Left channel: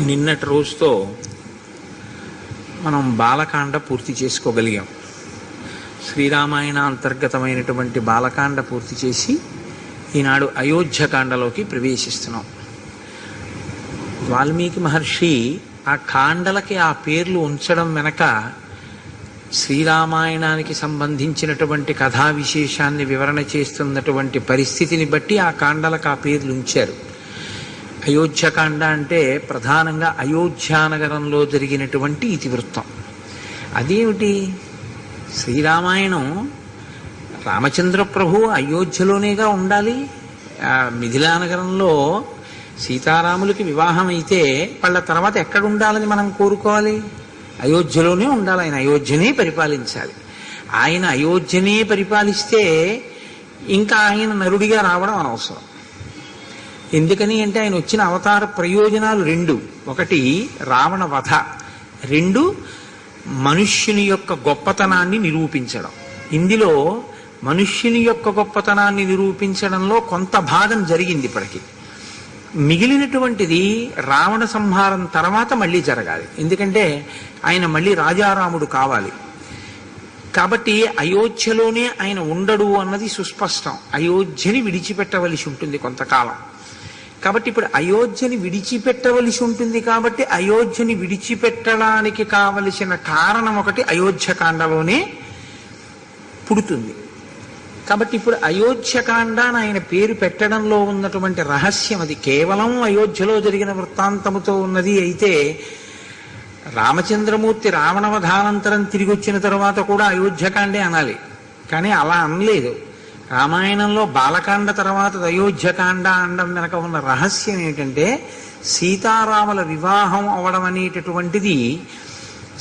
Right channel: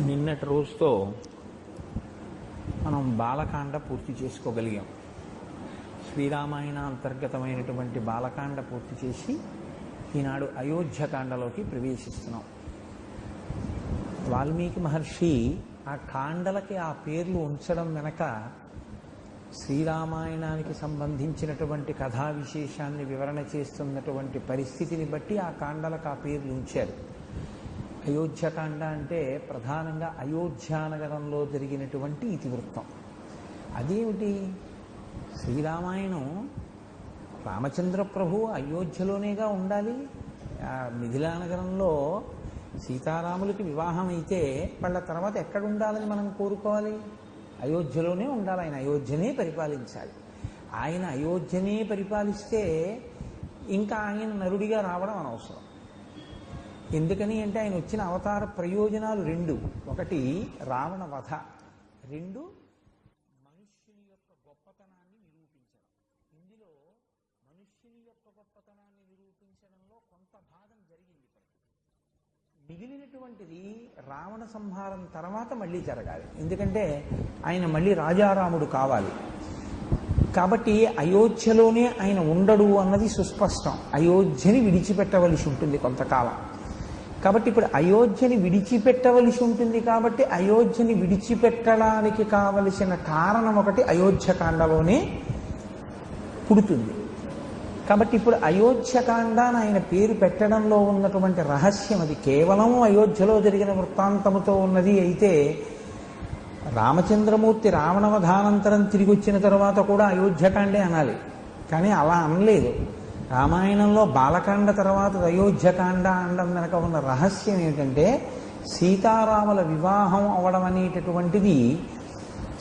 నిన్నటి రోజుతో మనం బాలకాండ పూర్తి చేసుకోగలిగాం. శ్రీరామాయణ అంతర్గతమైనటువంటి బాలకాండ పూర్తి చేసి ఈనాడు అయోధ్యకాండలోకి ప్రవేశిస్తున్నాం. వాల్మీకి మహర్షి ఆ కాండలకి ఆ పేర్లు ఉంచడం వెనక శ్రీరామాయణానికి సంబంధించినటువంటి కథా విశేషాన్ని వివరణ చేస్తున్నటువంటి పరిస్థితిని బట్టి ఆ కాండలకు ఆ పేర్లు ఉంచారు. అయోధ్యకాండ అంటే ప్రధానంగా అయోధ్యానగరంలో జరిగినటువంటి ఇతివృత్తం. అదేమిటి? శ్రీరామాయణం రామచంద్ర ప్రభు అయోధ్యలోనేగా ఉండాలి. మిథిలానగరంలో సీతారాములకి వివాహం అయితే వాళ్ళ తర్వాత ఎక్కడ ఉండాలని మనం కోరుకోవాలి? అయోధ్యలోనే ఉండాలి. ఆయన అయోధ్యనే పరిపాలించాలి. ఆయన అయోధ్యనే పరిపాలిస్తే ఇంకా ఆయన నరుడిగా రావడం అనవసరం. ఎందుకని అంటే ఆయన వచ్చిన అవతార ప్రయోజనాలు రెండు: ఒకటి రావణ వధ, రెండు మనుష్యుని యొక్క గొప్పతనాన్ని నిరూపించడం. ఇందులో మనుష్యుని యొక్క గొప్పతనాన్ని నిరూపించడంలో కొంత భాగం జరిగింది ఇప్పటికీ. మిగిలినటువంటిది రావణ సంహారం తర్వాత మళ్ళీ జరగాలి. ఎందుకంటే ఆయన మళ్ళీ రాజారాముడు కావాలి. కాబట్టి అయోధ్యలోనే ఆయన ఉండడు అన్నది సుస్పష్టం. అయోధ్యని విడిచిపెట్టవలసి ఉంటుంది కొంతకాలం. కాబట్టి ఇప్పుడు అయోధ్యని విడిచిపెట్టవలసి ఉంటుంది. కాబట్టి అయోధ్యని విడిచిపెట్టడానికి కావలసిన కారణం ఒకటి అయోధ్యకాండలోనే పుడుతుంది. కాబట్టి ఇప్పుడు అయోధ్యకాండ అని ఆయన పేరు పెట్టడంలో ఉన్నటువంటి రహస్యం అది. కేవలం అయోధ్యలో జరిగిన వృత్తాంతముతో ఉన్నది అయితే రామచంద్రమూర్తి రావణవధానంతరం తిరిగి వచ్చిన తర్వాత కూడా అయోధ్యకాండే అనాలి. కానీ అలా అనలేదు. రామాయణంలో బాలకాండ తర్వాత అయోధ్యకాండ అనడం వెనక ఉన్న రహస్యం ఏమిటంటే సీతారాముల వివాహం అవడం అనేటటువంటిది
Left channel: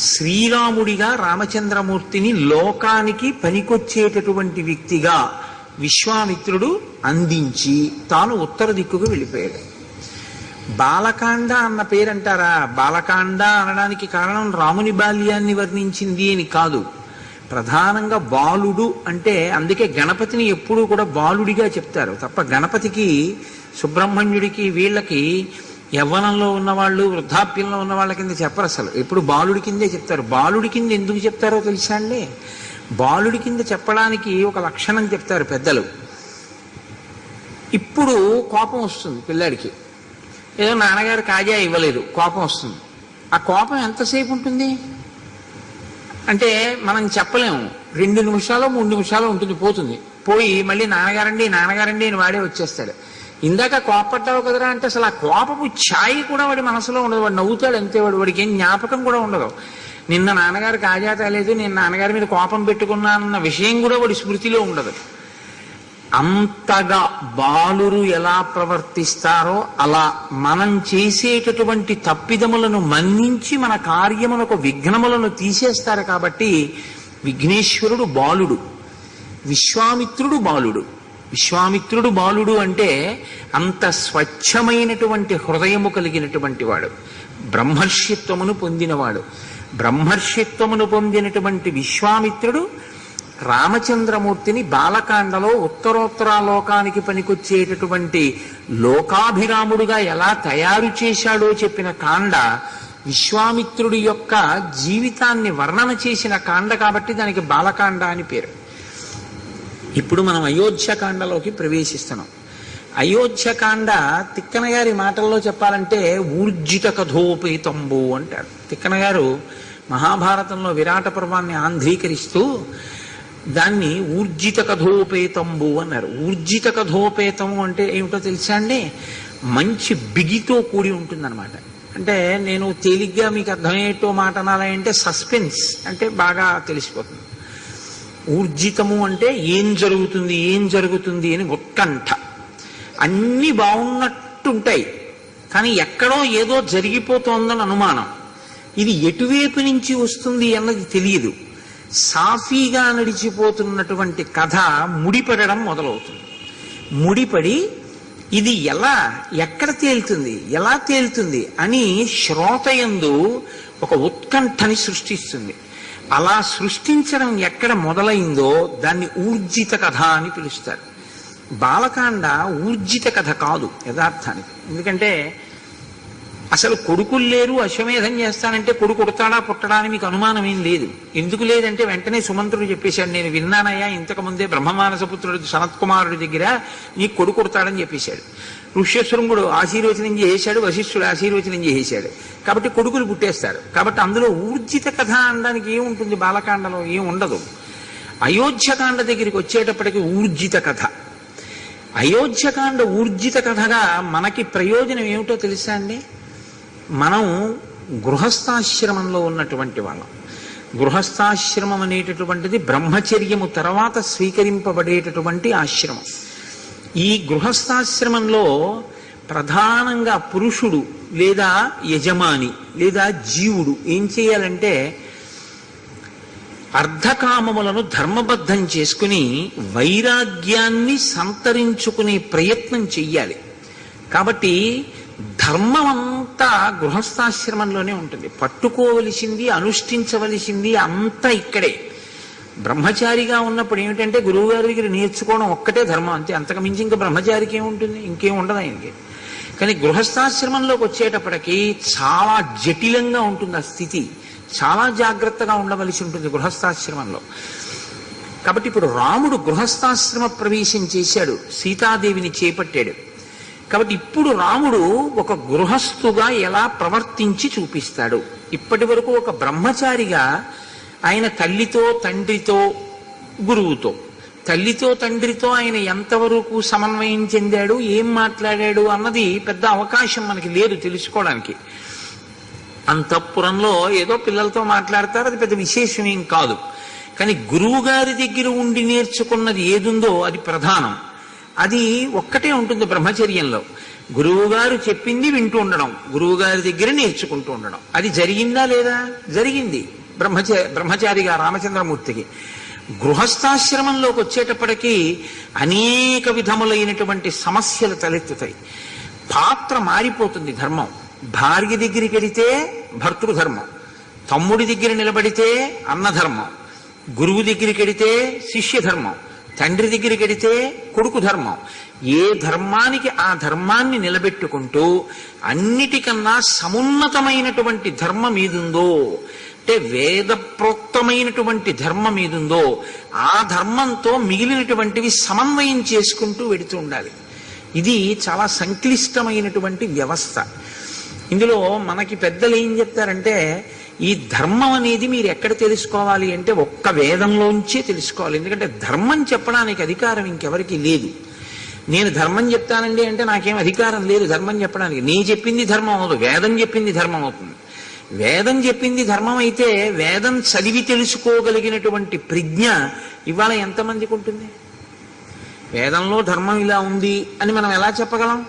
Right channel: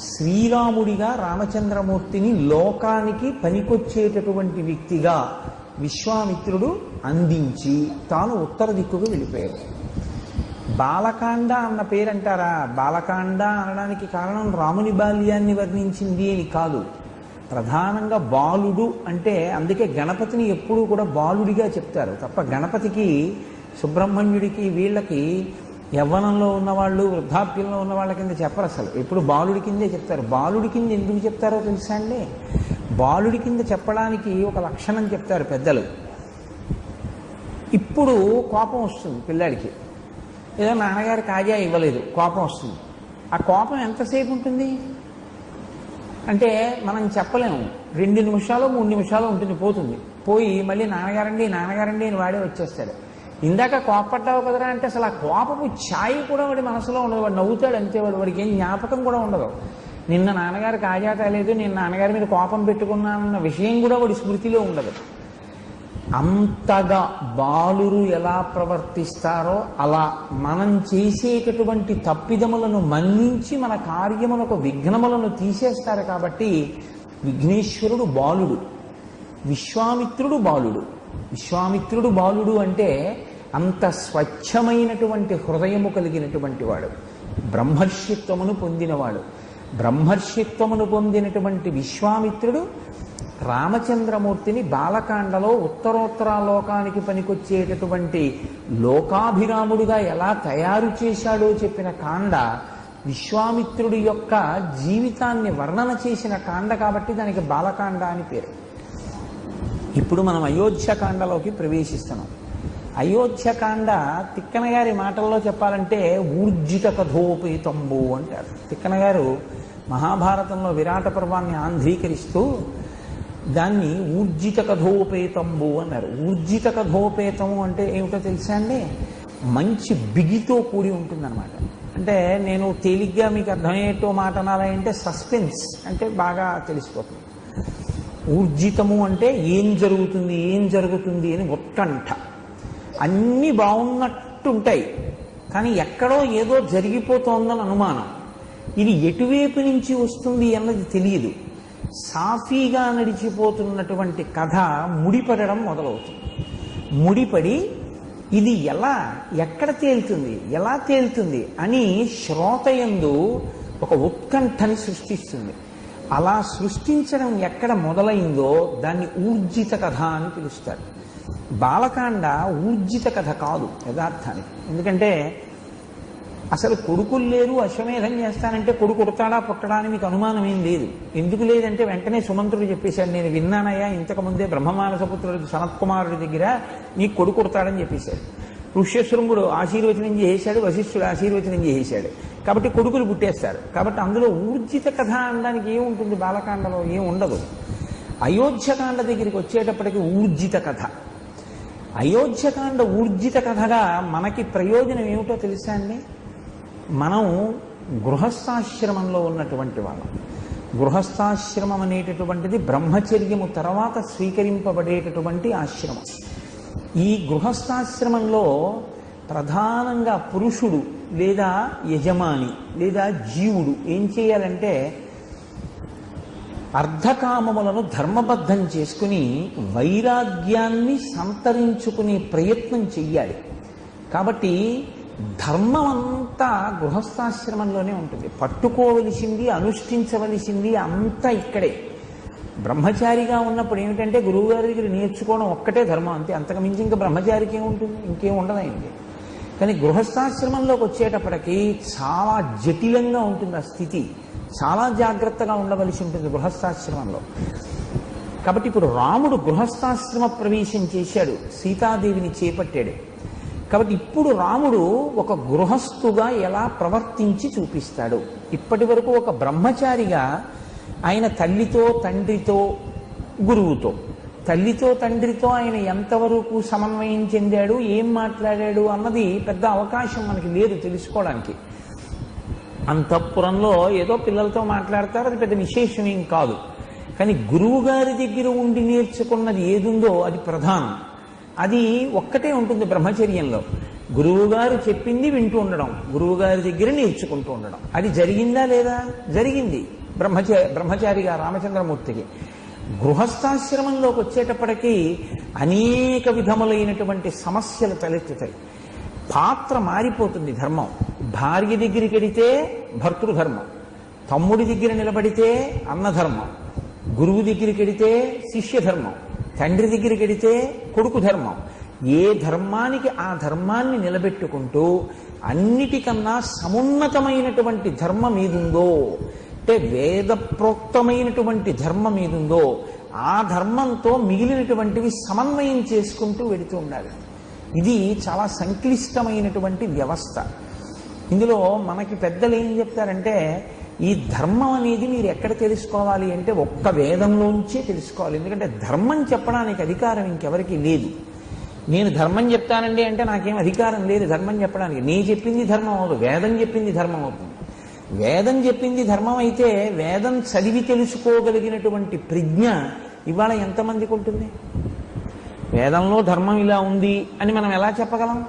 శ్రీరాముడిగా రామచంద్రమూర్తిని లోకానికి పనికొచ్చేటటువంటి వ్యక్తిగా విశ్వామిత్రుడు అందించి తాను ఉత్తర దిక్కుకు వెళ్ళిపోయాడు. బాలకాండ అన్న పేరంటారా? బాలకాండ అనడానికి కారణం రాముని బాల్యాన్ని వర్ణించింది అని కాదు. ప్రధానంగా బాలుడు అంటే అందుకే గణపతిని ఎప్పుడూ కూడా బాలుడిగా చెప్తారు తప్ప గణపతికి, సుబ్రహ్మణ్యుడికి, వీళ్ళకి యవ్వనంలో ఉన్నవాళ్ళు, వృద్ధాప్యంలో ఉన్న వాళ్ళ కింద చెప్పరు. అసలు ఎప్పుడు బాలుడి కిందే చెప్తారు. బాలుడి కింద ఎందుకు చెప్తారో తెలుసా అండి? బాలుడి కింద చెప్పడానికి ఒక లక్షణం చెప్తారు పెద్దలు. ఇప్పుడు కోపం వస్తుంది పిల్లాడికి, ఏదో నాన్నగారు కాజా ఇవ్వలేదు, కోపం వస్తుంది. ఆ కోపం ఎంతసేపు ఉంటుంది అంటే మనం చెప్పలేము. 2 నిమిషాలు 3 నిమిషాలు ఉంటుంది, పోతుంది. పోయి మళ్ళీ నాన్నగారండి నాన్నగారండి అని వాడే వచ్చేస్తాడు. ఇందాక కోపపడ్డావు కదరా అంటే అసలు ఆ కోపపు ఛాయి కూడా వాడి మనసులో ఉండదు. వాడు నవ్వుతాడు అంతే. వాడికి ఏం జ్ఞాపకం కూడా ఉండదు. నిన్న నాన్నగారు కాజా తేలేదు, నేను నాన్నగారి మీద కోపం పెట్టుకున్నానన్న విషయం కూడా వాడి స్మృతిలో ఉండదు. అంతగా బాలురు ఎలా ప్రవర్తిస్తారో అలా మనం చేసేటటువంటి తప్పిదములను మన్నించి మన కార్యములకు విఘ్నములను తీసేస్తారు. కాబట్టి విఘ్నేశ్వరుడు బాలుడు, విశ్వామిత్రుడు బాలుడు. విశ్వామిత్రుడు బాలుడు అంటే అంత స్వచ్ఛమైనటువంటి హృదయము కలిగినటువంటి వాడు, బ్రహ్మర్షిత్వమును పొందినవాడు. బ్రహ్మర్షిత్వమును పొందినటువంటి విశ్వామిత్రుడు రామచంద్రమూర్తిని బాలకాండలో ఉత్తరోత్తరాలోకానికి పనికొచ్చేటటువంటి లోకాభిరాముడుగా ఎలా తయారు చేశాడో చెప్పిన కాండ విశ్వామిత్రుడి యొక్క జీవితాన్ని వర్ణన చేసిన కాండ. కాబట్టి దానికి బాలకాండ అని పేరు. ఇప్పుడు మనం అయోధ్యకాండలోకి ప్రవేశిస్తున్నాం. అయోధ్యకాండ తిక్కన గారి మాటల్లో చెప్పాలంటే ఊర్జిత కథోపేతంబు అంటారు. తిక్కన గారు మహాభారతంలో విరాట పర్వాన్ని ఆంధ్రీకరిస్తూ దాన్ని ఊర్జిత కథోపేతంబు అన్నారు. ఊర్జిత కథోపేతము అంటే ఏమిటో తెలుసా అండి? మంచి బిగితో కూడి ఉంటుందన్నమాట. అంటే నేను తేలిగ్గా మీకు అర్థమయ్యేటో మాట అనాలంటే సస్పెన్స్ అంటే బాగా తెలిసిపోతుంది. ఊర్జితము అంటే ఏం జరుగుతుంది ఏం జరుగుతుంది అని ఉత్కంఠ. అన్నీ బాగున్నట్టుంటాయి కానీ ఎక్కడో ఏదో జరిగిపోతోందని అనుమానం. ఇది ఎటువైపు నుంచి వస్తుంది అన్నది తెలియదు. సాఫీగా నడిచిపోతున్నటువంటి కథ ముడిపడడం మొదలవుతుంది. ముడిపడి ఇది ఎలా ఎక్కడ తేలుతుంది ఎలా తేలుతుంది అని శ్రోతయందు ఒక ఉత్కంఠని సృష్టిస్తుంది. అలా సృష్టించడం ఎక్కడ మొదలైందో దాన్ని ఊర్జిత కథ అని పిలుస్తారు. బాలకాండ ఊర్జిత కథ కాదు యథార్థానికి. ఎందుకంటే అసలు కొడుకులు లేరు, అశ్వమేధం చేస్తానంటే కొడుకు పుడతాడా పుట్టడా అని మీకు అనుమానం ఏం లేదు. ఎందుకు లేదంటే వెంటనే సుమంత్రుడు చెప్పేశాడు, నేను విన్నానయ్యా ఇంతకు ముందే బ్రహ్మమానసపుత్రుడు సనత్కుమారుడి దగ్గర నీ కొడుకు పుడతాడని చెప్పేశాడు. ఋష్యశృంగుడు ఆశీర్వచనం చేశాడు, వశిష్ఠుడు ఆశీర్వచనం చేశాడు. కాబట్టి కొడుకులు పుట్టేస్తారు. కాబట్టి అందులో ఊర్జిత కథ అనడానికి ఏముంటుంది? బాలకాండలో ఏం ఉండదు. అయోధ్యకాండ దగ్గరికి వచ్చేటప్పటికి ఊర్జిత కథ. అయోధ్యకాండ ఊర్జిత కథగా మనకి ప్రయోజనం ఏమిటో తెలుసా అండి? మనం గృహస్థాశ్రమంలో ఉన్నటువంటి వాళ్ళం. గృహస్థాశ్రమం అనేటటువంటిది బ్రహ్మచర్యము తర్వాత స్వీకరింపబడేటటువంటి ఆశ్రమం. ఈ గృహస్థాశ్రమంలో ప్రధానంగా పురుషుడు లేదా యజమాని లేదా జీవుడు ఏం చేయాలంటే అర్ధకామములను ధర్మబద్ధం చేసుకుని వైరాగ్యాన్ని సంతరించుకునే ప్రయత్నం చెయ్యాలి. కాబట్టి ధర్మం అంతా గృహస్థాశ్రమంలోనే ఉంటుంది. పట్టుకోవలసింది, అనుష్ఠించవలసింది అంతా ఇక్కడే. బ్రహ్మచారిగా ఉన్నప్పుడు ఏమిటంటే గురువుగారి దగ్గర నేర్చుకోవడం ఒక్కటే ధర్మం, అంతే. అంతకు మించి ఇంకా బ్రహ్మచారికి ఏముంటుంది? ఇంకేం ఉండదు ఆయనకి. కానీ గృహస్థాశ్రమంలోకి వచ్చేటప్పటికి చాలా జటిలంగా ఉంటుంది ఆ స్థితి. చాలా జాగ్రత్తగా ఉండవలసి ఉంటుంది గృహస్థాశ్రమంలో. కాబట్టి ఇప్పుడు రాముడు గృహస్థాశ్రమ ప్రవేశం చేశాడు, సీతాదేవిని చేపట్టాడు. కాబట్టి ఇప్పుడు రాముడు ఒక గృహస్థుగా ఎలా ప్రవర్తించి చూపిస్తాడు. ఇప్పటి వరకు ఒక బ్రహ్మచారిగా ఆయన తల్లితో తండ్రితో గురువుతో, తల్లితో తండ్రితో ఆయన ఎంతవరకు సమన్వయం చెందాడు, ఏం మాట్లాడాడు అన్నది పెద్ద అవకాశం మనకి లేదు తెలుసుకోవడానికి. అంతఃపురంలో ఏదో పిల్లలతో మాట్లాడతారు, అది పెద్ద విశేషం ఏం కాదు. కానీ గురువు గారి దగ్గర ఉండి నేర్చుకున్నది ఏదుందో అది ప్రధానం. అది ఒక్కటే ఉంటుంది బ్రహ్మచర్యంలో. గురువు గారు చెప్పింది వింటూ ఉండడం, గురువు గారి దగ్గర నేర్చుకుంటూ ఉండడం. అది జరిగిందా లేదా? జరిగింది బ్రహ్మచారిగా రామచంద్రమూర్తికి. గృహస్థాశ్రమంలోకి వచ్చేటప్పటికీ అనేక విధములైనటువంటి సమస్యలు తలెత్తుతాయి. పాత్ర మారిపోతుంది. ధర్మం భార్య దగ్గరికి వెడితే భర్తృధర్మం, తమ్ముడి దగ్గర నిలబడితే అన్నధర్మం, గురువు దగ్గరికి వెడితే శిష్యధర్మం, తండ్రి దగ్గరికి వెడితే కొడుకు ధర్మం. ఏ ధర్మానికి ఆ ధర్మాన్ని నిలబెట్టుకుంటూ అన్నిటికన్నా సమున్నతమైనటువంటి ధర్మం ఏదుందో, అంటే వేద ప్రోక్తమైనటువంటి ధర్మం ఏదుందో ఆ ధర్మంతో మిగిలినటువంటివి సమన్వయం చేసుకుంటూ వెడుతూ ఉండాలి. ఇది చాలా సంక్లిష్టమైనటువంటి వ్యవస్థ. ఇందులో మనకి పెద్దలు ఏం చెప్తారంటే, ఈ ధర్మం అనేది మీరు ఎక్కడ తెలుసుకోవాలి అంటే ఒక్క వేదంలోంచే తెలుసుకోవాలి. ఎందుకంటే ధర్మం చెప్పడానికి అధికారం ఇంకెవరికి లేదు. నేను ధర్మం చెప్తానండి అంటే నాకేం అధికారం లేదు ధర్మం చెప్పడానికి. నీ చెప్పింది ధర్మం అవదు, వేదం చెప్పింది ధర్మం అవుతుంది. వేదం చెప్పింది ధర్మం అయితే వేదం చదివి తెలుసుకోగలిగినటువంటి ప్రజ్ఞ ఇవాళ ఎంతమందికి ఉంటుంది? వేదంలో ధర్మం ఇలా ఉంది అని మనం ఎలా చెప్పగలం?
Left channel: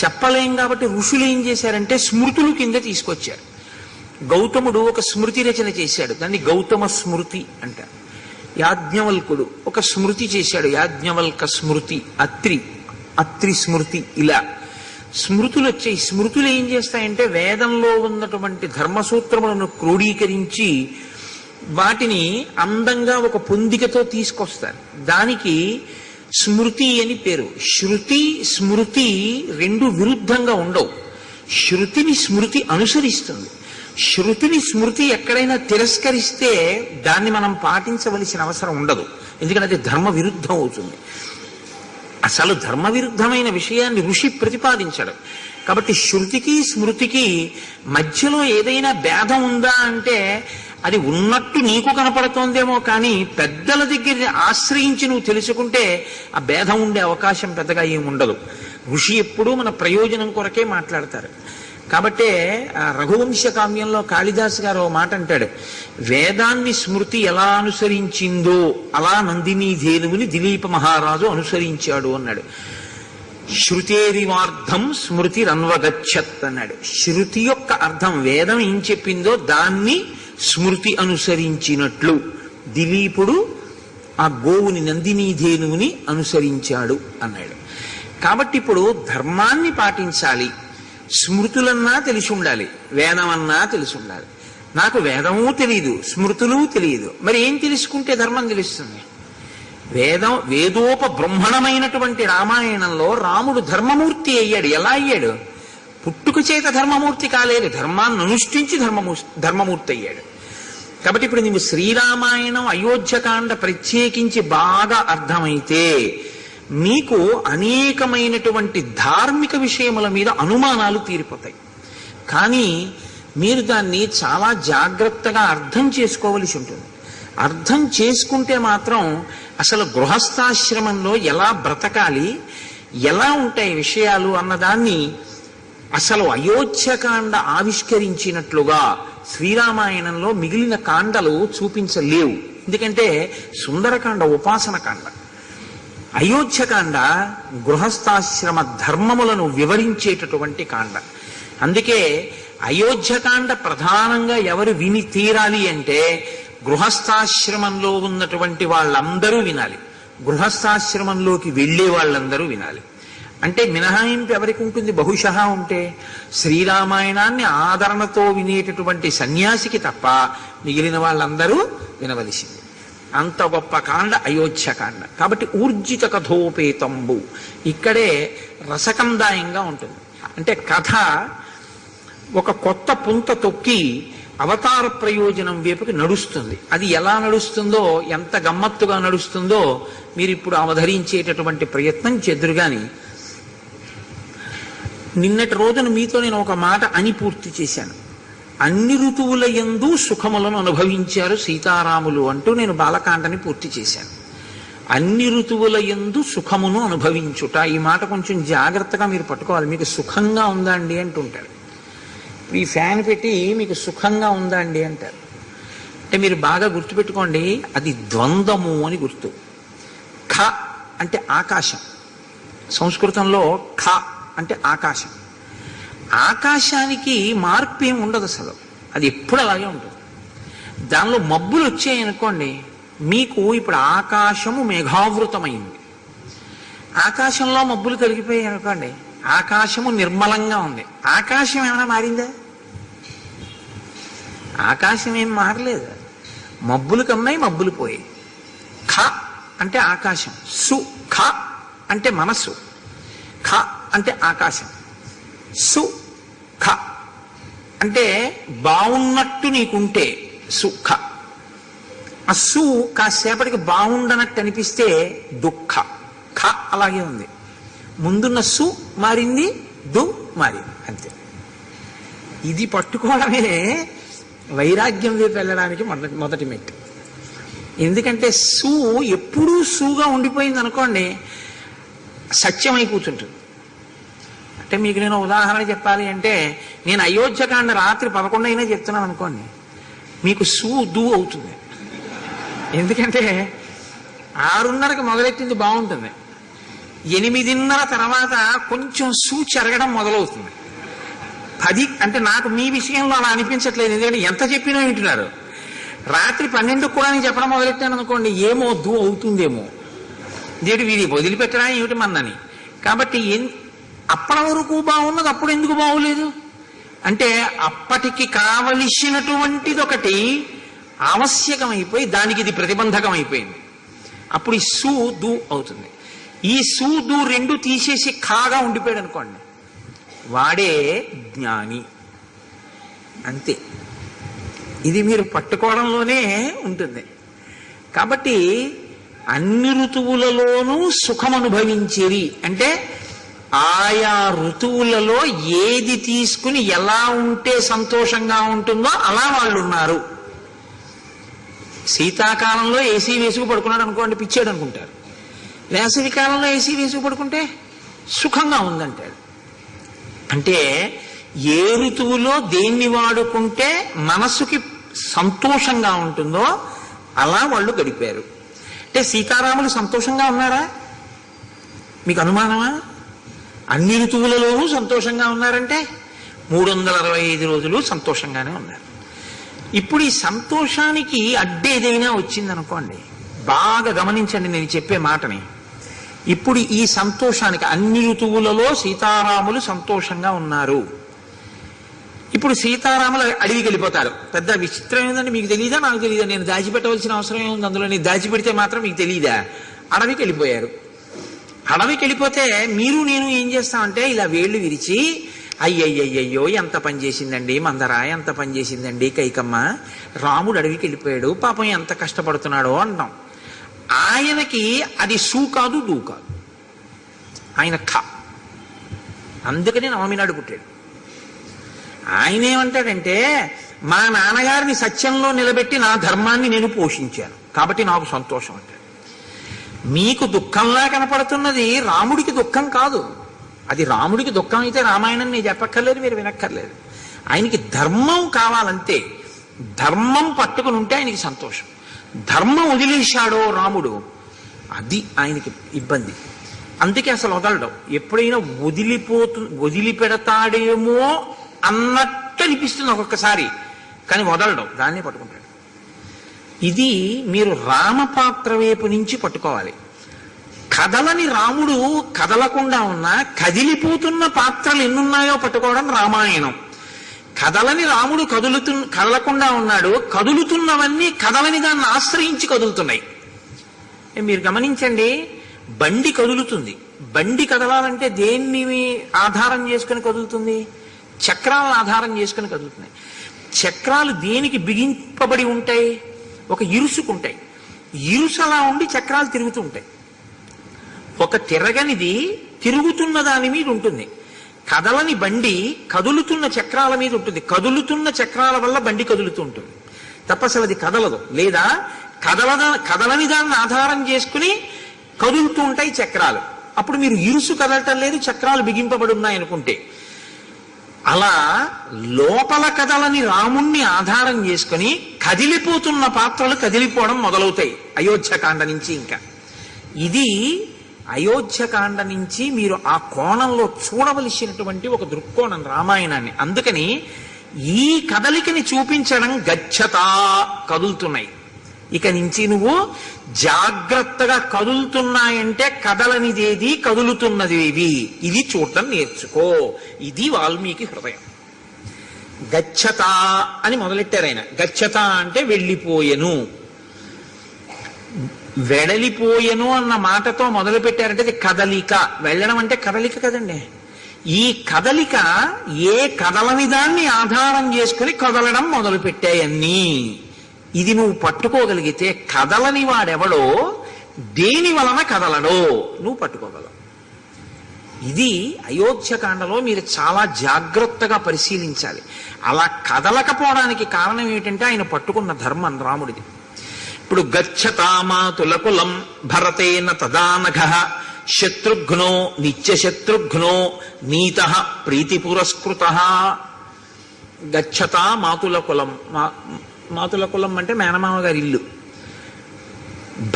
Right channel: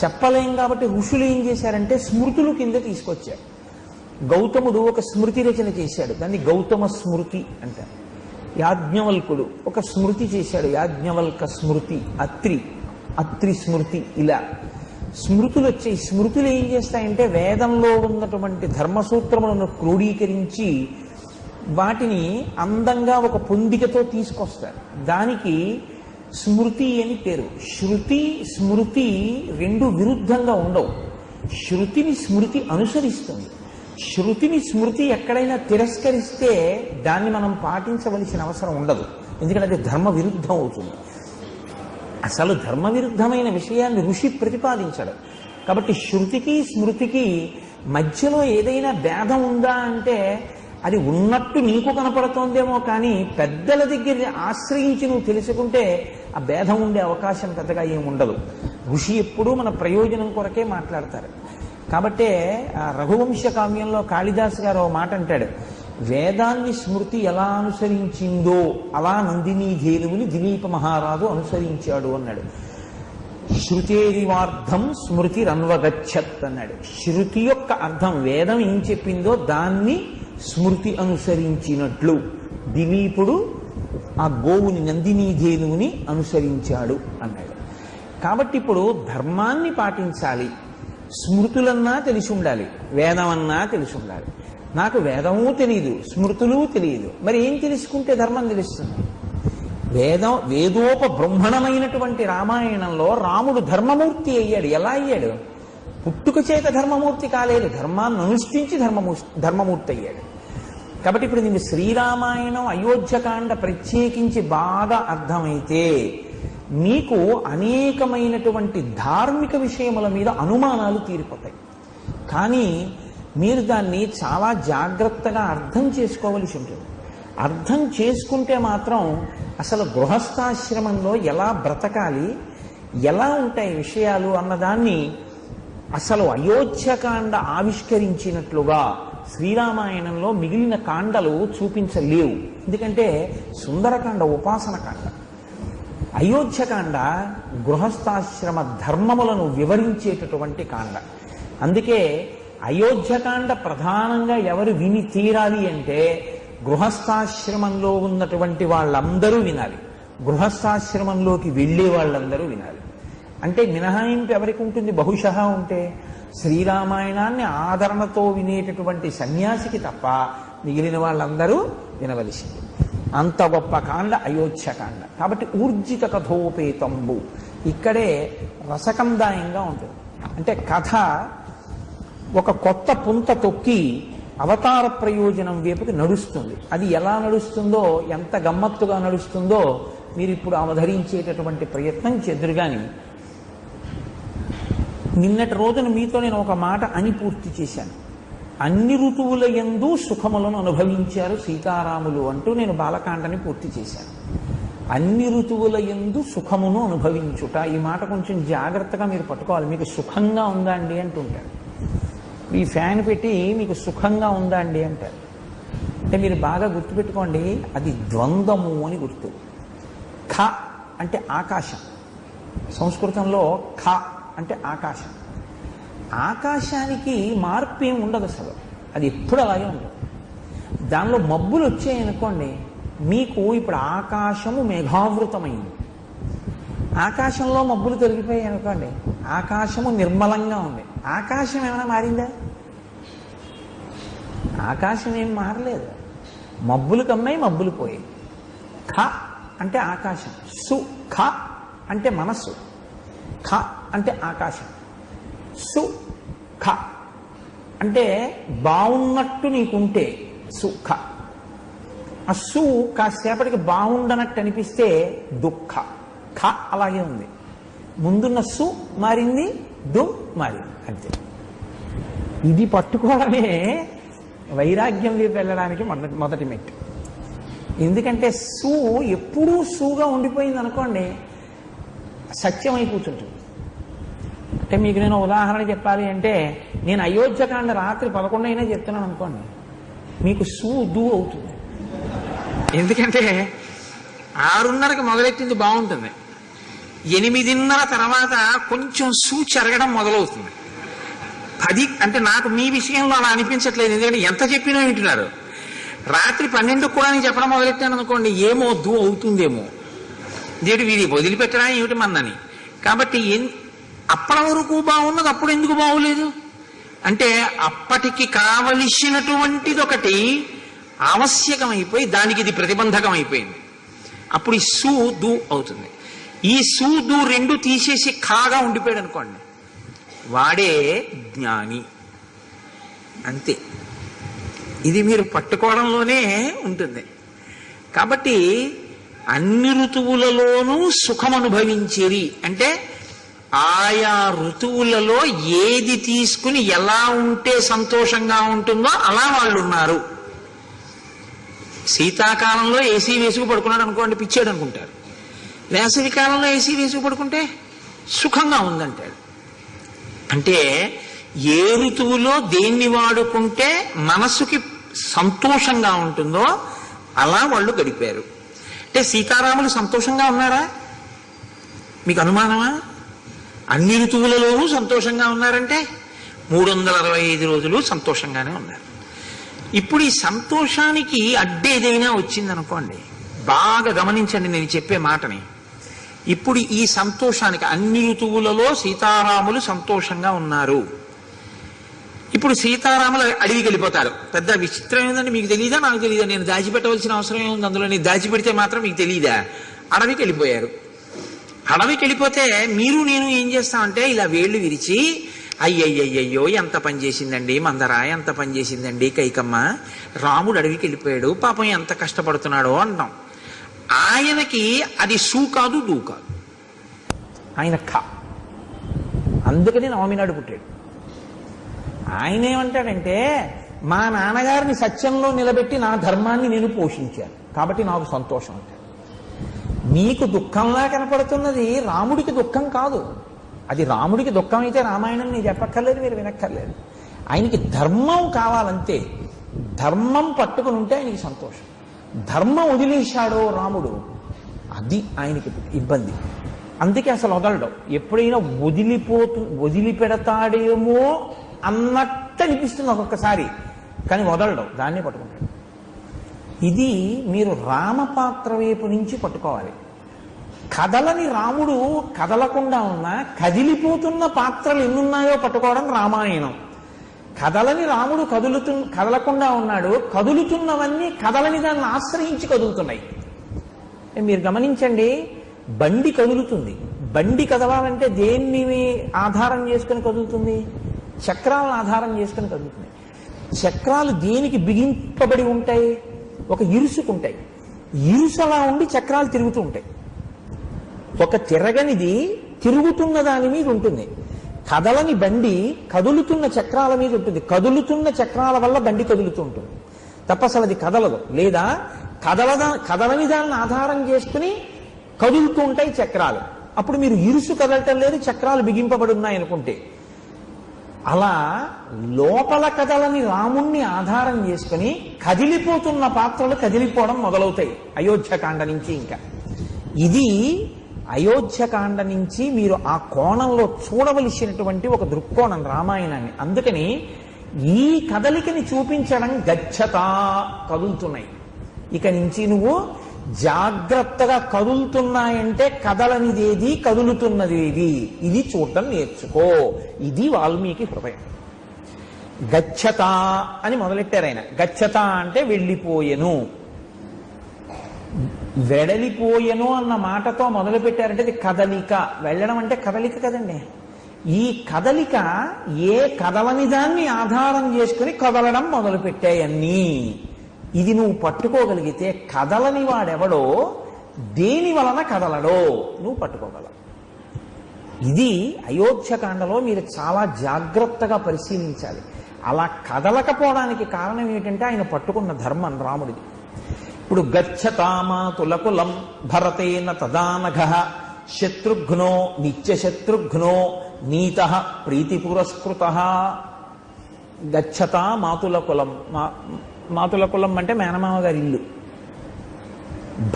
చెప్పలేం. కాబట్టి ఋషులు ఏం చేశారంటే స్మృతులు కింద తీసుకొచ్చారు. గౌతముడు ఒక స్మృతి రచన చేశాడు, దాన్ని గౌతమ స్మృతి అంటారు. యాజ్ఞవల్కుడు ఒక స్మృతి చేశాడు, యాజ్ఞవల్క స్మృతి, అత్రి స్మృతి. ఇలా స్మృతులు వచ్చాయి. స్మృతులు ఏం చేస్తాయంటే వేదంలో ఉన్నటువంటి ధర్మసూత్రములను క్రోడీకరించి వాటిని అందంగా ఒక పొందికతో తీసుకొస్తారు. దానికి స్మృతి అని పేరు. శృతి స్మృతి రెండు విరుద్ధంగా ఉండవు. శృతిని స్మృతి అనుసరిస్తుంది. శృతిని స్మృతి ఎక్కడైనా తిరస్కరిస్తే దాన్ని మనం పాటించవలసిన అవసరం ఉండదు, ఎందుకంటే అది ధర్మ విరుద్ధం అవుతుంది. అసలు ధర్మ విరుద్ధమైన విషయాన్ని ఋషి ప్రతిపాదించడం. కాబట్టి శృతికి స్మృతికి మధ్యలో ఏదైనా భేదం ఉందా అంటే అది ఉన్నట్టు నీకు కనపడుతోందేమో, కానీ పెద్దల దగ్గర ఆశ్రయించి నువ్వు తెలుసుకుంటే ఆ భేదం ఉండే అవకాశం పెద్దగా ఏమి ఉండదు. ఋషి ఎప్పుడూ మన ప్రయోజనం కొరకే మాట్లాడతారు. కాబట్టే రఘువంశ కావ్యంలో కాళిదాసు గారు ఓ మాట అంటాడు, వేదాన్ని స్మృతి ఎలా అనుసరించిందో అలా నందినీ ధేనువుని దిలీప మహారాజు అనుసరించాడు అన్నాడు. శృతేరివార్థం స్మృతి రన్వగచ్చత్ అన్నాడు. శృతి యొక్క అర్థం వేదం ఏం చెప్పిందో దాన్ని స్మృతి అనుసరించినట్లు దిలీపుడు ఆ గోవుని నందినీ ధేనువుని అనుసరించాడు అన్నాడు. కాబట్టి ఇప్పుడు ధర్మాన్ని పాటించాలి, స్మృతులన్నా తెలిసి ఉండాలి, వేదమన్నా తెలిసి ఉండాలి. నాకు వేదము తెలియదు, స్మృతులు తెలియదు, మరి ఏం తెలుసుకుంటే ధర్మం తెలుస్తుంది? వేదోపబ్రహ్మణమైనటువంటి రామాయణంలో రాముడు ధర్మమూర్తి అయ్యాడు. ఎలా అయ్యాడు? పుట్టుక చేత ధర్మమూర్తి కాలేదు, ధర్మాన్ని అనుష్ఠించి ధర్మమూర్తి అయ్యాడు. కాబట్టి ఇప్పుడు నీవు శ్రీరామాయణం అయోధ్యకాండ ప్రత్యేకించి బాగా అర్థమైతే నీకు అనేకమైనటువంటి ధార్మిక విషయముల మీద అనుమానాలు తీరిపోతాయి. కానీ మీరు దాన్ని చాలా జాగ్రత్తగా అర్థం చేసుకోవలసి ఉంటుంది. అర్థం చేసుకుంటే మాత్రం అసలు గృహస్థాశ్రమంలో ఎలా బ్రతకాలి, ఎలా ఉంటాయి విషయాలు అన్నదాన్ని అసలు అయోధ్యకాండ ఆవిష్కరించినట్లుగా శ్రీరామాయణంలో మిగిలిన కాండలు చూపించలేవు. ఎందుకంటే సుందరకాండ ఉపాసన కాండ, అయోధ్యకాండ గృహస్థాశ్రమ ధర్మములను వివరించేటటువంటి కాండ. అందుకే అయోధ్యకాండ ప్రధానంగా ఎవరు విని తీరాలి అంటే గృహస్థాశ్రమంలో ఉన్నటువంటి వాళ్ళందరూ వినాలి, గృహస్థాశ్రమంలోకి వెళ్ళే వాళ్ళందరూ వినాలి. అంటే మినహాయింపు ఎవరికి ఉంటుంది? బహుశः ఉంటే శ్రీరామాయణాన్ని ఆదరణతో వినేటటువంటి సన్యాసికి తప్ప మిగిలిన వాళ్ళందరూ వినవలసింది. అంత గొప్ప కాండ అయోధ్యకాండ. కాబట్టి ఊర్జిత కథోపేతంబు ఇక్కడే రసకందాయంగా ఉంటుంది. అంటే కథ ఒక కొత్త పుంత తొక్కి అవతార ప్రయోజనం వైపుకి నడుస్తుంది. అది ఎలా నడుస్తుందో, ఎంత గమ్మత్తుగా నడుస్తుందో మీరు ఇప్పుడు అవధరించేటటువంటి ప్రయత్నం చెదురుగాని. నిన్నటి రోజున మీతో నేను ఒక మాట అని పూర్తి చేశాను. అన్ని ఋతువుల యందు సుఖములను అనుభవించారు సీతారాములు అంటూ నేను బాలకాండని పూర్తి చేశాను. అన్ని ఋతువుల యందు సుఖమును అనుభవించుట, ఈ మాట కొంచెం జాగ్రత్తగా మీరు పట్టుకోవాలి. మీకు సుఖంగా ఉందా అండి అంటుంటారు. మీ ఫ్యాన్ పెట్టి మీకు సుఖంగా ఉందా అండి అంటారు. అంటే మీరు బాగా గుర్తుపెట్టుకోండి, అది ద్వంద్వము అని గుర్తు. ఖ అంటే ఆకాశం, సంస్కృతంలో ఖ అంటే ఆకాశం. ఆకాశానికి మార్పు ఏమి ఉండదు అసలు, అది ఎప్పుడు అలాగే ఉంటుంది. దానిలో మబ్బులు వచ్చాయనుకోండి, మీకు ఇప్పుడు ఆకాశము మేఘావృతమైంది, ఆకాశంలో మబ్బులు తొలగిపోయాయి అనుకోండి, ఆకాశము నిర్మలంగా ఉంది. ఆకాశం ఏమైనా మారిందా? ఆకాశం ఏం మారలేదు. మబ్బులు కమ్మాయి, మబ్బులు పోయాయి. ఖ అంటే ఆకాశం, సు ఖ అంటే మనస్సు, ఖ అంటే ఆకాశం, సు ఖ అంటే బాగున్నట్టు నీకుంటే సుఖ. ఆ సు కాసేపటికి బాగుండనట్టు అనిపిస్తే దుఃఖ. ఖ అలాగే ఉంది, ముందున్న సు మారింది, దు మారింది, అంతే. ఇది పట్టుకోవడమే వైరాగ్యం వైపు వెళ్ళడానికి మొదటి మెట్టు. ఎందుకంటే సు ఎప్పుడూ సుగా ఉండిపోయింది అనుకోండి, సత్యమై కూర్చుంటుంది. అంటే మీకు నేను ఉదాహరణ చెప్పాలి అంటే, నేను అయోధ్యకాండ రాత్రి 11 అయినా చెప్తున్నాను అనుకోండి, మీకు సు దు అవుతుంది. ఎందుకంటే 6:30కి మొదలెట్టింది బాగుంటుంది, 8:30 తర్వాత కొంచెం సు చెరగడం మొదలవుతుంది. 10 అంటే నాకు మీ విషయంలో అలా అనిపించట్లేదు, ఎందుకంటే ఎంత చెప్పినా వింటున్నారు. రాత్రి 12కు కూడా నేను చెప్పడం మొదలెట్టాను అనుకోండి, ఏమో దు అవుతుందేమో, దేవుడు వీడి వదిలిపెట్టడా ఏమిటి మన్నని. కాబట్టి అప్పటి వరకు బాగున్నది అప్పుడు ఎందుకు బాగోలేదు అంటే, అప్పటికి కావలసినటువంటిది ఒకటి ఆవశ్యకమైపోయి దానికి ఇది ప్రతిబంధకం అయిపోయింది. అప్పుడు ఈ సు దు అవుతుంది. ఈ సు దు రెండు తీసేసి ఖాగా ఉండిపోయాడు అనుకోండి, వాడే జ్ఞాని, అంతే. ఇది మీరు పట్టుకోవడంలోనే ఉంటుంది. కాబట్టి అన్ని ఋతువులలోనూ సుఖం అనుభవించేది అంటే, ఆయా ఋతువులలో ఏది తీసుకుని ఎలా ఉంటే సంతోషంగా ఉంటుందో అలా వాళ్ళు ఉన్నారు. శీతాకాలంలో ఏసీ వేసుకు పడుకున్నాడు అనుకోండి, పిచ్చాడు అనుకుంటారు. వేసవి కాలంలో ఏసీ వేసుకు పడుకుంటే సుఖంగా ఉందంటాడు. అంటే ఏ ఋతువులో దేన్ని వాడుకుంటే మనసుకి సంతోషంగా ఉంటుందో అలా వాళ్ళు గడిపారు. అంటే సీతారాములు సంతోషంగా ఉన్నారా? మీకు అనుమానమా? అన్ని ఋతువులలోనూ సంతోషంగా ఉన్నారంటే 365 రోజులు సంతోషంగానే ఉన్నారు. ఇప్పుడు ఈ సంతోషానికి అడ్డేదైనా వచ్చిందనుకోండి, బాగా గమనించండి నేను చెప్పే మాటని. ఇప్పుడు ఈ సంతోషానికి అన్ని ఋతువులలో సీతారాములు సంతోషంగా ఉన్నారు. ఇప్పుడు సీతారాములు అడవికి వెళ్ళిపోతారు. పెద్ద విచిత్రం ఏంటంటే, మీకు తెలియదా నాకు తెలియదా, నేను దాచిపెట్టవలసిన అవసరం ఏముంది అందులో, నేను దాచిపెడితే మాత్రం మీకు తెలియదా? అడవికి వెళ్ళిపోయారు. అడవికి వెళ్ళిపోతే మీరు నేను ఏం చేస్తామంటే ఇలా వేళ్ళు విరిచి అయ్యయ్యయ్యో ఎంత పని చేసిందండి మందర, ఎంత పని చేసిందండి కైకమ్మ, రాముడు అడవికి వెళ్ళిపోయాడు, పాపం ఎంత కష్టపడుతున్నాడో అంటాం. ఆయనకి అది సూ కాదు, దూ కాదు, ఆయన అందుకని నవమి నాడు పుట్టాడు. ఆయన ఏమంటాడంటే, మా నాన్నగారిని సత్యంలో నిలబెట్టి నా ధర్మాన్ని నేను పోషించాను కాబట్టి నాకు సంతోషం అంటాడు. మీకు దుఃఖంలా కనపడుతున్నది రాముడికి దుఃఖం కాదు. అది రాముడికి దుఃఖం అయితే రామాయణం నేను చెప్పక్కర్లేదు, మీరు వినక్కర్లేదు. ఆయనకి ధర్మం కావాలంతే. ధర్మం పట్టుకుని ఉంటే ఆయనకి సంతోషం. ధర్మం వదిలేశాడో రాముడు, అది ఆయనకి ఇబ్బంది. అందుకే అసలు వదలడం. ఎప్పుడైనా వదిలిపెడతాడేమో అన్నట్టు అనిపిస్తుంది ఒక్కొక్కసారి, కానీ వదలడం, దాన్ని పట్టుకుంటాడు. ఇది మీరు రామపాత్ర వైపు నుంచి పట్టుకోవాలి. కదలని రాముడు కదలకుండా ఉన్నా కదిలిపోతున్న పాత్రలు ఎన్నున్నాయో పట్టుకోవడం రామాయణం. కదలని రాముడు కదలకుండా ఉన్నాడు, కదులుతున్నవన్నీ కదలని దాన్ని ఆశ్రయించి కదులుతున్నాయి. మీరు గమనించండి, బండి కదులుతుంది. బండి కదలాలంటే దేన్ని ఆధారం చేసుకుని కదులుతుంది? చక్రాలను ఆధారం చేసుకుని కదులుతున్నాయి. చక్రాలు దేనికి బిగింపబడి ఉంటాయి? ఒక ఇరుసుకుంటాయి. ఇరుసు అలా ఉండి చక్రాలు తిరుగుతూ ఉంటాయి. ఒక తిరగనిది తిరుగుతున్న దాని మీద ఉంటుంది. కదలని బండి కదులుతున్న చక్రాల మీద ఉంటుంది. కదులుతున్న చక్రాల వల్ల బండి కదులుతూ ఉంటుంది తప్ప అసలు అది కదలదు. లేదా కదలని దాన్ని ఆధారం చేసుకుని కదులుతూ ఉంటాయి చక్రాలు. అప్పుడు మీరు ఇరుసు కదలటం లేదు, చక్రాలు బిగింపబడి ఉన్నాయి అనుకుంటే. అలా లోపల కదలని రాముణ్ణి ఆధారం చేసుకుని కదిలిపోతున్న పాత్రలు కదిలిపోవడం మొదలవుతాయి అయోధ్యకాండ నుంచి. ఇంకా ఇది అయోధ్యకాండ నుంచి మీరు ఆ కోణంలో చూడవలసినటువంటి ఒక దృక్కోణం రామాయణాన్ని. అందుకని ఈ కదలికని చూపించడం గచ్చతా, కదులుతున్నాయి. ఇక నుంచి నువ్వు జాగ్రత్తగా కదులుతున్నాయంటే కదలనిదేది, కదులుతున్నదేది, ఇది చూడటం నేర్చుకో. ఇది వాల్మీకి హృదయం. గచ్చత అని మొదలెట్టారు ఆయన. గచ్చత అంటే వెళ్ళిపోయెను, వెడలిపోయెను అన్న మాటతో మొదలు పెట్టారంటే అది కదలిక. వెళ్ళడం అంటే కదలిక కదండి. ఈ కదలిక ఏ కదలని దాన్ని ఆధారం చేసుకుని కదలడం మొదలు పెట్టాయన్నీ. ఇది నువ్వు పట్టుకోగలిగితే కదలని వాడెవడో, దేని వలన కదలడో నువ్వు పట్టుకోగలవు. ఇది అయోధ్యకాండలో మీరు చాలా జాగ్రత్తగా పరిశీలించాలి. అలా కదలకపోవడానికి కారణం ఏమిటంటే ఆయన పట్టుకున్న ధర్మం రాముడిది. ఇప్పుడు గచ్చతామాతులకులం భరతేన తదానఘ శత్రుఘ్నో నిత్యశత్రుఘ్నో నీత ప్రీతి పురస్కృత. గచ్చతా మాతుల కులం. మాతుల కులం అంటే మేనమామ గారి ఇల్లు.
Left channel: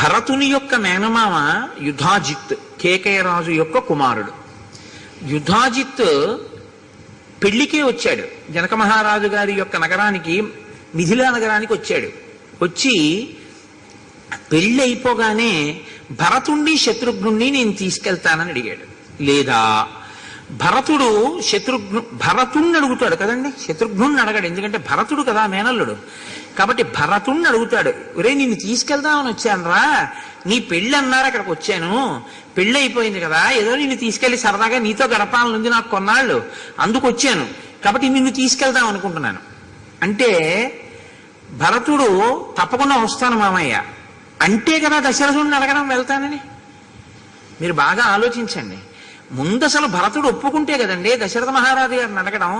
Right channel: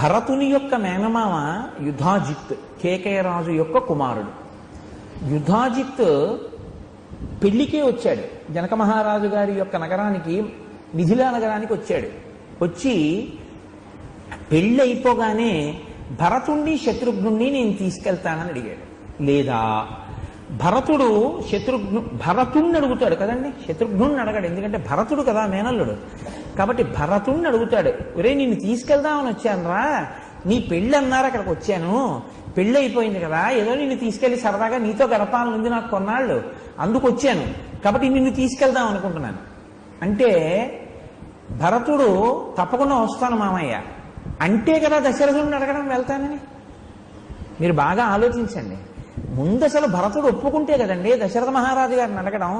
భరతుని యొక్క మేనమామ యుధాజిత్, కేకయరాజు యొక్క కుమారుడు. యుధాజిత్ పెళ్లికే వచ్చాడు. జనక మహారాజు గారి యొక్క నగరానికి, మిథిలా నగరానికి వచ్చాడు. వచ్చి పెళ్ళి అయిపోగానే భరతుణ్ణి శత్రుఘ్నుణ్ణి నేను తీసుకెళ్తానని అడిగాడు. లేదా భరతుణ్ణి అడుగుతాడు కదండి, శత్రుఘ్నుణ్ణి అడగాడు. ఎందుకంటే భరతుడు కదా మేనల్లుడు. కాబట్టి భరతుణ్ణి అడుగుతాడు, ఒరే నిన్ను తీసుకెళ్దామని వచ్చాను రా, నీ పెళ్ళి అన్నారు అక్కడికి వచ్చాను, పెళ్ళి అయిపోయింది కదా, ఏదో నిన్ను తీసుకెళ్లి సరదాగా నీతో గడపాలనుంది నాకు కొన్నాళ్ళు, అందుకు వచ్చాను, కాబట్టి నిన్ను తీసుకెళ్దాం అనుకుంటున్నాను అంటే భరతుడు తప్పకుండా వస్తాను మామయ్య అంటే కదా దశరథుడిని అడగడం వెళ్తానని. మీరు బాగా ఆలోచించండి. ముందు అసలు భరతుడు ఒప్పుకుంటే కదండి దశరథ మహారాజు గారిని అడగడం.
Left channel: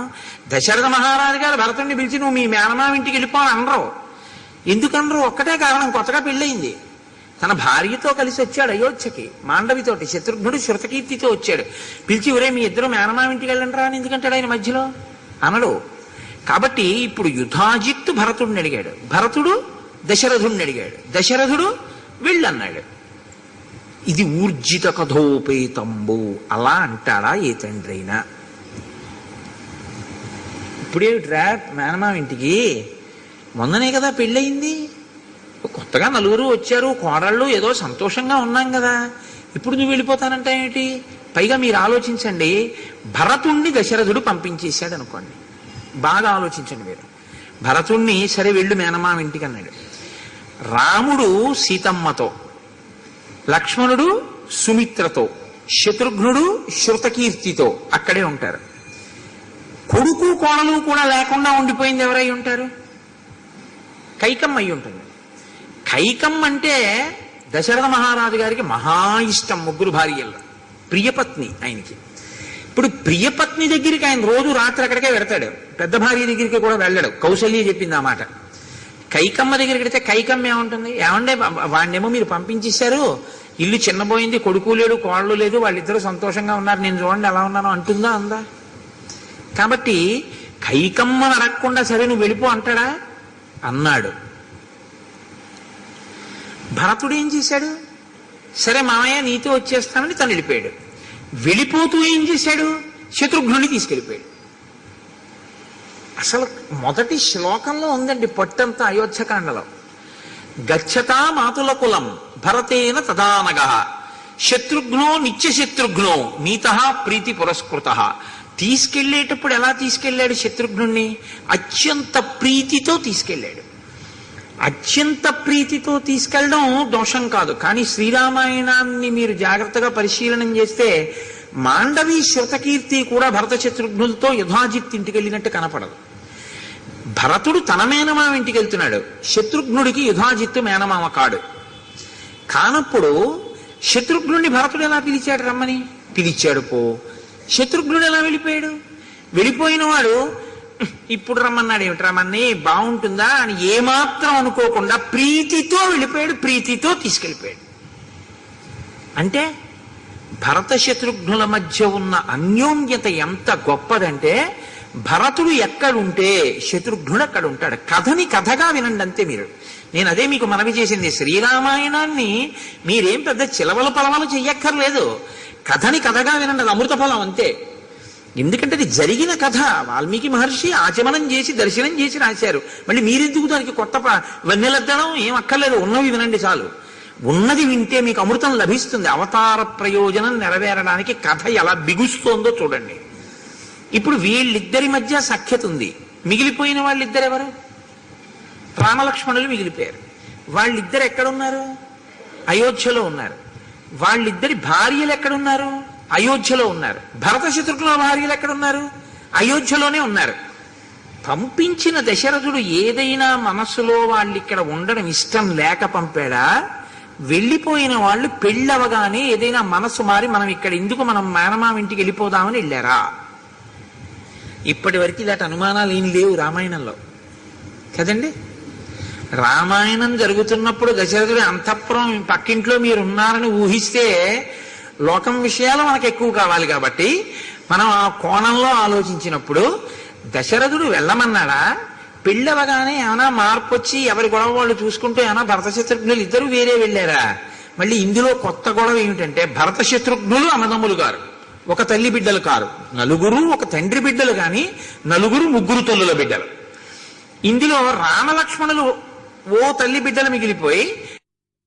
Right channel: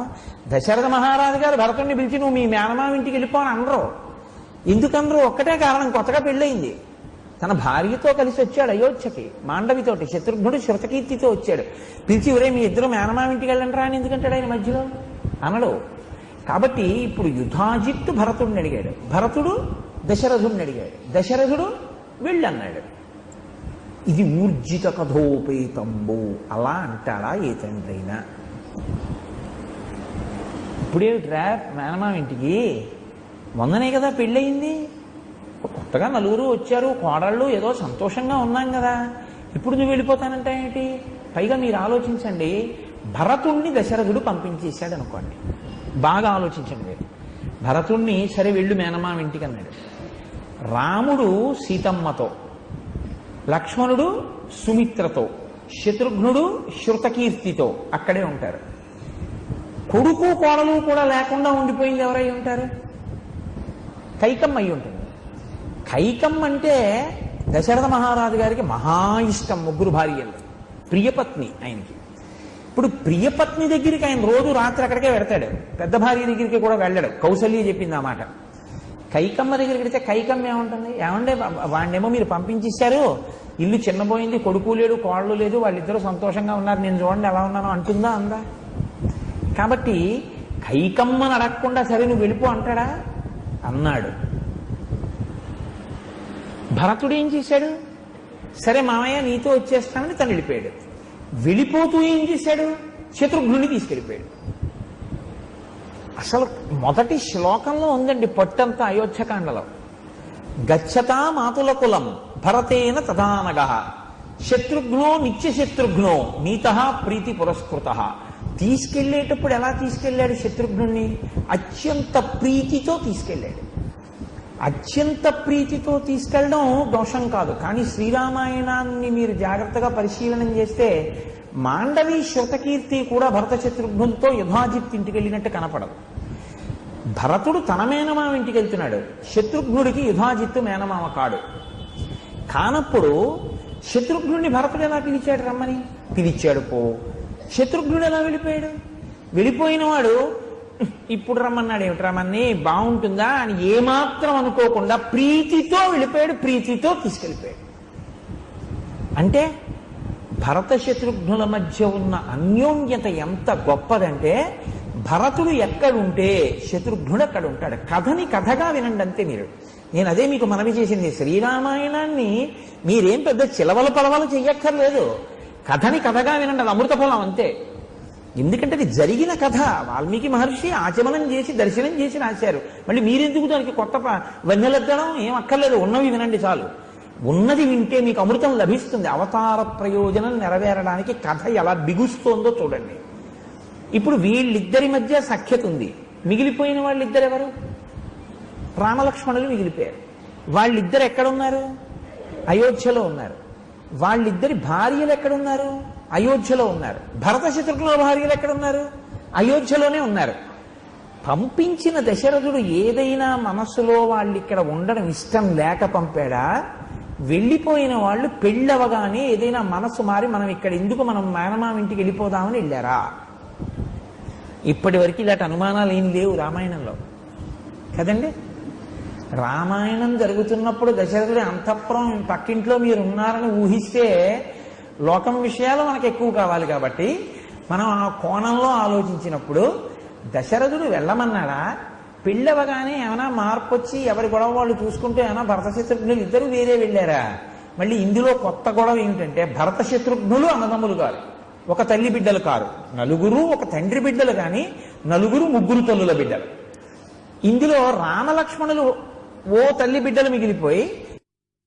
దశరథ మహారాజు గారు భరతుడిని పిలిచి నువ్వు మీ మేనమామ ఇంటికి వెళ్ళిపోని అనరు. ఎందుకనరు? ఒక్కటే కారణం, కొత్తగా పెళ్ళయింది. తన భార్యతో కలిసి వచ్చాడు అయోధ్యకి, మాండవితోటి. శత్రుఘ్నుడు శృతకీర్తితో వచ్చాడు. పిలిచి ఒరే మీ ఇద్దరు మేనమామ ఇంటికి వెళ్ళండి రా అని ఎందుకంటాడు ఆయన మధ్యలో? అనడు. కాబట్టి ఇప్పుడు యుధాజిత్తు భరతుడిని అడిగాడు, భరతుడు దశరథుడిని అడిగాడు, దశరథుడు వెళ్ళన్నాడు. ఇది ఊర్జిత కథోపేతంబు. అలా అంటాడా ఏ తండ్రి అయినా? ఇప్పుడేమిట్రా మేనమామ ఇంటికి, మొన్ననే కదా పెళ్ళయింది, కొత్తగా నలుగురు వచ్చారు, కోడళ్ళు, ఏదో సంతోషంగా ఉన్నాం కదా, ఇప్పుడు నువ్వు వెళ్ళిపోతానంటే ఏమిటి? పైగా మీరు ఆలోచించండి, భరతుణ్ణి దశరథుడు పంపించేశాడు అనుకోండి. బాగా ఆలోచించండి మీరు. భరతుణ్ణి సరే వెళ్ళు మేనమామ ఇంటికి అన్నాడు. రాముడు సీతమ్మతో, లక్ష్మణుడు సుమిత్రతో, శత్రుఘ్నుడు శృతకీర్తితో అక్కడే ఉంటారు. కొడుకు కోడలు కూడా లేకుండా ఉండిపోయింది ఎవరై ఉంటారు? కైకమ్మ అయి ఉంటుంది. కైకమ్మ అంటే దశరథ మహారాజు గారికి మహా ఇష్టం, ముగ్గురు భార్యల్లో ప్రియపత్ని ఆయనకి. ఇప్పుడు ప్రియపత్ని దగ్గరికి ఆయన రోజు రాత్రి అక్కడికే వెడతాడు, పెద్ద భార్య దగ్గరికి కూడా వెళ్ళడు. కౌసల్య చెప్పింది ఆ మాట. కైకమ్మ దగ్గరికి వెడితే కైకమ్మ ఏముంటుంది, ఏమండే వాడినేమో మీరు పంపించేశారు, ఇల్లు చిన్నపోయింది, కొడుకు లేడు కోళ్ళు లేదు, వాళ్ళిద్దరూ సంతోషంగా ఉన్నారు, నేను చూడండి ఎలా ఉన్నానో అంటుందా? అందా? కాబట్టి కైకమ్మను అడగకుండా సరే నువ్వు వెళ్ళిపో అంటాడా? అన్నాడు. భరతుడు ఏం చేశాడు? సరే మామయ్య నీతో వచ్చేస్తానని తను వెళ్ళిపోయాడు. వెళ్ళిపోతూ ఏం చేశాడు? శత్రుఘ్నుని తీసుకెళ్ళిపోయాడు. అసలు మొదటి శ్లోకంలో ఉందండి పట్టంతా అయోధ్యకాండలో. గచ్చతా మాతుల కులం భరతేన తదానగ శత్రుఘ్నో నిత్యశత్రుఘ్నో నీత ప్రీతి పురస్కృత. తీసుకెళ్లేటప్పుడు ఎలా తీసుకెళ్లాడు? శత్రుఘ్నుణ్ణి అత్యంత ప్రీతితో తీసుకెళ్లాడు. అత్యంత ప్రీతితో తీసుకెళ్ళడం దోషం కాదు, కానీ శ్రీరామాయణాన్ని మీరు జాగ్రత్తగా పరిశీలనం చేస్తే మాండవి శృతకీర్తి కూడా భరత శత్రుఘ్నులతో యుధాజిత్ ఇంటికి వెళ్ళినట్టు కనపడదు. భరతుడు తన మేనమామ ఇంటికి వెళ్తున్నాడు, శత్రుఘ్నుడికి యుధాజిత్తు మేనమామ కాడు. కానప్పుడు శత్రుఘ్నుడిని భరతుడు ఎలా పిలిచాడు? రమ్మని పిలిచాడు. శత్రుఘ్నుడు ఎలా వెళ్ళిపోయాడు? వెళ్ళిపోయిన వాడు ఇప్పుడు రమ్మన్నాడు, ఏమిటి రమ్మని బాగుంటుందా అని ఏమాత్రం అనుకోకుండా ప్రీతితో వెళ్ళిపోయాడు, ప్రీతితో తీసుకెళ్ళిపోయాడు. అంటే భరత శత్రుఘ్నుల మధ్య ఉన్న అన్యోన్యత ఎంత గొప్పదంటే, భరతుడు ఎక్కడుంటే శత్రుఘ్నుడు అక్కడ ఉంటాడు. కథని కథగా వినండి అంతే మీరు. నేను అదే మీకు మనవి చేసింది, శ్రీరామాయణాన్ని మీరేం పెద్ద చిలవల పలవలు చెయ్యక్కర్లేదు, కథని కథగా వినండి, అది అమృత ఫలం అంతే. ఎందుకంటే అది జరిగిన కథ, వాల్మీకి మహర్షి ఆచమనం చేసి దర్శనం చేసి రాశారు. మళ్ళీ మీరెందుకు దానికి కొత్త వన్నెలద్దడం ఏం అక్కర్లేదు, ఉన్నవి వినండి చాలు. ఉన్నది వింటే మీకు అమృతం లభిస్తుంది. అవతార ప్రయోజనం నెరవేరడానికి కథ ఎలా బిగుస్తోందో చూడండి. ఇప్పుడు వీళ్ళిద్దరి మధ్య సఖ్యత ఉంది. మిగిలిపోయిన వాళ్ళిద్దరు ఎవరు? రామలక్ష్మణులు మిగిలిపోయారు. వాళ్ళిద్దరు ఎక్కడున్నారు? అయోధ్యలో ఉన్నారు. వాళ్ళిద్దరి భార్యలు ఎక్కడున్నారు? అయోధ్యలో ఉన్నారు. భరత శత్రుఘ్నుల భార్యలు ఎక్కడున్నారు? అయోధ్యలోనే ఉన్నారు. పంపించిన దశరథుడు ఏదైనా మనస్సులో వాళ్ళు ఇక్కడ ఉండడం ఇష్టం లేక పంపాడా? వెళ్ళిపోయిన వాళ్ళు పెళ్ళవగానే ఏదైనా మనస్సు మారి మనం ఇక్కడ ఎందుకు, మనం మేనమామ ఇంటికి వెళ్ళిపోదామని వెళ్ళారా? ఇప్పటి వరకు ఇలాంటి అనుమానాలు ఏం లేవు రామాయణంలో కదండి. రామాయణం జరుగుతున్నప్పుడు దశరథుడి అంతఃపురం పక్కింట్లో మీరు ఉన్నారని ఊహిస్తే లోకం విషయాలు మనకు ఎక్కువ కావాలి కాబట్టి మనం ఆ కోణంలో ఆలోచించినప్పుడు దశరథుడు వెళ్ళమన్నాడా? పెళ్ళవగానే ఏమైనా మార్పు వచ్చి ఎవరి గొడవ వాళ్ళు చూసుకుంటూ ఏమైనా భరత శత్రుఘ్నులు ఇద్దరు వేరే వెళ్ళారా? మళ్ళీ ఇందులో కొత్త గొడవ ఏమిటంటే, భరత శత్రుఘ్నులు అన్నదమ్ములు గారు, ఒక తల్లి బిడ్డలు కారు, నలుగురు ఒక తండ్రి బిడ్డలు, కానీ నలుగురు ముగ్గురు తల్లుల బిడ్డలు. ఇందులో రామలక్ష్మణులు ఓ తల్లి బిడ్డలు మిగిలిపోయి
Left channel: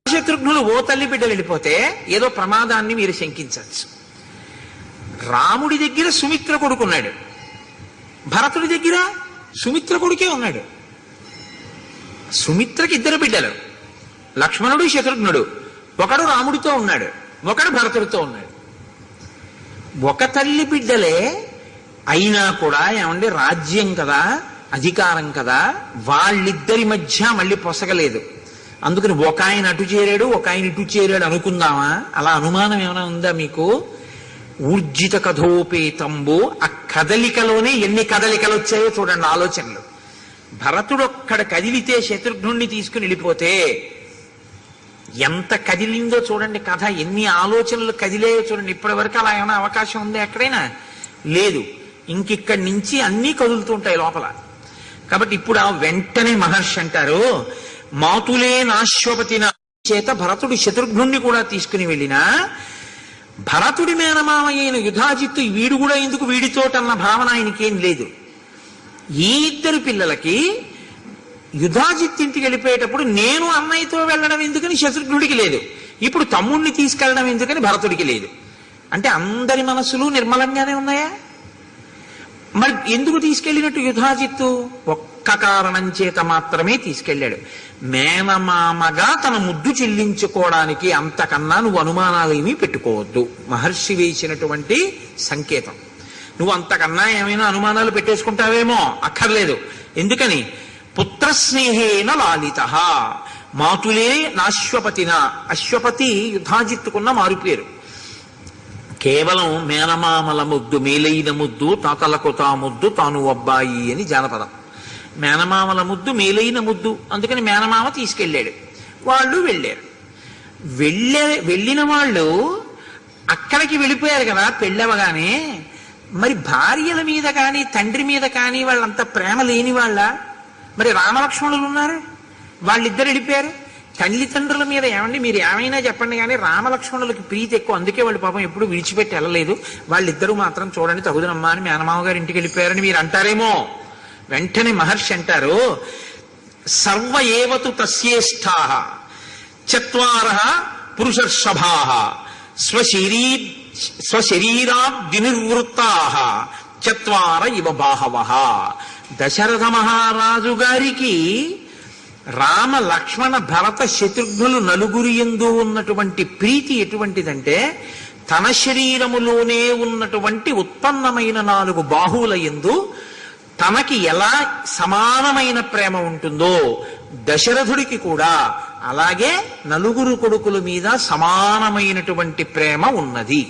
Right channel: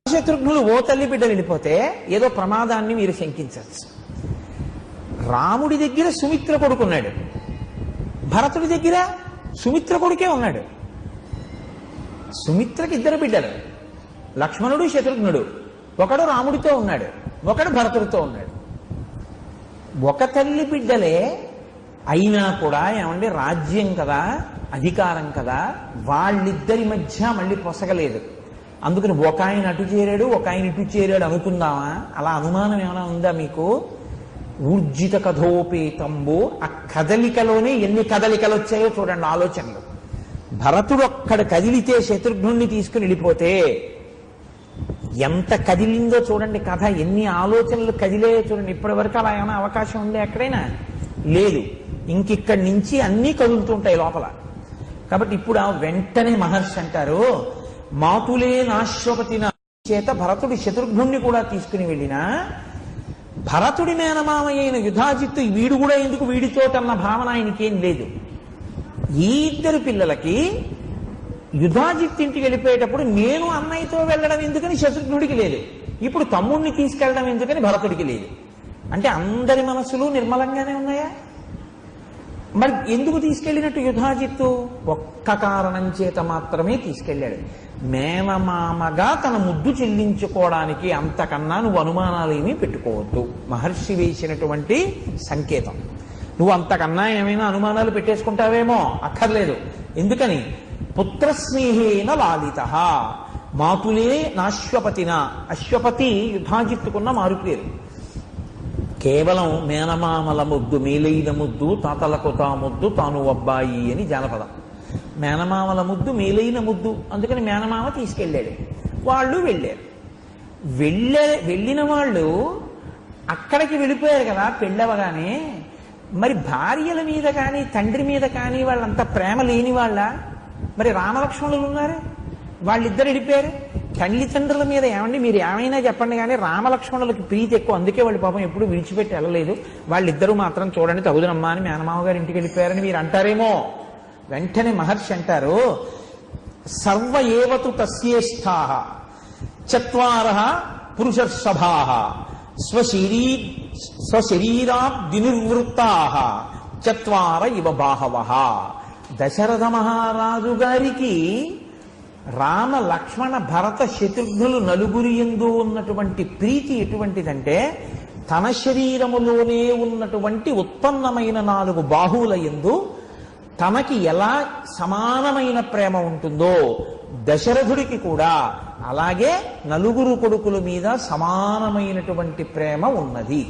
శత్రుఘ్నులు ఓ తల్లి బిడ్డలు వెళ్ళిపోతే ఏదో ప్రమాదాన్ని మీరు శంకించవచ్చు. రాముడి దగ్గర సుమిత్ర కొడుకున్నాడు, భరతుడి దగ్గర సుమిత్ర కొడుకే ఉన్నాడు. సుమిత్రకి ఇద్దరు బిడ్డలు, లక్ష్మణుడు శత్రుఘ్నుడు. ఒకడు రాముడితో ఉన్నాడు, ఒకడు భరతుడితో ఉన్నాడు. ఒక తల్లి బిడ్డలే అయినా కూడా ఏమంటే రాజ్యం కదా, అధికారం కదా, వాళ్ళిద్దరి మధ్య మళ్ళీ పొసగలేదు. అందుకని ఒక ఆయన అటు చేరాడు, ఒక ఆయన ఇటు చేరాడు అనుకుందామా? అలా అనుమానం ఏమైనా ఉందా మీకు? ఊర్జిత కథోపేతంబో, ఆ కదలికలోనే ఎన్ని కదలికలు వచ్చాయో చూడండి, ఆలోచనలు. భరతుడు అక్కడ కదిలితే శత్రుఘ్నుణ్ణి తీసుకుని వెళ్ళిపోతే ఎంత కదిలిందో చూడండి కథ, ఎన్ని ఆలోచనలు కదిలేయో చూడండి. ఇప్పటి వరకు అలా ఏమైనా అవకాశం ఉందా ఎక్కడైనా? లేదు. ఇంకిక్కడి నుంచి అన్నీ కదులుతుంటాయి లోపల. కాబట్టి ఇప్పుడు ఆ వెంటనే మహర్షి అంటారు, మాతులే నాశ్వపతిన చేత భరతుడు శత్రుఘ్నుణ్ణి కూడా తీసుకుని వెళ్ళినా భరతుడి మేనమామ అయిన యుధాజిత్తు వీడు కూడా ఎందుకు వీడితోటన్న భావన ఆయనకేం లేదు. ఈ ఇద్దరు పిల్లలకి యుధాజిత్ ఇంటికి వెళ్ళిపోయేటప్పుడు నేను అన్నయ్యతో వెళ్ళడం ఎందుకని శత్రుఘ్నుడికి లేదు, ఇప్పుడు తమ్ముడిని తీసుకెళ్ళడం ఎందుకని భరతుడికి లేదు. అంటే అందరి మనసులు నిర్మలంగానే ఉన్నాయా? మరి ఎందుకు తీసుకెళ్ళినట్టు యుధాజిత్తు? ఒక్క కారణం చేత మాత్రమే తీసుకెళ్ళాడు, మేనమామగా తన ముద్దు చెల్లించుకోవడానికి. అంతకన్నా నువ్వు అనుమానాలు ఏమీ పెట్టుకోవద్దు. మహర్షి వేసినటువంటి సంకేతం. నువ్వు అంతకన్నా ఏమైనా అనుమానాలు పెట్టేసుకుంటావేమో, అక్కర్లేదు. ఎందుకని? పుత్రస్నేహేన లాలిత, మాతులే నాశ్వపతిన. అశ్వపతి యుధాజిత్తుకున్న మారుపేరు. కేవలం మేనమామల ముద్దు మేలైన ముద్దు, తాతలకు తా ముద్దు తాను అబ్బాయి అని జానపదం. మేనమామల ముద్దు మేలైన ముద్దు, అందుకని మేనమామ తీసుకెళ్ళాడు. వాళ్ళు వెళ్ళారు. వెళ్ళిన వాళ్ళు అక్కడికి వెళ్ళిపోయారు కదా పెళ్ళవగానే. మరి భార్యల మీద కానీ తండ్రి మీద కానీ వాళ్ళంత ప్రేమ లేని వాళ్ళ? మరి రామలక్ష్మణులు ఉన్నారు, వాళ్ళిద్దరు వెళ్ళిపోయారు. తల్లిదండ్రుల మీద ఏమండి మీరు ఏమైనా చెప్పండి కానీ రామలక్ష్మణులకి ప్రీతి ఎక్కువ, అందుకే వాళ్ళు పాపం ఎప్పుడు విడిచిపెట్టి వెళ్ళలేదు. వాళ్ళిద్దరూ మాత్రం చూడండి తగుదనమ్మా అని మేనమామ గారి ఇంటికి వెళ్ళిపోయారని మీరు అంటారేమో. వెంటనే మహర్షి అంటారు, సర్వ ఏవతు తస్యేష్టా చత్వారః పురుషర్షభాః స్వశరీరాద్వినిర్వృత్తాః చత్వార ఇవ బాహవః. దశరథ మహారాజు గారికి రామ లక్ష్మణ భరత శత్రుఘ్నులు నలుగురి యందు ఉన్నటువంటి ప్రీతి ఎటువంటిదంటే, తన శరీరములోనే ఉన్నటువంటి ఉత్పన్నమైన 4 బాహువుల యందు తనకి ఎలా సమానమైన ప్రేమ ఉంటుందో దశరథుడికి కూడా అలాగే నలుగురు కొడుకుల మీద సమానమైనటువంటి ప్రేమ ఉన్నది.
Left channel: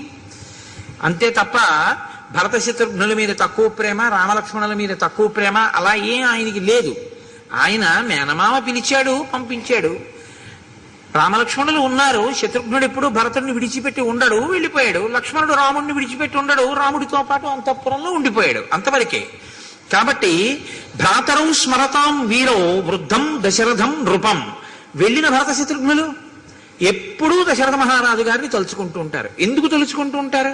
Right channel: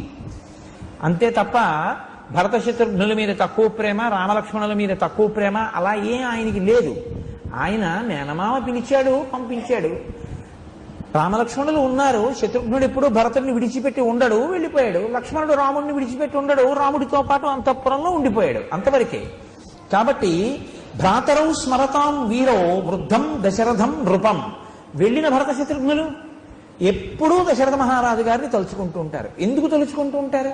అంతే తప్ప భరత శత్రుఘ్నుల మీద తక్కువ ప్రేమ, రామలక్ష్మణుల మీద తక్కువ ప్రేమ అలా ఏం ఆయనకి లేదు. ఆయన మేనమామ పిలిచాడు, పంపించాడు. రామలక్ష్మణులు ఉన్నారు. శత్రుఘ్నుడు ఎప్పుడు భరతుడిని విడిచిపెట్టి ఉండడు, వెళ్ళిపోయాడు. లక్ష్మణుడు రాముడిని విడిచిపెట్టి ఉండడు, రాముడితో పాటు అంతఃపురంలో ఉండిపోయాడు. అంతవరకే. కాబట్టి భ్రాతరౌ స్మరతాం వీరో వృద్ధం దశరథం నృపం. వెళ్ళిన భరత శత్రుఘ్నులు ఎప్పుడూ దశరథ మహారాజు గారిని తలుచుకుంటూ ఉంటారు. ఎందుకు తలుచుకుంటూ ఉంటారు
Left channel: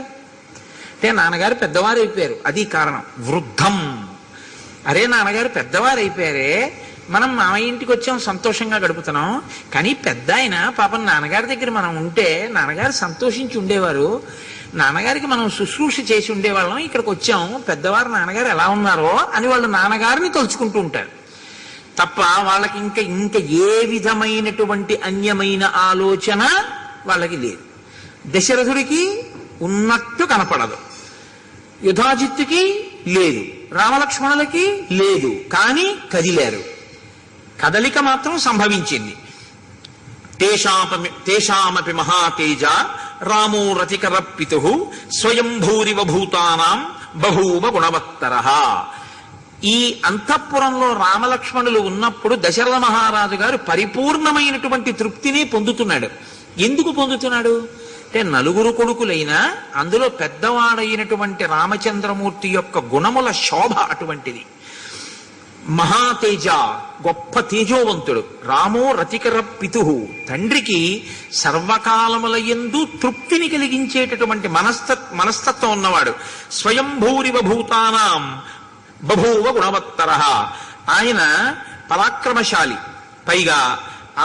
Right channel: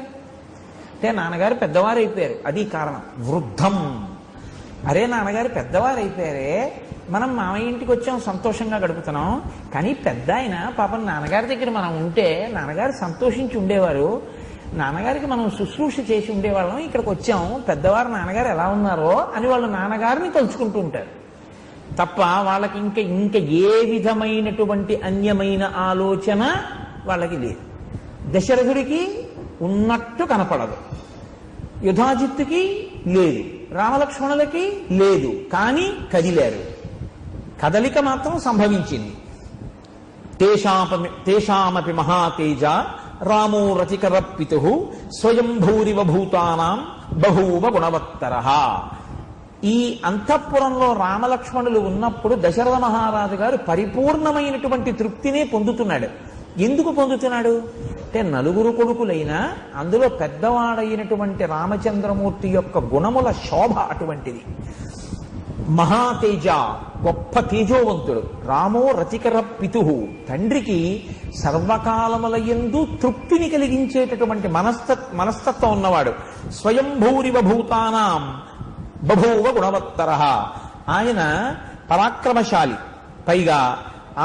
అంటే, నాన్నగారు పెద్దవారు అయిపోయారు, అది కారణం. వృద్ధం, అరే నాన్నగారు పెద్దవారు అయిపోయారే, మనం మామయ్య ఇంటికి వచ్చాం, సంతోషంగా గడుపుతున్నాం. కానీ పెద్ద ఆయన పాపం నాన్నగారి దగ్గర మనం ఉంటే నాన్నగారు సంతోషించి ఉండేవారు, నాన్నగారికి మనం శుశ్రూష చేసి ఉండేవాళ్ళం, ఇక్కడికి వచ్చాం, పెద్దవారు నాన్నగారు ఎలా ఉన్నారో అని వాళ్ళు నాన్నగారిని తలుచుకుంటూ ఉంటారు తప్ప వాళ్ళకి ఇంకా ఏ విధమైనటువంటి అన్యమైన ఆలోచన వాళ్ళకి లేదు. దశరథుడికి ఉన్నట్టు కనపడదు, యుధాజిత్తుకి లేదు, రామలక్ష్మణులకి లేదు, కానీ కదిలారు. కదలిక మాత్రం సంభవించింది. తేషామపి మహాతేజ రామో రతికర పితుః స్వయం భూరివ భూతానాం బహూవ గుణవత్తరః. ఈ అంతఃపురంలో రామలక్ష్మణులు ఉన్నప్పుడు దశరథ మహారాజు గారు పరిపూర్ణమైనటువంటి తృప్తిని పొందుతున్నాడు. ఎందుకు పొందుతున్నాడు అంటే, నలుగురు కొడుకులైనా అందులో పెద్దవాడైనటువంటి రామచంద్రమూర్తి యొక్క గుణముల శోభ అటువంటిది. మహాతేజ, గొప్ప తేజోవంతుడు. రామో రతికర పితుః, తండ్రికి సర్వకాలముల యందు తృప్తిని కలిగించేటటువంటి మనస్తత్వం ఉన్నవాడు. స్వయంభూరివ భూతానాం బభూవ గుణవత్తరః. ఆయన పరాక్రమశాలి, పైగా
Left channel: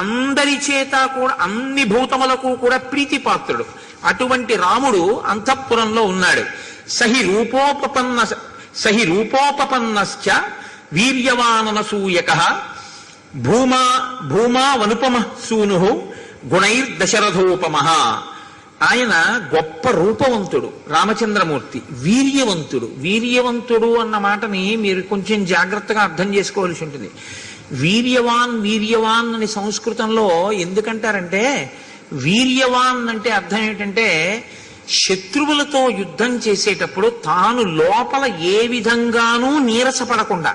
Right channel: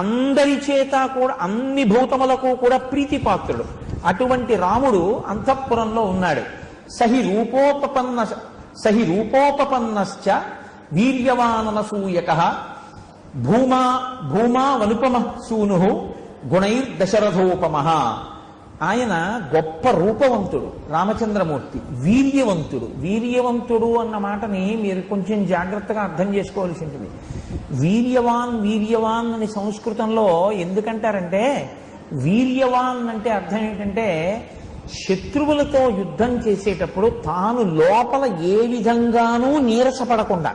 అందరి చేత కూడా అన్ని భూతములకు కూడా ప్రీతిపాత్రుడు. అటువంటి రాముడు అంతఃపురంలో ఉన్నాడు. సహి రూపోపపన్నశ్చ వీర్యవాననసూయకః భూమా వనుపమ సూనుః గుణైర్దశరథోపమః. ఆయన గొప్ప రూపవంతుడు రామచంద్రమూర్తి, వీర్యవంతుడు. వీర్యవంతుడు అన్న మాటని మీరు కొంచెం జాగ్రత్తగా అర్థం చేసుకోవాల్సి ఉంటుంది. వీర్యవాన్ అని సంస్కృతంలో ఎందుకంటారంటే, వీర్యవాన్ అంటే అర్థం ఏమిటంటే, శత్రువులతో యుద్ధం చేసేటప్పుడు తాను లోపల ఏ విధంగానూ నీరసపడకుండా,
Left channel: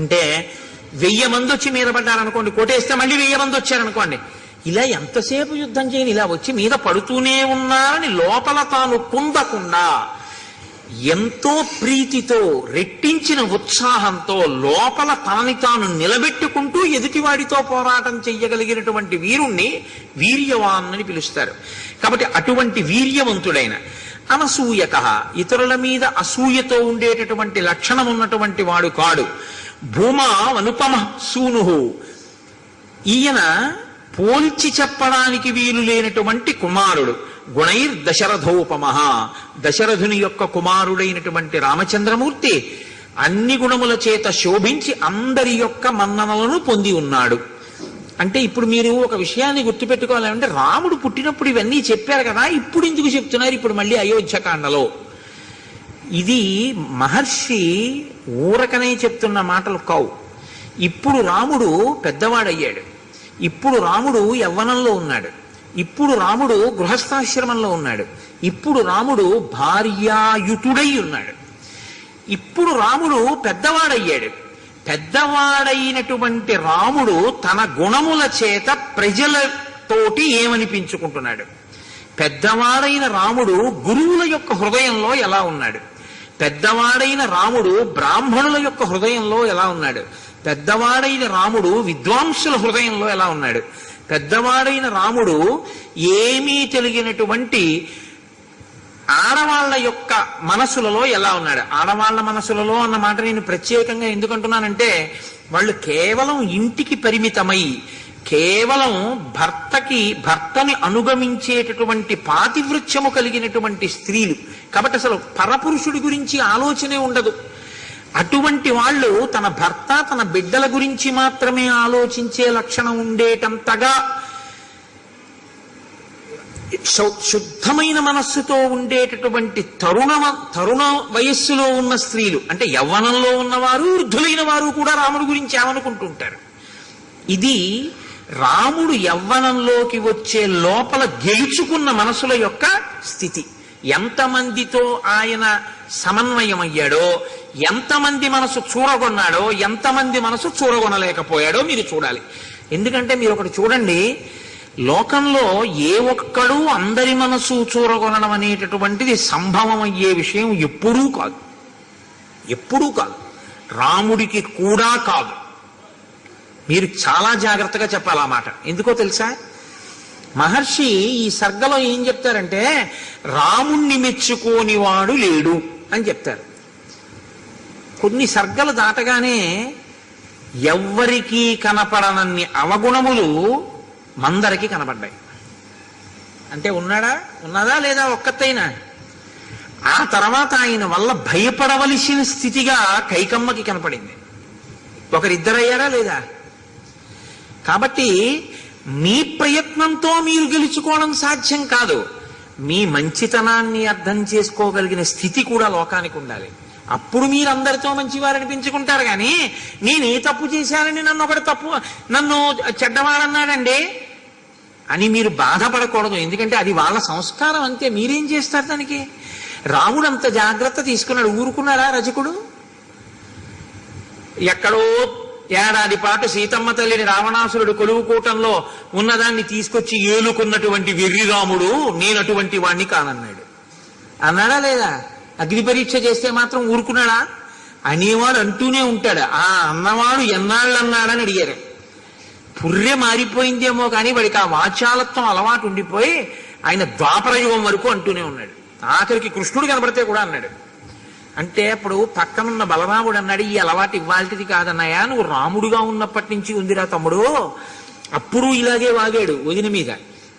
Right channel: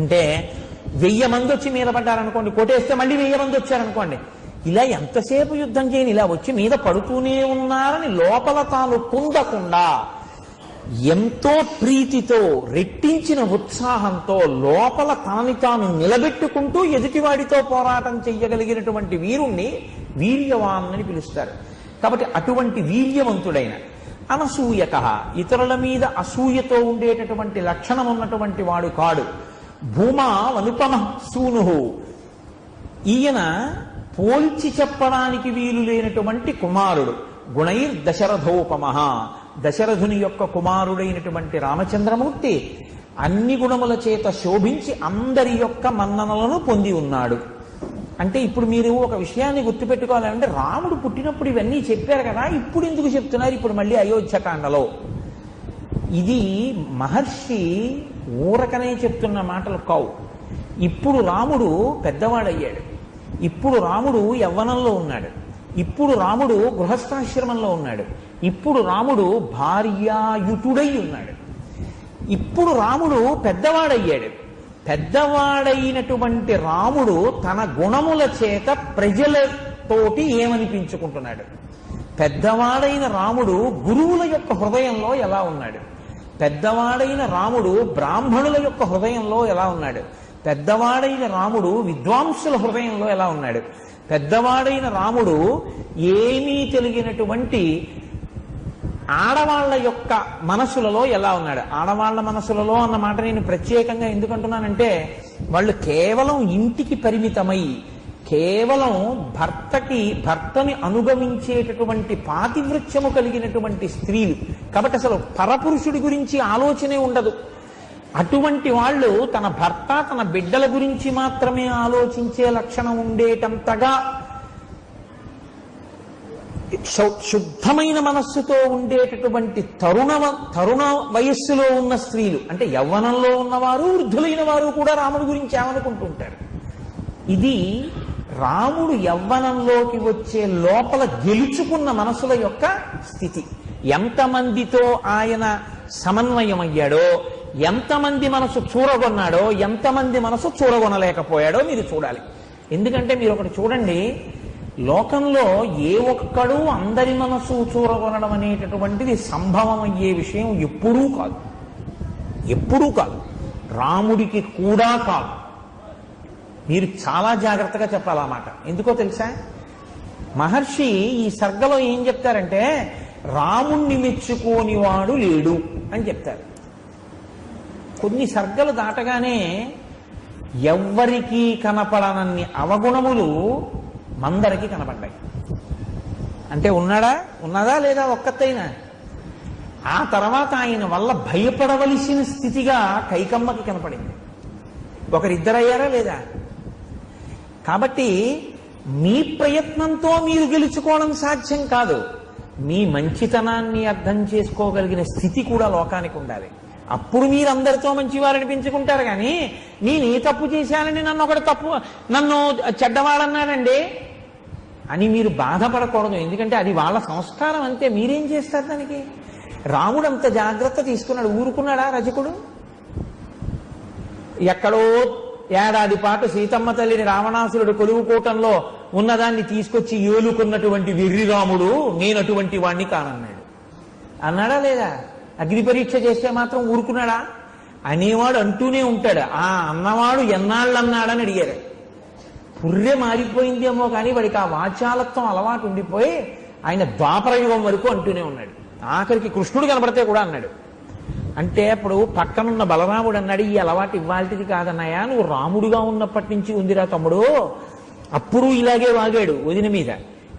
అంటే 1000 మంది వచ్చి మీద పడ్డారనుకోండి, కొట్టేస్తే మళ్ళీ 1000 మంది వచ్చారనుకోండి, ఇలా ఎంతసేపు యుద్ధం చేయని, ఇలా వచ్చి మీద పడుతూనే ఉన్నారని లోపల తాను కుందకుండా ఎంతో ప్రీతితో రెట్టించిన ఉత్సాహంతో లోపల తనని తాను నిలబెట్టుకుంటూ ఎదుటివాడితో పోరాటం చెయ్యగలిగినటువంటి వీరుణ్ణి వీర్యవాన్ అని పిలుస్తారు. కాబట్టి అటువంటి వీర్యవంతుడైన, అనసూయకః, ఇతరుల మీద అసూయతో ఉండేటటువంటి లక్షణం ఉన్నటువంటి వాడు కాడు. భూమా అనుపమ సూనుః, ఈయన పోల్చి చెప్పడానికి వీలు లేనటువంటి కుమారుడు. గుణైర్ దశరథోపమః, దశరథుని యొక్క కుమారుడైనటువంటి రామచంద్రమూర్తి అన్ని గుణముల చేత శోభించి అందరి యొక్క మన్ననలను పొంది ఉన్నాడు. అంటే ఇప్పుడు మీరు ఒక విషయాన్ని గుర్తుపెట్టుకోవాలంటే, రాముడు పుట్టినప్పుడు ఇవన్నీ చెప్పారు కదా, ఇప్పుడు ఎందుకు చెప్తున్నారు ఇప్పుడు మళ్ళీ అయోధ్యకాండలో? ఇది మహర్షి ఊరకనే చెప్తున్న మాటలు కావు. ఇప్పుడు రాముడు పెద్దవాడయ్యాడు, ఇప్పుడు రాముడు యవ్వనంలో ఉన్నాడు, ఇప్పుడు రాముడు గృహస్థాశ్రమంలో ఉన్నాడు, ఇప్పుడు రాముడు భార్యాయుతుడై ఉన్నాడు, ఇప్పుడు రాముడు పెద్దవాడయ్యాడు. పెద్దవాడైనటువంటి రాముడు తన గుణముల చేత ప్రజలతోటి ఏమనిపించుకుంటున్నాడు? పెద్దవాడైన రాముడు గురువుల యొక్క హృదయంలో ఎలా ఉన్నాడు? పెద్దవాడైన రాముడు బ్రాహ్మణుల యొక్క హృదయంలో ఎలా ఉన్నాడు? పెద్దవాడైన రాముడు విద్వాంసుల హృదయంలో ఎలా ఉన్నాడు? పెద్దవాడైన రాముడు ఏమీ తెలియనటువంటి ఆడవాళ్ల యొక్క మనసులలో ఎలా ఉన్నాడు? ఆడవాళ్ల మనసులలో అన్న మాట నేను ప్రత్యేకంగా ఎందుకంటున్నానంటే, వాళ్ళు కేవలం ఇంటికి పరిమితమై కేవలం భర్తని అనుగమించేటటువంటి పాతివృత్యము కలిగినటువంటి స్త్రీలు కాబట్టి అసలు పరపురుషుడి గురించి ఆలోచనే ఉండదు. అటువంటి వాళ్ళు తన భర్త తన బిడ్డల గురించి మాత్రమే ఆలోచించే లక్షణం ఉండేటంతగా శుద్ధమైన మనస్సుతో ఉండేటటువంటి తరుణ వయస్సులో ఉన్న స్త్రీలు, అంటే యవ్వనంలో ఉన్నవారు వృద్ధులైన వారు కూడా రాముడి గురించి ఏమనుకుంటుంటారు. ఇది రాముడు యవ్వనంలోకి వచ్చే లోపల గెలుచుకున్న మనసుల యొక్క స్థితి. ఎంతమందితో ఆయన సమన్వయమయ్యాడో, ఎంతమంది మనసు చూరగొన్నాడో, ఎంతమంది మనసు చూరగొనలేకపోయాడో మీరు చూడాలి. ఎందుకంటే మీరు ఒకటి చూడండి, లోకంలో ఏ ఒక్కడూ అందరి మనసు చూరగొనడం అనేటటువంటిది సంభవం అయ్యే విషయం ఎప్పుడూ కాదు, ఎప్పుడూ కాదు, రాముడికి కూడా కాదు. మీరు చాలా జాగ్రత్తగా చెప్పాలి ఆ మాట. ఎందుకో తెలుసా? మహర్షి ఈ సర్గలో ఏం చెప్తారంటే, రాముణ్ణి మెచ్చుకోని వాడు లేడు అని చెప్తారు. కొన్ని సర్గలు దాటగానే ఎవ్వరికీ కనపడనన్ని అవగుణములు మందరికి కనపడ్డాయి. అంటే ఉన్నదా లేదా ఒక్కతైనా? ఆ తర్వాత ఆయన వల్ల భయపడవలసిన స్థితిగా కైకమ్మకి కనపడింది. ఒకరిద్దరయ్యారా లేదా? కాబట్టి మీ ప్రయత్నంతో మీరు గెలుచుకోవడం సాధ్యం కాదు. మీ మంచితనాన్ని అర్థం చేసుకోగలిగిన స్థితి కూడా లోకానికి ఉండాలి. అప్పుడు మీరు అందరితో మంచివారు అనిపించుకుంటారు. కానీ నేను ఏ తప్పు చేశానని నన్ను చెడ్డవాడన్నాడండి అని మీరు బాధపడకూడదు. ఎందుకంటే అది వాళ్ళ సంస్కారం, అంతే. మీరేం చేస్తారు దానికి? రాముడు అంత జాగ్రత్త తీసుకున్నాడు. ఊరుకున్నాడా రజకుడు? ఎక్కడో ఏడాది పాటు సీతమ్మ తల్లిని రావణాసురుడు కొలువుకూటంలో ఉన్నదాన్ని తీసుకొచ్చి ఏలుకున్నటువంటి వెర్రి రాముడు నేను అటువంటి వాణ్ణి కానన్నాడు. అన్నాడా లేదా? అగ్ని పరీక్ష చేస్తే మాత్రం ఊరుకున్నాడా? అనేవాడు అంటూనే ఉంటాడు. ఆ అన్నవాడు ఎన్నాళ్ళు అన్నాడని అడిగారు. పుర్రె మారిపోయిందేమో కానీ వాడికి ఆ వాచాలత్వం అలవాటు ఉండిపోయి ఆయన ద్వాపరయుగం వరకు అంటూనే ఉన్నాడు. ఆఖరికి కృష్ణుడు కనబడితే కూడా అన్నాడు. అంటే అప్పుడు పక్కనున్న బలరాముడు అన్నాడు, ఈ అలవాటు ఇవ్వాల్టిది కాదన్నాయా, నువ్వు రాముడుగా ఉన్నప్పటి నుంచి ఉందిరా తమ్ముడు. అప్పుడు ఇలాగే వాగాడు వదిన మీద.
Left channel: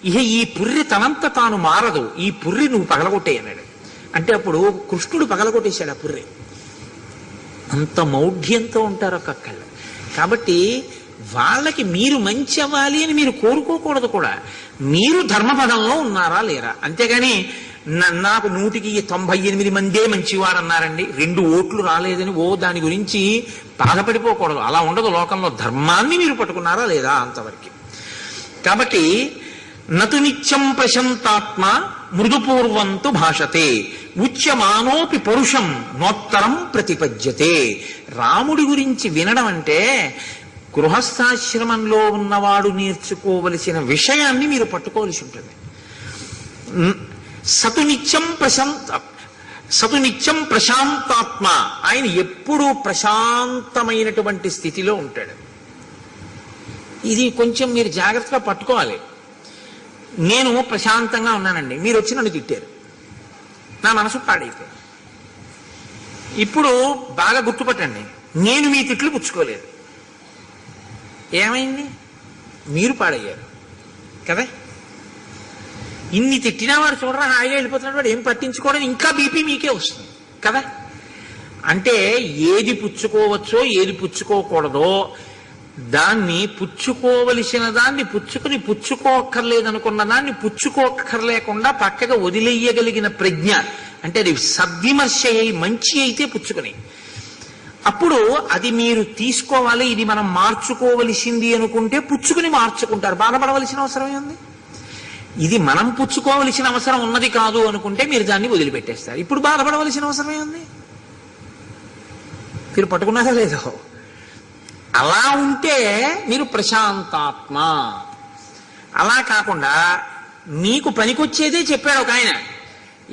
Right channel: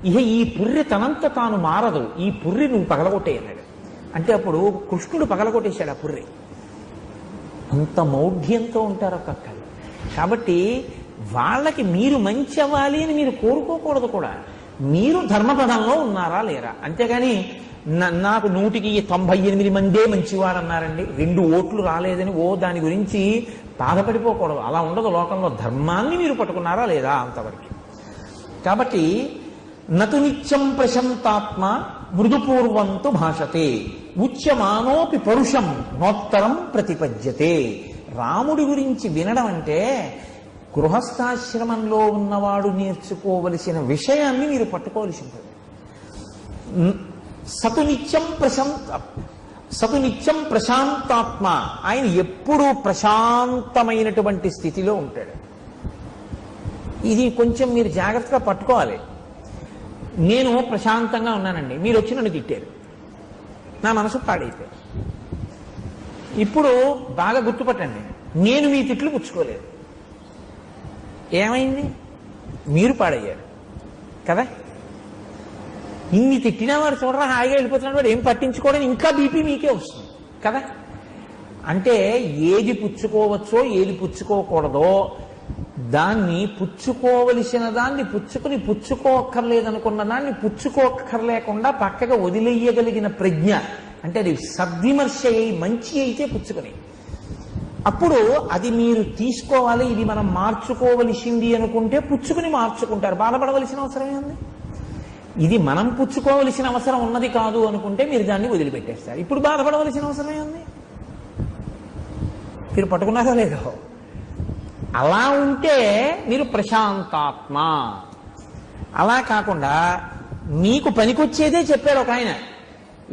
ఇహ ఈ పుర్రె తనంత తాను మారదు, ఈ పుర్రె నువ్వు పగలగొట్టే అన్నాడు. అంటే అప్పుడు కృష్ణుడు పగలగొట్టేశాడు ఆ పుర్రె. అంత మౌఢ్యంతో ఉంటారు ఒక్కొక్కళ్ళు. కాబట్టి వాళ్ళకి మీరు మంచి అవ్వాలి అని మీరు కోరుకోకూడదు కూడా. మీరు ధర్మపదంలో ఉన్నారా లేరా? అంతేగాని నాకు 198 మందే మంచివారు అన్నారండి, 2 ఓట్లు రాలేదని దాని గురించి బాధపడిపోకూడదు. అలా ఉండదు లోకంలో. ధర్మాన్ని మీరు పట్టుకున్నారా లేదా అంతవరకు. కాబట్టి నతు నిత్యం ప్రశంతాత్మ మృదుపూర్వంతు భాషతే ఉచ్యమానోపి పరుషం నోత్తరం ప్రతిపద్యతే. రాముడి గురించి వినడం అంటే గృహస్థాశ్రమంలో ఉన్నవాడు నేర్చుకోవలసిన విషయాన్ని మీరు పట్టుకోవలసి ఉంటుంది. సతు నిత్యం ప్రశాంతాత్మ, ఆయన ఎప్పుడూ ప్రశాంతమైనటువంటి స్థితిలో ఉంటాడు. ఇది కొంచెం మీరు జాగ్రత్తగా పట్టుకోవాలి. నేను ప్రశాంతంగా ఉన్నానండి, మీరు వచ్చి నన్ను తిట్టారు, నా మనసు పాడైపోయింది. ఇప్పుడు బాగా గుర్తుపట్టండి, నేను మీ తిట్లు పుచ్చుకోలేదు. ఏమైంది? మీరు పాడయ్యారు కదా. ఇన్ని తిట్టినా వాడు చూడరా హాయిగా వెళ్ళిపోతున్నాడు, వాడు ఏం పట్టించుకోవడం, ఇంకా బీపీ మీకే వస్తుంది కదా. అంటే ఏది పుచ్చుకోవచ్చో ఏది పుచ్చుకోకూడదో దాన్ని, పుచ్చుకోవలసిన దాన్ని పుచ్చుకోక్కర్లేదనుకున్న దాన్ని పుచ్చుకోక్కర్లేకుండా పక్కగా వదిలేయగలిగిన ప్రజ్ఞ అంటే అది సద్విమర్శ అయి మంచి అయితే పుచ్చుకుని, అప్పుడు అది మీరు తీసుకోవాలి, ఇది మనం మార్చుకోవలసింది అనుకుంటే పుచ్చుకుని మార్చుకుంటారు, బాధపడవలసిన అవసరం ఉంది. ఇది మనం పుచ్చుకోవలసిన అవసరం ఉన్నది కాదు అనుకుంటే మీరు దాన్ని వదిలిపెట్టేస్తారు. ఇప్పుడు బాధపడవలసిన అవసరమే ఉంది. మీరు పట్టుకున్నారో లేదో. అలా ఉంటే మీరు ప్రశాంతాత్మ. అలా కాకుండా మీకు పనికొచ్చేదే చెప్పాడు ఒక ఆయన,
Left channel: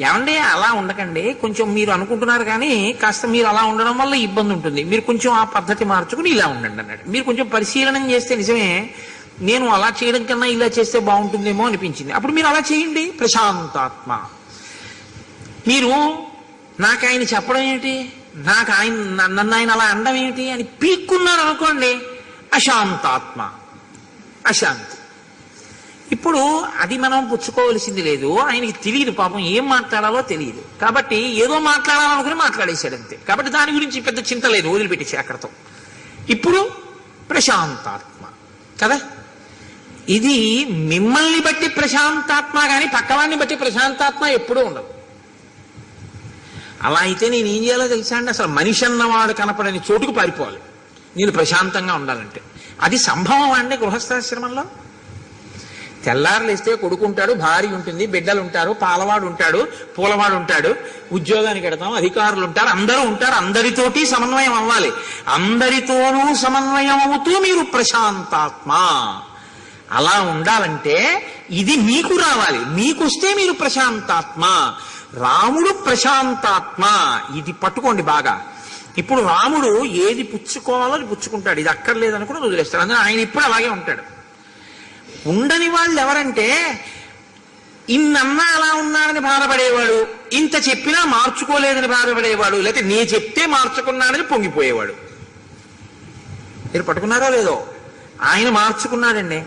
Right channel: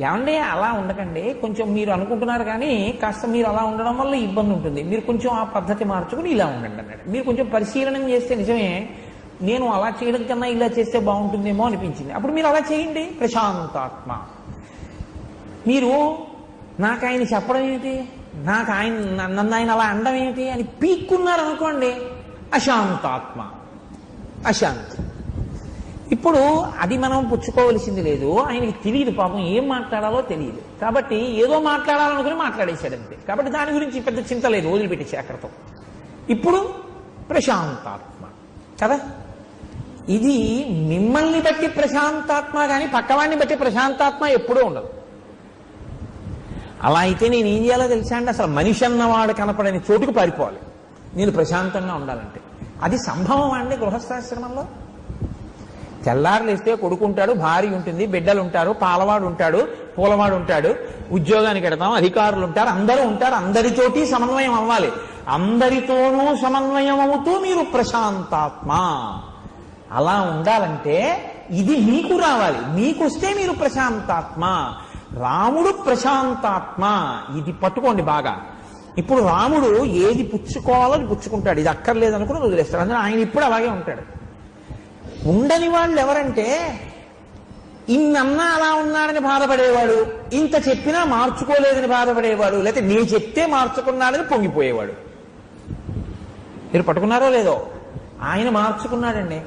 ఏమంటే అలా ఉండకండి, కొంచెం మీరు అనుకుంటున్నారు కానీ కాస్త మీరు అలా ఉండడం వల్ల ఇబ్బంది ఉంటుంది, మీరు కొంచెం ఆ పద్ధతి మార్చుకుని ఇలా ఉండండి అన్నాడు. మీరు కొంచెం పరిశీలనం చేస్తే నిజమే, నేను అలా చేయడం కన్నా ఇలా చేస్తే బాగుంటుందేమో అనిపించింది, అప్పుడు మీరు అలా చేయండి, ప్రశాంతాత్మ. మీరు నాకు ఆయన చెప్పడం ఏంటి, నాకు ఆయన నన్ను ఆయన అలా అనడం ఏంటి అని పీక్కున్నారు అనుకోండి, అశాంతాత్మ, అశాంతి. ఇప్పుడు అది మనం పుచ్చుకోవలసింది లేదు, ఆయనకి తెలియదు పాపం, ఏం మాట్లాడాలో తెలియదు, కాబట్టి ఏదో మాట్లాడాలనుకుని మాట్లాడేశాడు అంతే. కాబట్టి దాని గురించి పెద్ద చింత లేదు, వదిలిపెట్టేసి అక్కడతో. ఇప్పుడు ప్రశాంతాత్మ కదా. ఇది మిమ్మల్ని బట్టి ప్రశాంతాత్మ కానీ పక్కవాడిని బట్టి ప్రశాంతాత్మ ఎప్పుడూ ఉండదు. అలా అయితే నేను ఏం చేయాలో తెలుసా అండి, అసలు మనిషి అన్నవాడు కనపడని చోటుకు పారిపోవాలి నేను ప్రశాంతంగా ఉండాలంటే. అది సంభవం అండి గృహస్థాశ్రమంలో. తెల్లారులేస్తే కొడుకుంటాడు, భార్య ఉంటుంది, బిడ్డలు ఉంటారు, పాలవాడు ఉంటాడు, పూలవాడు ఉంటాడు, ఉద్యోగానికి వెడతాం, అధికారులు ఉంటారు, అందరూ ఉంటారు. అందరితోటి సమన్వయం అవ్వాలి. అందరితోనూ సమన్వయం అవుతూ మీరు ప్రశాంతాత్మ. అలా ఉండాలంటే ఇది మీకు రావాలి, మీకొస్తే మీరు ప్రశాంతాత్మ. రాముడు ప్రశాంతాత్మ, ఇది పట్టుకోండి బాగా. ఇప్పుడు రాముడు ఏది పుచ్చుకోవాలో అది పుచ్చుకుంటాడు, ఇది అక్కర్లేదని కూడా వదిలేస్తాడు. అందుకని ఆయన ఇప్పుడు అలాగే ఉంటాడు. ఉండని వాళ్ళు ఎవరంటే ఇన్నన్నా అలా ఉన్నాడని బాధపడేవాడు, ఇంత చెప్పినా మార్చుకోలేదని బాధపడేవాడు, లేకపోతే నీ చెప్తే మార్చుకున్నాడని పొంగిపోయేవాడు. మీరు పట్టుకున్నారో లేదో. ఆయన మార్చుకున్నాడండి,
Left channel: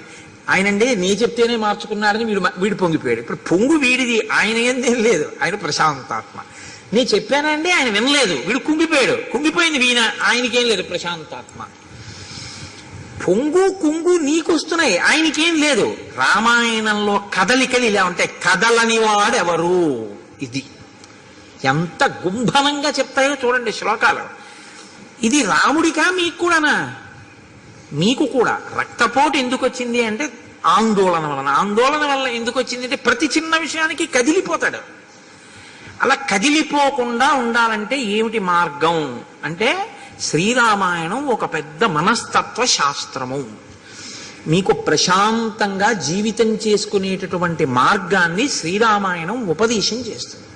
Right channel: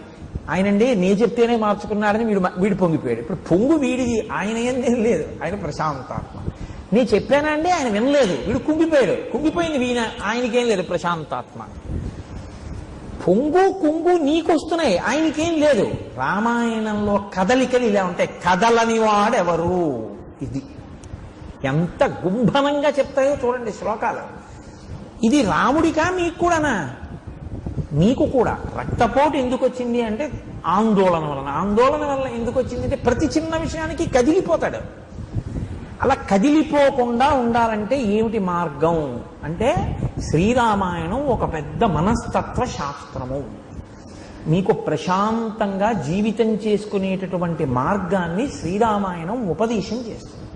ఆయనండి నీ చెప్తేనే మార్చుకున్నాడని వీడు పొంగిపోయాడు. ఇప్పుడు పొంగు వీడిది, ఆయన ఏం లేదు, ఆయన ప్రశాంతాత్మ. నీ చెప్పానండి, ఆయన వినలేదు, వీడు కుంగిపోయాడు, కుంగిపోయింది వీణ, ఆయనకేం లేదు, ప్రశాంతాత్మ. పొంగు కుంగు నీకొస్తున్నాయి, ఆయనకేం లేదు. రామాయణంలో కదలికలు ఇలా ఉంటాయి, కదలని వాడెవరు, ఇది ఎంత గుంభనంగా చెప్తాయో చూడండి శ్లోకాలు. ఇది రాముడికా మీకు కూడానా? మీకు కూడా. రక్తపోటు ఎందుకు వచ్చింది అంటే ఆందోళన వలన. ఆందోళన వలన ఎందుకు వచ్చింది అంటే ప్రతి చిన్న విషయానికి కదిలిపోతాడు. అలా కదిలిపోకుండా ఉండాలంటే ఏమిటి మార్గం అంటే శ్రీరామాయణం ఒక పెద్ద మనస్తత్వ శాస్త్రము. మీకు ప్రశాంతంగా జీవితం చేసుకునేటటువంటి మార్గాన్ని శ్రీరామాయణం ఉపదేశం చేస్తుంది.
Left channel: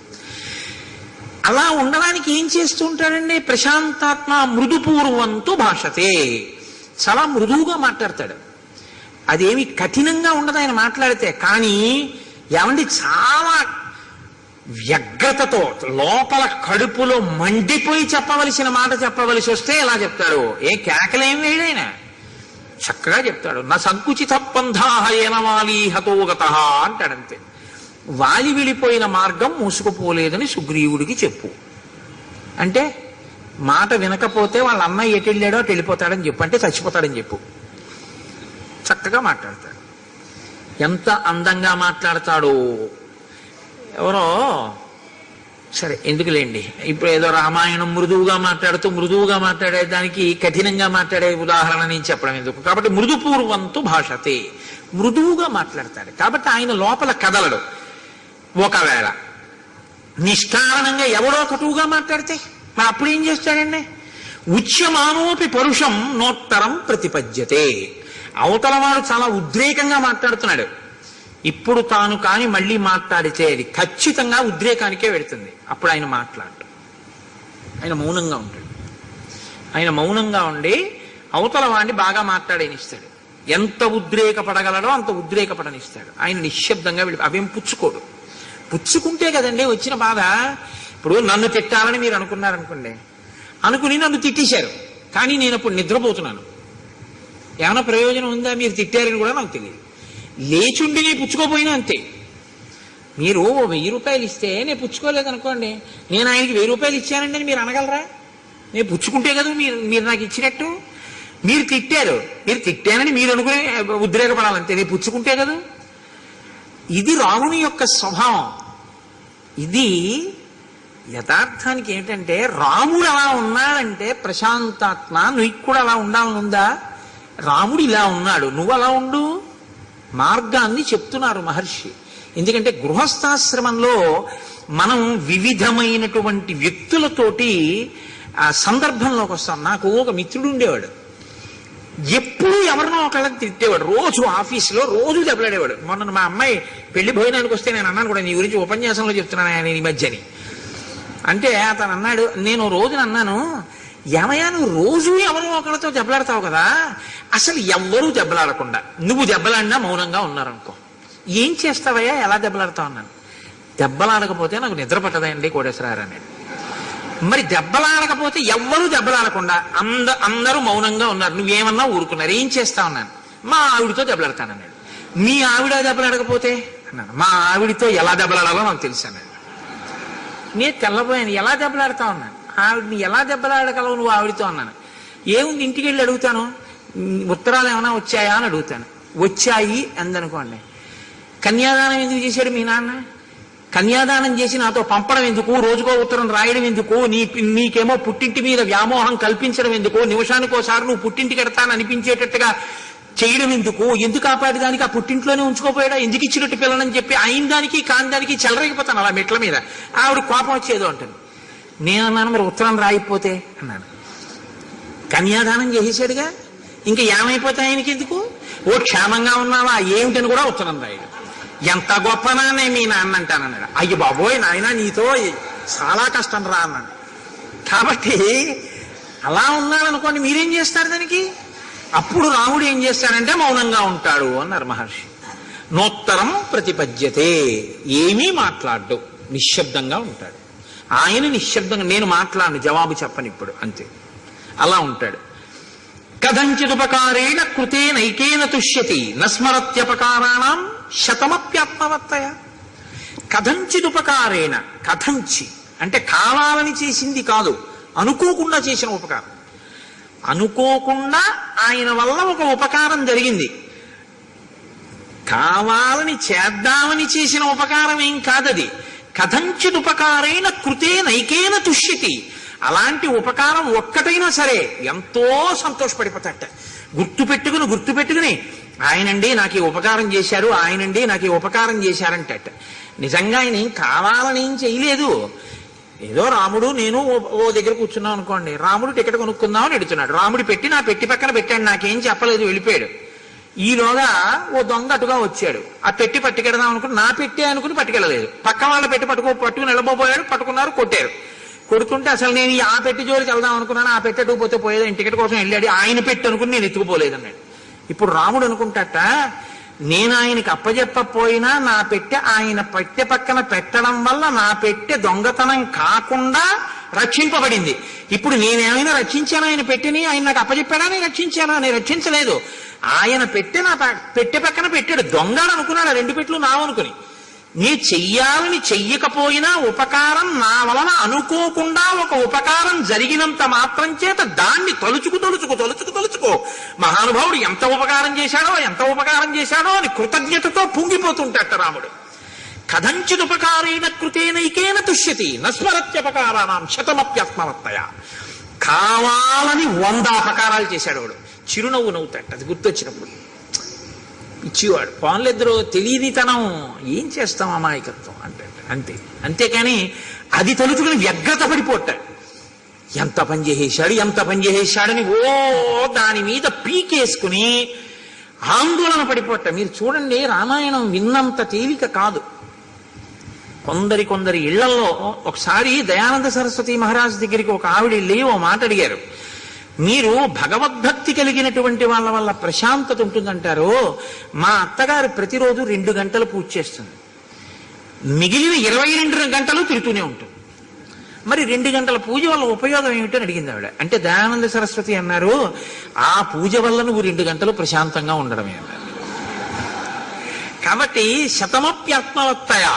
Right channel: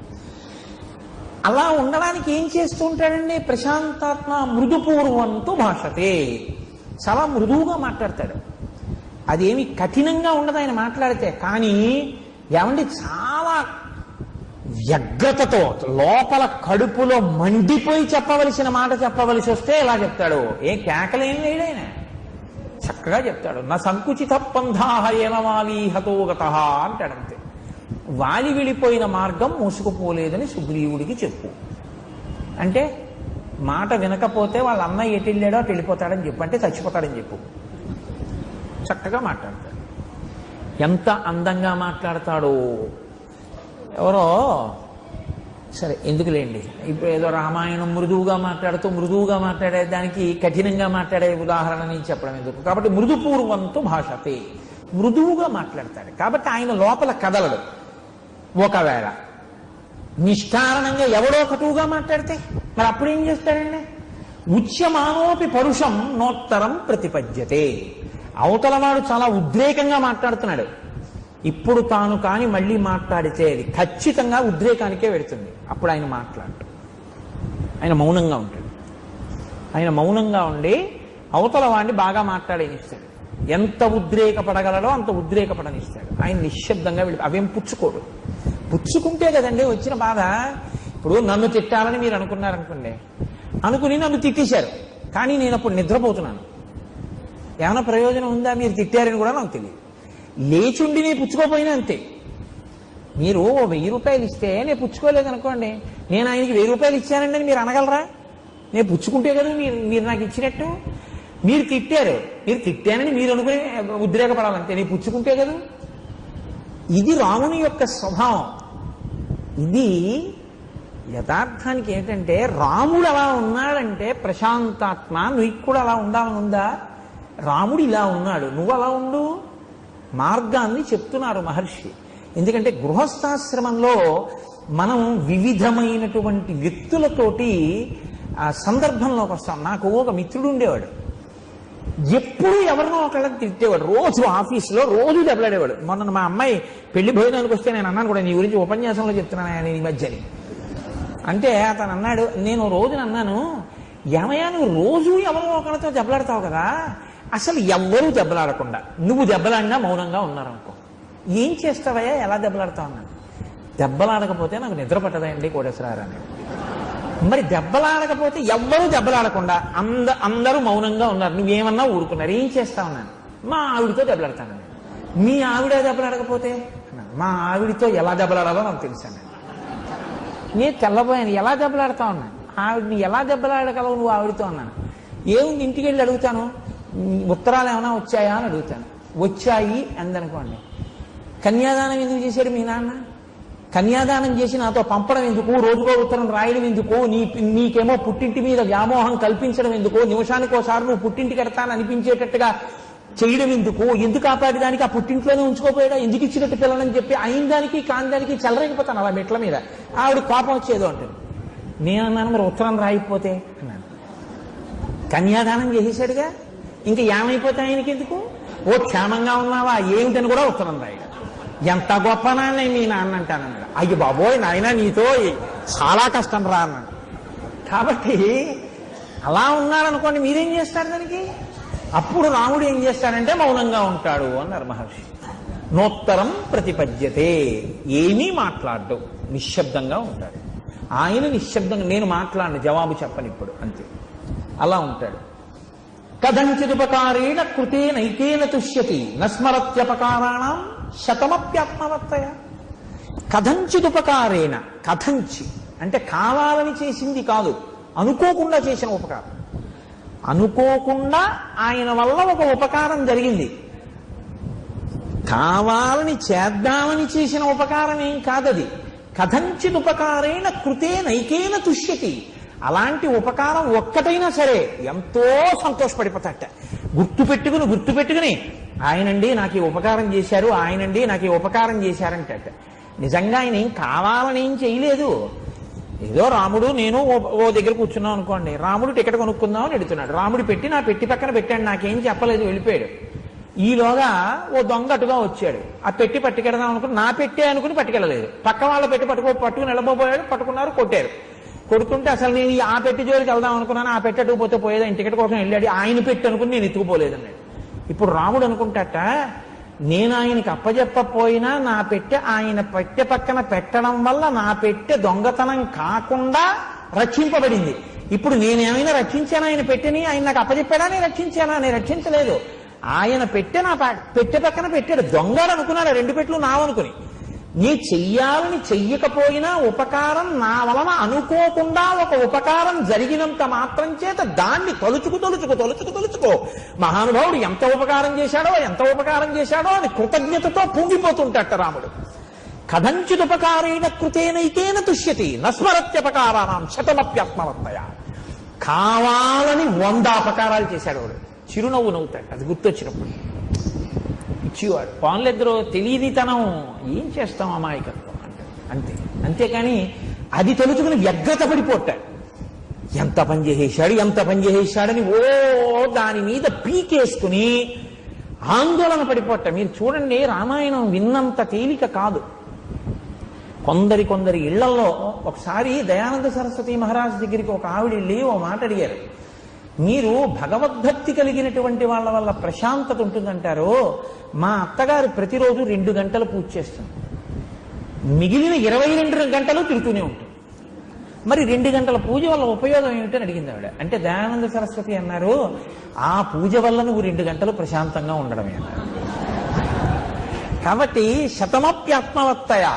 అలా ఉండడానికి ఏం చేస్తూ ఉంటాడండి ప్రశాంతాత్మ? మృదుపూర్వంతు భాషతే, చాలా మృదువుగా మాట్లాడతాడు. అదేమి కఠినంగా ఉండదు ఆయన మాట్లాడితే. కానీ ఏమండి చాలా వ్యగ్రతతో లోపల కడుపులో మండిపోయి చెప్పవలసిన మాట చెప్పవలసి వస్తే ఎలా చెప్తాడు, ఏ కేకలేం వేయడైనా చక్కగా చెప్తాడు. నా సంకుచిత పంథాహ ఏనవాలి హతోగత అంటాడంతే. వాలి విడిపోయిన మార్గం మూసుకుపోలేదని సుగ్రీవుడికి చెప్పు అంటే, మాట వినకపోతే వాళ్ళ అన్నయ్య ఎటు వెళ్ళాడో అటు వెళ్ళిపోతాడని చెప్పు అంటే చచ్చిపోతాడని చెప్పు. చక్కగా మాట్లాడతాడు. ఎంత అందంగా మాట్లాడతాడో. ఎవరో సరే ఎందుకులేండి, ఇప్పుడు ఏదో రామాయణం మృదువుగా మాట్లాడుతూ మృదువుగా మాట్లాడేదానికి కఠినంగా మాట్లాడే ఉదాహరణ నేను చెప్పడం ఎందుకు. కాబట్టి మృదుపూర్వంతు భాషతే, మృదువుగా మాట్లాడతాడు. కాబట్టి ఆయన లోపల కదలడు. ఒకవేళ నిష్కారణంగా ఎవడో కటువుగా మాట్లాడితే మరి అప్పుడు ఏం చేస్తాడండి? ఉచ్యమానోపి పరుషం నోత్తరం ప్రతిపద్యతే. అవతల వాడు చాలా ఉద్రేకంగా మాట్లాడుతున్నాడు, ఇప్పుడు తాను కాని మళ్ళీ మాట్లాడితే అది ఖచ్చితంగా ఉద్రేకానికే వెడుతుంది. అప్పుడు ఆయన మాట్లాడు, ఆయన మౌనంగా ఉంటాడు. ఆయన మౌనంగా ఉండి అవతల వాడిని బాగా మాట్లాడేనిస్తాడు. ఎంత ఉద్రేకపడగలడో అంత ఉద్రేకపడనిస్తాడు. ఆయన నిశ్శబ్దంగా అవేం పుచ్చుకోడు. పుచ్చుకుంటే కదండి వచ్చిన బాధ. ఇప్పుడు నన్ను తిట్టాలని మీరు అనుకున్నారనుకోండి, అనుకుని నన్ను తిట్టేశారు, కానీ నేను అప్పుడు నిద్రపోతున్నాను. ఏమైనా ప్రయోజనం ఉందా? మీరు తిట్టారని కూడా నాకు తెలియదు. లేచుండి నేను పుచ్చుకోపోయినా అంతే. మీరు 1000 రూపాయలు ఇస్తే నేను పుచ్చుకోలేదనుకోండి, నేను ఆయనకి 1000 రూపాయలు ఇచ్చానండి అని మీరు అనగలరా? నేను పుచ్చుకుంటే కదా మీరు నాకు ఇచ్చినట్టు. మీరు తిట్టారు, మీరు తిట్టానని మీరు అనుకుని ఉద్రేకపడాలంతే, నేను పుచ్చుకుంటే కదా. ఇది రాముని యొక్క స్వభావం. ఇది యథార్థానికి ఏంటంటే రాముడు అలా ఉన్నాడంటే ప్రశాంతాత్మ, నువ్వు కూడా అలా ఉండాలని ఉందా? రాముడు ఇలా ఉన్నాడు, నువ్వు అలా ఉండు. మార్గాన్ని చెప్తున్నారు మహర్షి. ఎందుకంటే గృహస్థాశ్రమంలో మనం వివిధమైనటువంటి వ్యక్తులతోటి సందర్భంలోకి వస్తాం. నాకు ఒక మిత్రుడు ఉండేవాడు, ఎప్పుడూ ఎవరినో ఒకళ్ళకి తిట్టేవాడు. రోజు ఆఫీసులో రోజు దెబ్బలాడేవాడు. మొన్న మా అమ్మాయి పెళ్లి భోజనానికి వస్తే నేను అన్నాను కూడా, నీ గురించి ఉపన్యాసంలో చెప్తున్నాను ఆయన ఈ మధ్యని. అంటే అతను అన్నాడు, నేను రోజున అన్నాను, ఏమయ్యా నువ్వు రోజు ఎవరో ఒకరితో దెబ్బలాడతావు కదా, అసలు ఎవ్వరూ దెబ్బలాడకుండా నువ్వు దెబ్బలాడినా మౌనంగా ఉన్నారనుకో, ఏం చేస్తావయ్యా, ఎలా దెబ్బలాడతావు అన్నాను. దెబ్బలాడకపోతే నాకు నిద్ర పట్టదండి కోటేశ్వరారు అనేది. మరి దెబ్బలాడకపోతే ఎవ్వరూ దెబ్బలాడకుండా అందరూ మౌనంగా ఉన్నారు, నువ్వేమన్నా ఊరుకున్నారు, ఏం చేస్తావు అన్నాను. మా ఆవిడితో దెబ్బలాడతానన్నాడు. మీ ఆవిడ దెబ్బలాడకపోతే అన్నాను. మా ఆవిడితో ఎలా దెబ్బలాడాలో నాకు తెలుసు అన్నాడు. నేను తెల్లబోయాను, ఎలా దెబ్బలాడతావు అన్నాను. ఆవిడని ఎలా దెబ్బలాడగలవు నువ్వు ఆవిడితో అన్నాను. ఏముంది, ఇంటికి వెళ్ళి అడుగుతాను, ఉత్తరాలు ఏమైనా వచ్చాయా అని అడుగుతాను. వచ్చాయి అందనుకోండి. కన్యాదానం ఎందుకు చేశాడు మీ నాన్న? కన్యాదానం చేసి నాతో పంపడం ఎందుకు, రోజుకో ఉత్తరం రాయడం ఎందుకు, నీకేమో పుట్టింటి మీద వ్యామోహం కల్పించడం ఎందుకు, నిమిషానికోసారి నువ్వు పుట్టింటికి ఎడతాను అనిపించేటట్టుగా చేయడం ఎందుకు, ఎందుకు ఆపాది దానికి, ఆ పుట్టింట్లోనే ఉంచుకోపోయాడా, ఎందుకు ఇచ్చినట్టు పిల్లలని చెప్పి అయిన దానికి కాని దానికి చెలరైపోతాను అలా మెట్ల మీద. ఆవిడ కోపం వచ్చేదో అంటాను. నేను అన్నాను, మరి ఉత్తరం రాయిపోతే అన్నాను. కన్యాదానం చేసేసాడుగా, ఇంకా ఏమైపోతాయి ఆయనకి ఎందుకు, ఓ క్షేమంగా ఉన్నావా ఏమిటని కూడా ఉత్తరం రాయడు. ఎంత గొప్పనానే మీ నాన్న అంటానన్నాడు. అయ్య బాబోయ్ నాయన నీతో చాలా కష్టం రా అన్నాడు. కాబట్టి అలా ఉన్నాడనుకోండి, మీరేం చేస్తారు దానికి? అప్పుడు రాముడు ఏం చేస్తాడంటే మౌనంగా ఉంటాడు అన్నారు మహర్షి. నోత్తరం ప్రతిపద్యతే, ఏమీ మాట్లాడ్డు, నిశ్శబ్దంగా ఉంటాడు. ఆయన నిశ్శబ్దంగా, నేను మాట్లాడను, జవాబు చెప్పను ఇప్పుడు, అంతే, అలా ఉంటాడు. కథంచిదుపకారేణ కృతేనైకేన తుష్యతి నస్మరత్యపకారాణం శతమప్యాత్మవత్తయ. కథంచిదుపకారేణ, కథంచి అంటే కావాలని చేసింది కాదు, అనుకోకుండా చేసిన ఉపకారం. అనుకోకుండా ఆయన వల్ల ఒక ఉపకారం జరిగింది, కావాలని చేద్దామని చేసిన ఉపకారం ఏం కాదది. కథంచిదుపకారేణ కృతేనైకేన తుష్యతి, అలాంటి ఉపకారం ఒక్కటైనా సరే ఎంతో సంతోషపడిపోతాట. గుర్తుపెట్టుకుని ఆయనండి నాకు ఈ ఉపకారం చేశారు, ఆయనండి నాకు ఈ ఉపకారం చేశారంటట. నిజంగా ఆయన ఏం కావాలని ఏం చేయలేదు. ఏదో రాముడు నేను ఓ దగ్గర కూర్చున్నాం అనుకోండి, రాముడు టికెట్ కొనుక్కుందామని ఎడుతున్నాడు, రాముడు పెట్టి నా పెట్టి పక్కన పెట్టాడు, నాకేం చెప్పలేదు, వెళ్ళిపోయాడు. ఈలోగా ఓ దొంగ అటుగా వచ్చాడు, ఆ పెట్టి పట్టుకెడదాం అనుకుని నా పెట్టి అనుకుని పట్టుకెళ్ళలేదు, పక్క వాళ్ళ పెట్టి పట్టుకుని వెళ్ళబోయాడు, పట్టుకున్నారు, కొట్టారు. కొడుతుంటే అసలు నేను ఆ పెట్టి జోలికి వెళ్దాం అనుకున్నాను, ఆ పెట్టి అటుకుపోతే పోయేది, టికెట్ కోసం వెళ్ళాడు, ఆయన పెట్టి అనుకుని నేను ఎత్తుకుపోలేదన్నాడు. ఇప్పుడు రాముడు అనుకుంటాట, నేను ఆయనకి అప్పజెప్పపోయినా నా పెట్టె ఆయన పెట్టె పక్కన పెట్టడం వల్ల నా పెట్టె దొంగతనం కాకుండా రక్షింపబడింది. ఇప్పుడు నేనేమైనా రక్షించాను ఆయన పెట్టెని, ఆయన నాకు అప్పజెప్పాడా, నేను రక్షించానా? నేను రక్షించలేదు. ఆయన పెట్టె నా పెట్టె పక్కన పెట్టాడు, దొంగడు అనుకున్నాడు, రెండు పెట్లు నావనుకుని. నీ చెయ్యాలని చెయ్యకపోయినా ఉపకారం నా వలన అనుకోకుండా ఒక ఉపకారం జరిగినంత మాత్రం చేత దాన్ని తలుచుకో మహానుభావుడు ఎంత ఉపకారం చేశాడో అని కృతజ్ఞతతో పొంగిపోతుంటాట రాముడు. కథంచిదుపకారేణ కృతేనైకేన తుష్యతి నస్మరత్యపకారాణం శతమప్యాత్మవత్తయ. కావాలని 100 అపకారాలు చేశాడు వాడు, చిరునవ్వు నవ్వుతాడు అది గుర్తొచ్చినప్పుడు. ఇచ్చివాడు పాన్లిద్దరూ తెలియనితనం, ఏం చేస్తాం అమాయకత్వం అంటే అంతే. అంతేకాని అది తలుచుకుని వ్యగ్రత పడిపోతాడు, ఎంత పని చేసేశాడని ఓ దాని మీద పీకేసుకుని ఆందోళన పడిపోట. మీరు చూడండి, రామాయణం విన్నంత తేలిక కాదు. కొందరి ఇళ్లలో ఒకసారి దయానంద సరస్వతి మహారాజ్ దగ్గరికి ఒక ఆవిడ వెళ్ళి ఓ మాట అడిగారు, మీరు భగవద్భక్తి కలిగినటువంటి వాళ్ళ వల్ల ప్రశాంతత ఉంటుందంటారు, మా అత్తగారు ప్రతిరోజు 2 గంటలు పూజ చేస్తుంది, మిగిలిన 22 గంటలు తిరుగుతూనే ఉంటుంది, మరి 2 గంటల పూజ వల్ల ఉపయోగం ఏమిటని అడిగింది ఆవిడ. అంటే దయానంద సరస్వతి అన్నారు, ఆ పూజ వల్ల నువ్వు 2 గంటలు ప్రశాంతంగా ఉండడమే అన్నారు. కాబట్టి శతమప్యాత్మవత్తయ,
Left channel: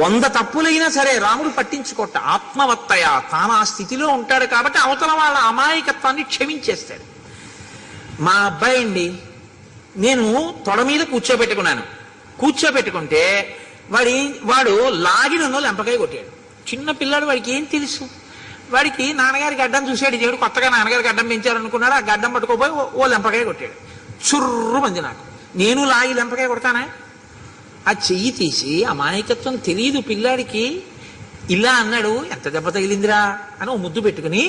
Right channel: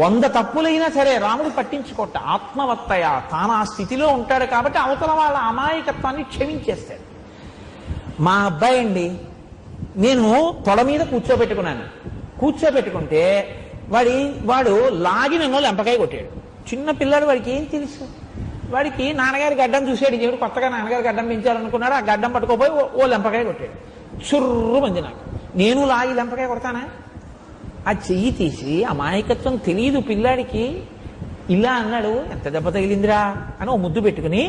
100 తప్పులైనా సరే రాముడు పట్టించుకోట, ఆత్మవత్తయ, తాను ఆ స్థితిలో ఉంటాడు కాబట్టి అవతల వాళ్ళ అమాయకత్వాన్ని క్షమించేస్తాడు. మా అబ్బాయి అండి, నేను తొడ మీద కూర్చోబెట్టుకుంటే వాడు లాగి నన్ను లెంపకాయ కొట్టాడు. చిన్న పిల్లాడు, వాడికి ఏం తెలుసు? వాడికి నాన్నగారి గడ్డం చూసాడు, దేవుడు కొత్తగా నాన్నగారి గడ్డం పెంచారనుకున్నాడు, ఆ గడ్డం పట్టుకోపోయి ఓ లెంపకాయ కొట్టాడు. చుర్రు మంది నాకు, నేను లాగి లెంపకాయ కొడతానా? ఆ చెయ్యి తీసి, అమాయకత్వం తెలియదు పిల్లాడికి, ఇలా అన్నాడు, ఎంత దెబ్బ తగిలిందిరా అని ఓ ముద్దు పెట్టుకుని,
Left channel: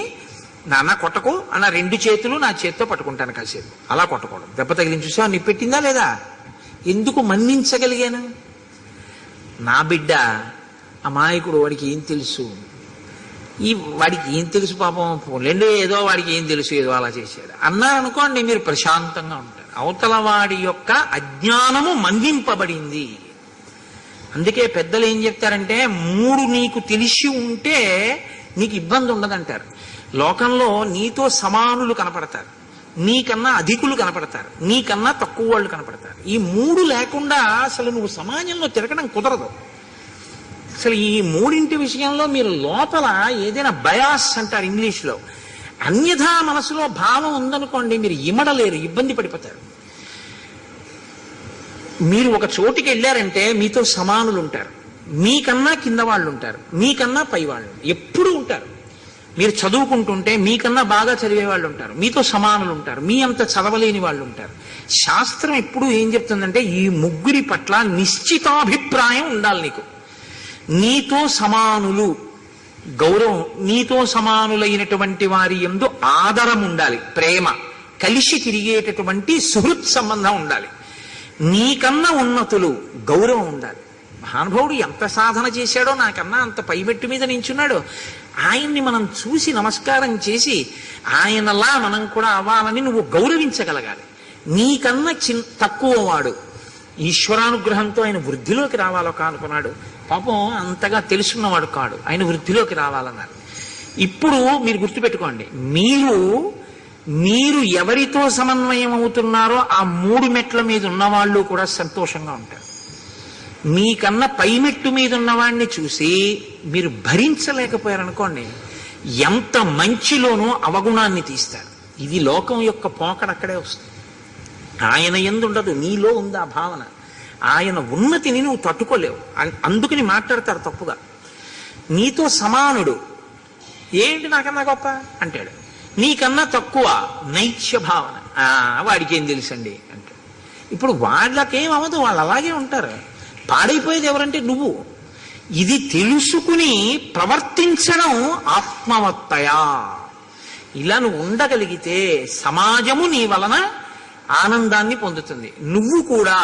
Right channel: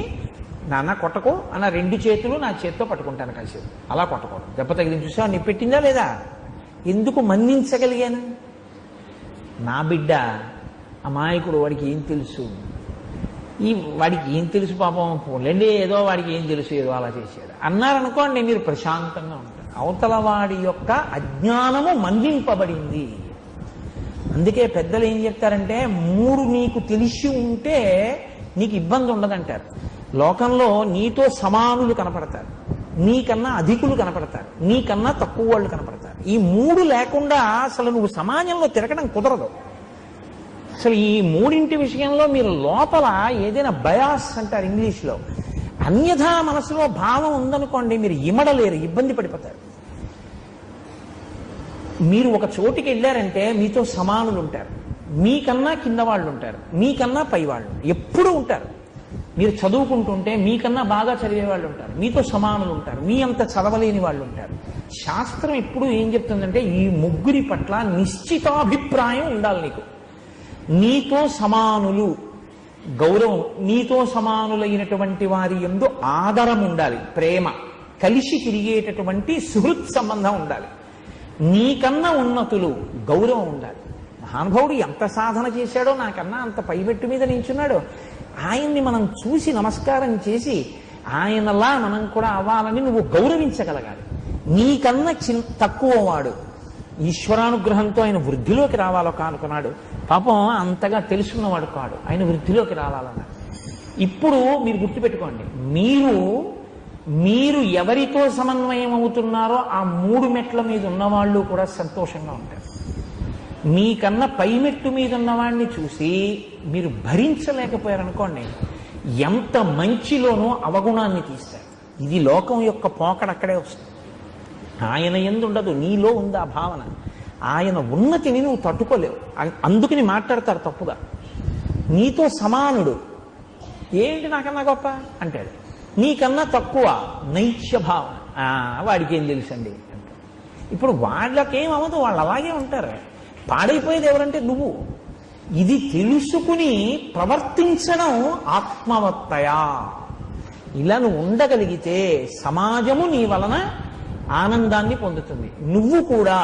నాన్న కొట్టకు అన్న, 2 చేతులు నా చేతితో పట్టుకుంటాను కాసేపు, అలా కొట్టకూడదు, దెబ్బ తగిలింది చూసా, నీ పెట్టిందా లేదా? ఎందుకు మన్నించగలిగాను? నా బిడ్డ అమాయకుడు, వాడికి ఏం తెలుసు? వాడికి ఏం తెలుసు పాపం, పోలేండి ఏదో వాడికి ఏం తెలుసు, ఏదో అలా చేశాడు అన్నారనుకోండి, మీరు ప్రశాంతంగా ఉంటారు. అవతల వాడి యొక్క అజ్ఞానము మన్నింపబడింది. అందుకే పెద్దలు ఏం చెప్తారంటే, 3 నీకు తెలిసి ఉంటే నీకు ఇబ్బంది ఉండదంటారు. లోకంలో నీతో సమానులు కనపడతారు, నీకన్నా అధికులు కనపడతారు, నీకన్నా తక్కువ వాళ్ళు కనపడతారు. ఈ 3 లేకుండా అసలు నువ్వు సమాజంలో తిరగడం కుదరదు. అసలు ఈ 3 విషయంలో మీరు లోపల ఏదైనా బయాస్ అంటారు ఇంగ్లీష్లో, అన్యథా మనసులో భావం ఉందనుకోండి, మీరు ఇమడలేరు, ఇబ్బంది పడిపోతారు. మీరు ఒక చోటికి వెళ్ళారంటే మీతో సమానులు ఉంటారు, మీకన్నా కింద వాళ్ళు ఉంటారు, మీకన్నా పై వాళ్ళు ఎప్పుడూ ఉంటారు. మీరు చదువుకుంటుంటే మీకన్నా బాగా చదివే వాళ్ళు ఉంటారు, మీతో సమానులు ఉంటారు, మీ అంత చదవలేని వాళ్ళు ఉంటారు. శాస్త్రం ఎప్పుడు ఏం చెప్తుందంటే, ఈ 3 పట్ల నిశ్చితాభిప్రాయం ఉండాలి నీకు. నీతో సమానులు గౌరవం, నీతో సమానులైనటువంటి వారి యందు ఆదరం ఉండాలి, ప్రేమ, కలిసి తిరిగేటటువంటి సుహృత్ సంబంధం ఉండాలి. నీకన్నా ఉన్నతులు గౌరవం ఉండాలి. మహానుభావుడు ఎంత సాధన చేశాడో, నాకన్నా అంత పైమెట్టు మీద నించున్నాడు, ఆయన్ని మనం చూసి నమస్కారం చేసి ఆయనలా మనం కూడా అవ్వాలని నువ్వు గౌరవించగలగాలి. నీకన్నా తక్కువ వాడు ఈశ్వరానుగ్రహంతో ఆయన వృద్ధిలోకి రావాలో కానుకున్నాడు, పాపం అంతగా తెలుసుకున్నవాడు కాడు, ఆయన వృద్ధిలోకి రావాలన్నారు. ఇప్పుడు మీరు గుర్తుపెట్టుకోండి, మీరు ఎవరితో సమన్వయం అవుతున్నారో ఆ 3 మెట్ల మీద ఉన్నవాళ్ళు కూడా సంతోషంగా ఉంటారు. మీకన్నా పైమెట్టు మీద ఉన్నవాడిని చూసి మీరు భరించలేకపోయారనుకోండి, ఎంత మంచిలోనూ అవగుణాన్ని తీస్తారు. ఇది లోకం యొక్క పోకడక్కడే వస్తుంది. ఆయన యందు ఉండదు, నీలో ఉంది ఆ భావన. ఆయన ఉన్నతిని నువ్వు తట్టుకోలేవు, అందుకని మాట్లాడతారు తప్పుగా. నీతో సమానుడు, ఏంటి నాకన్నా గొప్ప అంటాడు, నీకన్నా తక్కువ నైత్య భావన, వాడికి ఏం తెలుసండి అంటాడు. ఇప్పుడు వాళ్ళకేం అవ్వదు, వాళ్ళు అలాగే ఉంటారు. పాడైపోయేది ఎవరంటే నువ్వు. ఇది తెలుసుకుని ప్రవర్తించడం ఆత్మవత్తయా. ఇలా నువ్వు ఉండగలిగితే సమాజము నీ వలన ఆనందాన్ని పొందుతుంది, నువ్వు కూడా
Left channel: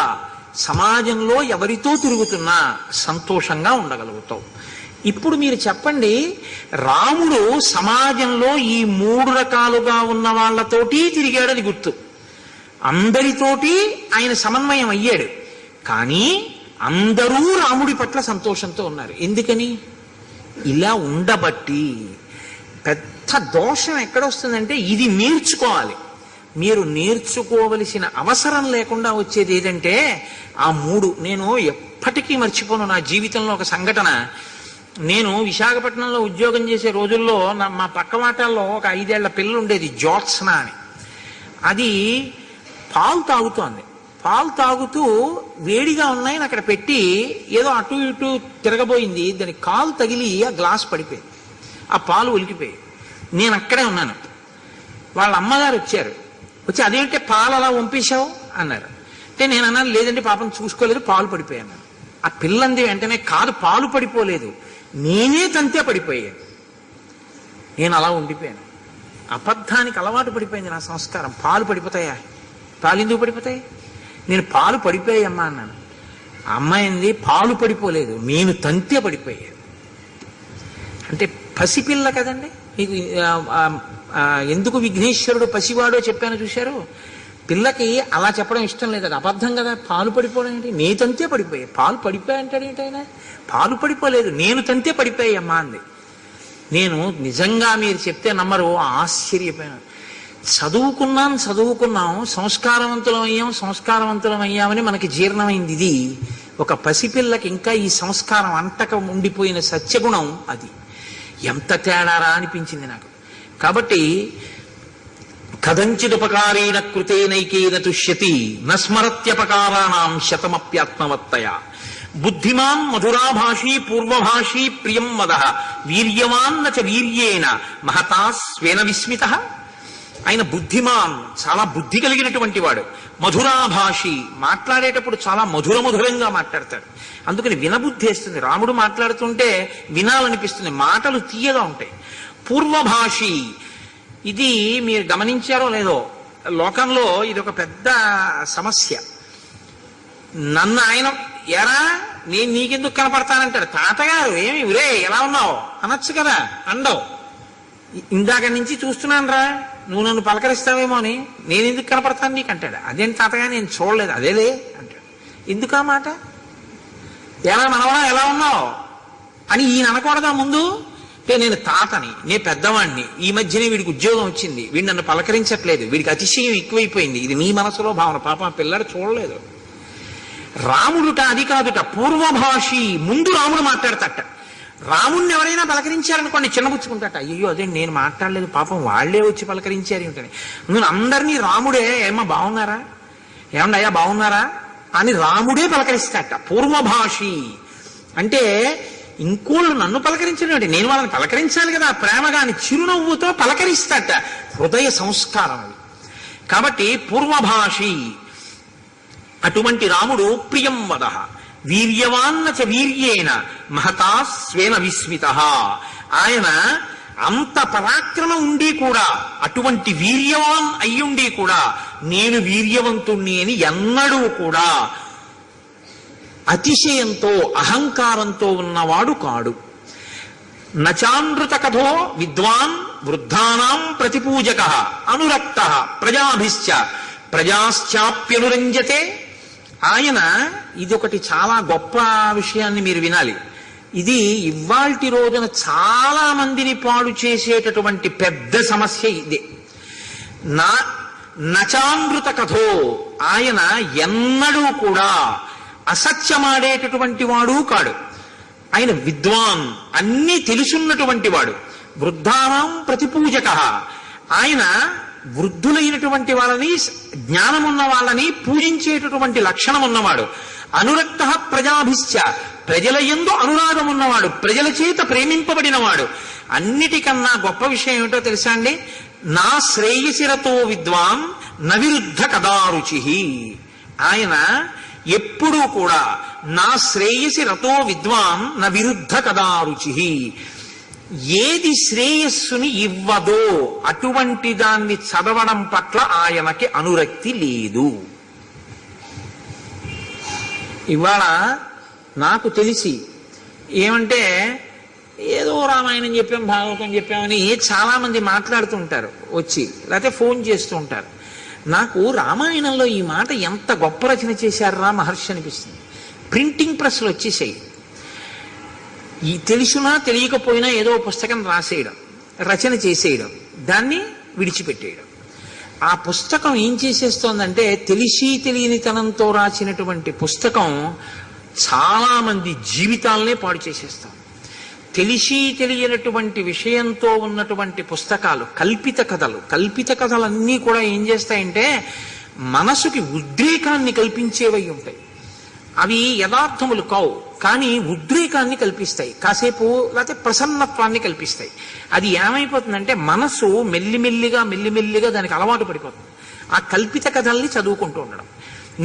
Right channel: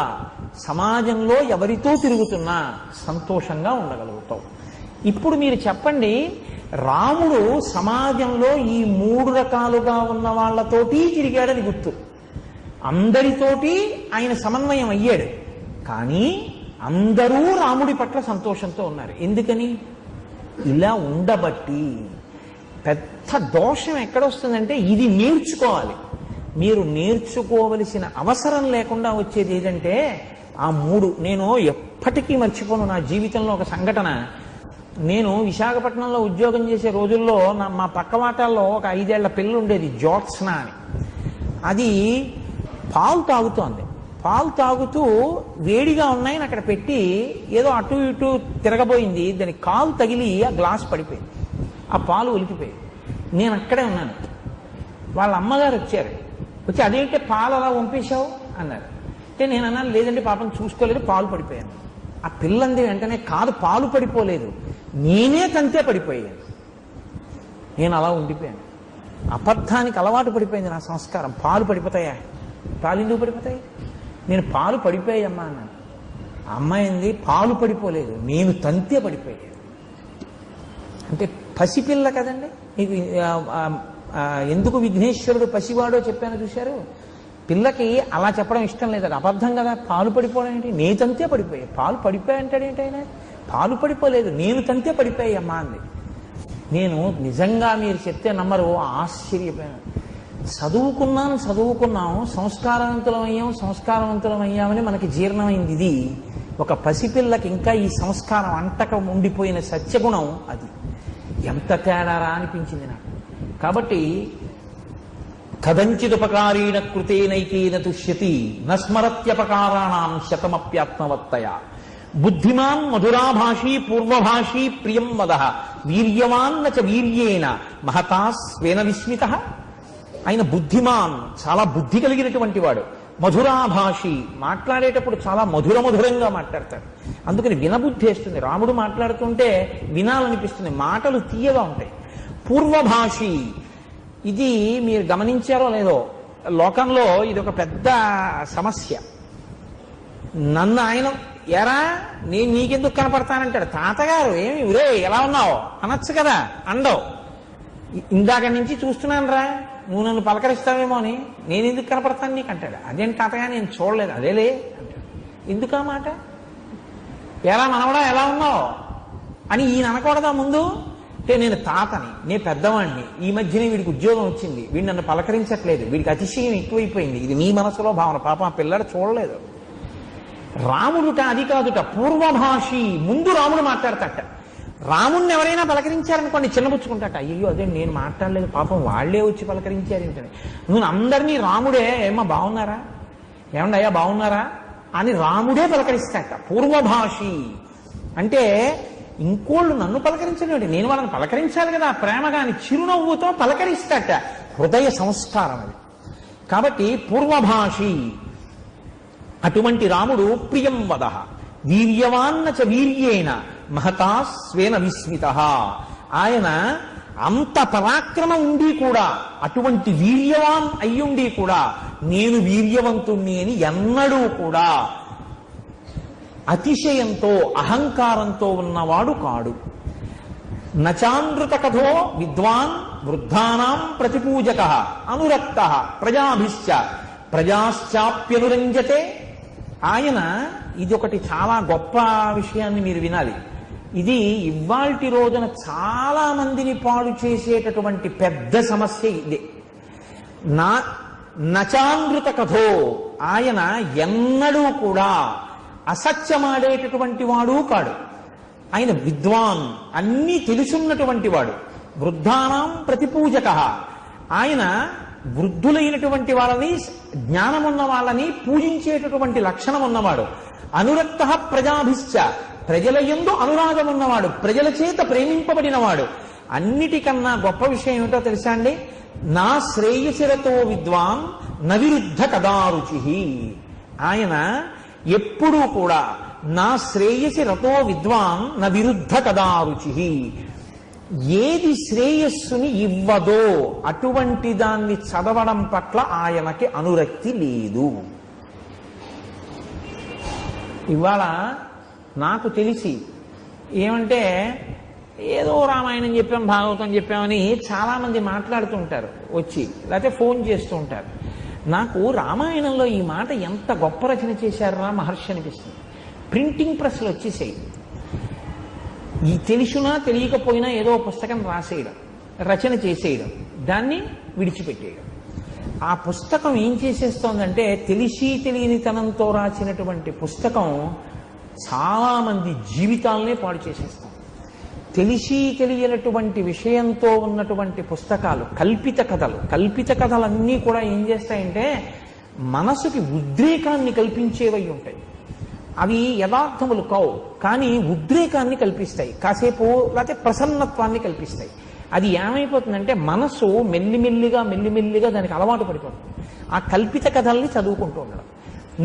సమాజంలో ఎవరితో తిరుగుతున్నా సంతోషంగా ఉండగలుగుతావు. ఇప్పుడు మీరు చెప్పండి, రాముడు సమాజంలో ఈ 3 రకాలుగా ఉన్న వాళ్ళతోటి తిరిగాడని గుర్తు, అందరితోటి ఆయన సమన్వయం అయ్యాడు, కానీ అందరూ రాముడి పట్ల సంతోషంతో ఉన్నారు. ఎందుకని? ఇలా ఉండబట్టి. పెద్ద దోషం ఎక్కడొస్తుందంటే, ఇది నేర్చుకోవాలి. మీరు నేర్చుకోవలసిన అవసరం లేకుండా వచ్చేది ఏదంటే ఆ 3. నేను ఎప్పటికీ మర్చిపోను నా జీవితంలో ఒక సంఘటన. నేను విశాఖపట్నంలో ఉద్యోగం చేసే రోజుల్లో మా పక్క వాటాల్లో ఒక 5 ఏళ్ల పిల్ల ఉండేది, జ్యోత్స్న అని. అది పాలు తాగుతోంది. పాలు తాగుతూ వేడిగా ఉన్నాయని అక్కడ పెట్టి ఏదో అటు ఇటు తిరగబోయింది, దాని కాలు తగిలి ఆ గ్లాస్ పడిపోయింది, ఆ పాలు ఒలికిపోయాయి. నేను అక్కడే ఉన్నాను. వాళ్ళ అమ్మగారు వచ్చారు, వచ్చి అదేంటే పాలు అలా పంపించావు అన్నారు. అంటే నేను అన్నాను, లేదంటే పాపం చూసుకోలేదు, పాలు పడిపోయాను. ఆ పిల్లంది వెంటనే, కాదు పాలు పడిపోలేదు, నేనే తంతే పడిపోయాను. నేను అలా ఉండిపోయాను. అబద్ధానికి అలవాటు పడిపోయింది నా సంస్కారం. పాలు పడిపోతాయా? పాలు ఎందుకు పడిపోతాయి? నేను పాలు పడిపోయామ్మా అన్నాను. ఆ అమ్మాయి అంది, పాలు పడిపోలేదు, నేను తంతే పడిపోయాను. అంటే పసిపిల్ల కదండి. మీకు ఎందుకు విఘ్నేశ్వరుడు పసివాడో చెప్పాను చూశారు. పిల్లకి అలా చెప్పడం ఇష్టం లేదు, అది అబద్ధం కదా. పాలు పడిపోవడం ఏంటి? నేను తంతే పడిపోయా. పాలు పడిపోయా అంటాడు ఏంటైనా? పాలు పడిపోలేదు, నేను తంతే పడిపోయామ్మా అంది. నేను నిజంగా మీరు చెప్తే నమ్మరు, ఆశ్చర్యపోయాను. చదువుకున్నాం సంస్కారవంతులం అయ్యామని మనకి జీర్ణమైంది. ఇది ఒక పసిపిల్లకి ఇంకా ఈ సంస్కారం అంటక ఉండిపోయిన సత్యగుణం, అది ఎంత తేడారా అనిపించింది నాకు. కాబట్టి కదంచిదుపకారీణ కృతేనైకేన తుష్యతి నస్మరత్యపకారాణం శతమప్యాత్మవత్తయ. బుద్ధిమాన్ మధురాభాషీ పూర్వభాషీ ప్రియం వద వీర్యవాన్న చ వీర్యేణ మహతా స్వేన విస్మిత. ఆయన బుద్ధిమాన్, చాలా బుద్ధి కలిగినటువంటి వాడు. మధురాభాషి, మాట్లాడేటప్పుడు చాలా మధురంగా మాట్లాడతాడు. అందుకని వినబుద్ధి వేస్తుంది. రాముడు మాట్లాడుతుంటే వినాలనిపిస్తుంది, మాటలు తీయగా ఉంటాయి. పూర్వభాషి, ఇది మీరు గమనించారో లేదో, లోకంలో ఇది ఒక పెద్ద సమస్య. నన్ను ఆయన ఎరా నేను నీకెందుకు కనపడతానంటాడు. తాతగారు ఏమి ఉరే ఎలా ఉన్నావు అనొచ్చు కదా, అండవు. ఇందాక నుంచి చూస్తున్నాను రా, నువ్వు నన్ను పలకరిస్తావేమో అని, నేను ఎందుకు కనపడతాను నీకు అంటాడు. అదేంటి తాతగా నేను చూడలేదు, అదేలే అంటాడు. ఎందుకు ఆ మాట? ఎలా మనవడా ఎలా ఉన్నావు అని ఈయన అనకూడదా ముందు? అంటే నేను తాతని, నేను పెద్దవాడిని, ఈ మధ్యనే వీడికి ఉద్యోగం వచ్చింది, వీడు నన్ను పలకరించట్లేదు, వీడికి అతిశయం ఎక్కువైపోయింది, ఇది నీ మనసులో భావన. పాప ఆ పిల్లడు చూడలేదు. రాముడుట అది కాదుట, పూర్వభాషి. ముందు రాముడు మాట్లాడతాట. రాముణ్ణి ఎవరైనా పలకరించారనుకోండి చిన్నపుచ్చుకుంటాట. అయ్యో అదే నేను మాట్లాడలేదు, పాపం వాళ్లే వచ్చి పలకరించారు ఏమిటని. నువ్వు అందరినీ రాముడే ఏమో బాగున్నారా, ఏమండి అయ్యా బాగున్నారా అని రాముడే పలకరిస్తాట. పూర్వభాషి అంటే ఇంకోళ్ళు నన్ను పలకరించడం, నేను వాళ్ళని పలకరించాలి కదా ప్రేమగా అని చిరునవ్వుతో పలకరిస్తాట. హృదయ సంస్కారం అది. కాబట్టి పూర్వభాషి. అటువంటి రాముడు ప్రియం వద వీర్యవాన్న చ వీర్యేణ మహతా స్వేన విస్మిత. ఆయన అంత పరాక్రమం ఉండి కూడా, అటువంటి వీర్యవాన్ అయ్యుండి కూడా నేను వీర్యవంతుణ్ణి అని ఎన్నడూ కూడా అతిశయంతో అహంకారంతో ఉన్నవాడు కాడు. నచానృత కథో విద్వాన్ వృద్ధానాం ప్రతిపూజక అనురక్త ప్రజాభిశ్చ ప్రజాశ్చాప్యనురంజతే. ఆయన ఇదొకటి చాలా గొప్ప విషయాన్ని మీరు వినాలి. ఇది ఇవాల్టి రోజున చాలా మందిని పాడు చేసేటటువంటి పెద్ద సమస్య ఇదే. నచానృత కథో, ఆయన ఎన్నడూ కూడా అసత్యమాడేటటువంటి వాడు కాడు. ఆయన విద్వాన్, అన్నీ తెలుసున్నటువంటి వాడు. వృద్ధానాం ప్రతిపూజక, ఆయన వృద్ధులైనటువంటి వాళ్ళని, జ్ఞానమున్న వాళ్ళని పూజించేటటువంటి లక్షణం ఉన్నవాడు. అనురక్త ప్రజాభిశ్చ, ప్రజల యందు అనురాగం ఉన్నవాడు, ప్రజల చేత ప్రేమింపబడినవాడు. అన్నిటికన్నా గొప్ప విషయం ఏమిటో తెలుసా అండి? నా శ్రేయసిరతో విద్వాన్ నవిరుద్ధ కదారుచి. ఆయన ఎప్పుడూ కూడా నా శ్రేయసి రతో విద్వాన్ న విరుద్ధ కదారుచి. ఏది శ్రేయస్సుని ఇవ్వదో అటువంటి దాన్ని చదవడం పట్ల ఆయనకి అనురక్తి లేదు. ఇవాళ నాకు తెలిసి ఏమంటే ఏదో రామాయణం చెప్పాం, భాగవతం చెప్పామని చాలా మంది మాట్లాడుతుంటారు వచ్చి, లేకపోతే ఫోన్ చేస్తూ ఉంటారు. నాకు రామాయణంలో ఈ మాట ఎంత గొప్ప రచన చేశారా మహర్షి అనిపిస్తుంది. ప్రింటింగ్ ప్రెస్లు వచ్చేసాయి. ఈ తెలుసునా తెలియకపోయినా ఏదో పుస్తకం రాసేయడం, రచన చేసేయడం, దాన్ని విడిచిపెట్టేయడం. ఆ పుస్తకం ఏం చేసేస్తోందంటే, తెలిసి తెలియనితనంతో రాసినటువంటి పుస్తకం చాలా మంది జీవితాలనే పాడు చేసేస్తాం. తెలిసి తెలియనటువంటి విషయంతో ఉన్నటువంటి పుస్తకాలు, కల్పిత కథలన్నీ కూడా ఏం చేస్తాయంటే మనసుకి ఉద్రేకాన్ని కల్పించేవై ఉంటాయి. అవి యథార్థములు కావు, కానీ ఉద్రేకాన్ని కల్పిస్తాయి, కాసేపు లేకపోతే ప్రసన్నత్వాన్ని కల్పిస్తాయి. అది ఏమైపోతుందంటే మనసు మెల్లిమెల్లిగా దానికి అలవాటు పడిపోతుంది. ఆ కల్పిత కథల్ని చదువుకుంటూ ఉండడం.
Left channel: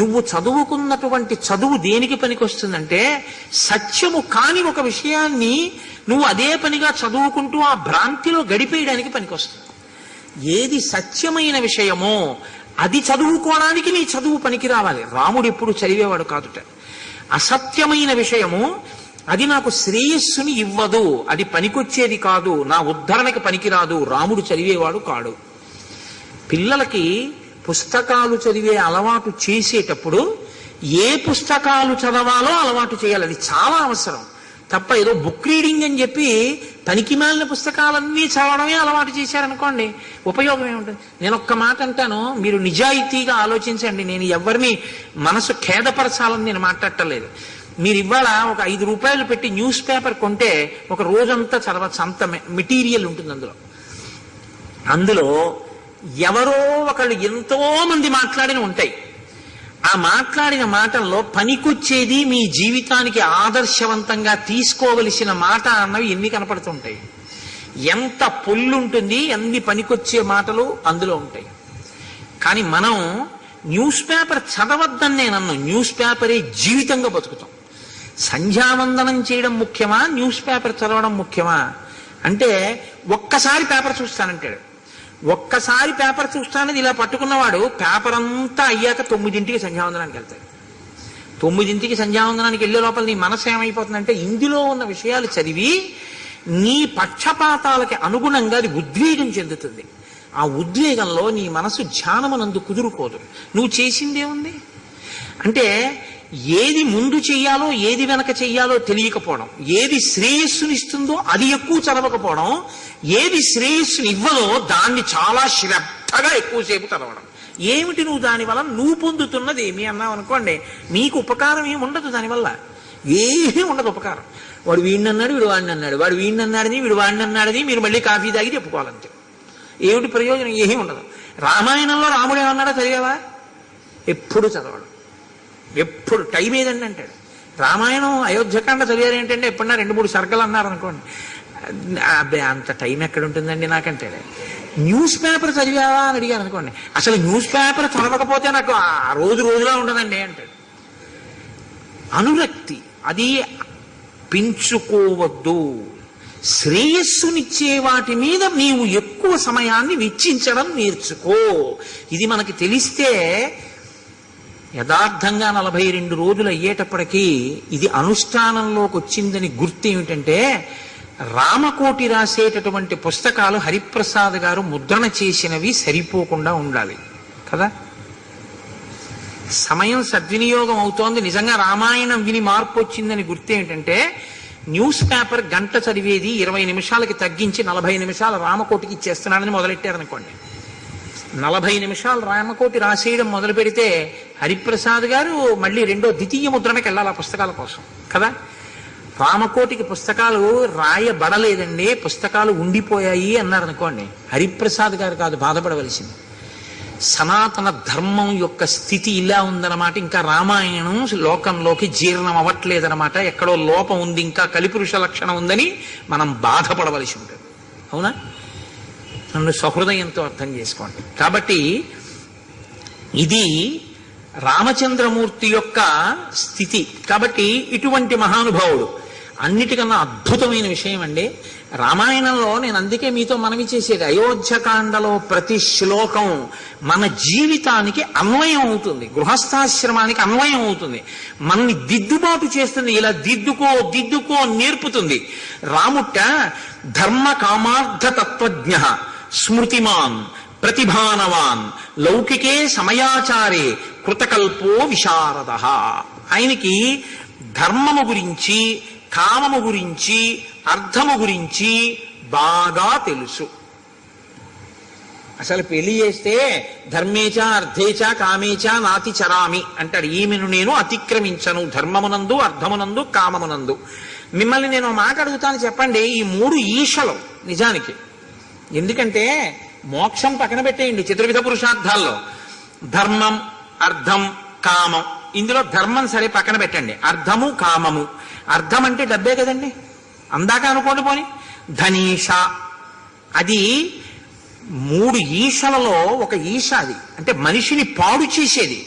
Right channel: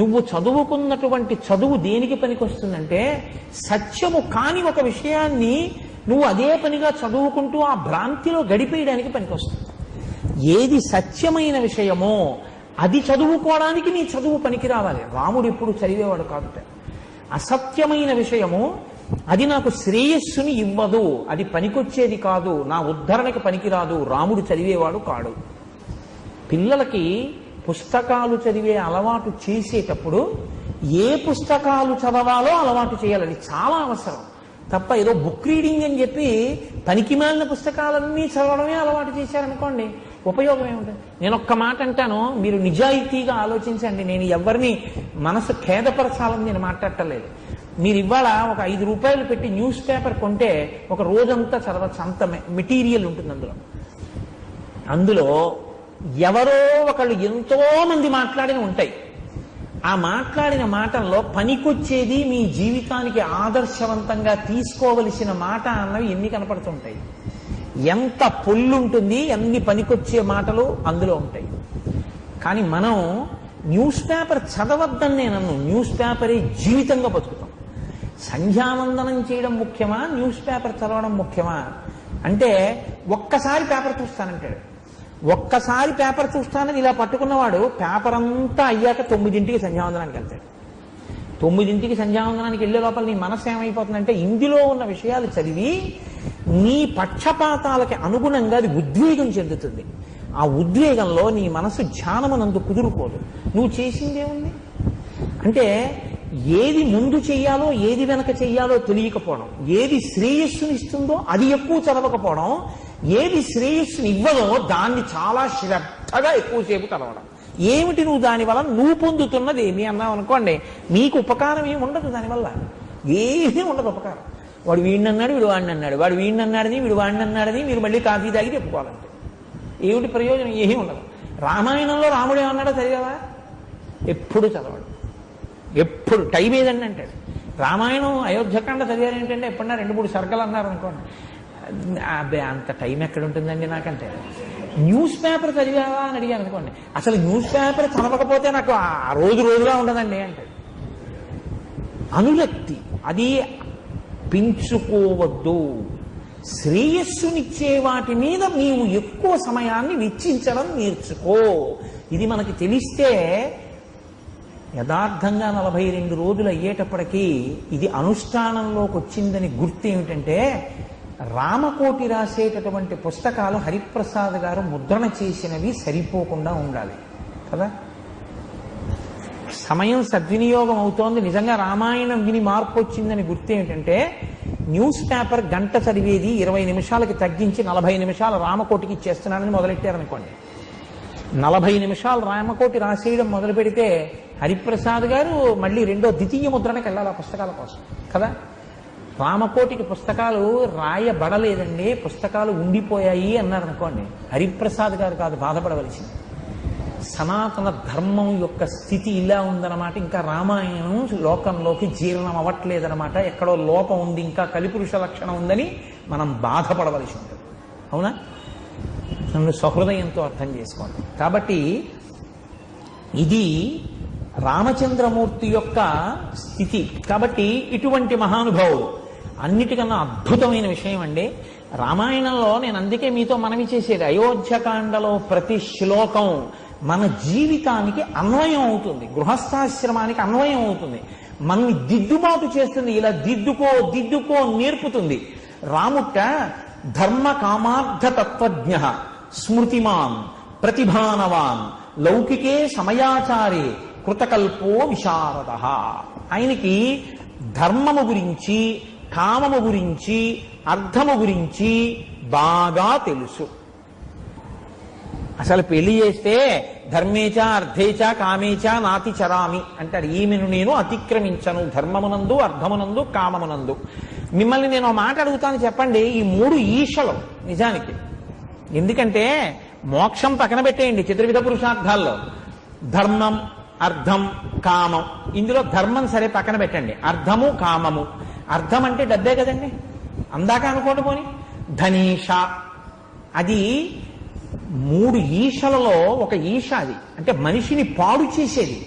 నువ్వు చదువుకున్నటువంటి చదువు దేనికి పనికొస్తుందంటే, సత్యము కాని ఒక విషయాన్ని నువ్వు అదే పనిగా చదువుకుంటూ ఆ భ్రాంతిలో గడిపేయడానికి పనికొస్తుంది. ఏది సత్యమైన విషయమో అది చదువుకోవడానికి నీ చదువు పనికి రావాలి. రాముడు ఎప్పుడు చదివేవాడు కాదుట. అసత్యమైన విషయము అది నాకు శ్రేయస్సుని ఇవ్వదు, అది పనికొచ్చేది కాదు, నా ఉద్ధరణకి పనికిరాదు, రాముడు చదివేవాడు కాడు. పిల్లలకి పుస్తకాలు చదివే అలవాటు చేసేటప్పుడు ఏ పుస్తకాలు చదవాలో అలవాటు చేయాలి. అది చాలా అవసరం. తప్ప ఏదో బుక్ రీడింగ్ అని చెప్పి పనికి మాలిన పుస్తకాలన్నీ చదవడమే అలవాటు చేశారనుకోండి, ఉపయోగం ఏముంటుంది? నేను ఒక్క మాట అంటాను, మీరు నిజాయితీగా ఆలోచించండి. నేను ఎవరిని మనసు ఖేదపరచాలని నేను మాట్లాడటలేదు. మీరు ఇవాళ ఒక 5 రూపాయలు పెట్టి న్యూస్ పేపర్ కొంటే ఒక రోజంతా చదవచ్చు, అంత మెటీరియల్ ఉంటుంది అందులో ఎవరో ఒకళ్ళు ఎంతో మంది మాట్లాడిన ఉంటాయి. ఆ మాట్లాడిన మాటల్లో పనికొచ్చేది, మీ జీవితానికి ఆదర్శవంతంగా తీసుకోవలసిన మాట అన్నవి ఎన్ని కనపడుతుంటాయి. ఎంత పొల్లుంటుంది, ఎన్ని పనికొచ్చే మాటలు అందులో ఉంటాయి. కానీ మనం న్యూస్ పేపర్ చదవద్దని నేను అన్నాను. న్యూస్ పేపరే జీవితంగా బతుకుతాం. సంధ్యావందనం చేయడం ముఖ్యమా, న్యూస్ పేపర్ చదవడం ముఖ్యమా అంటే ఒక్కసారి పేపర్ చూస్తానంటాడు. ఒక్కసారి పేపర్ చూస్తానని ఇలా పట్టుకున్నవాడు పేపర్ అంతా అయ్యాక 9ంటికి సంధ్యావందనానికి వెళ్తాడు. 9ంటికి సంధ్యావందనానికి వెళ్ళే లోపల నీ మనసు ఏమైపోతుందంటే ఇందులో ఉన్న విషయాలు చదివి నీ పక్షపాతాలకి అనుగుణంగా అది ఉద్వేగం చెందుతుంది. ఆ ఉద్వేగంలో నీ మనసు ధ్యానమునందు కుదురుకోదు. నువ్వు చేసిందేముంది అంటే ఏది ముందు చెయ్యాలో ఏది వెనక చెయ్యాలో తెలియకపోవడం, ఏది శ్రేయస్సునిస్తుందో అది ఎక్కువ చదవకపోవడం, ఏది శ్రేయస్సుని ఇవ్వదో దాన్ని చాలా శ్రద్ధగా ఎక్కువసేపు చదవడం. ఏమిటి నువ్వు దానివల్ల నువ్వు పొందుతున్నది ఏమి అన్నావు అనుకోండి, నీకు ఉపకారం ఏమి ఉండదు దానివల్ల. ఏమీ ఉండదు ఉపకారం. వాడు వీడిని అన్నాడు, వీడు వాడిని అన్నాడు, వాడు వీడిని అన్నాడని వీడు వాడిని అన్నాడని మీరు మళ్ళీ కాఫీ తాగి చెప్పుకోవాలంటే ఏమిటి ప్రయోజనం? ఏమీ ఉండదు. రామాయణంలో రాముడు ఏమన్నాడో చదివావా? ఎప్పుడు చదవడు. ఎప్పుడు టైం ఏదండి అంటాడు. రామాయణం అయోధ్యకాండ చదివారు ఏంటంటే ఎప్పుడన్నా 2-3 సర్గలు అన్నారు అనుకోండి, అబ్బే అంత టైం ఎక్కడ ఉంటుందండి నాకంటాడు. న్యూస్ పేపర్ చదివావా అని అడిగాను అనుకోండి, అసలు న్యూస్ పేపర్ చదవకపోతే నాకు ఆ రోజులా ఉండదండి అంటాడు. అనురక్తి అది పెంచుకోవద్దు. శ్రేయస్సునిచ్చే వాటి మీద నీవు ఎక్కువ సమయాన్ని వెచ్చించడం నేర్చుకో. ఇది మనకి తెలిస్తే యథార్థంగా 42 రోజులు అయ్యేటప్పటికీ ఇది అనుష్ఠానంలోకి వచ్చిందని గుర్తు ఏమిటంటే, రామకోటి రాసేటటువంటి పుస్తకాలు హరిప్రసాద్ గారు ముద్రణ చేసినవి సరిపోకుండా ఉండాలి కదా. సమయం సద్వినియోగం అవుతోంది. నిజంగా రామాయణం విని మార్పు వచ్చిందని గుర్తు ఏంటంటే, న్యూస్ పేపర్ గంట చదివేది 20 నిమిషాలకి తగ్గించి 40 నిమిషాలు రామకోటికి ఇచ్చేస్తున్నాడని మొదలెట్టారనుకోండి. 40 నిమిషాలు రామకోటి రాసేయడం మొదలు పెడితే హరిప్రసాద్ గారు మళ్ళీ రెండో ద్వితీయ ముద్రణకి వెళ్ళాలి ఆ పుస్తకాల కోసం కదా. రామకోటికి పుస్తకాలు రాయబడలేదండి, పుస్తకాలు ఉండిపోయాయి అన్నారు అనుకోండి, హరిప్రసాద్ గారు కాదు బాధపడవలసింది. సనాతన ధర్మం యొక్క స్థితి ఇలా ఉందన్నమాట. ఇంకా రామాయణం లోకంలోకి జీర్ణం అవ్వట్లేదన్నమాట. ఎక్కడో లోపం ఉంది, ఇంకా కలిపురుష లక్షణం ఉందని మనం బాధపడవలసి ఉంటుంది. అవునా? నన్ను సహృదయంతో అర్థం చేసుకోండి. కాబట్టి ఇది రామచంద్రమూర్తి యొక్క స్థితి. కాబట్టి ఇటువంటి మహానుభావుడు. అన్నిటికన్నా అద్భుతమైన విషయం అండి రామాయణంలో, నేను అందుకే మీతో మనవి చేసేది, అయోధ్యకాండలో ప్రతి శ్లోకం మన జీవితానికి అన్వయం అవుతుంది, గృహస్థాశ్రమానికి అన్వయం అవుతుంది, మనని దిద్దుబాటు చేస్తుంది. ఇలా దిద్దుకో నేర్పుతుంది. రాముట్ట ధర్మ కామార్థ తత్వజ్ఞ స్మృతిమాన్ ప్రతిభానవాన్ లౌకికే సమయాచారే కృతకల్పో విశారద. ఆయనకి ధర్మము గురించి, కామము గురించి, అర్థము గురించి బాగా తెలుసు. అసలు పెళ్లి చేస్తే ధర్మేచ అర్థేచ కామేచ నాతి చరామి అంటాడు. ఈమెను నేను అతిక్రమించను ధర్మమునందు, అర్థమునందు, కామమునందు. మిమ్మల్ని నేను మాట అడుగుతాను, చెప్పండి ఈ 3 ఈశలు నిజానికి. ఎందుకంటే మోక్షం పక్కన పెట్టేయండి, చతుర్విధ పురుషార్థాల్లో ధర్మం, అర్థం, కామం. ఇందులో ధర్మం సరే పక్కన పెట్టండి, అర్థము, కామము. అర్థం అంటే డబ్బే కదండి, అందాక అనుకోండి. పోని ధనీష, అది 3 ఈశలలో ఒక ఈశ. అది అంటే మనిషిని పాడు చేసేది.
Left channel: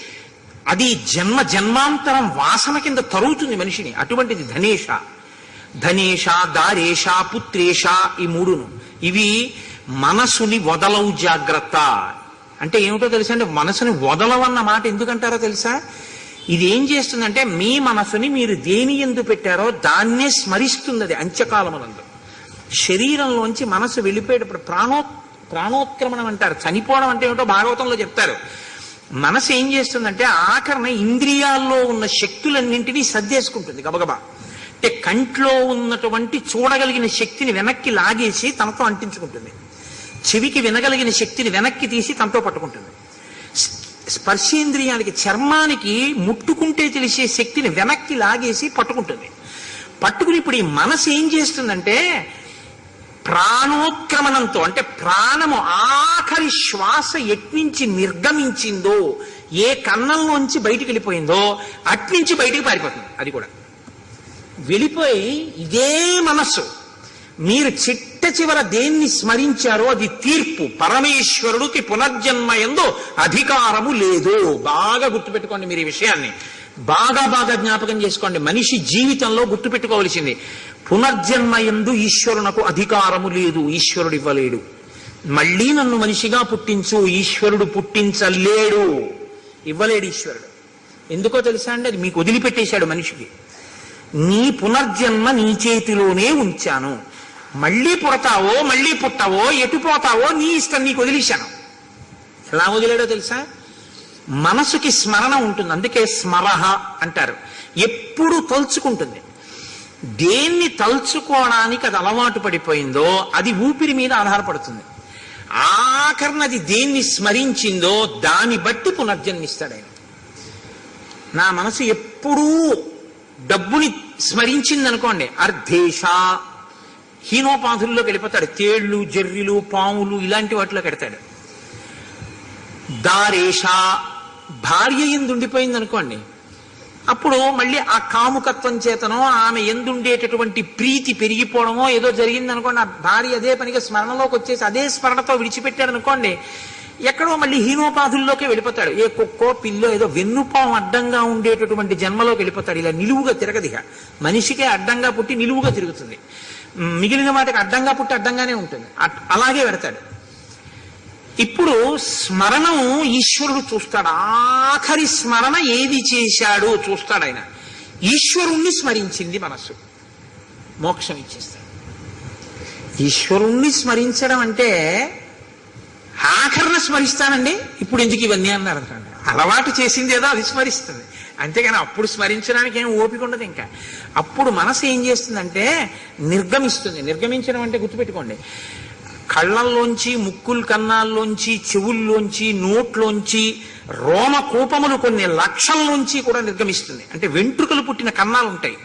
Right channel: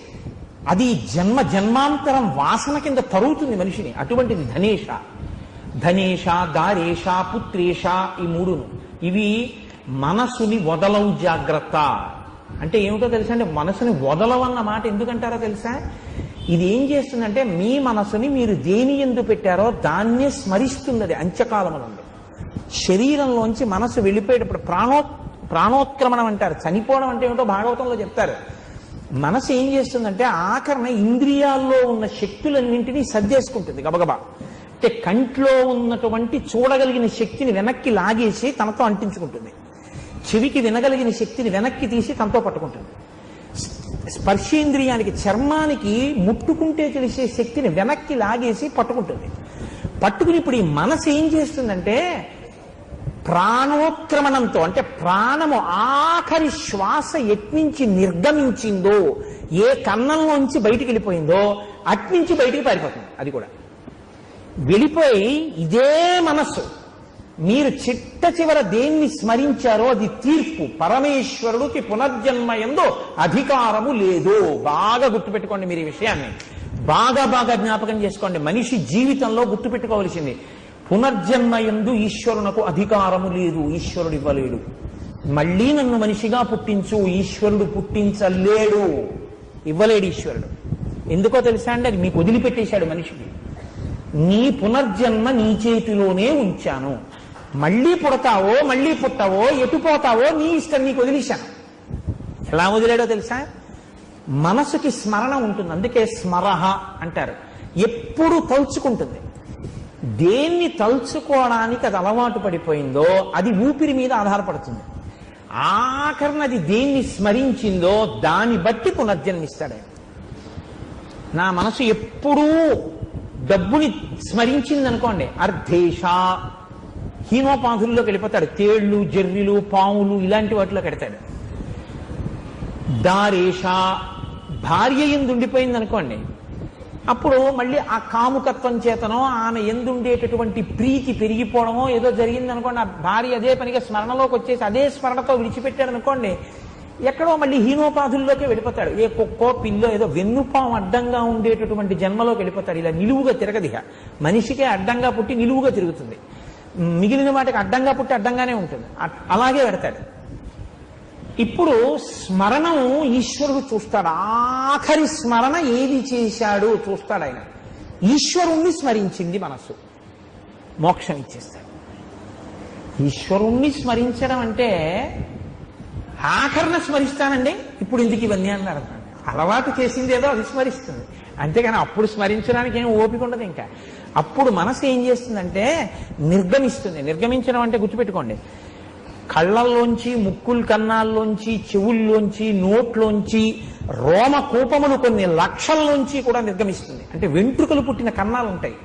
అది జన్మాంతరం వాసన కింద తరుగుతుంది మనిషిని. అటువంటిది ధనేష. ధనేష, దారేష, పుత్రేష, ఈ 3ను. ఇవి మనసుని వదలవు జాగ్రత్త. అంటే ఏమిటో తెలుసా అండి, మనసుని వదలవన్న మాట ఎందుకంటారో తెలుసా? ఇది ఏం చేస్తుందంటే మీ మనసుని మీరు దేని ఎందు పెట్టారో దాన్నే స్మరిస్తుంది. అది అంత్యకాలమునందు శరీరంలోంచి మనసు వెళ్ళిపోయేటప్పుడు ప్రాణోత్క్రమణం అంటారు. చనిపోవడం అంటే ఏమిటో భాగవతంలో చెప్తారు. మనసు ఏం చేస్తుందంటే ఆఖరణ ఇంద్రియాల్లో ఉన్న శక్తులన్నింటినీ సర్దేసుకుంటుంది గబగబా. అంటే కంట్లో ఉన్నటువంటి చూడగలిగిన శక్తిని వెనక్కి లాగేసి తనతో అంటించుకుంటుంది. చెవికి వినగలిగిన శక్తిని వెనక్కి తీసి తనతో పట్టుకుంటుంది. స్పర్శేంద్రియానికి, చర్మానికి ముట్టుకుంటే తెలిసే శక్తిని వెనక్కి లాగేసి పట్టుకుంటుంది. పట్టుకుని ఇప్పుడు ఈ మనసు ఏం చేస్తుందంటే ప్రాణోత్క్రమణంతో, అంటే ప్రాణము ఆఖరి శ్వాస ఎట్నుంచి నిర్గమించిందో, ఏ కన్నంలోంచి బయటికి వెళ్ళిపోయిందో అట్నుంచి బయటికి పారిపోతుంది. అది కూడా వెళ్ళిపోయి ఇదే మనస్సు మీరు చిట్ట చివర దేన్ని స్మరించారో అది తీర్పు. పరమేశ్వరుడికి పునర్జన్మ యందు అధికారము లేదు. బాగా గుర్తుపెట్టుకోండి మీరు ఈ విషయాన్ని, బాగా బాగా జ్ఞాపకం చేసుకోండి. మనిషి జీవితంలో గుర్తుపెట్టుకోవలసింది, పునర్జన్మ యందు ఈశ్వరునకు అధికారము లేదు. ఈశ్వరుడు ఇవ్వలేడు. మళ్ళీ నన్ను మనిషిగా పుట్టించు, ఈశ్వరుడు పుట్టించలేడు, ఇవ్వలేడు ఈశ్వరుడు. ఎందుకో తెలుసా అండి? అది మీకు వదిలిపెట్టేశాడు మనిషికి. నీ పునర్జన్మ నీ చేతిలోనే ఉంచాను. మళ్ళీ పుడతావో మళ్ళీ పుట్టవో ఎటు పోతావో నీ ఇష్టం, నీకు వదిలేశాను. ఎలా వదిలేడో తెలుసా? మనసుకి స్మరణ ఉంటుంది, అందుకే స్మరహ అంటారు. ఎప్పుడు తలుచుకుంటుంది. దేన్ని తలుచుకోవడానికి అది అలవాటు పడిపోయిందో అది ఊపిరి మీద ఆధారపడుతుంది. ఆఖరినది దేన్ని స్మరించిందో దాన్ని బట్టి పునర్జన్మిస్తాడు ఆయన. నా మనసు ఎప్పుడూ డబ్బుని స్మరించింది అనుకోండి, అర్ధేశ హీనోపాధుల్లోకి వెళ్ళిపోతాడు. తేళ్లు, జర్రిలు, పాములు ఇలాంటి వాటిలో పెడతాడు. దారేష భార్య ఎందుండిపోయింది అనుకోండి, అప్పుడు మళ్ళీ ఆ కాముకత్వం చేతనో ఆమె ఎందుండేటటువంటి ప్రీతి పెరిగిపోవడమో ఏదో జరిగింది అనుకోండి, ఆ భార్య అదే పనిగా స్మరణలోకి వచ్చేసి అదే స్మరణతో విడిచిపెట్టాడు అనుకోండి, ఎక్కడో మళ్ళీ హీనోపాధుల్లోకి వెళ్ళిపోతాడు. ఏ కుక్కో పిల్లో ఏదో వెన్నుపాము అడ్డంగా ఉండేటటువంటి జన్మలోకి వెళ్ళిపోతాడు. ఇలా నిలువుగా తిరగదిగా, మనిషికే అడ్డంగా పుట్టి నిలువుగా తిరుగుతుంది, మిగిలిన వాటికి అడ్డంగా పుట్టి అడ్డంగానే ఉంటుంది. అలాగే పెడతాడు. ఇప్పుడు స్మరణం ఈశ్వరుడు చూస్తాడు. ఆఖరి స్మరణ ఏది చేశాడు చూస్తాడు ఆయన. ఈశ్వరుణ్ణి స్మరించింది మనస్సు, మోక్షం ఇచ్చేస్తాడు. ఈశ్వరుణ్ణి స్మరించడం అంటే ఆఖరణ స్మరిస్తానండి, ఇప్పుడు ఎందుకు ఇవన్నీ అన్నారు. అలవాటు చేసింది ఏదో అది స్మరిస్తుంది, అంతేగాని అప్పుడు స్మరించడానికి ఏం ఓపిక ఉండదు. ఇంకా అప్పుడు మనసు ఏం చేస్తుందంటే నిర్గమిస్తుంది. నిర్గమించడం అంటే గుర్తుపెట్టుకోండి, కళ్ళల్లోంచి, ముక్కుల కన్నాల్లోంచి, చెవుల్లోంచి, నోట్లోంచి, రోమకూపములు కొన్ని లక్షల్లోంచి కూడా నిర్గమిస్తుంది. అంటే వెంట్రుకలు పుట్టిన కన్నాలు ఉంటాయి,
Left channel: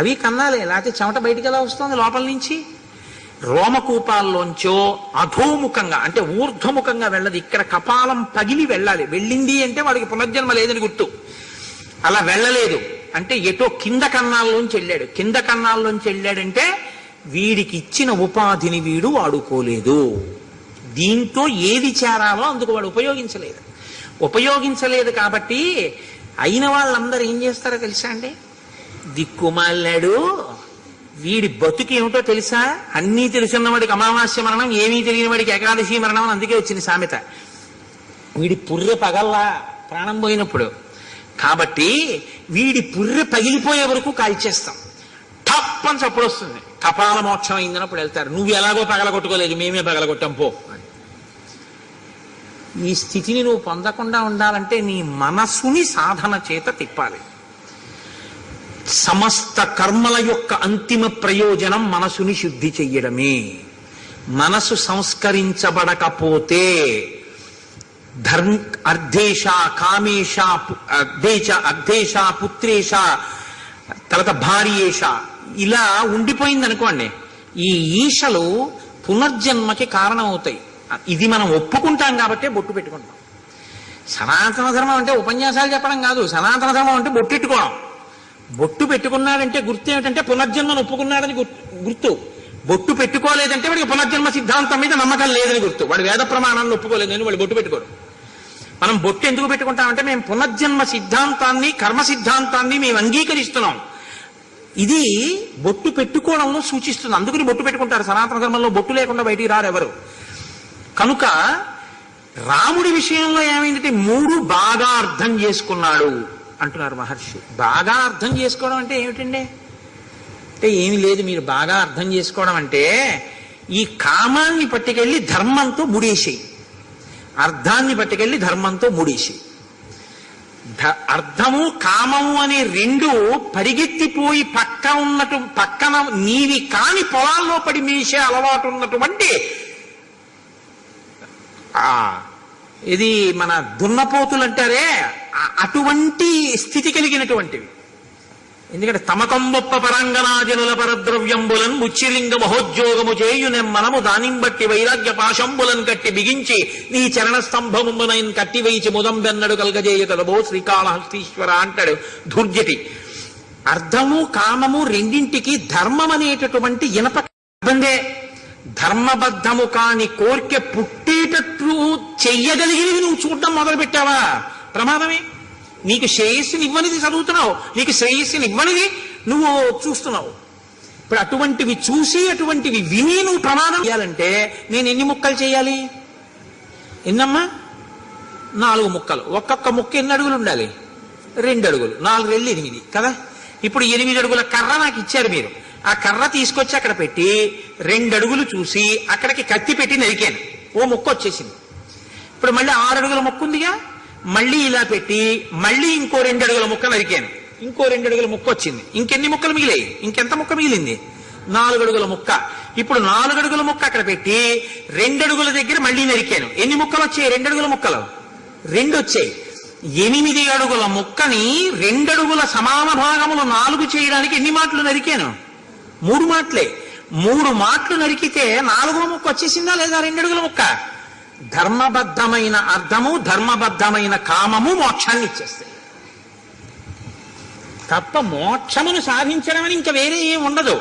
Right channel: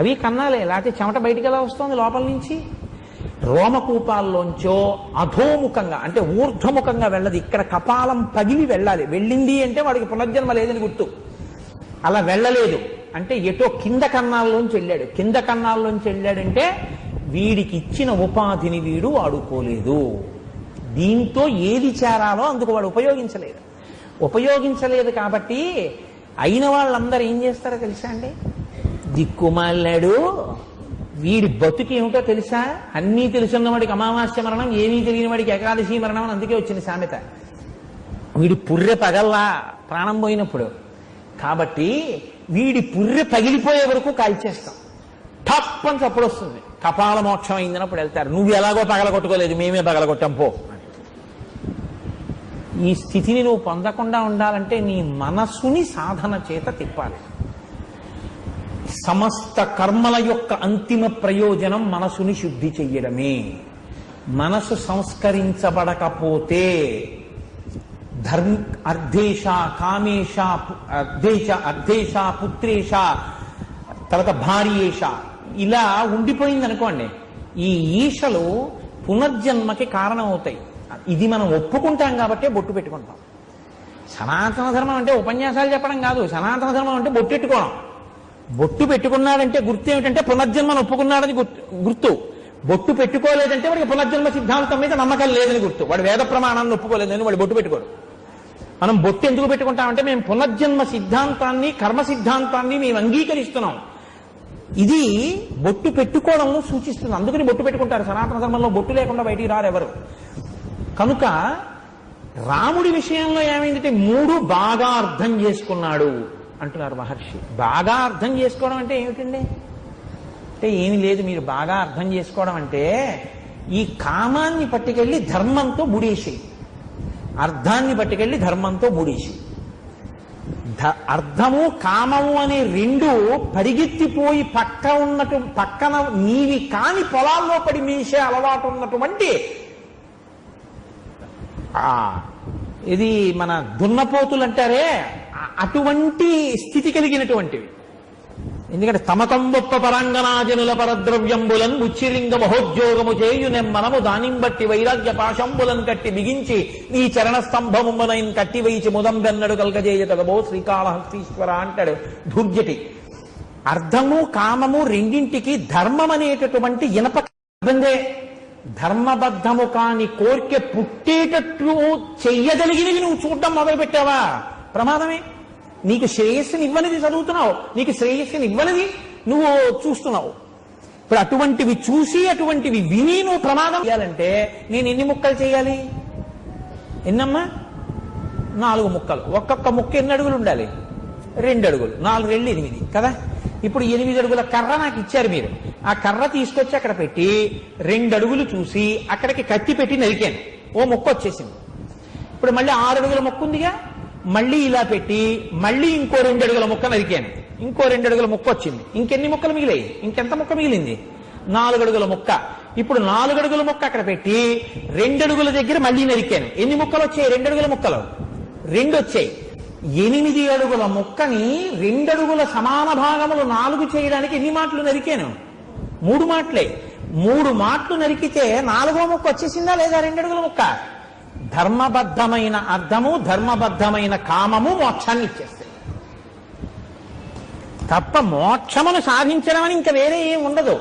అవి కన్నాలే, లేకపోతే చెమట బయటికి ఎలా వస్తుంది లోపల నుంచి? రోమకూపాల్లోంచో అధోముఖంగా అంటే ఊర్ధ్వముఖంగా వెళ్ళదు. ఇక్కడ కపాలం పగిలి వెళ్ళాలి. వెళ్ళింది అంటే వాడికి పునర్జన్మ లేదని గుర్తు. అలా వెళ్ళలేదు అంటే ఎటో కింద కన్నాల్లోంచి వెళ్ళాడు. కింద కన్నాల్లోంచి వెళ్ళాడంటే వీడికి ఇచ్చిన ఉపాధిని వీడు వాడుకోలేదు. దీంతో ఏది చేరాలో అందుకు వాడు ఉపయోగించలేదు కాబట్టి అయిన వాళ్ళందరూ ఏం చేస్తారో తెలుసా అండి? దిక్కుమాలాడు, వీడి బతుకు ఏమిటో తెలుసా? అన్నీ తెలుసున్న వాడికి అమావాస్య మరణం, ఏమీ తెలియని వాడికి ఏకాదశి మరణం అని అందుకే వచ్చింది సామెత. వీడి పుర్రె పగల్లా ప్రాణం పోయినప్పుడు, కాబట్టి వీడి పుర్రె పగిలిపోయే వరకు కాల్చేస్తాం. టప్ అని చప్పుడు వస్తుంది, కపాల మోక్షం అయిందన్నప్పుడు వెళ్తారు. నువ్వు ఎలాగో పగలగొట్టుకోలేదు, మేమే పగలగొట్టాం పో. ఈ స్థితిని నువ్వు పొందకుండా ఉండాలంటే నీ మనస్సుని సాధన చేత తిప్పాలి. సమస్త కర్మల యొక్క అంతిమ ప్రయోజనం మనసుని శుద్ధి చెయ్యడమే. మనసు సంస్కరించబడకపోతే అర్ధేశ, కామేశ, అర్ధేశ, పుత్రేశ, తర్వాత భార్యేశ ఇలా ఉండిపోయింది అనుకోండి, ఈ ఈశలు పునర్జన్మకి కారణం అవుతాయి. ఇది మనం ఒప్పుకుంటాం కాబట్టే బొట్టు పెట్టుకుంటాం. సనాతన ధర్మం అంటే ఉపన్యాసాలు చెప్పడం కాదు, సనాతన ధర్మం అంటే బొట్టెట్టుకోవడం. బొట్టు పెట్టుకున్నాడంటే గుర్తు ఏమిటంటే పునర్జన్మను ఒప్పుకున్నాడని గుర్తు. బొట్టు పెట్టుకోలేదంటే వాడికి పునర్జన్మ సిద్ధాంతం మీద నమ్మకం లేదని గుర్తు. వాడు వేద ప్రమాణాన్ని ఒప్పుకోలేదని వాడు బొట్టు పెట్టుకోరు. మనం బొట్టు ఎందుకు పెట్టుకుంటామంటే మేము పునర్జన్మ సిద్ధాంతాన్ని, కర్మ సిద్ధాంతాన్ని మేము అంగీకరిస్తున్నాం. ఇది బొట్టు పెట్టుకోవడంలో సూచిస్తుంది. అందుకని బొట్టు పెట్టుకుంటారు. సనాతన ధర్మంలో బొట్టు లేకుండా బయటికి రారు ఎవరు. కనుక రాముడి విషయంలో ఏమైందంటే 3 బాగా అర్థం చేసుకున్నాడు అంటున్నారు మహర్షి. బాగా అర్థం చేసుకోవడం అంటే ఏమిటండి? అంటే ఏమి లేదు, మీరు బాగా అర్థం చేసుకోవడం అంటే ఈ కామాన్ని పట్టుకెళ్ళి ధర్మంతో ముడేసేయి, అర్థాన్ని పట్టుకెళ్ళి ధర్మంతో ముడేసేయి. అర్థము కామము అనే రెండు పరిగెత్తిపోయి పక్కన నీవి కాని పొలాల్లో పడి మేసే అలవాటు ఉన్నటువంటి ఇది మన దున్నపోతులు అంటారే, అటువంటి స్థితి కలిగినటువంటివి. ఎందుకంటే తమతంబొప్ప పరాంగనాజనుల పరద్రవ్యంబులన్ ఉచ్చిలింగ మహోద్యోగము చేయునెమ్మనము దానిం బట్టి వైరాగ్య పాశంబులన్ కట్టి బిగించి నీ చరణ స్తంభమునైన్ కట్టి వేయిచి ముదంబెన్నడు కలగజేయతడబో శ్రీకాళహస్తీశ్వర అంటాడు ధూర్జటి. అర్థము కామము రెండింటికి ధర్మం అనేటటువంటి ఇనప ఇబ్బందే. ధర్మబద్ధము కాని కోరిక పుట్టేటట్లు చెయ్యగలిగినవి నువ్వు చూడటం మొదలు పెట్టావా ప్రమాదమే. నీకు శ్రేయస్సుని ఇవ్వనిది చదువుతున్నావు, నీకు శ్రేయస్సుని ఇవ్వనిది నువ్వు చూస్తున్నావు. ఇప్పుడు అటువంటివి చూసి అటువంటివి విని నువ్వు ప్రమాదం చేయాలంటే నేను ఎన్ని ముక్కలు చేయాలి? ఎన్నమ్మా? 4 ముక్కలు. ఒక్కొక్క ముక్క ఎన్ని అడుగులు ఉండాలి? 2 అడుగులు. 4 రెళ్ళు 8 కదా. ఇప్పుడు 8 అడుగుల కర్ర నాకు ఇచ్చారు మీరు. ఆ కర్ర తీసుకొచ్చి అక్కడ పెట్టి 2 అడుగులు చూసి అక్కడికి కత్తి పెట్టి నరికాను, ఓ ముక్క వచ్చేసింది. ఇప్పుడు మళ్ళీ 6 అడుగుల ముక్క ఉందిగా, మళ్ళీ ఇలా పెట్టి మళ్ళీ ఇంకో 2 అడుగుల ముక్క నరికాను, ఇంకో 2 అడుగుల ముక్క వచ్చింది. ఇంకెన్ని ముక్కలు మిగిలాయి? ఇంకెంత ముక్క మిగిలింది? 4 అడుగుల ముక్క. ఇప్పుడు 4 అడుగుల ముక్క అక్కడ పెట్టి 2 అడుగుల దగ్గర మళ్ళీ నరికాను. ఎన్ని ముక్కలు వచ్చాయి? 2 అడుగుల ముక్కలు 2 వచ్చాయి. 8 అడుగుల ముక్కని 2 అడుగుల సమాన భాగములు 4 చేయడానికి ఎన్ని మాటలు నరికాను? 3 మాటలే. 3 మాటలు నరికితే 4వ ముక్క వచ్చేసిందా లేదా? 2 అడుగుల ముక్క. ధర్మబద్ధమైన అర్థము, ధర్మబద్ధమైన కామము మోక్షాన్ని ఇచ్చేస్తాయి తప్ప మోక్షమును సాధించడం అని ఇంకా వేరే ఏం ఉండదు.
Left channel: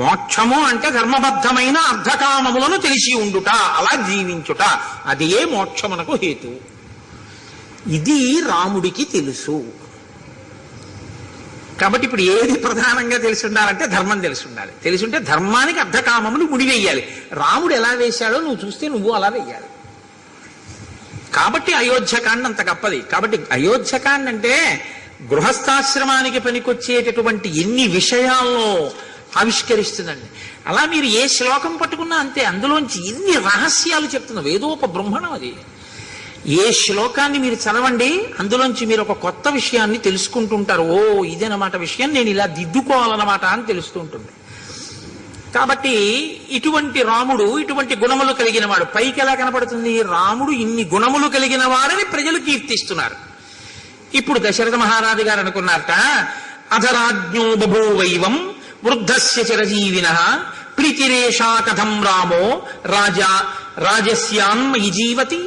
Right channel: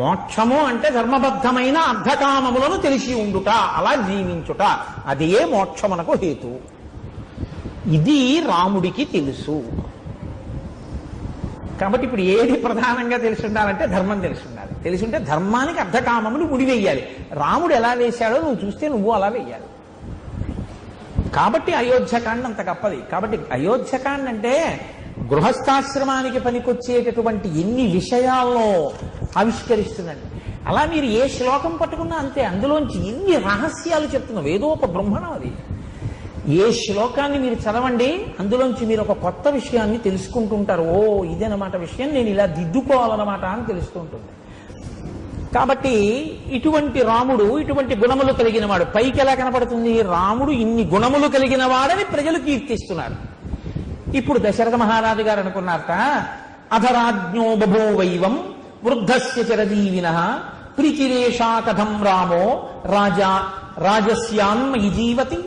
మోక్షము అంటే ధర్మబద్ధమైన అర్ధకామములను తెలిసి ఉండుట, అలా జీవించుట, అదే మోక్షమునకు హేతు. ఇది రాముడికి తెలుసు. కాబట్టి ఇప్పుడు ఏది ప్రధానంగా తెలిసి ఉండాలంటే ధర్మం తెలిసి ఉండాలి. తెలిసి ఉంటే ధర్మానికి అర్ధకామమును ముడివేయాలి. రాముడు ఎలా వేశాడో నువ్వు చూస్తే నువ్వు అలా వేయాలి. కాబట్టి అయోధ్యకాండ అంత గొప్పది. కాబట్టి అయోధ్యకాండ అంటే గృహస్థాశ్రమానికి పనికొచ్చేటటువంటి ఎన్ని విషయాల్లో ఆవిష్కరిస్తుందండి. అలా మీరు ఏ శ్లోకం పట్టుకున్నా అంతే, అందులోంచి ఎన్ని రహస్యాలు చెప్తున్నా. వేదోప బ్రహ్మణం అది. ఏ శ్లోకాన్ని మీరు చదవండి, అందులోంచి మీరు ఒక కొత్త విషయాన్ని తెలుసుకుంటుంటారు. ఓ ఇదేనమాట విషయం, నేను ఇలా దిద్దుకోవాలన్నమాట అని తెలుస్తూ ఉంటుంది. కాబట్టి ఇటువంటి రాముడు ఇటువంటి గుణములు కలిగిన వాడు. పైకి ఎలా కనపడుతుంది? రాముడు ఇన్ని గుణములు కలిగిన వాడని ప్రజలు కీర్తిస్తున్నారు. ఇప్పుడు దశరథ మహారాజు గారు అనుకున్నారట, అధరాజ్ఞో బభూవైవం వృద్ధస్య చిరజీవిన ప్రీతిరేషా కథం రామో రాజా రాజస్యాన్మయి జీవతి.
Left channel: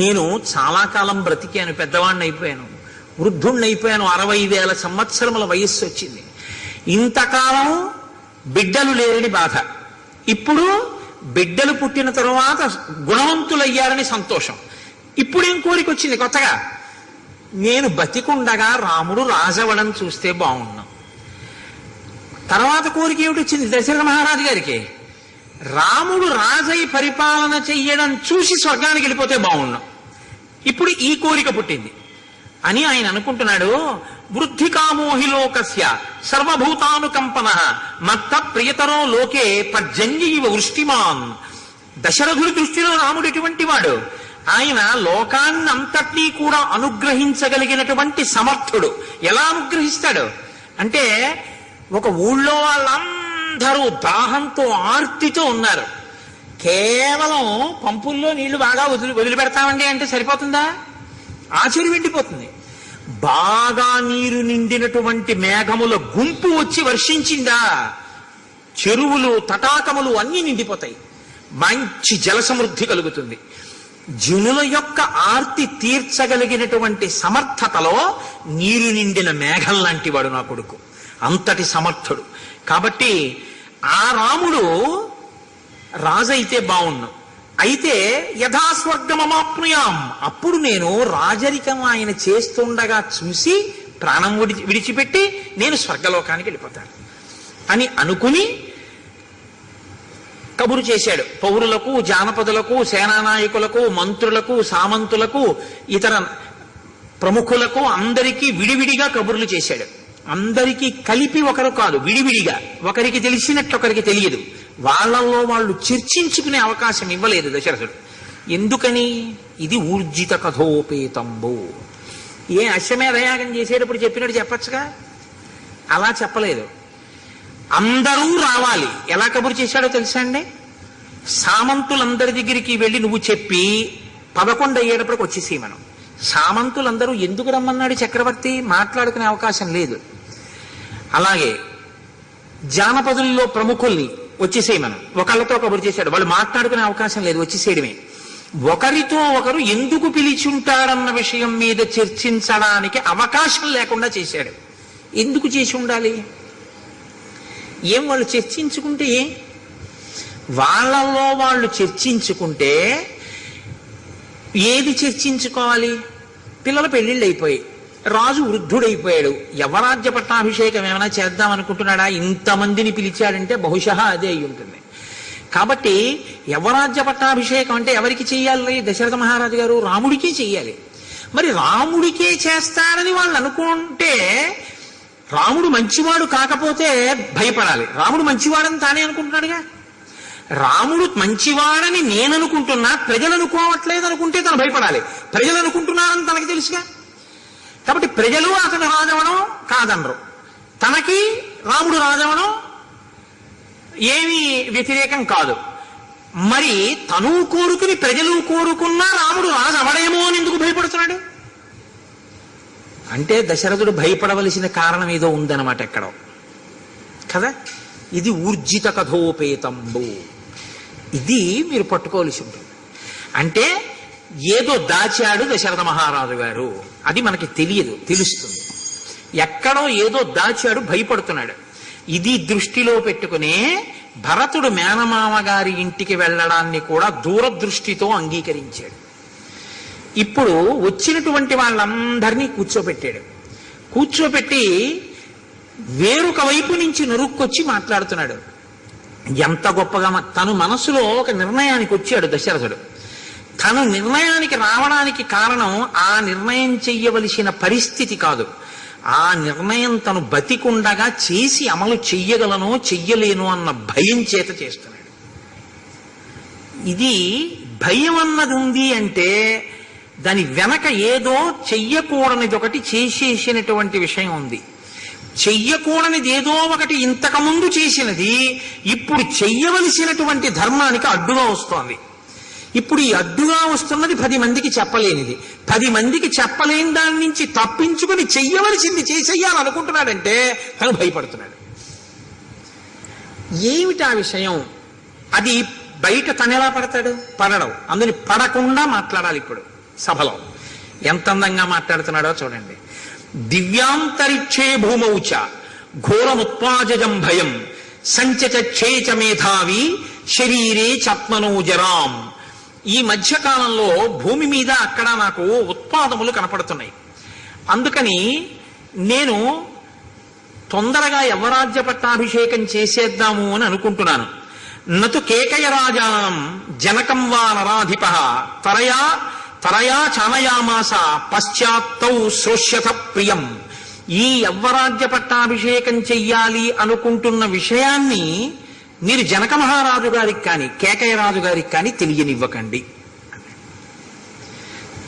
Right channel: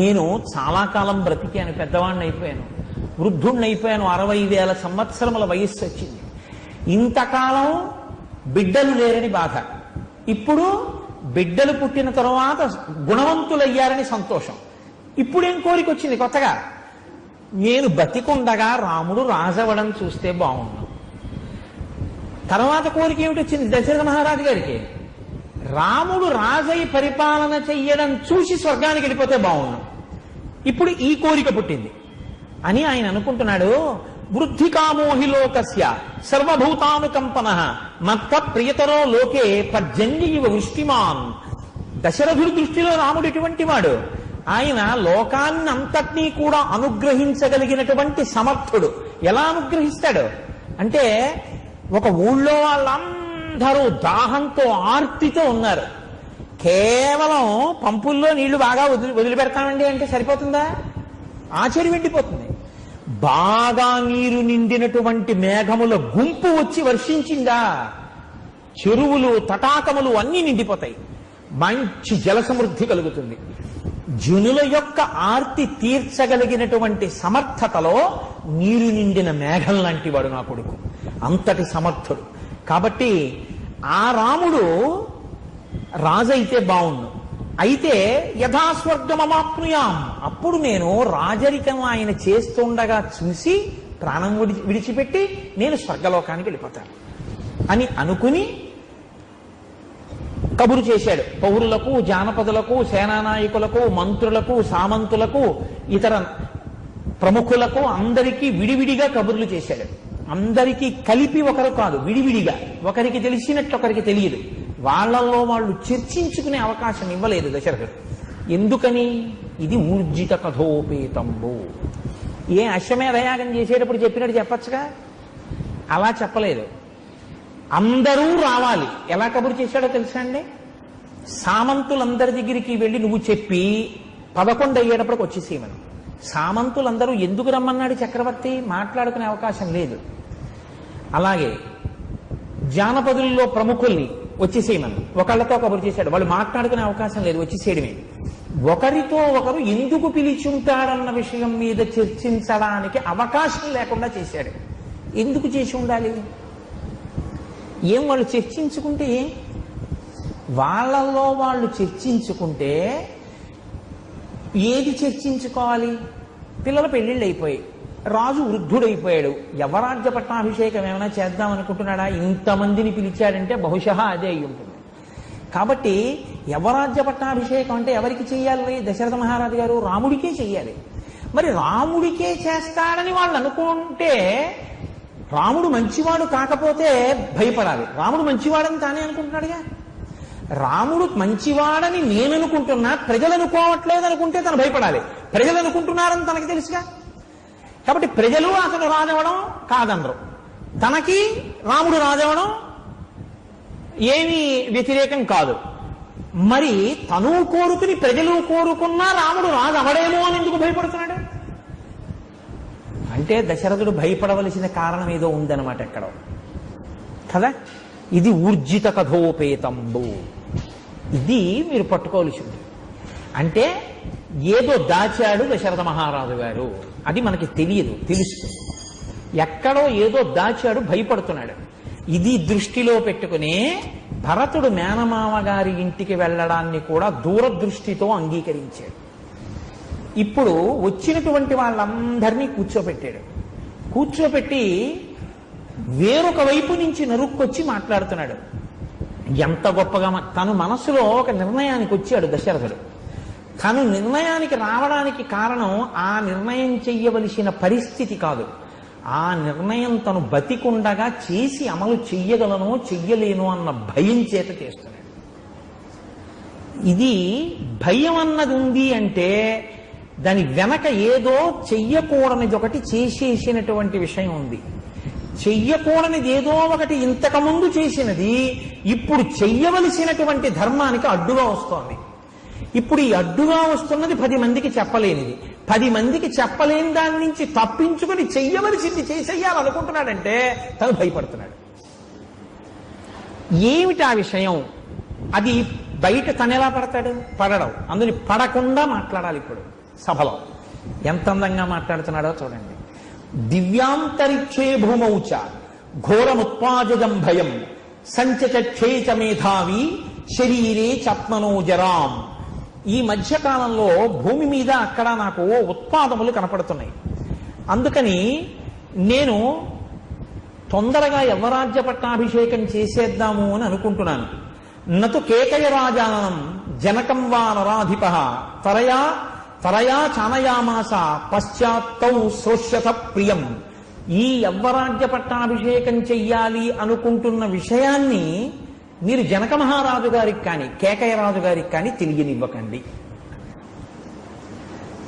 నేను చాలా కాలం బ్రతికాను, పెద్దవాడిని అయిపోయాను, వృద్ధుణ్ణి అయిపోయాను, 60,000 సంవత్సరముల వయస్సు వచ్చింది. ఇంతకాలం బిడ్డలు లేరని బాధ, ఇప్పుడు బిడ్డలు పుట్టిన తరువాత గుణవంతులయ్యారని సంతోషం. ఇప్పుడేం కోరిక వచ్చింది కొత్తగా? నేను బతికుండగా రాముడు రాజవడం చూస్తే బాగున్నాం. తర్వాత కోరిక ఏమిటి వచ్చింది దశరథ మహారాజు గారికి? రాముడు రాజై పరిపాలన చెయ్యడం చూసి స్వర్గానికి వెళ్ళిపోతే బాగున్నాం. ఇప్పుడు ఈ కోరిక పుట్టింది అని ఆయన అనుకుంటున్నాడు. వృద్ధికామోహి లోకస్య సర్వభూతానుకంపన మత్త ప్రియతరో లోకే పర్జన్యైవ వృష్టిమాన్. దశరథుడి దృష్టిలో రాముడు ఎటువంటి వాడు? ఆయన లోకాన్నంతటినీ కూడా అనుగ్రహించగలిగినటువంటి సమర్థుడు. ఎలా అనుగ్రహిస్తాడు అంటే, ఒక ఊళ్ళో వాళ్ళందరూ దాహంతో ఆర్తితో ఉన్నారు. కేవలం పంపుల్లో నీళ్లు బాగా వదిలిపెడతామండి అంటే సరిపోతుందా? ఆచరి వెండిపోతుంది. బాగా నీరు నిండినటువంటి మేఘముల గుంపు వచ్చి వర్షించిందా, చెరువులు తటాకములు అన్నీ నిండిపోతాయి, మంచి జల సమృద్ధి కలుగుతుంది. జనుల యొక్క ఆర్తి తీర్చగలిగినటువంటి సమర్థతలో నీరు నిండిన మేఘం లాంటి వాడు నా కొడుకు, అంతటి సమర్థుడు. కాబట్టి ఆ రాముడు రాజైతే బాగున్నాం. అయితే యథాస్వర్గమమాప్నుయాం, అప్పుడు నేను రాజరికం ఆయన చేస్తుండగా చూసి ప్రాణం విడిచిపెట్టి నేను స్వర్గలోకానికి వెళ్ళిపోతాను అని అనుకుని కబురు చేశాడు. పౌరులకు, జానపదులకు, సేనానాయకులకు, మంత్రులకు, సామంతులకు, ఇతర ప్రముఖులకు అందరికీ విడివిడిగా కబుర్లు చేశాడు. అందరికీ కలిపి ఒకరు కాదు, విడివిడిగా. ఒకరికి తెలిసినట్లు ఒకరికి తెలియదు. వాళ్ళల్లో వాళ్ళు చర్చించుకునే అవకాశం ఇవ్వలేదు దశరథుడు. ఎందుకని? ఇది ఊర్జిత కథోపేతంబు. ఏ అశ్వమేధయాగం చేసేటప్పుడు చెప్పినట్టు చెప్పచ్చుగా, అలా చెప్పలేదు. అందరూ రావాలి. ఎలా కబురు చేశాడో తెలుసా అండి? సామంతులందరి దగ్గరికి వెళ్ళి నువ్వు చెప్పి 11 అయ్యేటప్పటికి వచ్చేసి మనం. సామంతులందరూ ఎందుకు రమ్మన్నాడు చక్రవర్తి? మాట్లాడుకునే అవకాశం లేదు. అలాగే జానపదుల్లో ప్రముఖుల్ని వచ్చేసేయమను, ఒకళ్ళతో కబురు చేశాడు, వాళ్ళు మాట్లాడుకునే అవకాశం లేదు, వచ్చేసేయడమే. ఒకరితో ఒకరు ఎందుకు పిలిచుంటాడన్న విషయం మీద చర్చించడానికి అవకాశం లేకుండా చేశాడు. ఎందుకు చేసి ఉండాలి? ఏం వాళ్ళు చర్చించుకుంటే వాళ్ళలో వాళ్ళు చర్చించుకుంటే ఏది చర్చించుకోవాలి? పిల్లల పెళ్లిళ్ళు అయిపోయాయి, రాజు వృద్ధుడైపోయాడు, యవరాజ్య పట్టాభిషేకం ఏమైనా చేద్దాం అనుకుంటున్నాడా? ఇంతమందిని పిలిచాడంటే బహుశా అదే అయి ఉంటుంది. కాబట్టి యవరాజ్య పట్టాభిషేకం అంటే ఎవరికి చెయ్యాలి? దశరథ మహారాజు గారు రాముడికే చెయ్యాలి. మరి రాముడికే చేస్తాడని వాళ్ళు అనుకుంటే రాముడు మంచివాడు కాకపోతే భయపడాలి. రాముడు మంచివాడని తానే అనుకుంటున్నాడుగా. రాముడు మంచివాడని నేను అనుకుంటున్నా, ప్రజలు అనుకోవట్లేదు అనుకుంటే తను భయపడాలి. ప్రజలు అనుకుంటున్నారని తనకి తెలుసుగా. కాబట్టి ప్రజలు అతను రాజవడం కాదనరు, తనకి రాముడు రాజవడం ఏమీ వ్యతిరేకం కాదు. మరి తను కోరుకుని ప్రజలు కోరుకున్నా రాముడు రాజవడేమో అని ఎందుకు భయపడుతున్నాడు? అంటే దశరథుడు భయపడవలసిన కారణం ఏదో ఉందన్నమాట ఎక్కడో కదా. ఇది ఊర్జిత కథోపేతంబు, ఇది మీరు పట్టుకోవలసి ఉంటుంది. అంటే ఏదో దాచాడు దశరథ మహారాజు గారు, అది మనకి తెలియదు, తెలుస్తుంది. ఎక్కడో ఏదో దాచాడు, భయపడుతున్నాడు. ఇది దృష్టిలో పెట్టుకునే భరతుడు మేనమామ గారి ఇంటికి వెళ్ళడాన్ని కూడా దూరదృష్టితో అంగీకరించాడు. ఇప్పుడు వచ్చినటువంటి వాళ్ళందరినీ కూర్చోపెట్టాడు. కూర్చోపెట్టి వేరొక వైపు నుంచి నరుక్కొచ్చి మాట్లాడుతున్నాడు. ఎంత గొప్పగా తను మనసులో ఒక నిర్ణయానికి వచ్చాడు దశరథుడు. తను నిర్ణయానికి రావడానికి కారణం ఆ నిర్ణయం చెయ్యవలసిన పరిస్థితి కాదు, ఆ నిర్ణయం తను బతికుండగా చేసి అమలు చెయ్యగలను చెయ్యలేను అన్న భయం చేత చేస్తున్నాడు. ఇది భయం అన్నది ఉంది అంటే దాని వెనక ఏదో చెయ్యకూడనిది ఒకటి చేసేసినటువంటి విషయం ఉంది. చెయ్యకూడనిది ఏదో ఒకటి ఇంతకుముందు చేసినది ఇప్పుడు చెయ్యవలసినటువంటి ధర్మానికి అడ్డుగా వస్తోంది. ఇప్పుడు ఈ అడ్డుగా వస్తున్నది 10 మందికి చెప్పలేనిది. 10 మందికి చెప్పలేని దాని నుంచి తప్పించుకుని చెయ్యవలసింది చేసేయాలనుకుంటున్నాడంటే తను భయపడుతున్నాడు. ఏమిటి ఆ విషయం? అది బయట తను ఎలా పడతాడు? పడడం. అందుని పడకుండా మాట్లాడాలి. ఇప్పుడు సభలో ఎంత అందంగా మాట్లాడుతున్నాడో చూడండి. దివ్యాంతరిక్షే భూమౌచ ఘోరముత్పాజం భయం సంచచేచ మేధావి శరీరే చత్మనోజరాం. ఈ మధ్యకాలంలో భూమి మీద అక్కడ నాకు ఉత్పాదములు కనపడుతున్నాయి. అందుకని నేను తొందరగా యవరాజ్య పట్టాభిషేకం చేసేద్దాము అని అనుకుంటున్నాను. నతు కేకయ రాజానం జనకం వా నరాధిప తరయా చానయామాస పశ్చాత్తౌ శ్రోష్యత ప్రియం. ఈ యవ్వరాజ్య పట్టాభిషేకం చెయ్యాలి అనుకుంటున్న విషయాన్ని మీరు జనక మహారాజు గారికి కానీ కేకయ రాజు గారికి కానీ తెలియనివ్వకండి.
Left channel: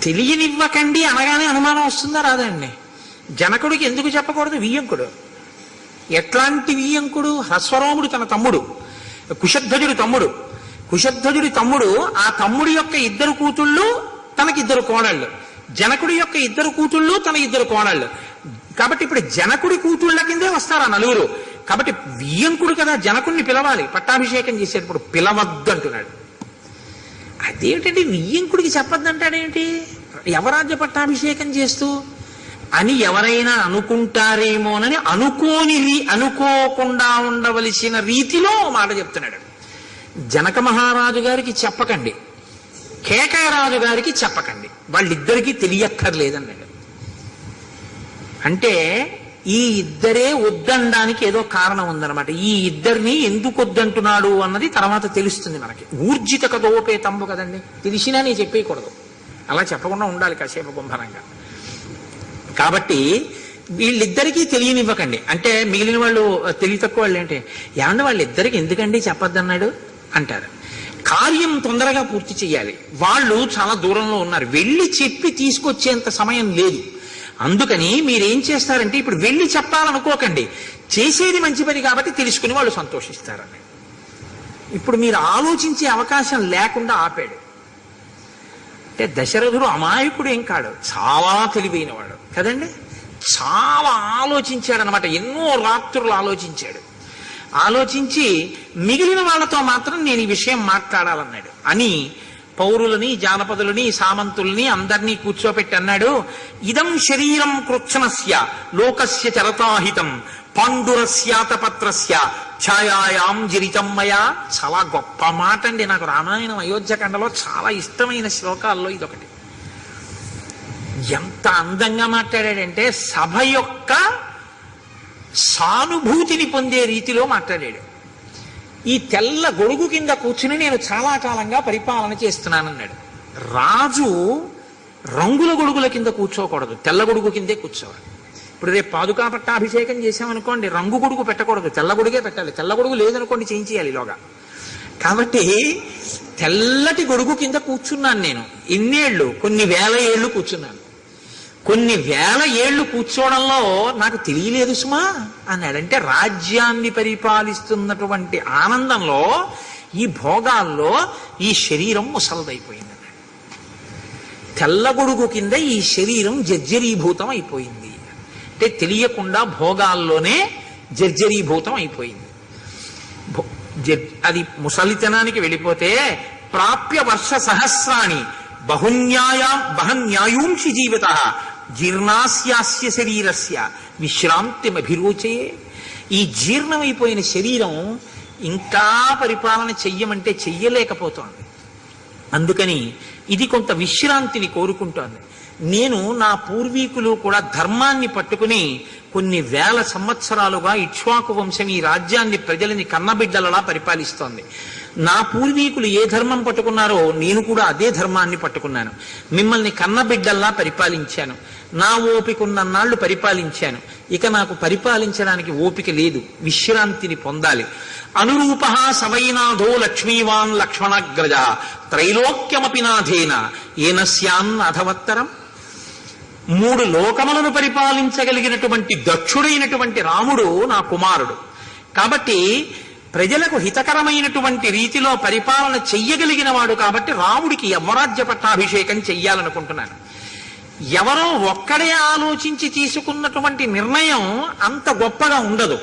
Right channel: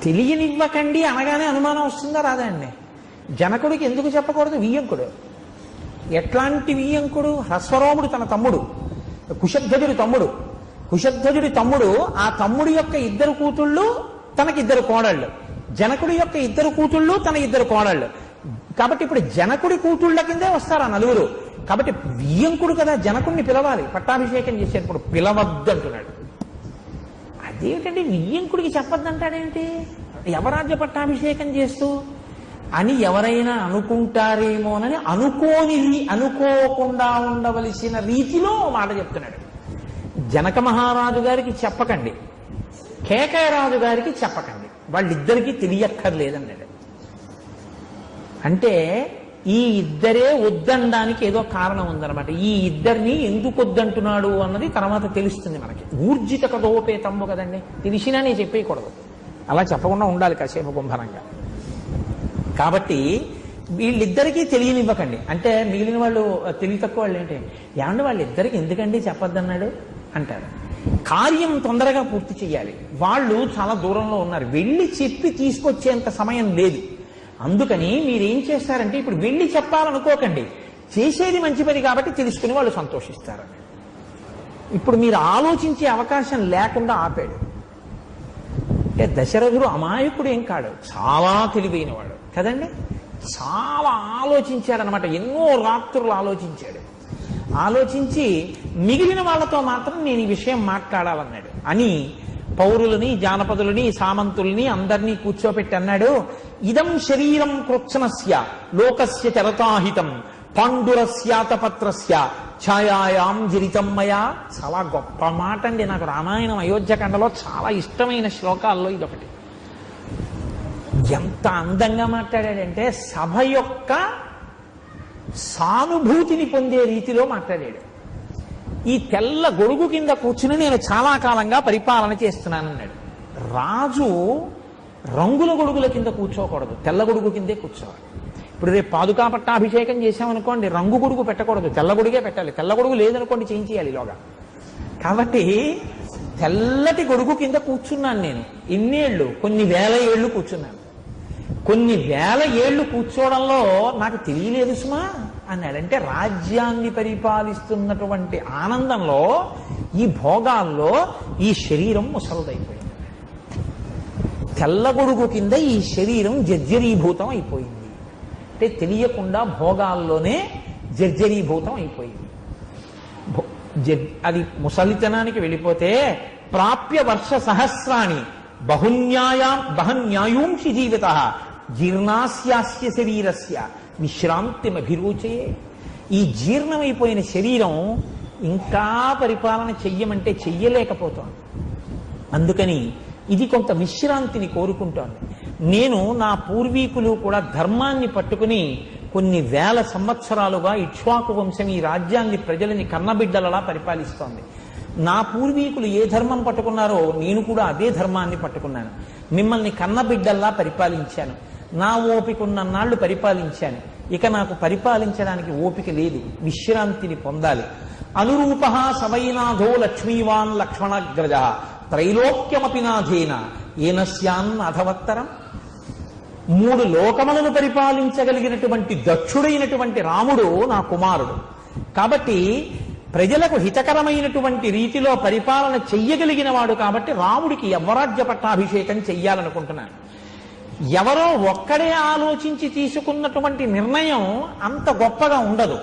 తెలియనివ్వకండి అనగానే అనుమానం వస్తుందా రాదండి? జనకుడికి ఎందుకు చెప్పకూడదు? వియ్యంకుడు. ఎట్లాంటి వియ్యంకుడు? హ్రస్వరోముడు తన తమ్ముడు, కుశధ్వజుడి తమ్ముడు. కుశధ్వజుడి తమ్ముడు, ఆ తమ్ముడి యొక్క 2 కూతుళ్ళు తనకి 2 కోడళ్ళు, జనకుడి యొక్క 2 కూతుళ్ళు తన 2 కోడళ్ళు. కాబట్టి ఇప్పుడు జనకుడి కూతుళ్ళ కిందే వస్తారు ఆ 4. కాబట్టి వియ్యంకుడు కదా, జనకుడిని పిలవాలి. పట్టాభిషేకం చేసేటప్పుడు పిలవద్దంటున్నాడు. అదేమిటంటే వియ్యంకుడికి చెప్పొద్దంటాడేంటి? యవరాజ్య పట్టాభిషేకం చేస్తూ అని ఎవరైనా అనుకుంటారేమోనని అనుకోకుండా ఉండవలసిన రీతిలో మాట చెప్తున్నాడు. జనక మహారాజు గారికి చెప్పకండి, కేకయ రాజు గారికి చెప్పకండి, వాళ్ళిద్దరికీ తెలియక్కర్లేదన్నాడు. అంటే ఈ ఇద్దరే వద్దనడానికి ఏదో కారణం ఉందన్నమాట. ఈ ఇద్దరిని ఎందుకు వద్దంటున్నాడు అన్నది తర్వాత తెలుస్తుంది మనకి. ఊర్జిత కథోపేతంబు కదండి, తెలిసినా నేను చెప్పేయకూడదు, అలా చెప్పకుండా ఉండాలి కాసేపు గుంభనంగా. కాబట్టి వీళ్ళిద్దరికీ తెలియనివ్వకండి. అంటే మిగిలిన వాళ్ళు తెలివి తక్కువ వాళ్ళు ఏంటి, ఏమన్నా వాళ్ళిద్దరికి ఎందుకండి చెప్పొద్దన్నాడు అంటారు. కార్యం తొందరగా పూర్తి చేయాలి. వాళ్ళు చాలా దూరంలో ఉన్నారు, వెళ్ళి చెప్పి తీసుకొచ్చేంత సమయం లేదు. అందుకని మీరేం చేస్తారంటే ఇప్పుడు వెళ్ళి చెప్పాలనుకోకండి, చేసేది మంచి పని కాబట్టి తెలుసుకుని వాళ్ళు సంతోషిస్తారని. ఇప్పుడు మీరు ఆలోచించే అవకాశం లేకుండా ఆపాడు. అంటే దశరథుడు అమాయకుడు ఏం కాడు, చాలా తెలివైనవాడు కదండి. చాలా ఆలోచించాడు అనమాట. ఎన్నో రాత్రులు ఆలోచించాడు. ఆలోచించి మిగిలిన వాళ్ళతో మాత్రం నేను ఈ విషయం మాట్లాడాలన్నాడు. అని పౌరులని, జానపదులని, సామంతుల్ని అందరినీ కూర్చోపెట్టి అన్నాడు, ఇదం శరీరం కృత్సనస్య లోకస్య చరతాహితం పాండురస్యాతపత్రస్య ఛాయాయాం జిరితం మయా. చాలా గొప్ప మాట అండి. నాకు రామాయణం అయోధ్యకాండలో చాలా ఇష్టమైన శ్లోకాల్లో ఇదొకటి. ఎంత అందంగా మాట్లాడాడంటే సభ యొక్క సానుభూతిని పొందే రీతిలో మాట్లాడాడు. ఈ తెల్ల గొడుగు కింద కూర్చుని నేను చాలా కాలంగా పరిపాలన చేస్తున్నానన్నాడు. రాజు రంగుల గొడుగుల కింద కూర్చోకూడదు, తెల్ల గొడుగు కిందే కూర్చోవాలి. ఇప్పుడు రేపు పాదుకా పట్టాభిషేకం చేసామనుకోండి, రంగు గొడుగు పెట్టకూడదు, తెల్ల గొడుగే పెట్టాలి. తెల్ల గొడుగు లేదనుకోండి చేయించేయాలి ఇలాగా. కాబట్టి తెల్లటి గొడుగు కింద కూర్చున్నాను నేను. ఎన్నేళ్ళు? కొన్ని వేల ఏళ్ళు కూర్చున్నాను. కొన్ని వేల ఏళ్ళు కూర్చోవడంలో నాకు తెలియలేదు సుమా అన్నాడంటే, రాజ్యాన్ని పరిపాలిస్తున్నటువంటి ఆనందంలో, ఈ భోగాల్లో ఈ శరీరం ముసలదైపోయింది అన్నాడు. తెల్ల గొడుగు కింద ఈ శరీరం జర్జరీభూతం అయిపోయింది అంటే తెలియకుండా భోగాల్లోనే జర్జరీభూతం అయిపోయింది. అది ముసలితనానికి వెళ్ళిపోతే ప్రాప్య వర్ష సహస్రాణి బహన్యాయూంషి జీవిత జీర్ణాస్యాస్య శరీరస్య విశ్రాంతిమభిరుచయే. ఈ జీర్ణమైపోయిన శరీరం ఇంకా పరిపాలన చెయ్యమంటే చెయ్యలేకపోతోంది. అందుకని ఇది కొంత విశ్రాంతిని కోరుకుంటోంది. నేను నా పూర్వీకులు కూడా ధర్మాన్ని పట్టుకుని కొన్ని వేల సంవత్సరాలుగా ఇక్ష్వాకు వంశం ఈ రాజ్యాన్ని ప్రజలని కన్నబిడ్డలలా పరిపాలిస్తోంది. నా పూర్వీకులు ఏ ధర్మం పట్టుకున్నారో నేను కూడా అదే ధర్మాన్ని పట్టుకున్నాను. మిమ్మల్ని కన్నబిడ్డల్లా పరిపాలించాను. నా ఓపిక ఉన్నన్నాళ్ళు పరిపాలించాను. ఇక నాకు పరిపాలించడానికి ఓపిక లేదు, విశ్రాంతిని పొందాలి. అనురూప సవైనాథో లక్ష్మీవాన్ లక్ష్మణగ్రజ త్రైలోక్యమపి నాథేన ఏనస్యాన్ అధవత్తరం. 3 లోకములను పరిపాలించగలిగినటువంటి దక్షుడైనటువంటి రాముడు నా కుమారుడు. కాబట్టి ప్రజలకు హితకరమైనటువంటి రీతిలో పరిపాలన చెయ్యగలిగిన వాడు. కాబట్టి రాముడికి యవ్వరాజ్య పట్టాభిషేకం చెయ్యాలనుకుంటున్నాను. ఎవరో ఒక్కడే ఆలోచించి తీసుకున్నటువంటి నిర్ణయం అంత గొప్పగా ఉండదు.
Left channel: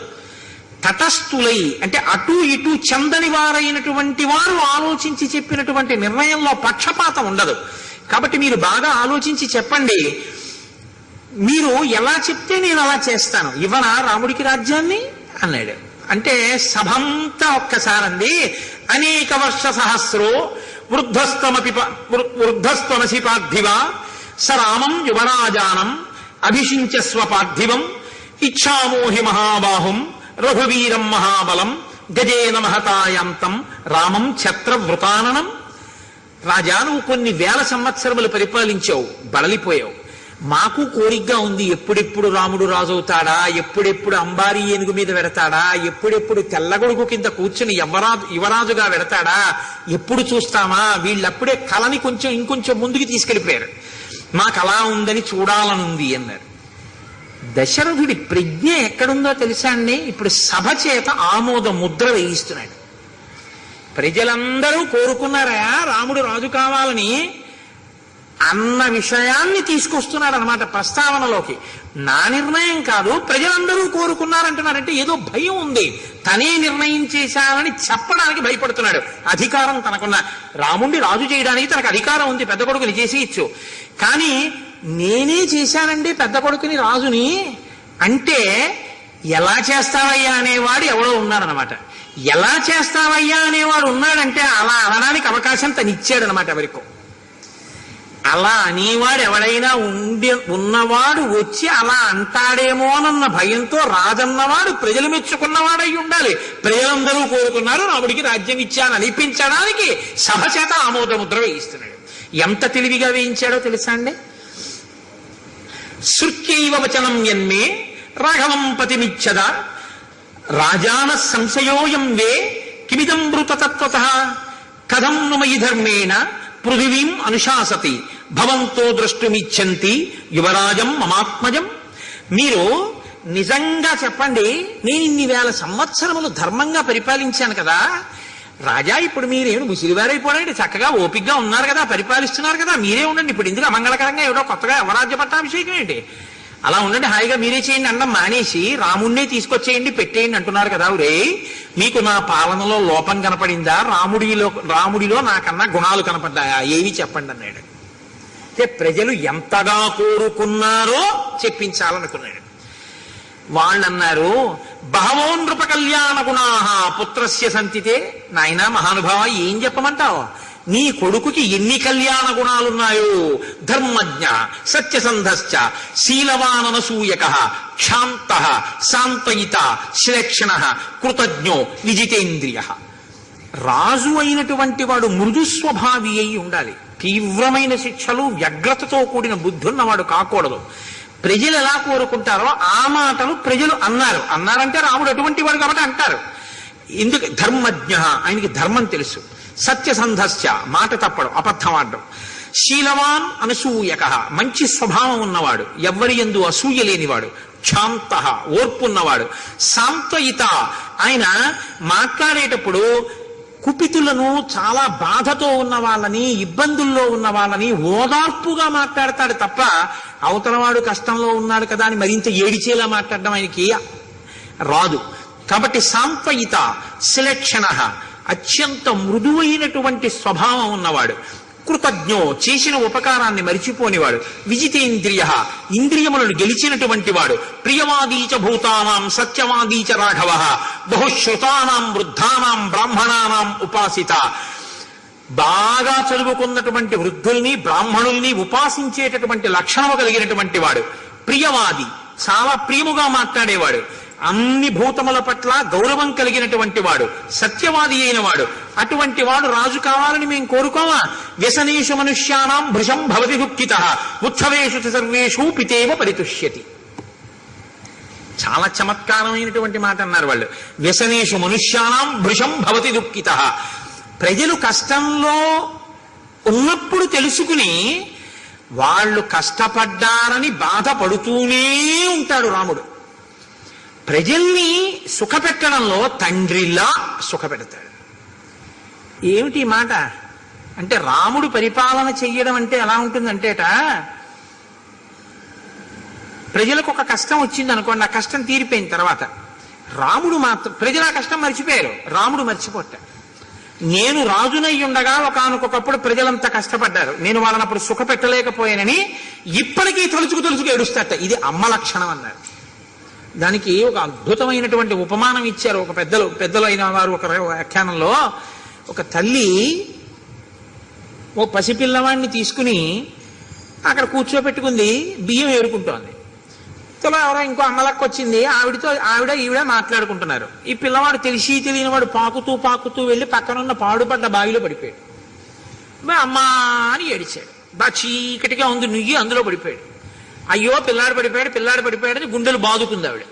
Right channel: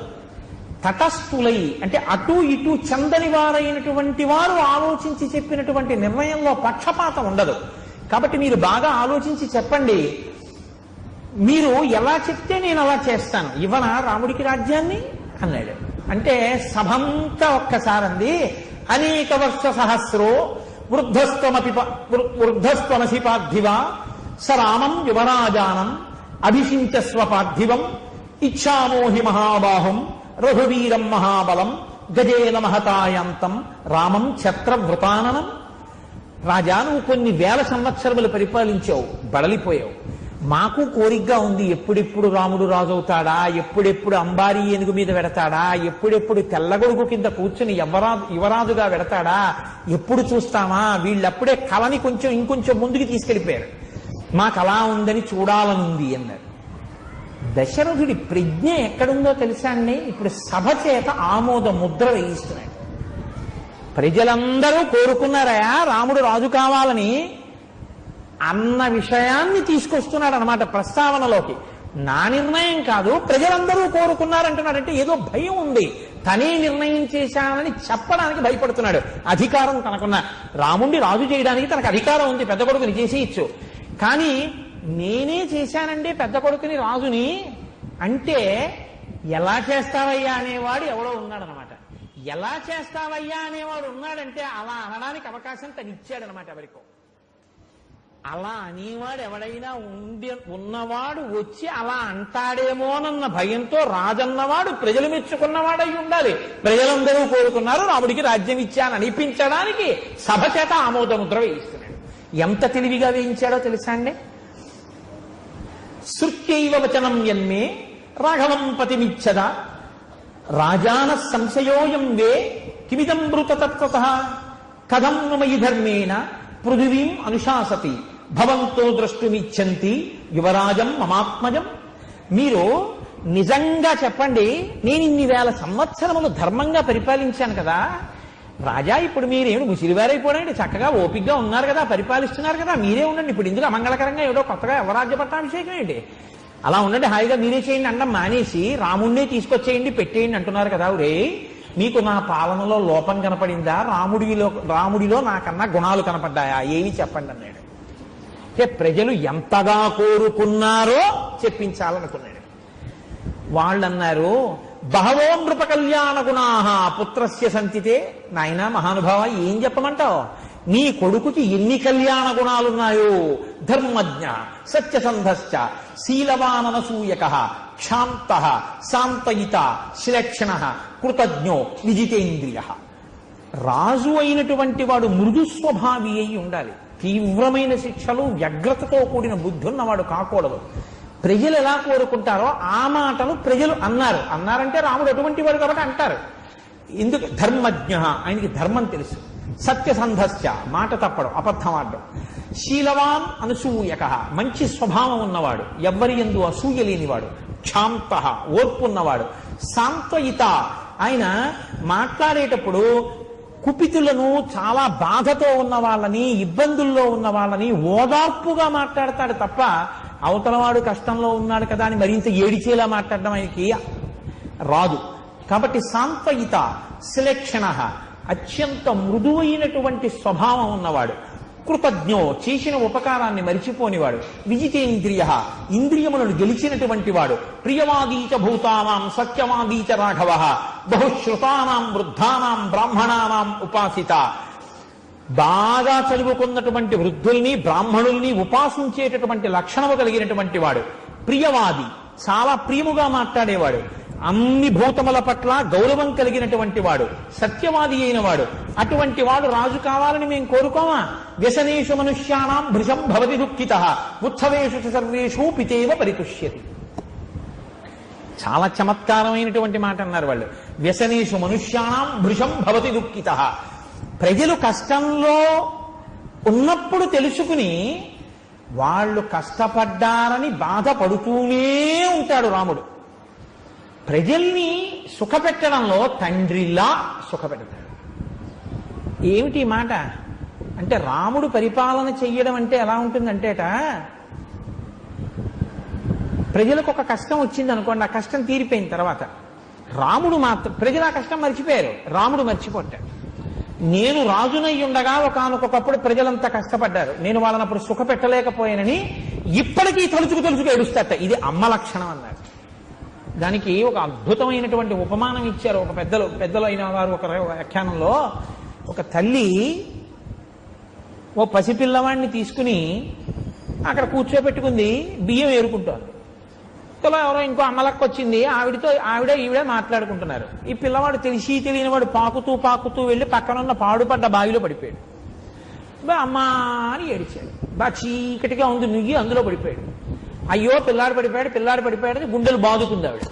తటస్థులై అంటే అటు ఇటు చెందని వారైనటువంటి వారు ఆలోచించి చెప్పినటువంటి నిర్ణయంలో పక్షపాతం ఉండదు. కాబట్టి మీరు బాగా ఆలోచించి చెప్పండి, మీరు ఎలా చెప్తే నేను అలా చేస్తాను, ఇవ్వనా రాముడికి రాజ్యాన్ని అన్నాడు. అంటే సభంతా ఒక్కసారంది. అనేక వర్ష సహస్రో వృద్ధస్త్వమసి పార్థివ సరామం యువరాజానం అభిషించస్వ పార్థివం ఇచ్ఛామోహి మహాబాహుం రఘువీరం మహాబలం గజేన మహతాయాంతం రామం ఛత్రవృతాననం. రాజా, నువ్వు కొన్ని వేల సంవత్సరములు పరిపాలించావు, బడలిపోయావు. మాకు కోరికగా ఉంది, ఎప్పుడెప్పుడు రాముడు రాజవుతాడా, ఎప్పుడెప్పుడు అంబారీ ఏనుగు మీద వెడతాడా, ఎప్పుడెప్పుడు తెల్లగొడుగు కింద కూర్చుని యువరాజుగా వెడతాడా, ఎప్పుడు చూస్తామా. వీళ్ళప్పుడే కళని ఇంకొంచెం ముందుకు తీసుకెళ్ళిపోయారు. మాకు అలా ఉందని చూడాలనుంది అన్నారు. దశరథుడి ప్రజ్ఞ ఎక్కడుందో తెలుసా అండి? ఇప్పుడు సభ చేత ఆమోద ముద్ర వేయిస్తున్నాడు. ప్రజలందరూ కోరుకున్నారా రాముడు రాజు కావాలని అన్న విషయాన్ని తీసుకొస్తున్నాడు అనమాట ప్రస్తావనలోకి. నా నిర్ణయం కాదు, ప్రజలందరూ కోరుకున్నారంటున్నారంటే ఏదో భయం ఉంది. తనే నిర్ణయం చేశానని చెప్పడానికి భయపడుతున్నాడు. అధికారం తనకున్న, రాముడిని రాజు చేయడానికి తనకు అధికారం ఉంది, పెద్ద కొడుకుని చేసేయచ్చు. కానీ నేనే చేశానండి పెద్ద కొడుకుని రాజుని అంటే ఎలా చేస్తావయ్యా అనేవాడు ఎవడో ఉన్నాడనమాట. ఎలా చేస్తావయ్యా అనేవాడు ఉన్నాడంటే అలా అనడానికి అవకాశం తను ఇచ్చాడనమాట ఎవరికో. అలా అనేవాడు ఎవడైనా ఉన్నవాడు వచ్చి అలా అంటాడేమోనన్న భయంతో రాజన్నవాడు ప్రజలు మెచ్చుకున్నవాడై ఉండాలి. ప్రజలందరూ కోరుకున్నారు, రాముడికి రాజ్యం ఇచ్చాను అనిపించడానికి సభ చేత ఆమోదముద్ర వేయిస్తున్నాడు. ఎంత తెలివిగా వేయించాడో తెలుసా అండి? శృత్యైవ వచనం యన్మే రాఘవం పతిమిచ్చద రాజాన సంశయోయం వే కిమిదం మృతతత్వతః కథం ను మయి ధర్మేణ పృథివీం అనుశాసతి భవంతో ద్రష్టుమిచ్చంతి యువరాజం మమాత్మజం. మీరు నిజంగా చెప్పండి, నేను ఇన్ని వేల సంవత్సరములు ధర్మంగా పరిపాలించాను కదా రాజా, ఇప్పుడు మీరేమి ముసిరివారైపోడండి, చక్కగా ఓపికగా ఉన్నారు కదా, పరిపాలిస్తున్నారు కదా, మీరే ఉండండి. ఇప్పుడు ఇందులో అమంగళకరంగా ఏదో కొత్తగా యువరాజ్య పట్టాభిషేకం ఏంటి అలా ఉండండి, హాయిగా మీరే చేయండి అన్నం మానేసి రాముణ్ణే తీసుకొచ్చేయండి పెట్టేయండి అంటున్నారు కదా. ఒరే, మీకు నా పాలనలో లోపం కనపడిందా? రాముడిలో నాకన్నా గుణాలు కనపడ్డాయా? ఏవి చెప్పండి అన్నాడు. అంటే ప్రజలు ఎంతగా కోరుకున్నారో చెప్పించాలనుకున్నాడు. వాళ్ళన్నారు, బహవో నృప కళ్యాణ గుణాః పుత్రస్య సంతితే. నాయనా మహానుభావ, ఏం చెప్పమంటావు? నీ కొడుకుకి ఎన్ని కళ్యాణ గుణాలున్నాయో! ధర్మజ్ఞ, సత్యసంధశ్చ, శీలవాననసూయకః, క్షాంతః, శాంతయిత, శ్లేక్షణః, కృతజ్ఞో, విజితేంద్రియః. రాజు అయినటువంటి వాడు మృదు స్వభావి అయి ఉండాలి. తీవ్రమైన శిక్షలు, వ్యగ్రతతో కూడిన బుద్ధి ఉన్నవాడు కాకూడదు. ప్రజలు ఎలా కోరుకుంటారో ఆ మాటలు ప్రజలు అన్నారంటే రాముడు అటువంటి వాడు కాబట్టి అంటారు. ఎందుకు? ధర్మజ్ఞ, ఆయనకి ధర్మం తెలుసు. సత్యసంధశ్చ, మాట తప్పడం, అబద్ధం ఆడడం. శీలవాన్ అనసూయక, మంచి స్వభావం ఉన్నవాడు, ఎవ్వరి యందు అసూయ లేనివాడు. క్షాంత, ఓర్పు ఉన్నవాడు. శాంతయిత, ఆయన మాట్లాడేటప్పుడు కుపితులను, చాలా బాధతో ఉన్న వాళ్ళని, ఇబ్బందుల్లో ఉన్న వాళ్ళని ఓదార్పుగా మాట్లాడతాడు తప్ప అవతలవాడు కష్టంలో ఉన్నాడు కదా అని మరింత ఏడిచేలా మాట్లాడడం ఆయనకి రాదు. కాబట్టి సాంత్వయిత, శ్లేక్షణ, అత్యంత మృదువైనటువంటి స్వభావం ఉన్నవాడు. కృతజ్ఞో, చేసిన ఉపకారాన్ని మరిచిపోనివాడు. విజితేంద్రియ, ఇంద్రియములను గెలిచినటువంటి వాడు. ప్రియవాదీచ భూతానాం సత్యవాదీచ రాఘవ, బహుశ్రుతానాం వృద్ధానాం బ్రాహ్మణానాం ఉపాసిత. బాగా చదువుకున్నటువంటి వృద్ధుల్ని, బ్రాహ్మణుల్ని ఉపాసించేటటువంటి లక్షణము కలిగినటువంటి వాడు. ప్రియవాది, చాలా ప్రియముగా మాట్లాడేవాడు. అన్ని భూతముల పట్ల గౌరవం కలిగినటువంటి వాడు. సత్యవాది అయిన వాడు. అటువంటి వాడు రాజు కావాలని మేము కోరుకోమా? వ్యసనేషు మనుష్యానాం భృశం భవతి దుఃఖితః, ఉత్సవేషు సర్వేషు పితేవ పరితుష్యతి. చాలా చమత్కారమైనటువంటి మాట అన్నారు వాళ్ళు. వ్యసనేషు మనుష్యానాం భృశం భవతి దుఃఖితః. ప్రజలు కష్టంలో ఉన్నప్పుడు తెలుసుకుని వాళ్ళు కష్టపడ్డారని బాధపడుతూనే ఉంటాడు రాముడు. ప్రజల్ని సుఖపెట్టడంలో తండ్రిలా సుఖపెడతాడు. ఏమిటి మాట అంటే, రాముడు పరిపాలన చెయ్యడం అంటే ఎలా ఉంటుందంటేట, ప్రజలకు ఒక కష్టం వచ్చింది అనుకోండి, ఆ కష్టం తీరిపోయిన తర్వాత రాముడు మాత్రం, ప్రజలు ఆ కష్టం మర్చిపోయారు, రాముడు మర్చిపోతాడు. నేను రాజునై ఉండగా ఒకానొకప్పుడు ప్రజలంతా కష్టపడ్డారు, నేను వాళ్ళని అప్పుడు సుఖపెట్టలేకపోయానని ఇప్పటికీ తలుచుకు ఏడుస్తాట. ఇది అమ్మ లక్షణం అన్నారు. దానికి ఒక అద్భుతమైనటువంటి ఉపమానం ఇచ్చారు ఒక పెద్దలు అయిన వారు. ఒక వ్యాఖ్యానంలో ఒక తల్లి ఓ పసిపిల్లవాడిని తీసుకుని అక్కడ కూర్చోపెట్టుకుంది, బియ్యం ఏరుకుంటోంది. ఎవరో ఇంకో అమ్మలక్క వచ్చింది, ఈవిడ మాట్లాడుకుంటున్నారు. ఈ పిల్లవాడు తెలిసి తెలియని వాడు పాకుతూ వెళ్ళి పక్కనున్న పాడుపడ్డ బావిలో పడిపోయాడు. అమ్మా అని ఏడిచాడు. బాగా చీకటిగా ఉంది, నుయ్యి అందులో పడిపోయాడు. అయ్యో పిల్లాడు పడిపోయాడని గుండెలు బాదుకుంది ఆవిడ.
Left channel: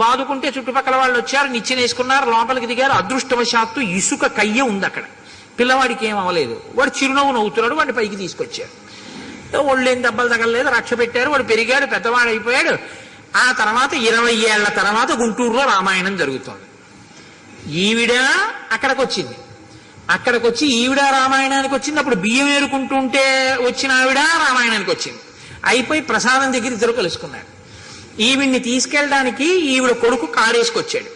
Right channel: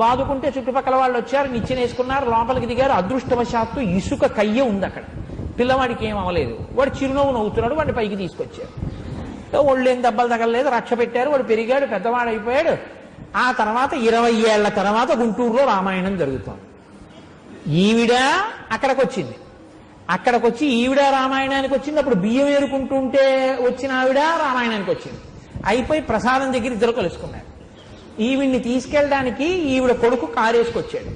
బాదుకుంటే చుట్టుపక్కల వాళ్ళు వచ్చారు, నిచ్చెనేసుకున్నారు, లోపలికి దిగారు. అదృష్టవశాత్తు ఇసుక కయ్య ఉంది అక్కడ. పిల్లవాడికి ఏం అవ్వలేదు. వాడు చిరునవ్వు నవ్వుతున్నాడు. వాడిని పైకి తీసుకొచ్చారు. ఒళ్ళేం దెబ్బలు తగలలేదు, రక్ష పెట్టారు. వాడు పెరిగాడు, పెద్దవాడు అయిపోయాడు. ఆ తర్వాత 20 ఏళ్ల తర్వాత గుంటూరులో రామాయణం జరుగుతోంది. ఈవిడ అక్కడికి వచ్చి ఈవిడ రామాయణానికి వచ్చింది. అప్పుడు బియ్యం ఏరుకుంటుంటే వచ్చిన ఆవిడ రామాయణానికి వచ్చింది. అయిపోయి ప్రసాదం దగ్గర ఇద్దరు కలుసుకున్నారు. ఈవిడ్ని తీసుకెళ్ళడానికి ఈవిడ కొడుకు కారేసుకొచ్చాడు.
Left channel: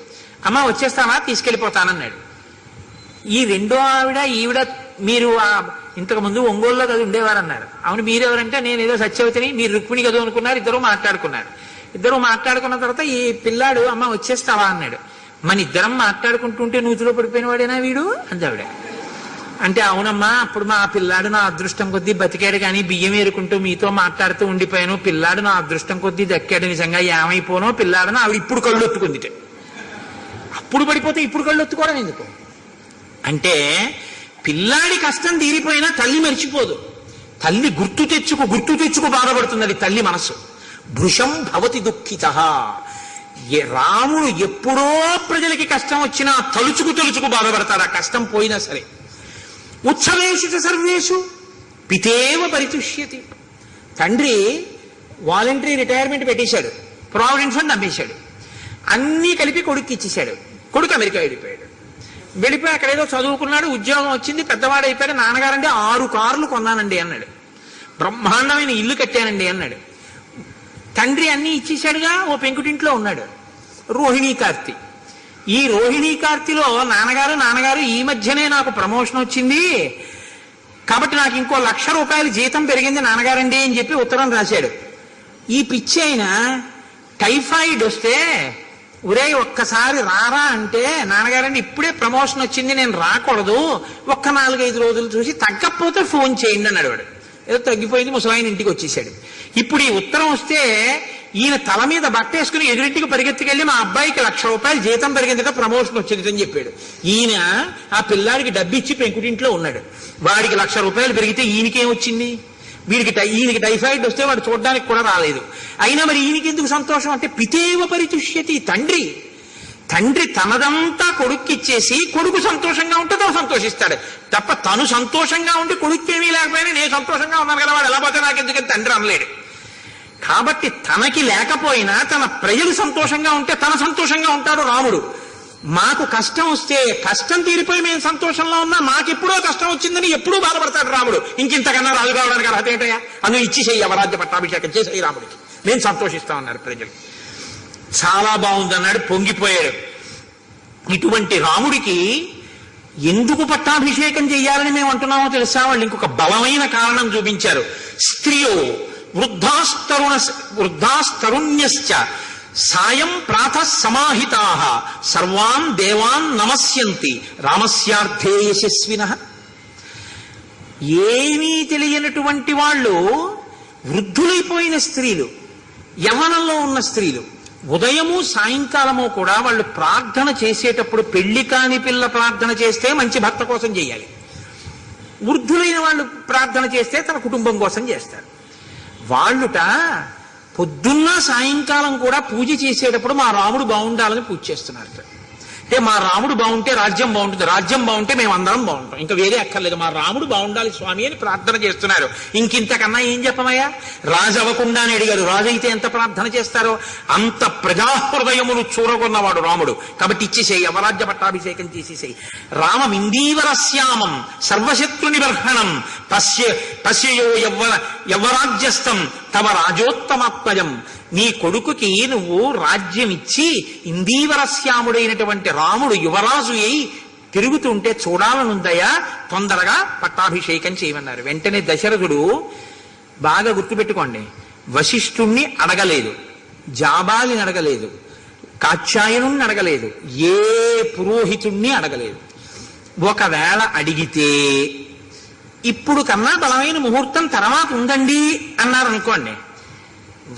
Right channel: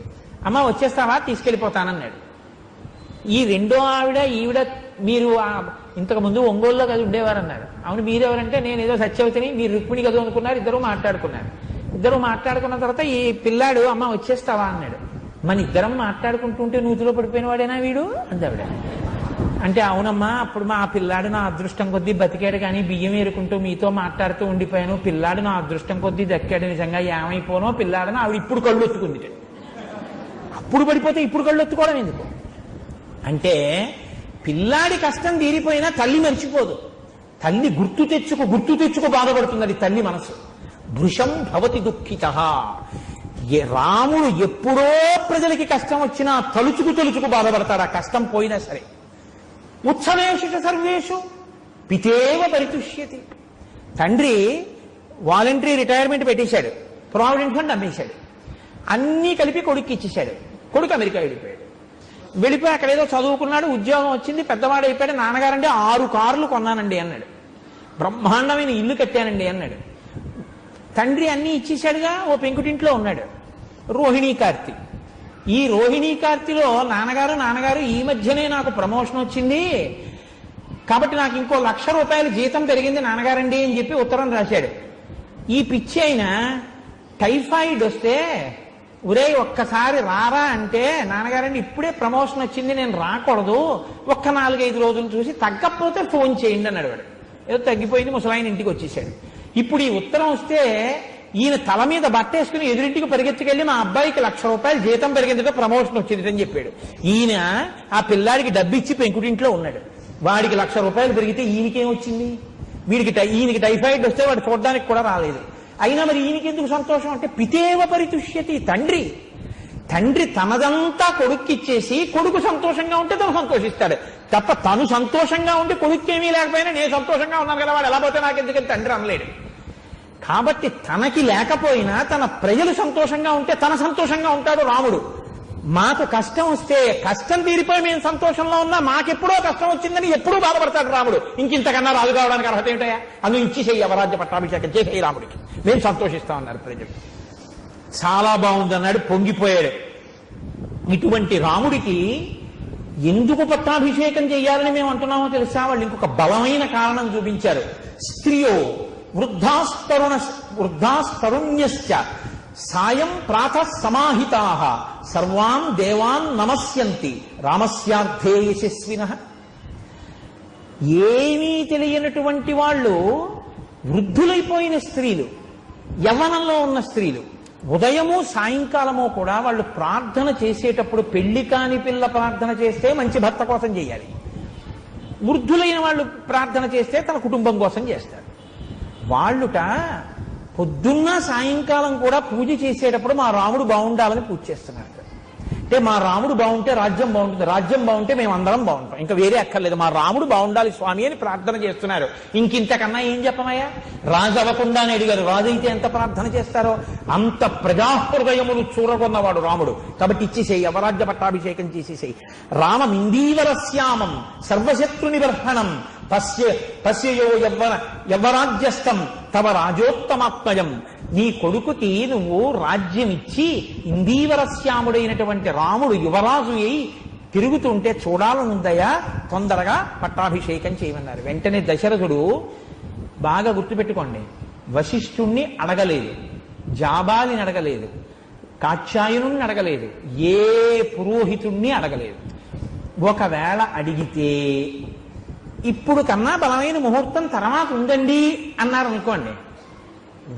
అమ్మ వచ్చేస్తావా? తీసుకెళ్ళిపోతానన్నాడు. ఈ రెండో ఈవిడ మీరు ఇంతకు ముందు ఒంగోలులో కదా ఉండేవారన్నారు. అవును, మీరెవరంటే నేను ఏదో సత్యవతిని, మీరు రుక్మిణి కదా అనుకున్నారు. ఇద్దరు మాట్లాడుకున్న తర్వాత ఈ పిల్లాడు అమ్మ వచ్చేస్తావా అన్నాడు. మన ఇద్దరం మాట్లాడుకుంటుంటే నూతిలో పడిపోయిన వాడేనా వీడు అందావిడ. అంటే అవునమ్మా, అప్పుడు మా పిల్లాడు నా అదృష్టం కొద్దీ బతికాడు, కానీ బియ్యం ఏరుకుంటూ మీతో మాట్లాడుతూ ఉండిపోయాను. పిల్లాడు నా అదృష్టం కొద్దీ దక్కాడు, నిజంగా ఏమైపోనో పిల్లాడని ఆవిడ ఇప్పుడు కళ్ళు ఒత్తుకుంది. అప్పుడు పడిపోతే ఇప్పుడు కళ్ళు ఒత్తుకోవడం ఎందుకు అంటే, పిల్లాడి కష్టం తీరిపోయినా తల్లి మర్చిపోదు. తల్లి గుర్తు తెచ్చుకు బాధపడుతున్నది తల్లి మనసు. భృశం భవతి దుఃఖితః. రాముడు ఎప్పుడో ప్రజలకి కష్టం వచ్చినా తలుచుకు బాధపడతాడు, ఆ కష్టం పోయినా సరే. ఉత్సవేషు సర్వేషు పితేవ పరితుష్యతి. తండ్రి వాలంటరీ రిటైర్మెంట్ పెట్టేశాడు, ప్రావిడెంట్ ఫండ్ అమ్మేశాడు, అన్నీ కలిపి కొడుకు ఇచ్చేశాడు. కొడుకు అమెరికా వెళ్ళిపోయి అక్కడ ఏదో చదువుకున్నాడు, ఉద్యోగం వచ్చింది, పెద్దవాడు అయిపోయాడు. నాన్నగారంటే 6 కార్లు కొన్నానండి అన్నాడు. బ్రహ్మాండమైన ఇల్లు కట్టానండి అన్నాడు. తండ్రి అన్ని ఇచ్చేశాడుగా, ఓ పెంకుటింట్లో ఉన్నాడు. రోహిణీ కార్తీ. ఈ రోహిణీ కార్తీలో నాన్నగారు ఈ మధ్యనే నాకు ప్రమోషన్ వచ్చింది కాబట్టి నాకు ఇంకో 1,00,000 రూపాయలు జీతం పెరిగింది నాన్నగారండి అని చెప్పి ఉత్తరం రాశాడు. ఈ పిచ్చి అయిన టైఫాయిడ్ వస్తే ఒరే ఒక్కసారి రారా అంటే, నాన్నగారండి ఇప్పుడే ప్రమోషన్ వచ్చింది నేను రాకూడదు, ఒక్క 4-5 రోజులు చూసి తగ్గకపోతే ఫోన్ చేయండి అన్నాడు వాడు. ఏదో తగ్గిపోయింది, ముసలాయన ఇంటికి వచ్చేసాడు. ఇప్పుడు ఈ ఉత్తరం వస్తే ఈయన తల మీద బట్టేసుకుని ఎదురింటికి పరిగెత్తుకెళ్ళి మా అబ్బాయికి 1,00,000 రూపాయలు జీతం పెరిగిందిట, ప్రమోషన్ వచ్చింది అని చెప్పాడు. ఈయన ఆ పిల్లాడికి డబ్బిచ్చి పెంకుటింట్లో ఉన్నాడు. వాడికి 1,00,000 రూపాయలు పెరిగితే ఈయనకేం వచ్చింది? ఈయనకి టైఫాయిడ్ వస్తే వాడు చూడడానికి కూడా రాలేదు. అయినా మరి ఈయనకి ఎందుకు సంతోషం అంటే పితేవ పరితుష్యతి. తండ్రి తనదంతా కొడుక్కిచ్చేసి కొడుకు సంతోషంగా ఉంటే తను సంతోషిస్తాడు తప్ప తను సంతోషంగా ఉండి కొడుక్కి ఏమీ లేకపోయినా నేను సంతోషంగా ఉన్నాను కదా వాడు ఎలా పోతే నాకెందుకు తండ్రి అనలేడు. కాబట్టి తనకి లేకపోయినా తన ప్రజలు సంతోషంగా ఉంటే తన సంతోషంగా ఉంటాడు రాముడు. మాకు కష్టం వస్తే కష్టం తీరిపోయి మేము సంతోషంలో ఉన్నా మాకెప్పుడో కష్టం వచ్చిందని ఎప్పుడూ బాధపడతాడు రాముడు. ఇంకింతకన్నా రాజు కావడానికి అర్హత ఏంటయ్యా? అందుకు ఇచ్చేసేయి, అవరాజ్య పట్టాభిషేకం చేసేయి రాముడికి, మేము సంతోషిస్తామన్నారు ప్రజలు. చాలా బాగుందన్నాడు, పొంగిపోయాడు. ఇటువంటి రాముడికి ఎందుకు పట్టాభిషేకం చేయాలని మేము అంటున్నామో తెలుసా? వాళ్ళు ఇంకొక బలమైన కారణం చూపించారు. స్త్రియో వృద్ధాస్తరుణ్యశ్చ సాయం ప్రాతః సమాహితాః సర్వాన్ దేవాన్ నమస్యంతి రామస్యార్థే యశస్వినః. ఏమీ తెలియనటువంటి వాళ్ళు, వృద్ధులైపోయిన స్త్రీలు, యవ్వనంలో ఉన్న స్త్రీలు, ఉదయము సాయంకాలము కూడా వాళ్ళు ప్రార్థన చేసేటప్పుడు పెళ్లి కాని పిల్ల ప్రార్థన చేస్తే మంచి భర్త కోసం చేయాలి. వృద్ధులైన వాళ్ళు ప్రార్థన చేస్తే తన కుటుంబం కోసం చేస్తారు. వాళ్ళుట పొద్దున్న సాయంకాలం కూడా పూజ చేసేటప్పుడు మా రాముడు బాగుండాలని పూజ చేస్తున్నారు. అంటే మా రాముడు బాగుంటే రాజ్యం బాగుంటుంది, రాజ్యం బాగుంటే మేము అందరం బాగుంటాం, ఇంకా వేరే అక్కర్లేదు, మా రాముడు బాగుండాలి స్వామి అని ప్రార్థన చేస్తున్నారు. ఇంకింతకన్నా ఏం చెప్పమయ్యా? రాజు అవ్వకుండా అని అడిగారు. రాజు అయితే ఎంత ప్రార్థన చేస్తారో అంత ప్రజాహృదయములు చూరగొన్నవాడు రాముడు. కాబట్టి ఇచ్చేసేయి, అవరాజ్య పట్టాభిషేకం చేసేసేయి. రామమిందీవరశ్యామం సర్వశత్రు నిబర్హణం పశ్యయో యవ్వరాజ్యస్థం తవ రాజోత్తమాత్మజం. నీ కొడుకుకి నువ్వు రాజ్యం ఇచ్చి ఇందీవరశ్యాముడైనటువంటి రాముడు యువరాజు అయి తిరుగుతుంటే చూడాలనుందయ్యా, తొందరగా పట్టాభిషేకం చేయమన్నారు. వెంటనే దశరథుడు, బాగా గుర్తుపెట్టుకోండి, వశిష్ఠుణ్ణి అడగలేదు, జాబాలిని అడగలేదు, కాత్యాయనుణ్ణి అడగలేదు, ఏ పురోహితుణ్ణి అడగలేదు. ఒకవేళ అడిగితే ఇప్పుడు కన్నా బలమైన ముహూర్తం తర్వాత ఉందండి అన్నారనుకోండి,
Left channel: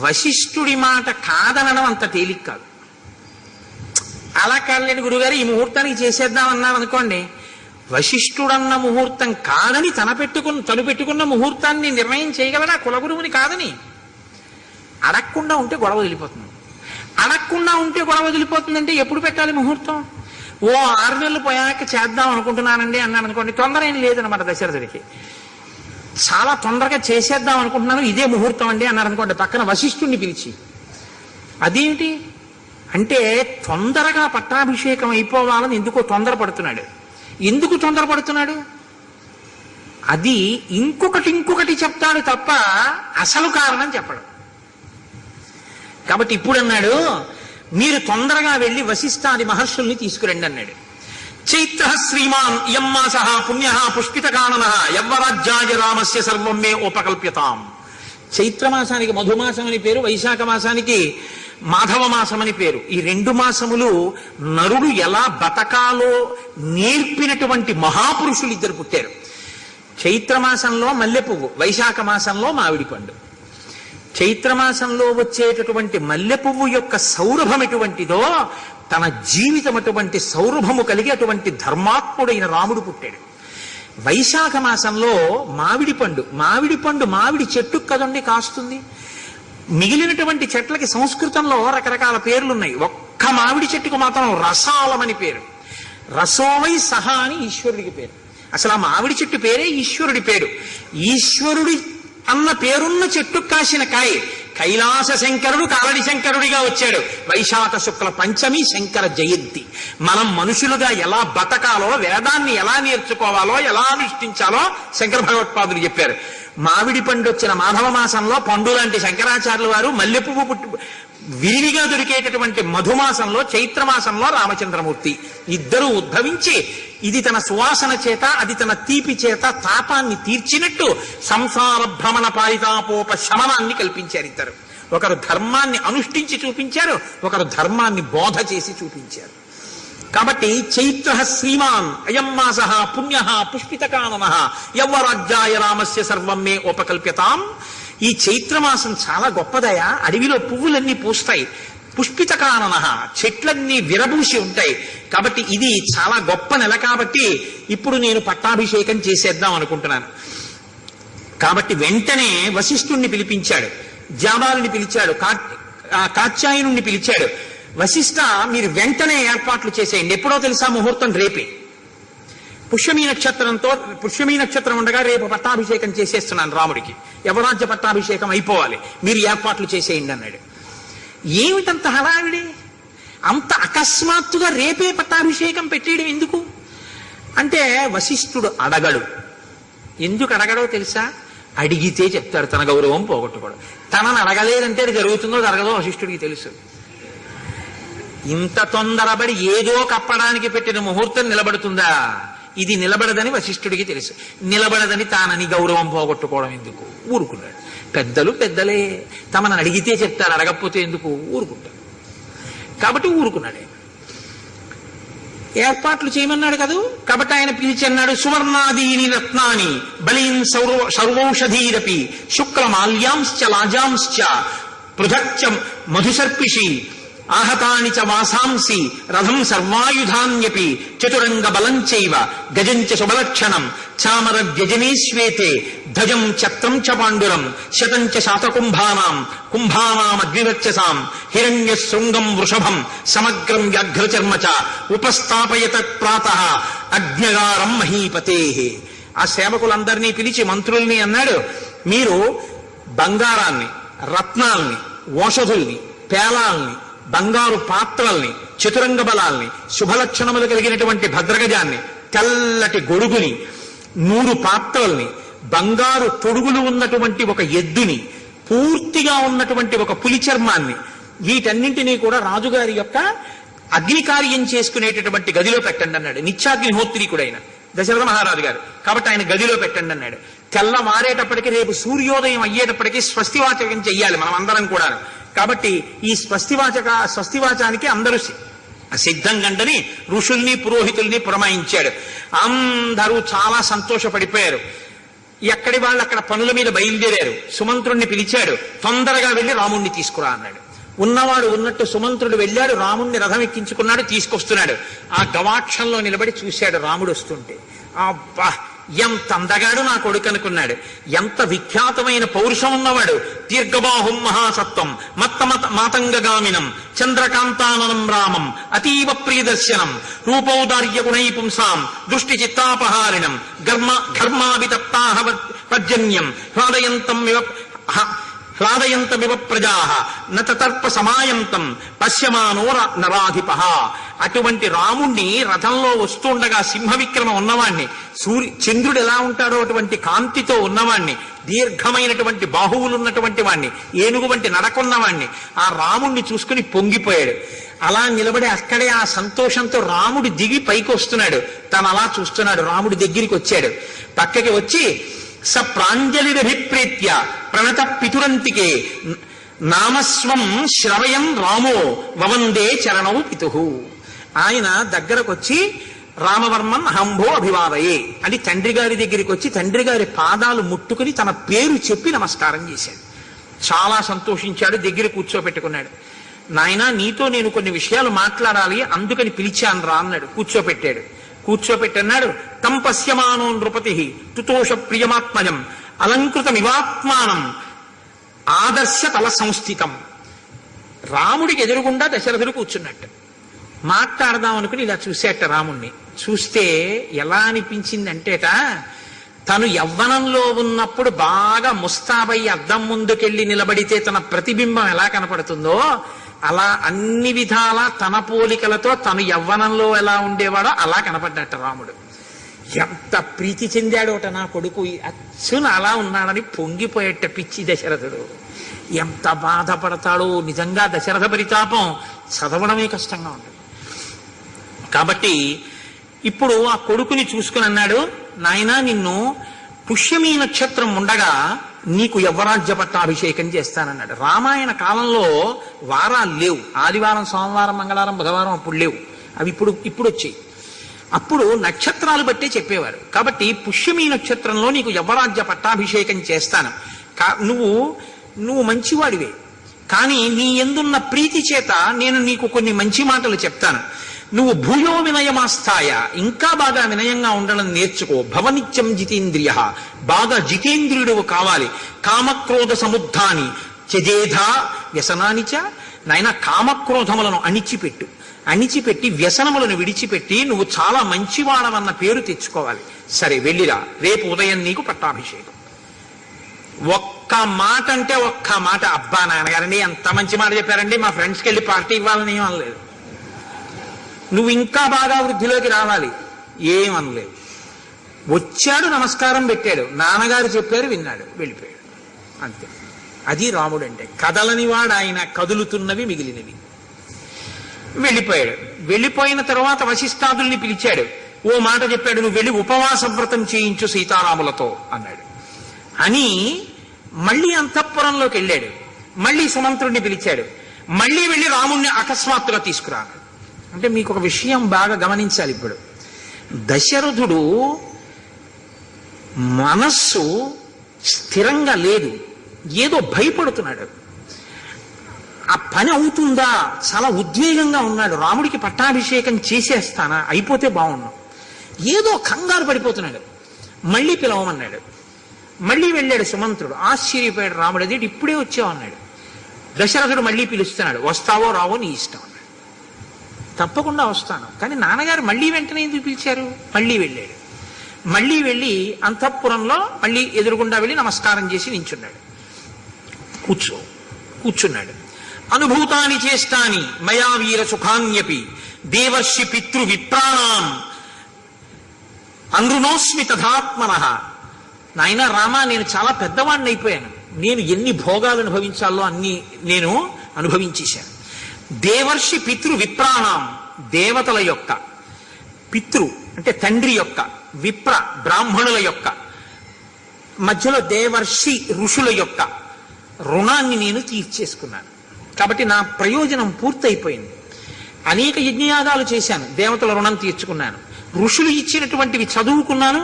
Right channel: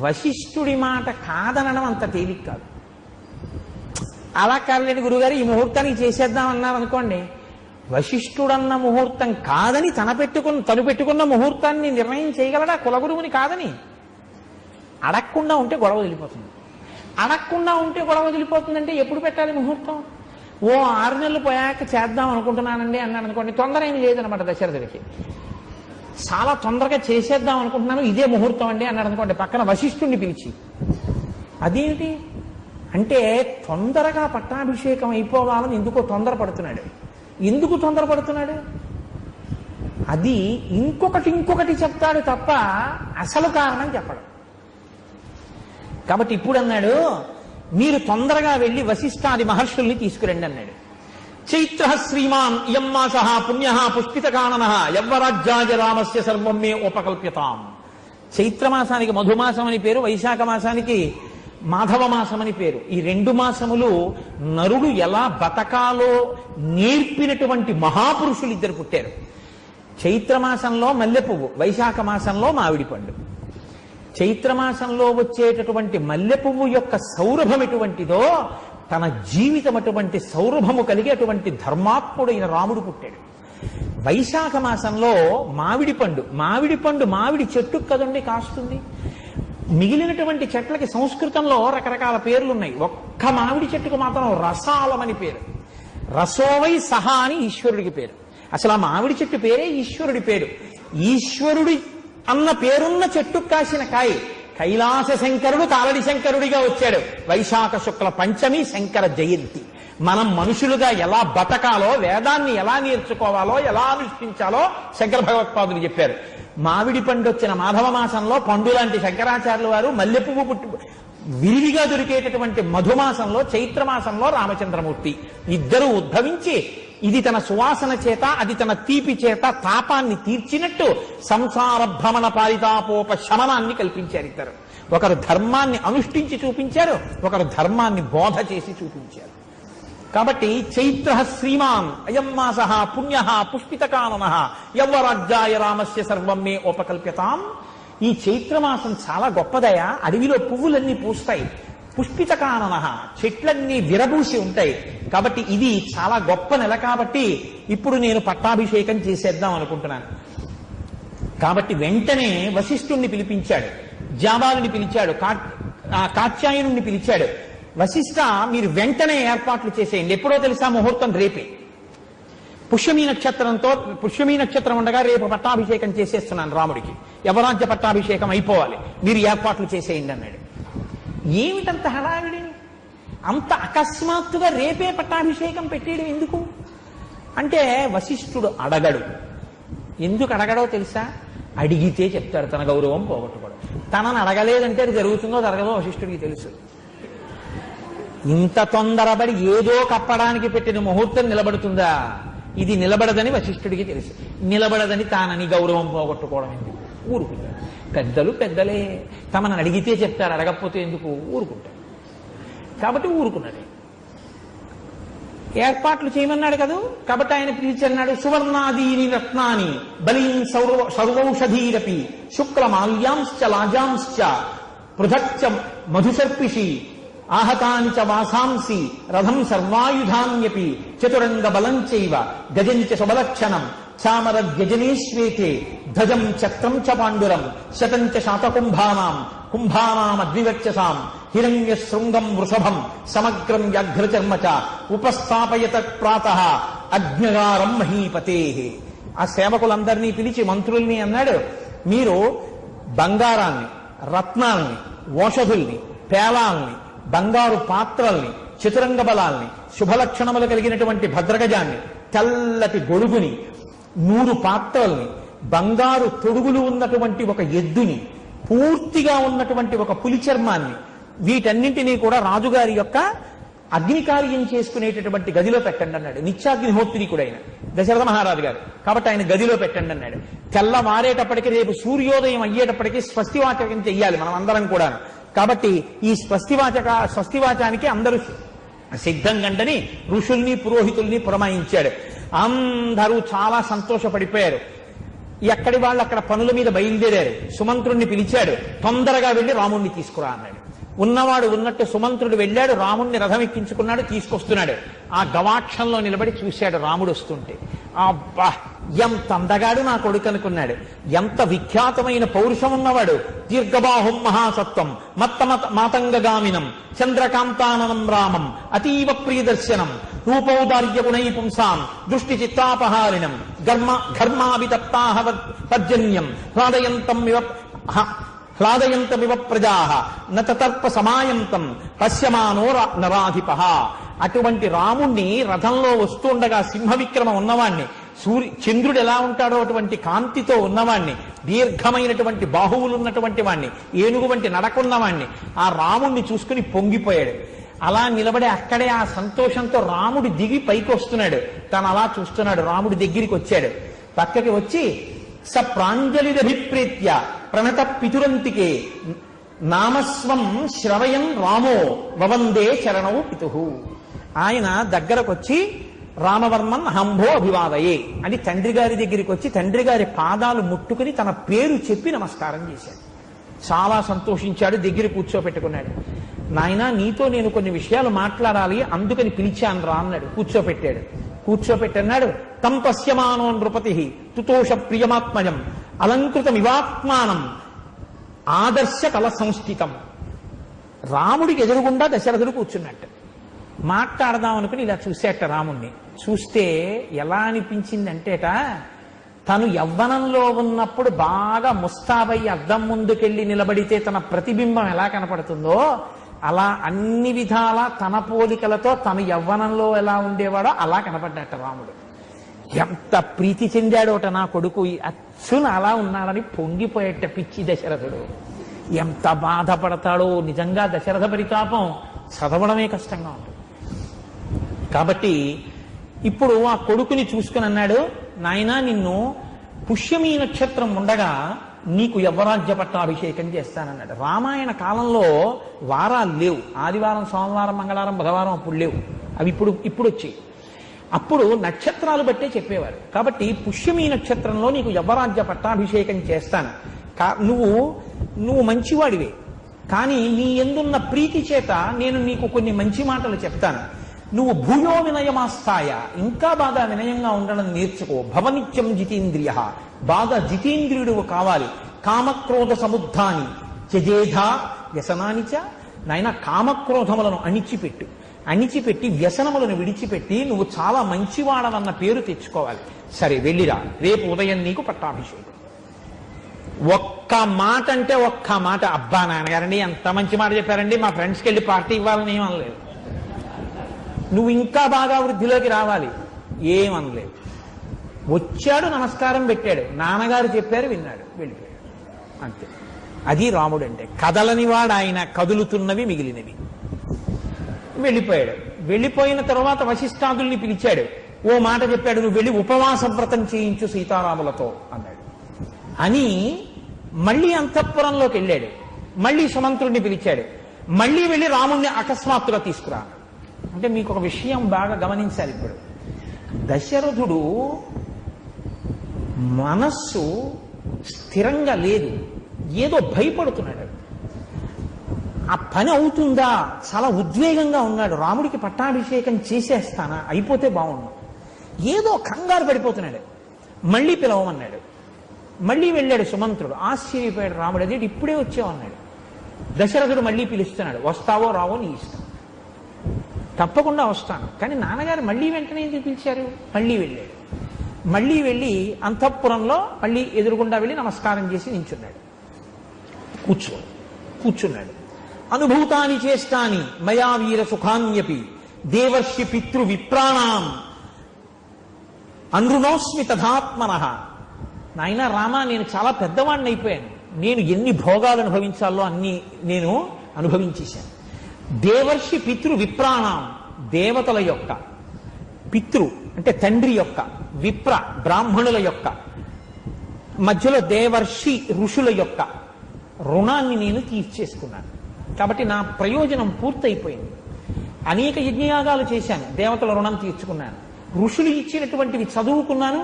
వశిష్ఠుడి మాట కాదనడం అంత తేలిక కాదు. అలా కాదులేని గురుగారు ఈ ముహూర్తానికి చేసేద్దాం అన్నారనుకోండి, వశిష్ఠుడన్న ముహూర్తం కాదని తను పెట్టుకున్న ముహూర్తాన్ని నిర్ణయం చేయగలడా కులగురువుని కాదని? అడగకుండా ఉంటే గొడవ వదిలిపోతుంది. అడగకుండా ఉంటే గొడవ వదిలిపోతుందంటే ఎప్పుడు పెట్టాలి ముహూర్తం? ఓ 6 నెలలు పోయాక చేద్దాం అనుకుంటున్నానండి అన్నాను అనుకోండి, తొందర ఏం లేదనమాట దశరథుడికి. చాలా తొందరగా చేసేద్దాం అనుకుంటున్నాను, ఇదే ముహూర్తం అండి అన్నారు అనుకోండి, పక్కన వశిష్ఠుడిని పిలిచి, అదేమిటి అంటే తొందరగా పట్టాభిషేకం అయిపోవాలని ఎందుకు తొందరపడుతున్నాడు? అది ఇంకొకటి చెప్తాడు తప్ప అసలు కారణం చెప్పడు. కాబట్టి ఇప్పుడు అన్నాడు, మీరు తొందరగా వెళ్ళి వశిష్ఠాది మహర్షుల్ని తీసుకురండి అన్నాడు. చైత్ర శ్రీమాన్ ఇయం మాసః పుణ్యః పుష్పితకాననః యవ్వరాజ్యాయ రామస్య సర్వం మే ఉపకల్ప్యతాం. చైత్రమాసానికి మధుమాసం అని పేరు, వైశాఖ మాసానికి మాధవ మాసం అని పేరు. ఈ 2 మాసములు నరుడు ఎలా బతకాలో నేర్పినటువంటి మహాపురుషులు 2 పుట్టారు. చైత్రమాసంలో మల్లె పువ్వు, వైశాఖ మాసంలో మామిడి పండు. చైత్రమాసంలో వచ్చేటటువంటి మల్లె పువ్వు యొక్క సౌరభం ఎటువంటిదో తన జీవితం అటువంటి సౌరభము కలిగి అటువంటి ధర్మాత్ముడైన రాముడు పుట్టాడు. వైశాఖ మాసంలో మామిడి పండు మామిడి చెట్టు కదండి కాస్తుంది. మిగిలినటువంటి చెట్లకి సంస్కృతంలో రకరకాల పేర్లున్నాయి. ఒక్క మామిడి చెట్టుకు మాత్రం రసాలమని పేరు. రసోవై సహా అని ఈశ్వరుడికి పేరు. అసలు ఆ మామిడి చెట్టు పేరే ఈశ్వరుడి పేరు. ఈశ్వరుడి అన్న పేరున్న చెట్టు కాసిన కాయ. కైలాస శంకరుడు కాలడి శంకరుడిగా వచ్చాడు. వైశాఖ శుక్ల పంచమి శంకర జయంతి. మనం మనుషులుగా ఎలా బతకాలో, వేదాన్ని ఎలా నేర్చుకోవాలో, ఎలా అనుష్ఠించాలో శంకర భగవత్పాదులు చెప్పారు. మామిడి పండు వచ్చిన మాధవ మాసంలో పండు లాంటి శంకరాచార్యుల వారు మల్లెపువ్వు విరివిగా దొరికేటటువంటి మధుమాసంలో చైత్రమాసంలో రామచంద్రమూర్తి ఇద్దరు ఉద్భవించి ఇది తన సువాసన చేత అది తన తీపి చేత తాపాన్ని తీర్చినట్టు సంసార భ్రమణ పారితాపోప శమనాన్ని కల్పించారు ఇద్దరు. ఒకరు ధర్మాన్ని అనుష్ఠించి చూపించారు, ఒకరు ధర్మాన్ని బోధ చేసి చూపించారు. కాబట్టి చైత్ర శ్రీమాన్ అయం మాస పుణ్య పుష్పితకానన యవ్వరాజ్యాయ రామస్య సర్వం మే ఉపకల్ప్యతాం. ఈ చైత్రమాసం చాలా గొప్పదయా. అడవిలో పువ్వులన్నీ పూస్తాయి, పుష్పితకానన చెట్లన్నీ విరబూసి ఉంటాయి. కాబట్టి ఇది చాలా గొప్ప నెల. కాబట్టి ఇప్పుడు నేను పట్టాభిషేకం చేసేద్దాం అనుకుంటున్నాను. కాబట్టి వెంటనే వశిష్ఠుణ్ణి పిలిపించాడు, జాబాలుని పిలిచాడు, కాత్యాయనుణ్ణి పిలిచాడు. వశిష్ఠ, మీరు వెంటనే ఏర్పాట్లు చేసేయండి. ఎప్పుడో తెలుసా? ముహూర్తం రేపే. పుష్యమీ నక్షత్రం ఉండగా రేపు పట్టాభిషేకం చేసేస్తున్నాను రాముడికి, యవరాజ్య పట్టాభిషేకం అయిపోవాలి, మీరు ఏర్పాట్లు చేసేయండి అన్నాడు. ఏమిటంత హడావిడి? అంత అకస్మాత్తుగా రేపే పట్టాభిషేకం పెట్టేయడం ఎందుకు అంటే వశిష్ఠుడు అడగడు. ఎందుకు అడగడో తెలుసా? అడిగితే చెప్తాడు, తన గౌరవం పోగొట్టుకోడు. తనను అడగలేదంటే అది జరుగుతుందో జరగదో వశిష్ఠుడికి తెలుసు. ఇంత తొందరపడి ఏదో కప్పడానికి పెట్టిన ముహూర్తం నిలబడుతుందా? ఇది నిలబడదని వశిష్ఠుడికి తెలుసు. నిలబడదని తానని గౌరవం పోగొట్టుకోవడం ఎందుకు? ఊరుకున్నాడు. పెద్దలు పెద్దలే, తమను అడిగితే చెప్తారు, అడగకపోతే ఎందుకు? ఊరుకుంటాడు. కాబట్టి ఊరుకున్నాడే. ఏర్పాట్లు చేయమన్నాడు కదూ. కాబట్టి ఆయన పిలిచి అన్నాడు, సువర్ణాదీని రత్నాని బలీన్ సర్వౌషధీరపి శుక్లమాల్యాంశ్చ లాజాంశ్చ పృథక్చ మధుసర్పిషి ఆహతాని చ వాసాంసి రథం సర్వాయుధాన్యపి చతురంగ బలం చైవ గజంచ శుభలక్షణం చామర వ్యజనే శ్వేతే ధ్వజం చక్రం చ పాండురం శతంచ శాతకుంభానాం కుంభానామద్వివర్చసాం హిరణ్య శృంగం వృషభం సమగ్రం వ్యాఘ్రచర్మ చ ఉపస్థాపయత ప్రాతః అగ్నిగారం మహీపతే. ఆ సేవకులందరినీ పిలిచి మంత్రుల్ని అన్నాడు, మీరు బంగారాన్ని, రత్నాల్ని, ఓషధుల్ని, పేలాల్ని, బంగారు పాత్రల్ని, చతురంగ బలాల్ని, శుభలక్షణములు కలిగినటువంటి భద్రగజాన్ని, తెల్లటి గొడుగుని, 100 పాత్రల్ని, బంగారు తొడుగులు ఉన్నటువంటి ఒక ఎద్దుని, పూర్తిగా ఉన్నటువంటి ఒక పులి చర్మాన్ని, వీటన్నింటినీ కూడా రాజుగారి యొక్క అగ్నికార్యం చేసుకునేటటువంటి గదిలో పెట్టండి అన్నాడు. నిత్యాగ్నిహోత్రీకుడైన దశరథ మహారాజు గారు. కాబట్టి ఆయన గదిలో పెట్టండి అన్నాడు. తెల్లవారేటప్పటికి, రేపు సూర్యోదయం అయ్యేటప్పటికీ స్వస్తివాచకం చెయ్యాలి మనం అందరం కూడా. కాబట్టి ఈ స్వస్తివాచానికి అందరూ సిద్ధం గంటని ఋషుల్ని పురోహితుల్ని పురమాయించాడు. అందరూ చాలా సంతోషపడిపోయారు. ఎక్కడి వాళ్ళు అక్కడ పనుల మీద బయలుదేరారు. సుమంత్రుణ్ణి పిలిచాడు, తొందరగా వెళ్ళి రాముణ్ణి తీసుకురా అన్నాడు. ఉన్నవాడు ఉన్నట్టు సుమంత్రుడు వెళ్ళాడు, రాముణ్ణి రథం ఎక్కించుకున్నాడు, తీసుకొస్తున్నాడు. ఆ గవాక్షంలో నిలబడి చూశాడు రాముడు వస్తుంటే. అబ్బా, ఎంత అందగాడు నా కొడుకు అనుకున్నాడు. ఎంత విఖ్యాతమైన పౌరుషం ఉన్నవాడు. దీర్ఘబాహుం మహాసత్వం మాతంగగామినం చంద్రకాంతాననం రామం అతీవ ప్రియదర్శనం రూపౌదార్య గుణై పుంసాం దృష్టి చిత్తాపహారిణం ఘర్మావితప్తాహ పర్జన్యం హ్లాదయంతమివ ప్రజాః నతర్ప సమాయంతం పశ్యమానో నరాధిపః. అటువంటి రాముణ్ణి రథంలో వస్తుండగా సింహవిక్రమ ఉన్నవాణ్ణి, చంద్రుడు ఎలా ఉంటాడో అటువంటి కాంతితో ఉన్నవాణ్ణి, దీర్ఘమైనటువంటి బాహువులు ఉన్నటువంటి వాణ్ణి, ఏనుగు వంటి నడకున్నవాణ్ణి, ఆ రాముణ్ణి చూసుకుని పొంగిపోయాడు. అలా నిలబడి అక్కడే ఆ సంతోషంతో రాముడు దిగి పైకి వస్తున్నాడు. తను అలా చూస్తున్నాడు. రాముడి దగ్గరికి వచ్చాడు. పక్కకి వచ్చి స ప్రాంజలిరభిప్రీత్య ప్రణత పితురంతికే నామస్వం శ్రవయం రామో వవందే చరణౌ పితుహు. ఆయన దగ్గరకొచ్చి రామవర్మన్ హంభో అభివాదయే అని తండ్రి గారి దగ్గరికి వచ్చి తండ్రి గారి పాదాలు ముట్టుకుని తన పేరు చెప్పి నమస్కారం చేశాడు. చాలా సంతోషించాడు. దగ్గర కూర్చోపెట్టుకున్నాడు. నాయనా, నీతో నేను కొన్ని విషయాలు మాట్లాడాలి, అందుకని పిలిచాను రా అన్నాడు. కూర్చోపెట్టాడు. కూర్చోపెట్టన్నాడు. తం పశ్యమానో నృపతి తుతోష ప్రియమాత్మజం అలంకృతమివాత్మానం ఆదర్శ తల సంస్థితం. రాముడికి ఎదురుగుండా దశరథుడు కూర్చున్నట్టు. మాట్లాడదాం అనుకుని ఇలా చూసేట రాముణ్ణి. చూస్తే ఎలా అనిపించిందంటేట, తను యవ్వనంలో ఉన్నప్పుడు బాగా ముస్తాబై అద్దం ముందుకెళ్ళి నిలబడితే తన ప్రతిబింబం ఎలా కనపడుతుందో అలా అన్ని విధాల తన పోలికలతో తను యవ్వనంలో ఎలా ఉండేవాడో అలా కనపడ్డట రాముడు. ఎంత ప్రీతి చెందాడోట నా కొడుకు, అచ్చున అలా ఉన్నాడని పొంగిపోయేట పిచ్చి దశరథుడు. ఎంత బాధపడతాడో నిజంగా. దశరథ పరితాపం చదవడమే కష్టంగా ఉంటుంది. కాబట్టి ఇప్పుడు ఆ కొడుకుని చూసుకుని అన్నాడు, నాయనా నిన్ను పుష్యమీ నక్షత్రం ఉండగా నీకు యవ్వరాజ్య పట్టాభిషేకం చేస్తానన్నాడు. రామాయణ కాలంలో వారాలు లేవు. ఆదివారం, సోమవారం, మంగళవారం, బుధవారం అప్పుడు లేవు. అవి ఇప్పుడు వచ్చాయి. అప్పుడు నక్షత్రాలు బట్టే చెప్పేవారు. కాబట్టి పుష్యమీ నక్షత్రంలో నీకు యవ్వరాజ్య పట్టాభిషేకం చేస్తాను. నువ్వు మంచివాడివే, కానీ నీ ఎందున్న ప్రీతి చేత నేను నీకు కొన్ని మంచి మాటలు చెప్తాను. నువ్వు భూయో వినయమాస్థాయ, ఇంకా బాగా వినయంగా ఉండడం నేర్చుకో. భవనిత్యం జితేంద్రియ, బాగా జితేంద్రియుడు కావాలి. కామక్రోధ సముద్ధాని త్యజేధా వ్యసనానిచ, నాయన కామక్రోధములను అణిచిపెట్టి వ్యసనములను విడిచిపెట్టి నువ్వు చాలా మంచివాడవన్న పేరు తెచ్చుకోవాలి. సరే వెళ్ళిరా, రేపు ఉదయం నీకు పట్టాభిషేకం. ఒక్క మాట అంటే ఒక్క మాట, అబ్బా నాన్నగారండి ఎంత మంచి మాట చెప్పారండి, మా ఫ్రెండ్స్కి వెళ్ళి పార్టీ ఇవ్వాలని ఏం అనలేదు. నువ్వు ఇంకా బాగా వృద్ధిలోకి రావాలి ఏమనలేదు. వచ్చాడు, నమస్కారం పెట్టాడు, నాన్నగారు చెప్పారు, విన్నాడు, వెళ్ళిపోయాడు. అంతే. అది రాముడు అంటే. కదలనివాడు ఆయన, కదులుతున్నవి మిగిలినవి. వెళ్ళిపోయాడు. వెళ్ళిపోయిన తర్వాత వశిష్ఠాదుల్ని పిలిచాడు. ఓ మాట చెప్పాడు, నువ్వు వెళ్ళి ఉపవాస వ్రతం చేయించు సీతారాములతో అన్నాడు. అని మళ్ళీ అంతఃపురంలోకి వెళ్ళాడు. మళ్ళీ సుమంత్రుడిని పిలిచాడు. మళ్ళీ వెళ్ళి రాముణ్ణి అకస్మాత్తుగా తీసుకురా. అంటే మీకు ఒక విషయం బాగా గమనించాలి. ఇప్పుడు దశరథుడు మనస్సు స్థిరంగా లేదు, ఏదో భయపడుతున్నాడు. ఆ పని అవుతుందా, చాలా ఉద్వేగంగా ఉన్నాడు. రాముడికి పట్టాభిషేకం చేసేస్తానా, అయిపోతే బాగున్నాం, ఏదో కంగారు పడిపోతున్నాడు. మళ్ళీ పిలవమన్నాడు. మళ్ళీ వెళ్ళాడు సుమంత్రుడు. ఆశ్చర్యపోయాడు రాముడు. అదేంటి ఇప్పుడే వచ్చావు అన్నాడు. దశరథుడు మళ్ళీ పిలుస్తున్నాడు. వస్తావో రావో నీ ఇష్టం అన్నాడు. తప్పకుండా వస్తాను, కానీ నాన్నగారు మళ్ళీ వెంటనే ఎందుకు పిలిచారు? మళ్ళీ వెళ్ళాడు. మళ్ళీ వెళ్ళి అంతఃపురంలో మళ్ళీ ఎదురుగుండా వెళ్ళి నమస్కారం చేసి నించున్నాడు. కూర్చున్నాడు. అనుభూతాని చేష్టాని మయా వీర సుఖాన్యపి దేవర్షి పితృ విప్రాణం అనృణోస్మి తథాత్మనః. నాయన రామ, నేను చాలా పెద్దవాడిని అయిపోయాను. నేను ఎన్ని భోగాలు అనుభవించాలో అన్ని నేను అనుభవించేశాను. దేవర్షి పితృ విప్రాణం, దేవతల యొక్క, పితృ అంటే తండ్రి యొక్క, విప్ర బ్రాహ్మణుల యొక్క, మధ్యలో దేవర్షి ఋషుల యొక్క రుణాన్ని నేను తీర్చేసుకున్నాను. కాబట్టి నా ప్రయోజనం పూర్తయిపోయింది. అనేక యజ్ఞయాగాలు చేశాను, దేవతల రుణం తీర్చుకున్నాను. ఋషులు ఇచ్చినటువంటివి చదువుకున్నాను,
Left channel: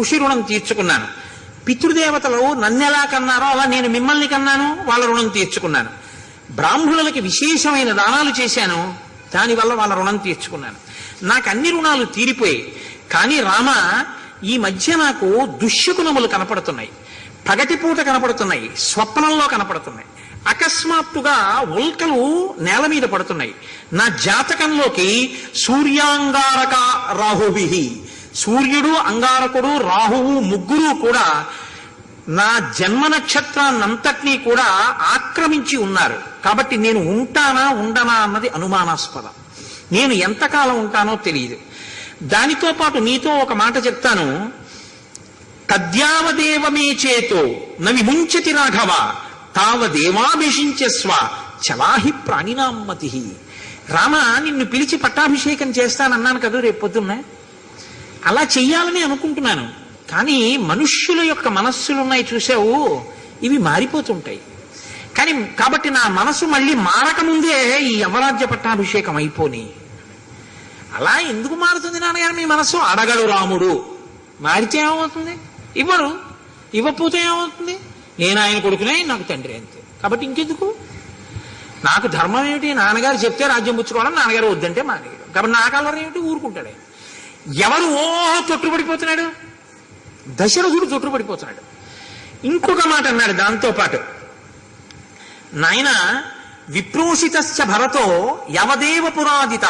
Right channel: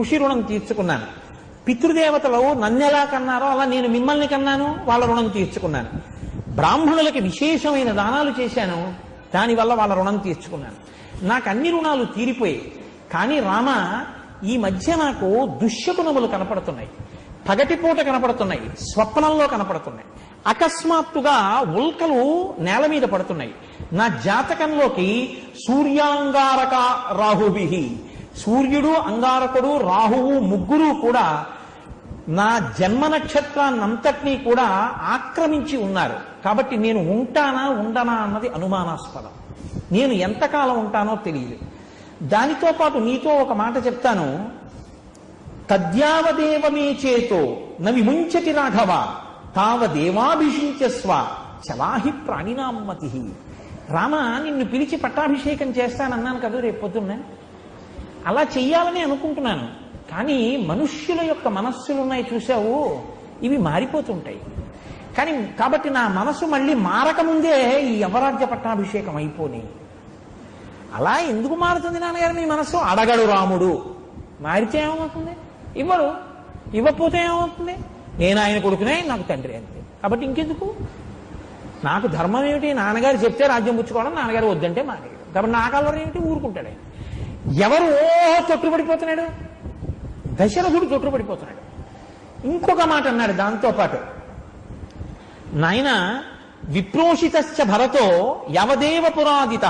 ఋషి రుణం తీర్చుకున్నాను. పితృదేవతలు నన్నెలా కన్నారో అలా నేను మిమ్మల్ని కన్నాను, వాళ్ళ రుణం తీర్చుకున్నాను. బ్రాహ్మణులకి విశేషమైన దానాలు చేశాను, దానివల్ల వాళ్ళ రుణం తీర్చుకున్నాను. నాకు అన్ని రుణాలు తీరిపోయాయి. కానీ రామ, ఈ మధ్య నాకు దుశ్శకునములు కనపడుతున్నాయి, పగటిపూట కనపడుతున్నాయి, స్వప్నంలో కనపడుతున్నాయి. అకస్మాత్తుగా ఉల్కలు నేల మీద పడుతున్నాయి. నా జాతకంలోకి సూర్యాంగారక రాహుభి, సూర్యుడు, అంగారకుడు, రాహువు ముగ్గురు కూడా నా జన్మ నక్షత్రాన్నంతటినీ కూడా ఆక్రమించి ఉన్నారు. కాబట్టి నేను ఉంటానా ఉండనా అన్నది అనుమానాస్పదం. నేను ఎంతకాలం ఉంటానో తెలియదు. దానితో పాటు నీతో ఒక మాట చెప్తాను. తద్యావదేవమే చేతో నవిముంచతి రాఘవ తావదేవాభిషించస్వ చలాహి ప్రాణినామ్మతి. రామ, నిన్ను పిలిచి పట్టాభిషేకం చేస్తానన్నాను కదా రేపు పొద్దున్నే, అలా చెయ్యాలని అనుకుంటున్నాను. కానీ మనుష్యుల యొక్క మనస్సులున్నాయి చూసావు, ఇవి మారిపోతుంటాయి. కాబట్టి నా మనసు మళ్ళీ మారకముందే ఈ యవరాజ్య పట్టాభిషేకం అయిపోని. అలా ఎందుకు మారుతుంది నాన్నగారు మీ మనసు? అడగడు రాముడు. మారితే ఏమవుతుంది? ఇవ్వరు. ఇవ్వకపోతే ఏమవుతుంది? నేను ఆయన కొడుకునే, నాకు తండ్రి అంతే. కాబట్టి ఇంకెందుకు? నాకు ధర్మం ఏమిటి? నాన్నగారు చెప్తే రాజ్యం పుచ్చుకోవడం, నాన్నగారు వద్దంటే మానేగారు. కాబట్టి నా కలవరం ఏమిటి? ఊరుకుంటాడే. ఎవరు తొట్టుపడిపోతున్నాడు? దశరథుడు తొట్టుపడిపోతున్నాడు. ఇంకొక మాట అన్నాడు దాంతో పాటు, నాయన విప్రోషితశ్చ భరతో యవదేవ పురాదిత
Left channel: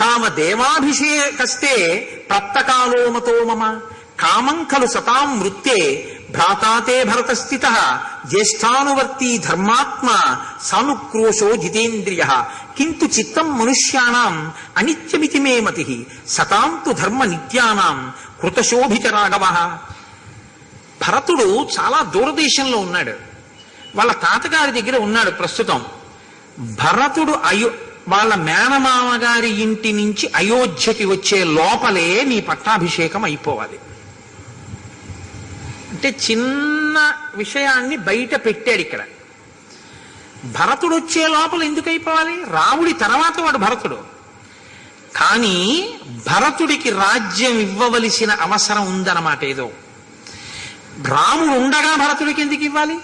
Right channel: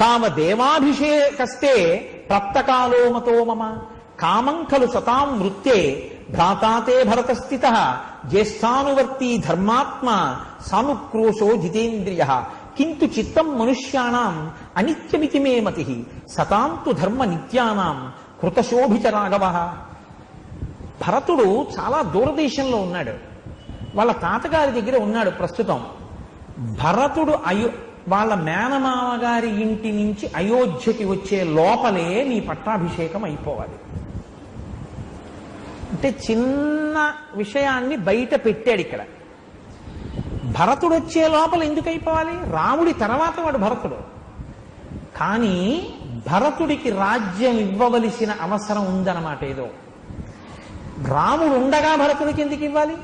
తావదేవాభిషేకస్తే ప్రత్తకాలో మతో మమ కామం ఖలు సతాం వృత్తే భ్రాతాతే భరతస్థిత జ్యేష్ఠానువర్తి ధర్మాత్మ సానుక్రోశో జితేంద్రియ కింటు చిత్తం మనుష్యానాం అనిత్యమితి మే మతి సతాంతు ధర్మ నిత్యానాం కృతశోభిత రాఘవ. భరతుడు చాలా దూరదేశంలో ఉన్నాడు, వాళ్ళ తాతగారి దగ్గర ఉన్నాడు ప్రస్తుతం. భరతుడు వాళ్ళ మేనమామ గారి ఇంటి నుంచి అయోధ్యకి వచ్చే లోపలే నీ పట్టాభిషేకం అయిపోవాలి. అంటే చిన్న విషయాన్ని బయట పెట్టాడు ఇక్కడ. భరతుడు వచ్చే లోపల ఎందుకు అయిపోవాలి? రాముడి తర్వాత వాడు భరతుడు. కానీ భరతుడికి రాజ్యం ఇవ్వవలసిన అవసరం ఉందన్నమాట. ఏదో రాముడు ఉండగా భరతుడికి ఎందుకు ఇవ్వాలి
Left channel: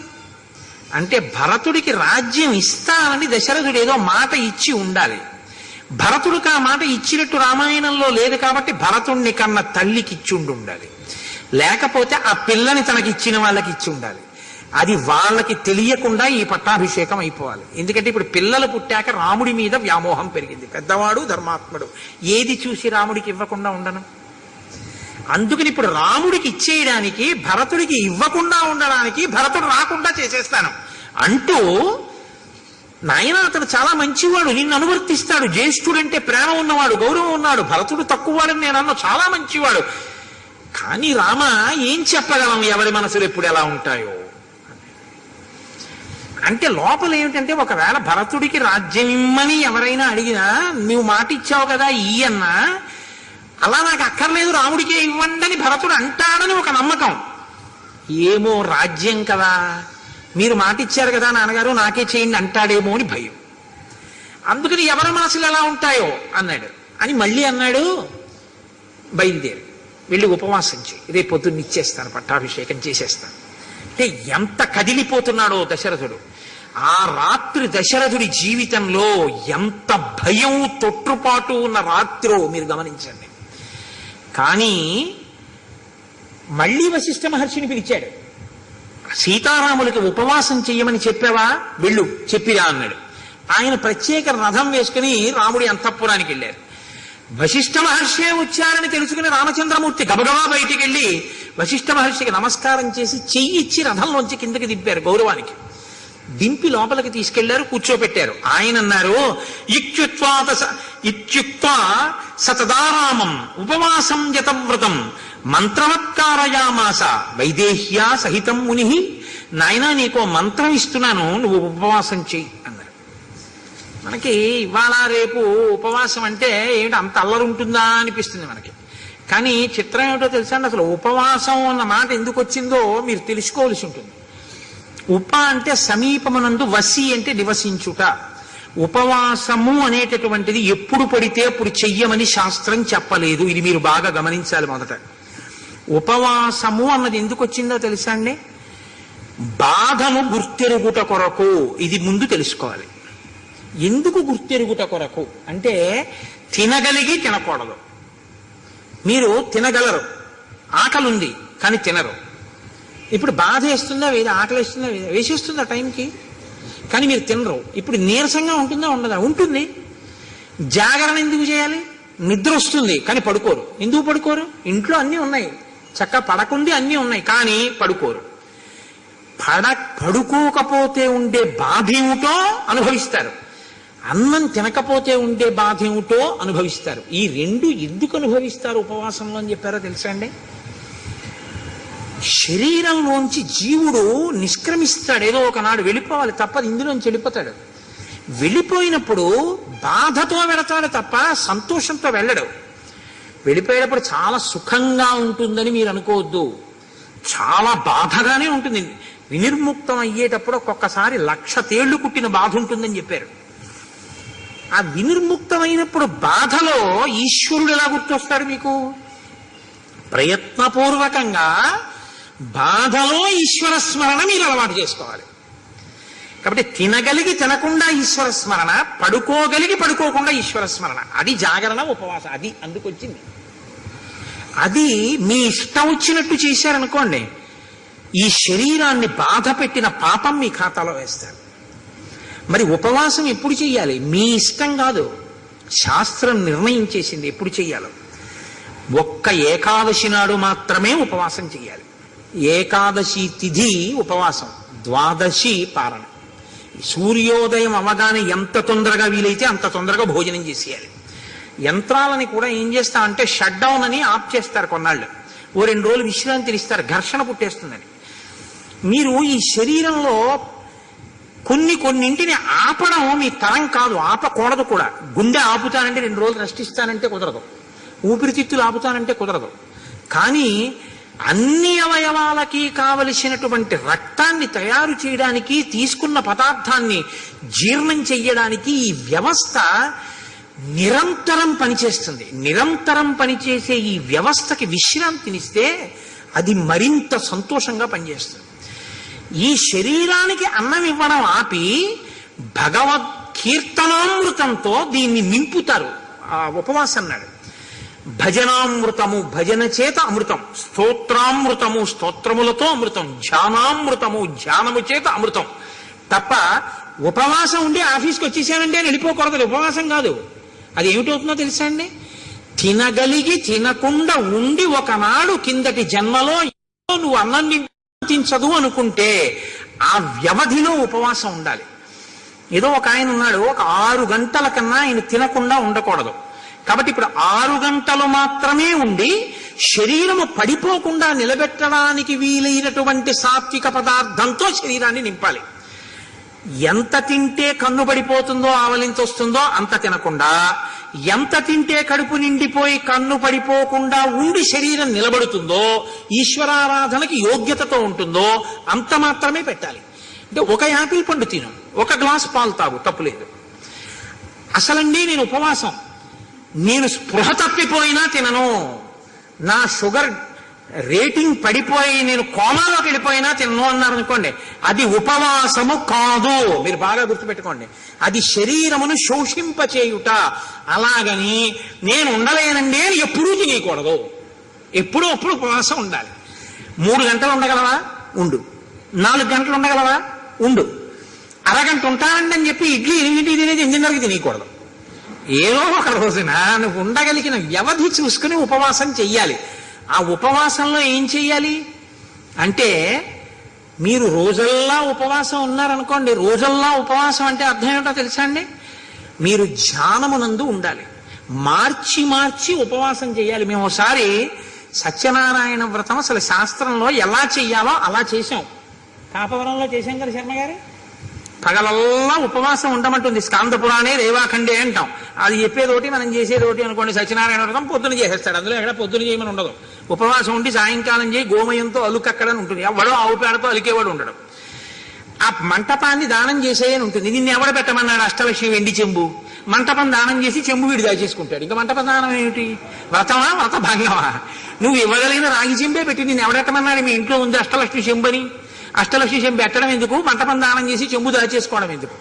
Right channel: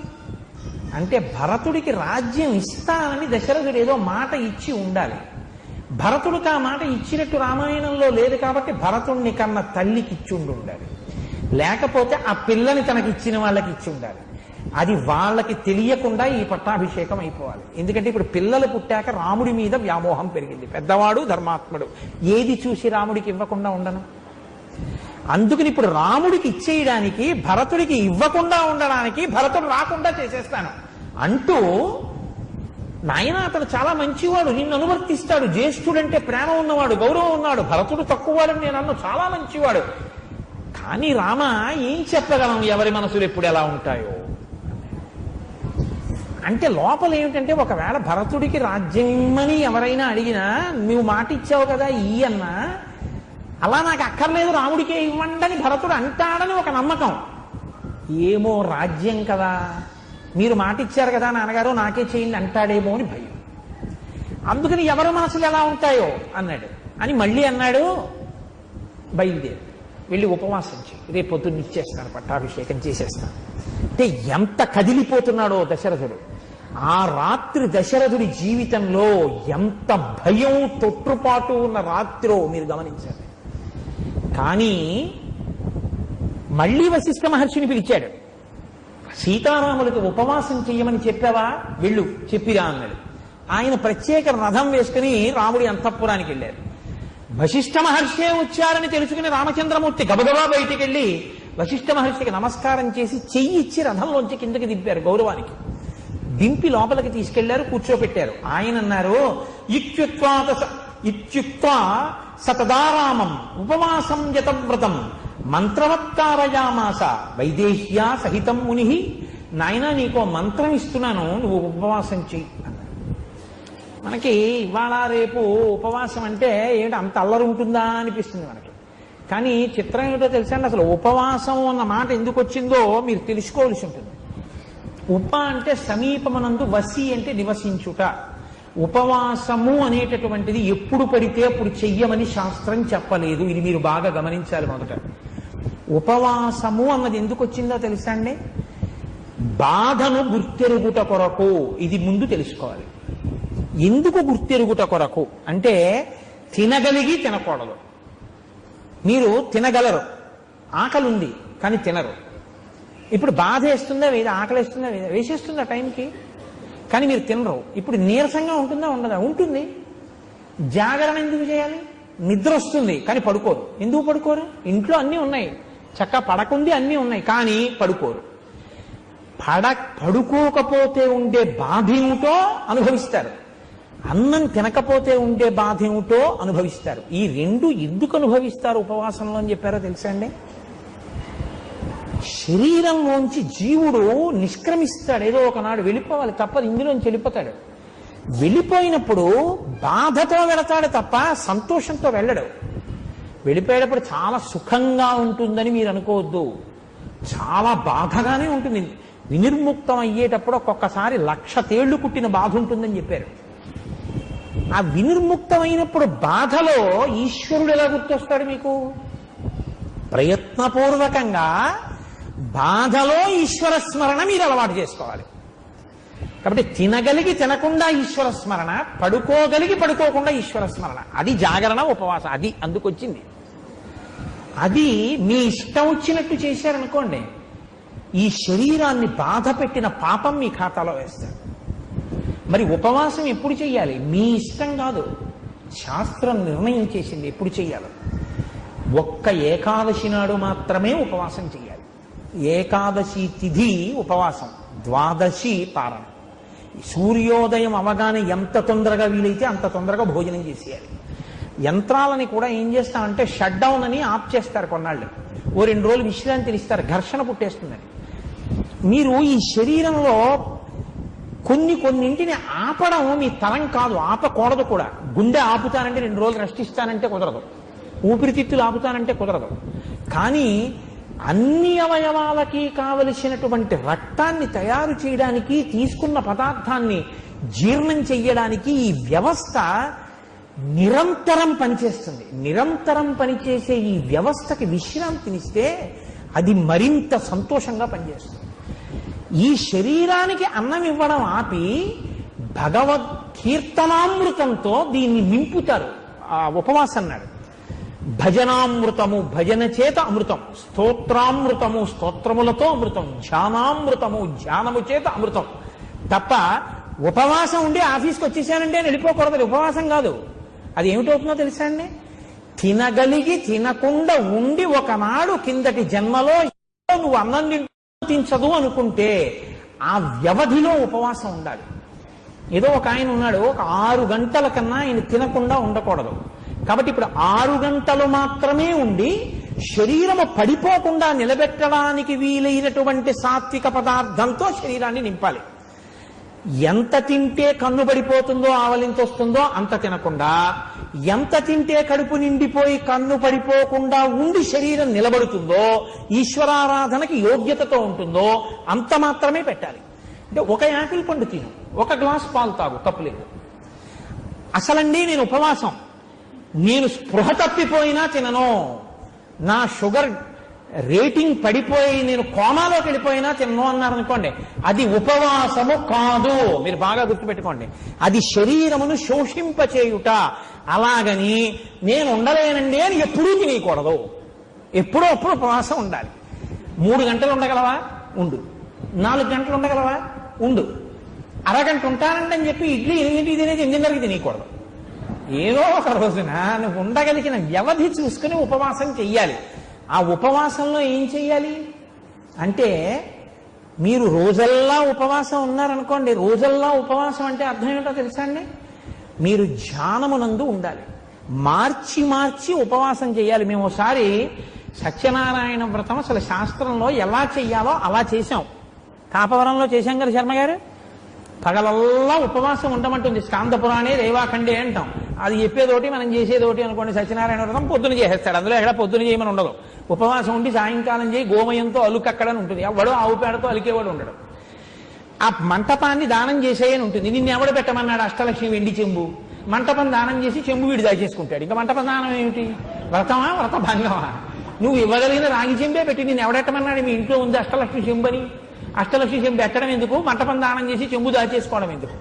అంటే, భరతుడికి రాజ్యం ఇస్తానని దశరథుడు ఏదో మాట ఇచ్చి ఉండాలి. భరతుడికి ఆ మాట ఇచ్చినట్టు రామాయణంలో లేదు కాబట్టి భరతుణ్ణి కన్నా తల్లికి ఇచ్చి ఉండాలి, లేకపోతే ఆ పిల్లని తనకి ఇచ్చిన వాళ్ళకి ఇచ్చి ఉండాలి. అది వాళ్ళకి తెలియకుండా ఈ పట్టాభిషేకం అయిపోవాలి. ఎందుకంటే ఇప్పుడు పిల్లలు పుట్టాక రాముడి మీద వ్యామోహం పెరిగింది. పెద్దవాడు ధర్మాత్ముడు, ఏది చూసి రాముడికి ఇవ్వకుండా ఉండను. అందుకని ఇప్పుడు రాముడికి ఇచ్చేయడానికి, భరతుడికి ఇవ్వకుండా ఉండడానికి భరతుడు రాకుండా చేసేస్తాను అంటూ, నాయన అతను చాలా మంచివాడు, నిన్ను అనువర్తిస్తాడు, జ్యేష్ఠుడంటే ప్రేమ ఉన్నవాడు, గౌరవం ఉన్నాడు, భరతుడు తక్కువవాడని నేను అన్న, చాలా మంచివాడు. కానీ రామ ఏం చెప్పగలం, ఎవరి మనసులు ఎప్పుడు ఎలా ఉంటాయో అంటే. లోపల ఏమిటంటే, ఒకవేళ భరతుడికి రాజ్యం ఇమ్మని ఎవరైనా అడిగినా నువ్వు మాట ఇచ్చావు కదా ఈ అన్నా, అలా నాకు అక్కర్లేదు రాముడికే ఇవ్వండి భరతుడు అంటాడని ఒక నమ్మకం. ఏమో రాజ్యం కదా, మీరు మాట ఇచ్చారు కదా నాన్నగారు నాకే చేయండి అంటాడేమో అని భయం. అందుకని ఎవరి మనసులు ఎలా ఉంటాయో అన్నాడు. అని మళ్ళీ అన్నాడు, బయలుదేరి వెళ్ళి ఉపవాసం చేయి, రేపు పొద్దున్న ఇచ్చేస్తాను, పట్టాభిషేకం చేసేస్తాను. అంటే ఎంత కదిలిపోతున్నాడో దశరథుడు. ఆ రాత్రి దశరథుడి జీవితంలో ఎంత భయం తొట్టుపాటు ఉన్న రాత్రో మీరు గమనించండి. కానీ మళ్ళీ వశిష్ఠ మహర్షిని పిలిచాడు. సీతారాములకి ఉపవాసం చెయ్యమని చెప్పావా, వెళ్ళు చెప్పిరా అన్నాడు. ఆయన ప్రత్యేక రథం వేసుకుని రాముడి అంతఃపురానికి వెళ్ళారు. వశిష్ఠ మహర్షే వచ్చారని తెలుసుకుని రామచంద్రమూర్తి గబగబా బయటికి వెళ్ళి వశిష్ఠ మహర్షికి నమస్కారం చేసి చెయ్యిచ్చి రథంలోంచి కిందకి దింపారు గౌరవానికి. దింపి లోపలికి తీసుకెళ్లారు, కూర్చోపెట్టారు. ఆయన అన్నారు, ఇత్యుక్త్వా సతదారామం ఉపవాసం యతవ్రతం మంత్రవత్కారయామాస వైదేహ్యా సహితం ముని. నాయనా నీకో మంత్రం ఇస్తున్నాను, నువ్వు ఉపవాసం చెయ్యి అన్నారు. మనకి ఇవాళ రేపు ఉపవాసం అంటే ఏమిటి అంత అల్లరి ఉంటుందా అనిపిస్తుంది మనకి. కానీ చిత్రం ఏమిటో తెలుసా అండి, అసలు ఉపవాసం అన్న మాట ఎందుకు వచ్చిందో మీరు తెలుసుకోవాల్సి ఉంటుంది. ఉప అంటే సమీపమునందు, వసి అంటే నివసించుట. ఉపవాసము అనేటటువంటిది ఎప్పుడు పడితే అప్పుడు చెయ్యమని శాస్త్రం చెప్పలేదు. ఇది మీరు బాగా గమనించాలి. మొదట ఉపవాసము అన్నది ఎందుకు వచ్చిందో తెలుసా అండి, బాధను గుర్తెరుగుట కొరకు. ఇది ముందు తెలుసుకోవాలి. ఎందుకు గుర్తెరుగుట కొరకు అంటే, తినగలిగి తినకూడదు. మీరు తినగలరు, ఆకలి ఉంది కానీ తినరు. ఇప్పుడు బాధ వేస్తుందా వేద, ఆకలి వేస్తుందా వేద, వేసేస్తుందా టైంకి, కానీ మీరు తినరు. ఇప్పుడు నీరసంగా ఉంటుందా ఉండదా, ఉంటుంది. జాగరణ ఎందుకు చేయాలి, నిద్ర వస్తుంది కానీ పడుకోరు. ఎందుకు పడుకోరు, ఇంట్లో అన్నీ ఉన్నాయి, చక్కగా పడకుండి అన్నీ ఉన్నాయి కానీ పడుకోరు. పడుకోకపోతే ఉండే బాధ ఏమిటో అనుభవిస్తారు, అన్నం తినకపోతే ఉండే బాధ ఏమిటో అనుభవిస్తారు. ఈ రెండు ఎందుకు అనుభవిస్తారు ఉపవాసంలో అని చెప్పారో తెలుసా అండి. శరీరంలోంచి జీవుడు నిష్క్రమిస్తాడు, ఏదో ఒకనాడు వెళ్ళిపోవాలి, తప్పదు, ఇందులోంచి వెళ్ళిపోతాడు. వెళ్ళిపోయినప్పుడు బాధతో వెళతాడు తప్ప సంతోషంతో వెళ్ళడు. వెళ్ళిపోయేటప్పుడు చాలా సుఖంగా ఉంటుందని మీరు అనుకోవద్దు, చాలా బాధగానే ఉంటుంది. వినిర్ముక్తం అయ్యేటప్పుడు ఒక్కొక్కసారి 1,00,000 తేళ్లు కుట్టిన బాధ ఉంటుందని చెప్పారు. ఆ వినిర్ముక్తమైనప్పుడు బాధలో ఈశ్వరుడు ఎలా గుర్తొస్తాడు మీకు, ప్రయత్నపూర్వకంగా బాధలో ఈశ్వర స్మరణ మీరు అలవాటు చేసుకోవాలి. కాబట్టి తినగలిగి తినకుండా ఈశ్వర స్మరణ, పడుకోగలిగి పడుకోకుండా ఈశ్వర స్మరణ, అది జాగరణ ఉపవాసం. అది అందుకొచ్చింది. అది మీ ఇష్టం వచ్చినట్టు చేశారనుకోండి, ఈ శరీరాన్ని బాధ పెట్టిన పాపం మీ ఖాతాలో వేస్తారు. మరి ఉపవాసం ఎప్పుడు చెయ్యాలి, మీ ఇష్టం కాదు, శాస్త్రం నిర్ణయం చేసింది ఎప్పుడు చెయ్యాలో. ఒక్క ఏకాదశి నాడు మాత్రమే ఉపవాసం చెయ్యాలి. ఏకాదశి తిథి ఉపవాసం, ద్వాదశి పారణ. సూర్యోదయం అవగానే ఎంత తొందరగా వీలైతే అంత తొందరగా భోజనం చేసేయాలి. యంత్రాలని కూడా ఏం చేస్తామంటే షట్ డౌన్ అని ఆఫ్ చేస్తారు కొన్నాళ్ళు, ఓ 2 రోజులు విశ్రాంతిని ఇస్తారు, ఘర్షణ పుట్టేస్తుందని. మీరు ఈ శరీరంలో కొన్నింటిని ఆపడం మీ తరం కాదు, ఆపకూడదు కూడా. గుండె ఆపుతానంటే 2 రోజులు రెస్ట్ ఇస్తానంటే కుదరదు, ఊపిరితిత్తులు ఆపుతానంటే కుదరదు. కానీ అన్ని అవయవాలకి కావలసినటువంటి రక్తాన్ని తయారు చేయడానికి, తీసుకున్న పదార్థాన్ని జీర్ణం చెయ్యడానికి ఈ వ్యవస్థ నిరంతరం పనిచేస్తుంది. నిరంతరం పనిచేసే ఈ వ్యవస్థకి విశ్రాంతినిస్తే అది మరింత సంతోషంగా పనిచేస్తుంది. ఈ శరీరానికి అన్నం ఇవ్వడం ఆపి భగవత్ కీర్తనామృతంతో దీన్ని నింపుతారు. ఆ ఉపవాసం అన్నాడు. భజనామృతము భజన చేత అమృతం, స్తోత్రామృతము స్తోత్రములతో అమృతం, ధ్యానామృతము ధ్యానము చేత అమృతం. తప్ప ఉపవాసం ఉండి ఆఫీస్కి వచ్చేసానంటే అని వెళ్ళిపోకూడదు. ఉపవాసం కాదు. అది ఏమిటవుతుందో తెలుసా అండి? తినగలిగి తినకుండా ఉండి ఒకనాడు కిందటి జన్మలో నువ్వు అన్నం తించదు అనుకుంటే ఆ వ్యవధిలో ఉపవాసం ఉండాలి. ఏదో ఒక ఆయన ఉన్నాడు, ఒక 6 గంటల కన్నా ఆయన తినకుండా ఉండకూడదు. కాబట్టి ఇప్పుడు 6 గంటలు మాత్రమే ఉండి శరీరము పడిపోకుండా నిలబెట్టడానికి వీలైనటువంటి సాత్విక పదార్థంతో శరీరాన్ని నింపాలి. ఎంత తింటే కన్ను పడిపోతుందో, ఆవలింత వస్తుందో అంత తినకుండా, ఎంత తింటే కడుపు నిండిపోయి కన్ను పడిపోకుండా ఉండి శరీరం నిలబడుతుందో, ఈశ్వరారాధనకి యోగ్యతతో ఉంటుందో అంత మాత్రమే పెట్టాలి. అంటే ఒక యాపిల్ పండు తిను, ఒక గ్లాసు పాలు తాగు, తప్పులేదు. అసలండి నేను ఉపవాసం, నేను స్పృహ తప్పిపోయినా తినను, నా షుగర్ రేటింగ్ పడిపోయి నేను కోమాలోకి వెళ్ళిపోయినా తినను అన్నారనుకోండి, అది ఉపవాసము కాదు. మీరు బాగా గుర్తుపెట్టుకోండి, అది శరీరమును శోషింపచేయుట. అలాగని నేను ఉండలేనండి అని ఎప్పుడూ తినకూడదు. ఎప్పుడో అప్పుడు ఉపవాసం ఉండాలి. 3 గంటలు ఉండగలవా? ఉండు. 4 గంటలు ఉండగలవా? ఉండు. అరగంట ఉంటానండి అని చెప్పి ఇడ్లీ 8 తినేది 8:30కి తినకూడదు. ఏదో ఒక రోజున నువ్వు ఉండగలిగిన వ్యవధి చూసుకుని ఉపవాసం చెయ్యాలి. ఆ ఉపవాసంలో ఏం చెయ్యాలి అంటే, మీరు రోజల్లా ఉపవాసం ఉన్నారనుకోండి, రోజల్లా ఉపవాసం అంటే అర్థం ఏమిటో తెలుసా అండి? మీరు ధ్యానమునందు ఉండాలి. మార్చి మార్చి ఉపవాసం చేయాలి. మేము ఒకసారి సత్యనారాయణ వ్రతం అసలు శాస్త్రంలో ఎలా చెయ్యాలో అలా చేశాం. కాపవరంలో చేశాం కదా శర్మ గారు. పగలల్లా ఉపవాసం ఉండమంటుంది. స్కాంద పురాణే రేవాఖండే అంటాం. అది చెప్పేదోటి మనం చేసేదోటి అనుకోండి. సత్యనారాయణ వ్రతం పొద్దున చేసేస్తాడు, అందులో ఎక్కడ పొద్దున చేయమని ఉండదు. ఉపవాసం ఉండి సాయంకాలం చేయి గోమయంతో అలుకక్కడని ఉంటుంది. ఎవడో ఆవు పేడతో అలికేవాడు ఉండడు. ఆ మంటపాన్ని దానం చేసేయని ఉంటుంది. నిన్ను ఎవడ పెట్టమన్నాడు? అష్టలక్ష్మి వెండి చెంబు. మంటపం దానం చేసి చెంబు వీడు దాచేసుకుంటాడు. ఇంకా మంటపం దానం ఏమిటి? వ్రతమా వ్రత భంగమా? నువ్వు ఇవ్వగలిగిన రాగి చెంబే పెట్టి నిన్ను ఎవడెట్టమన్నాడు? మీ ఇంట్లో ఉంది అష్టలక్ష్మి చెంబని. అష్టలక్ష్మి చెంబు పెట్టడం ఎందుకు? మంటపం దానం చేసి చెంబు దాచేసుకోవడం ఎందుకు?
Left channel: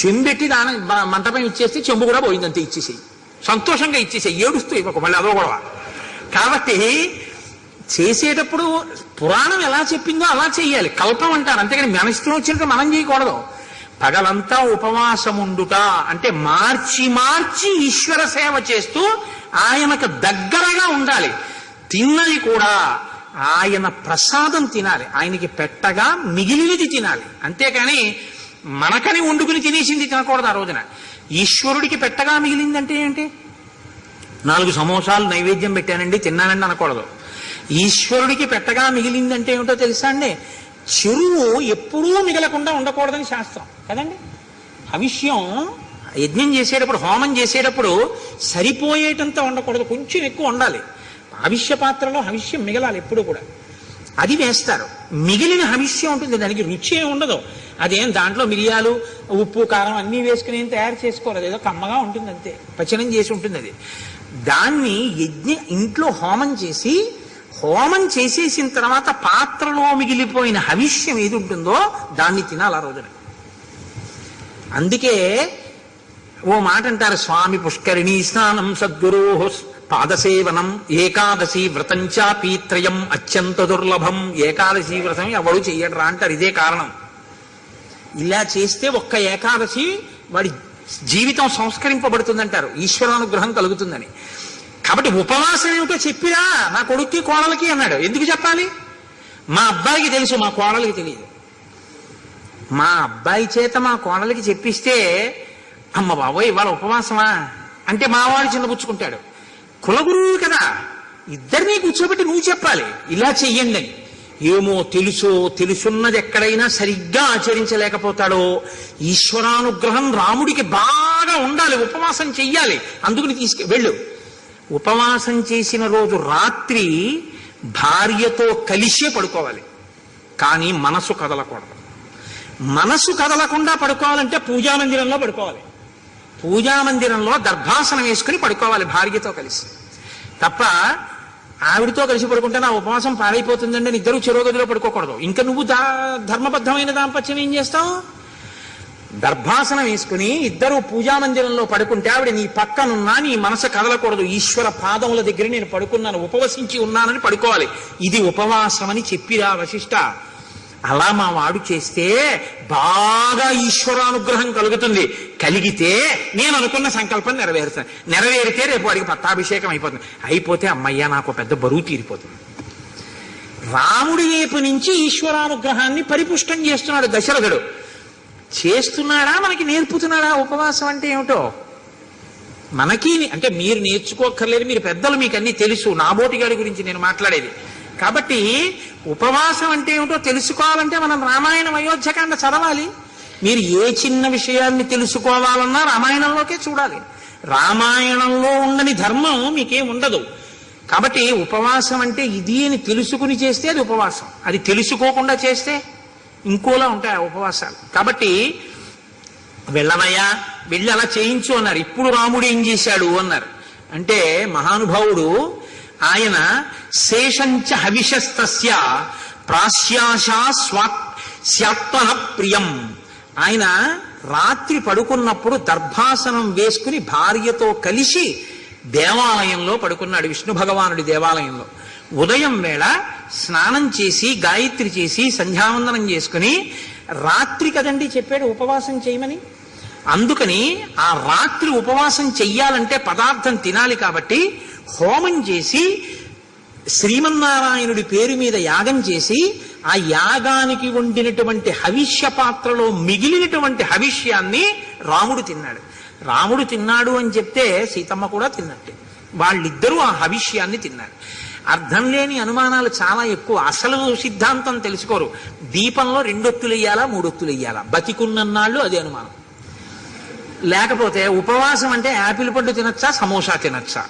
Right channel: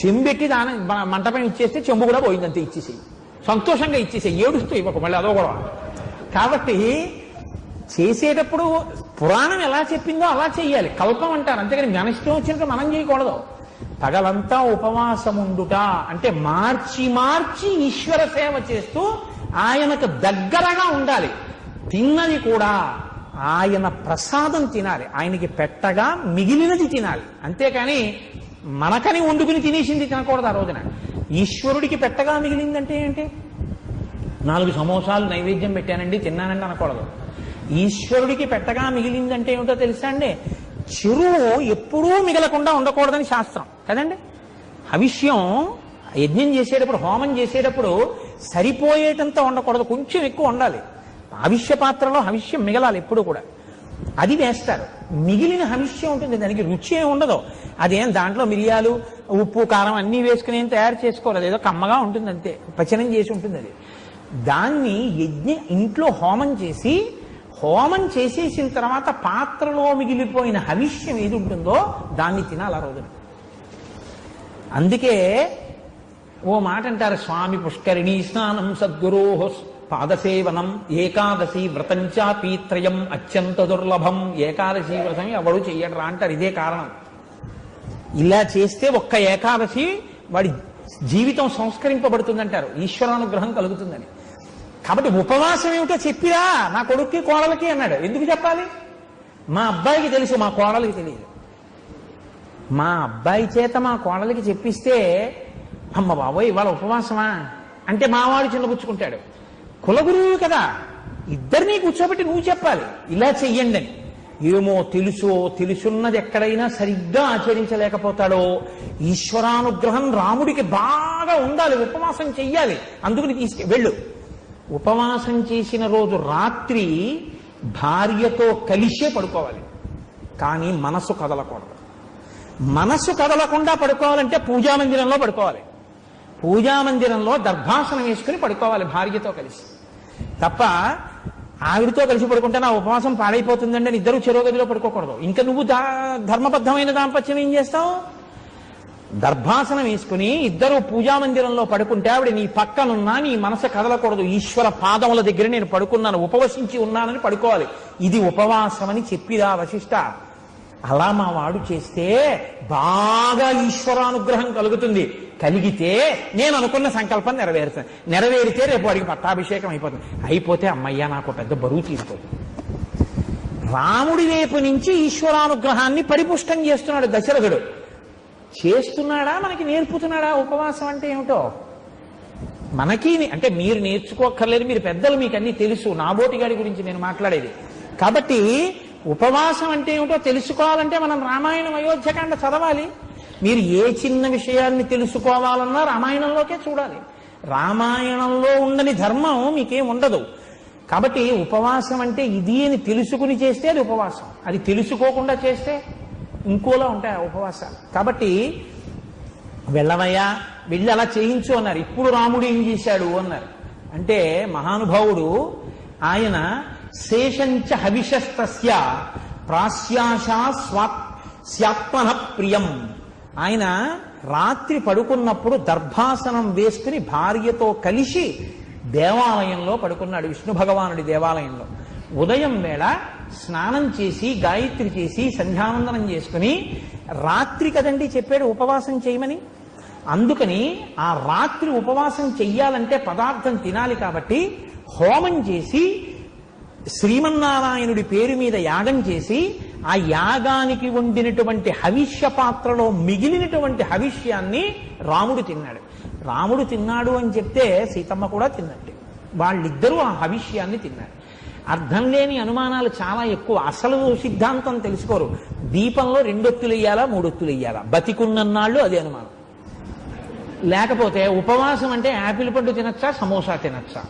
చెంబెట్టి దానం మంటపం ఇచ్చేస్తే చెంబు కూడా పోయిందంతే. ఇచ్చేసేయి, సంతోషంగా ఇచ్చేసేయి, ఏడుస్తూ ఇవ్వకు మళ్ళీ అదో గొడవ. కాబట్టి చేసేటప్పుడు పురాణం ఎలా చెప్పిందో అలా చెయ్యాలి. కల్పం అంటారు, అంతేగాని మన ఇష్టం వచ్చినట్టు మనం చేయకూడదు. పగలంతా ఉపవాసముండుట అంటే మార్చి మార్చి ఈశ్వర సేవ చేస్తూ ఆయనకు దగ్గరగా ఉండాలి. తిన్నది కూడా ఆయన ప్రసాదం తినాలి. ఆయనకి పెట్టగా మిగిలినది తినాలి. అంతేకాని మనకని వండుకుని తినేసింది తినకూడదు. ఆ రోజున ఈశ్వరుడికి పెట్టగా మిగిలిందంటే ఏంటి? 4 సమోసాలు నైవేద్యం పెట్టానండి తిన్నానండి అనకూడదు. ఈశ్వరుడికి పెట్టగా మిగిలిందంటే ఏమిటో తెలుసా అండి? చెరువు ఎప్పుడూ మిగలకుండా ఉండకూడదని శాస్త్రం కదండి. హవిష్యం యజ్ఞం చేసేటప్పుడు, హోమం చేసేటప్పుడు సరిపోయేటంత ఉండకూడదు, కొంచెం ఎక్కువ ఉండాలి. హవిష్య పాత్రలో హవిష్యం మిగలాలి ఎప్పుడు కూడా. అది వేస్తారు. మిగిలిన హవిష్యం ఉంటుంది, దానికి రుచి ఏమి ఉండదు. అదేం దాంట్లో మిరియాలు ఉప్పు కారం అన్నీ వేసుకుని ఏం తయారు చేసుకోలేదు, ఏదో కమ్మగా ఉంటుంది అంతే, పచనం చేసి ఉంటుంది. అది దాన్ని ఇంట్లో హోమం చేసేసిన తర్వాత పాత్రలో మిగిలిపోయిన హవిష్యం ఏది ఉంటుందో దాన్ని తినాలి ఆ రోజున. అందుకే ఓ మాట అంటారు, స్వామి పుష్కరిణీ స్నానం సద్గురో పాదసేవనం ఏకాదశి వ్రతంచా పీత్రయం అత్యంత దుర్లభం. ఏకాదశి వ్రతం ఎవడు చెయ్యడరా అంటారు. ఇదే కారణం. ఇలా చేస్తే ఒక్క ఏకాదశి వాడి జీవితం సంస్కరింపబడుతుందంటారు, ఈశ్వరానుగ్రహం కలుగుతుందని. కాబట్టి ఉపవాసం ఏమిటో చెప్పిరా నా కొడుక్కి కోడలకి అన్నాడు. ఎందుకు చెప్పాలి? మా అబ్బాయికి తెలుసు, మా కోడలికి తెలియదు. మా అబ్బాయి చేత మా కోడలికి చెప్పిస్తే, అమ్మ బాబోయ్ ఇవాళ ఉపవాసమా అంటే మావాడు చిన్నపుచ్చుకుంటాడు. కులగురువు కదా, ఇద్దరినీ కూర్చోబెట్టి నువ్వు చెప్పాలి ఇలా చెయ్యండి అని. ఏమో తెలుసున్నది ఎక్కడైనా సరిగ్గా ఆచరించలేకపోతాడో. ఈశ్వరానుగ్రహం రాముడికి బాగా ఉండాలి, ఉపవాసం చెయ్యాలి, అందుకని వెళ్ళు. ఉపవాసం చేసిన రోజు రాత్రి భార్యతో కలిసే పడుకోవాలి, కానీ మనసు కదలకూడదు. మనసు కదలకుండా పడుకోవాలంటే పూజామందిరంలో పడుకోవాలి. పూజామందిరంలో దర్భాసనం వేసుకుని పడుకోవాలి భార్యతో కలిసి. తప్ప ఆవిడతో కలిసి పడుకుంటే నా ఉపవాసం పాడైపోతుందండి అని ఇద్దరు చెరోగదిలో పడుకోకూడదు. ఇంకా నువ్వు ధర్మబద్ధమైన దాంపత్యం ఏం చేస్తావు? దర్భాసనం వేసుకుని ఇద్దరు పూజామందిరంలో పడుకుంటే ఆవిడ నీ పక్కనున్నా నీ మనసు కదలకూడదు. ఈశ్వర పాదముల దగ్గర నేను పడుకున్నాను, ఉపవసించి ఉన్నానని పడుకోవాలి. ఇది ఉపవాసం అని చెప్పిరా వశిష్ఠ. అలా మా వాడు చేస్తే బాగా ఈశ్వరానుగ్రహం కలుగుతుంది. కలిగితే నేను అనుకున్న సంకల్పం నెరవేరుతాను. నెరవేరితే రేపు వాడికి పట్టాభిషేకం అయిపోతుంది. అయిపోతే అమ్మయ్య నాకు పెద్ద బరువు తీరిపోతుంది. రాముడి వైపు నుంచి ఈశ్వరానుగ్రహాన్ని పరిపుష్టం చేస్తున్నాడు దశరథుడు. చేస్తున్నాడా, మనకి నేర్పుతున్నాడా ఉపవాసం అంటే ఏమిటో? మనకి అంటే మీరు నేర్చుకోక్కర్లేదు, మీరు పెద్దలు, మీకు అన్ని తెలుసు. నాబోటి గారి గురించి నేను మాట్లాడేది. కాబట్టి ఉపవాసం అంటే ఏమిటో తెలుసుకోవాలంటే మనం రామాయణం అయోధ్యకాండ చదవాలి. మీరు ఏ చిన్న విషయాన్ని తెలుసుకోవాలన్నా రామాయణంలోకే చూడాలి. రామాయణంలో ఉండని ధర్మం మీకేం ఉండదు. కాబట్టి ఉపవాసం అంటే ఇది అని తెలుసుకుని చేస్తే అది ఉపవాసం, అది తెలుసుకోకుండా చేస్తే ఇంకోలా ఉంటాయి ఉపవాసాలు. కాబట్టి వెళ్ళవయ్యా, వెళ్ళి అలా చేయించు అన్నారు. ఇప్పుడు రాముడు ఏం చేశాడు అన్నారు అంటే, మహానుభావుడు ఆయన శేషంచ హవిషస్తస్య ప్రాశ్యాశా స్వాత్మన ప్రియం. ఆయన రాత్రి పడుకున్నప్పుడు దర్భాసనం వేసుకుని భార్యతో కలిసి దేవాలయంలో పడుకున్నాడు, విష్ణు భగవానుడి దేవాలయంలో. ఉదయం వేళ స్నానం చేసి గాయత్రి చేసి సంధ్యావందనం చేసుకుని, రాత్రి కదండి చెప్పాడు ఉపవాసం చేయమని. అందుకని ఆ రాత్రి ఉపవాసం చెయ్యాలంటే పదార్థం తినాలి కాబట్టి హోమం చేసి శ్రీమన్నారాయణుడి పేరు మీద యాగం చేసి ఆ యాగానికి వండినటువంటి హవిష్య పాత్రలో మిగిలినటువంటి హవిష్యాన్ని రాముడు తిన్నాడు. రాముడు తిన్నాడు అని చెప్తే సీతమ్మ కూడా తిన్నట్టే. వాళ్ళిద్దరూ ఆ హవిష్యాన్ని తిన్నారు. అర్థం లేని అనుమానాలు చాలా ఎక్కువ. అసలు సిద్ధాంతం తెలుసుకోరు. దీపంలో 2 ఒత్తులు వెయ్యాలా 3 ఒత్తులు వెయ్యాలా, బతికున్నన్నాళ్ళు అదే అనుమానం. లేకపోతే ఉపవాసం అంటే యాపిల్ పండు తినచ్చా సమోసా తినచ్చా.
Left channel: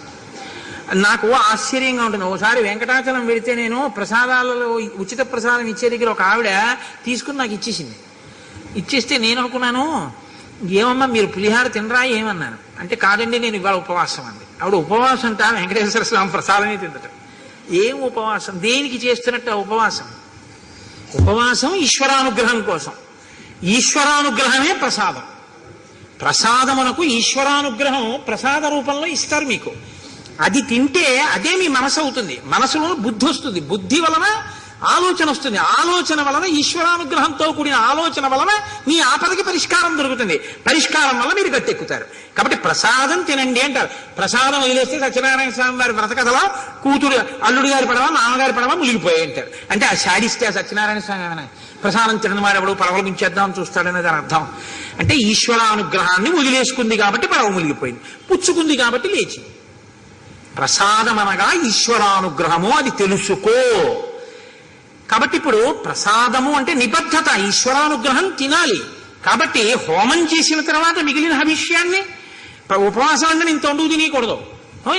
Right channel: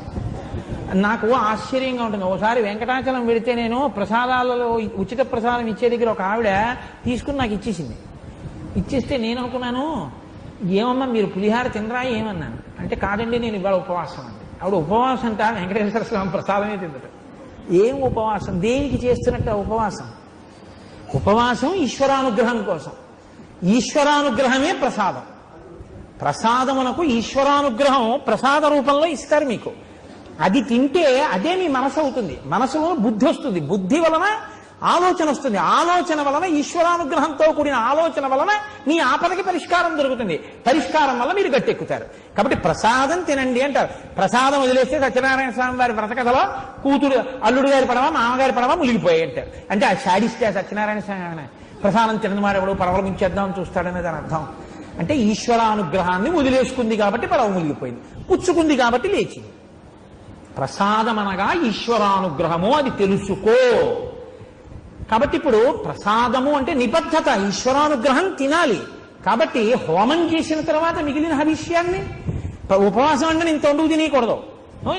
నాకు ఆశ్చర్యంగా ఉంటుంది. ఒకసారి వెంకటాచలం వెళితే నేను ప్రసాదాలలో ఉచిత ప్రసాదం ఇచ్చే దగ్గర ఒక ఆవిడ తీసుకుని నాకు ఇచ్చేసింది. ఇచ్చేస్తే నేను అనుకున్నాను, ఏమమ్మా మీరు పులిహార తినరా ఏమన్నాను అంటే, కాదండి నేను ఇవాళ ఉపవాసం అండి. ఆవిడ ఉపవాసం అంట వెంకటేశ్వర స్వామి ప్రసాదమే తిందట. ఏం ఉపవాసం, దేనికి చేస్తున్నట్టు ఉపవాసం? ఉపవాసం ఈశ్వరానుగ్రహం కోసం. ఈశ్వరానుగ్రహమే ప్రసాదం. ప్రసాదమునకు ఈశ్వరానుగ్రహం ప్రసాద రూపంలో ఇస్తారు మీకు. అది తింటే అదే మీ మనసు అవుతుంది. మనసులో బుద్ధి వస్తుంది, బుద్ధి వలన ఆలోచన వస్తుంది, ఆలోచన వలన ఈశ్వరానుగ్రహంతో కూడిన ఆలోచన వలన మీ ఆపదకి పరిష్కారం దొరుకుతుంది, పరిష్కారం వల్ల మీరు గట్టెక్కుతారు. కాబట్టి ప్రసాదం తినండి అంటారు. ప్రసాదం వదిలేస్తే సత్యనారాయణ స్వామి వారి వ్రతకథలో కూతురు అల్లుడు గారి పడవ మామగారి పడవ మునిగిపోయి అంటారు. అంటే ఆ శాడిస్తే సత్యనారాయణ స్వామి ప్రసాదం తినని వాడు ఎవడు పడవల ముంచేద్దామని చూస్తాడనే దాని అర్థం. అంటే ఈశ్వరానుగ్రహాన్ని వదిలేసుకుంది కాబట్టి పడవ మునిగిపోయింది, పుచ్చుకుంది కాబట్టి లేచింది. ప్రసాదం అనగా ఈశ్వరానుగ్రహము, అది తెలుసుకో. కాబట్టి ఇప్పుడు ప్రసాదము అంటే నిబద్ధత, ఈశ్వరానుగ్రహం తినాలి. కాబట్టి హోమం చేసిన తర్వాత మిగిలిన హవిష్యాన్ని, ఉపవాసం అంటే ఇంత వండు తినకూడదు,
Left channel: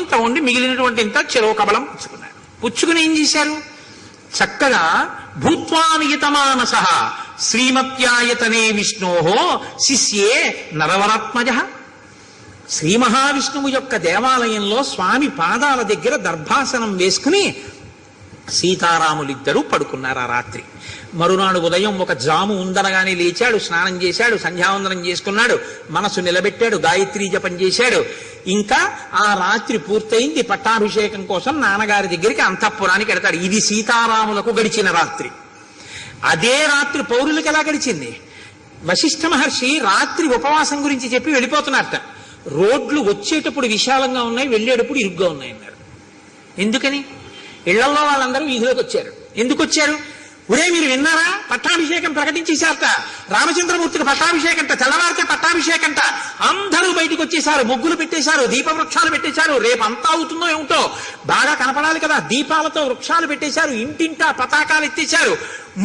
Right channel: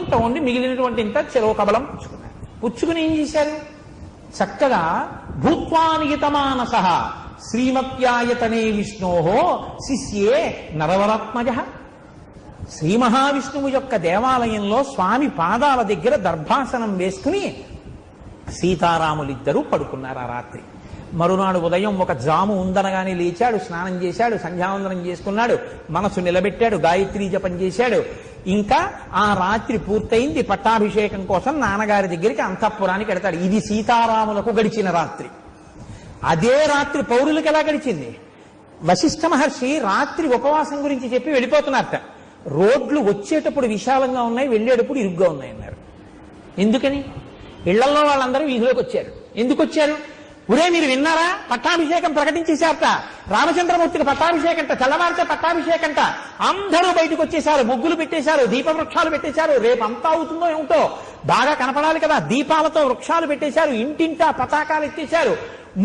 ఇంత వండి మిగిలినటువంటి ఇంత చెరో కబలం పుచ్చుకున్నారు. పుచ్చుకుని ఏం చేశారు? చక్కగా భూత్వానియతమానస శ్రీమత్యాయతనే విష్ణోహో శిష్యే నరవరాత్మజ. శ్రీ మహావిష్ణువు యొక్క దేవాలయంలో స్వామి పాదాల దగ్గర దర్భాసనం వేసుకుని సీతారాములిద్దరూ పడుకున్నారు ఆ రాత్రి. మరునాడు ఉదయం ఒక జాము ఉందనగానే లేచాడు, స్నానం చేశాడు, సంధ్యావందనం చేసుకున్నాడు, మనసు నిలబెట్టాడు, గాయత్రీ జపం చేశాడు. ఇంకా ఆ రాత్రి పూర్తయింది. పట్టాభిషేకం కోసం నాన్నగారి దగ్గరికి అంతఃపురానికి వెడతాడు. ఇది సీతారాములకు గడిచిన రాత్రి. అదే రాత్రి పౌరులకు ఎలా గడిచింది? వశిష్ఠ మహర్షి రాత్రి ఉపవాసం గురించి చెప్పి వెళ్ళిపోతున్నారట. రోడ్లు వచ్చేటప్పుడు విశాలంగా ఉన్నాయి, వెళ్ళేటప్పుడు ఇరుగ్గా ఉన్నాయి అన్నారు. ఎందుకని? ఇళ్లలో వాళ్ళందరూ వీధిలోకి వచ్చారు. ఎందుకు వచ్చారు? ఒరే మీరు విన్నారా, పట్టాభిషేకం ప్రకటించేశారట, రామచంద్రమూర్తికి పట్టాభిషేకంట, తెల్లవారితే పట్టాభిషేకంట. అందరూ బయటకు వచ్చేశారు, ముగ్గులు పెట్టేశారు, దీప వృక్షాలు పెట్టేశారు. రేపు అంతా అవుతుందో ఏమిటో, బాగా కనపడాలి కదా, దీపాలతో వృక్షాలు పెట్టేశారు, ఇంటింటా పతాకాలు ఎత్తేశారు,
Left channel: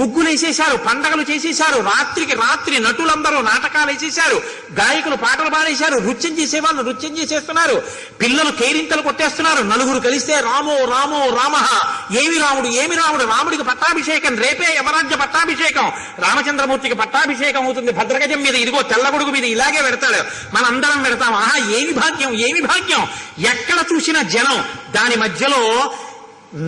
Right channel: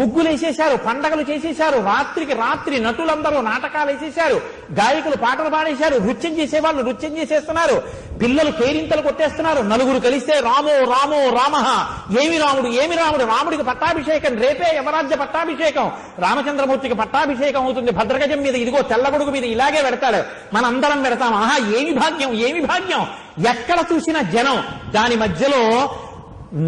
ముగ్గులు వేసేశారు, పండగలు చేసేశారు. రాత్రికి రాత్రి నటులందరూ నాటకాలు వేసేశారు, గాయకులు పాటలు పాడేశారు, నృత్యం చేసేవాళ్ళు నృత్యం చేసేస్తున్నారు, పిల్లలు కేరింతలు కొట్టేస్తున్నారు. నలుగురు కలిస్తే రామో రామో రామ, ఏమి రాముడు ఏమి రాముడు, రాముడికి పట్టాభిషేకం, రేపే యమరాజ్య పట్టాభిషేకం, రామచంద్రమూర్తికి పట్టాభిషేకం అవుతుంది. భద్రగజం మీద ఇదిగో తెల్లగొడుగు మీద ఇలాగే పెడతాడు, మనందరం పెడతాం. ఆహా ఏమి భాగ్యం ఏమి భాగ్యం. ఎక్కడ చూసిన జనం, దాని మధ్యలో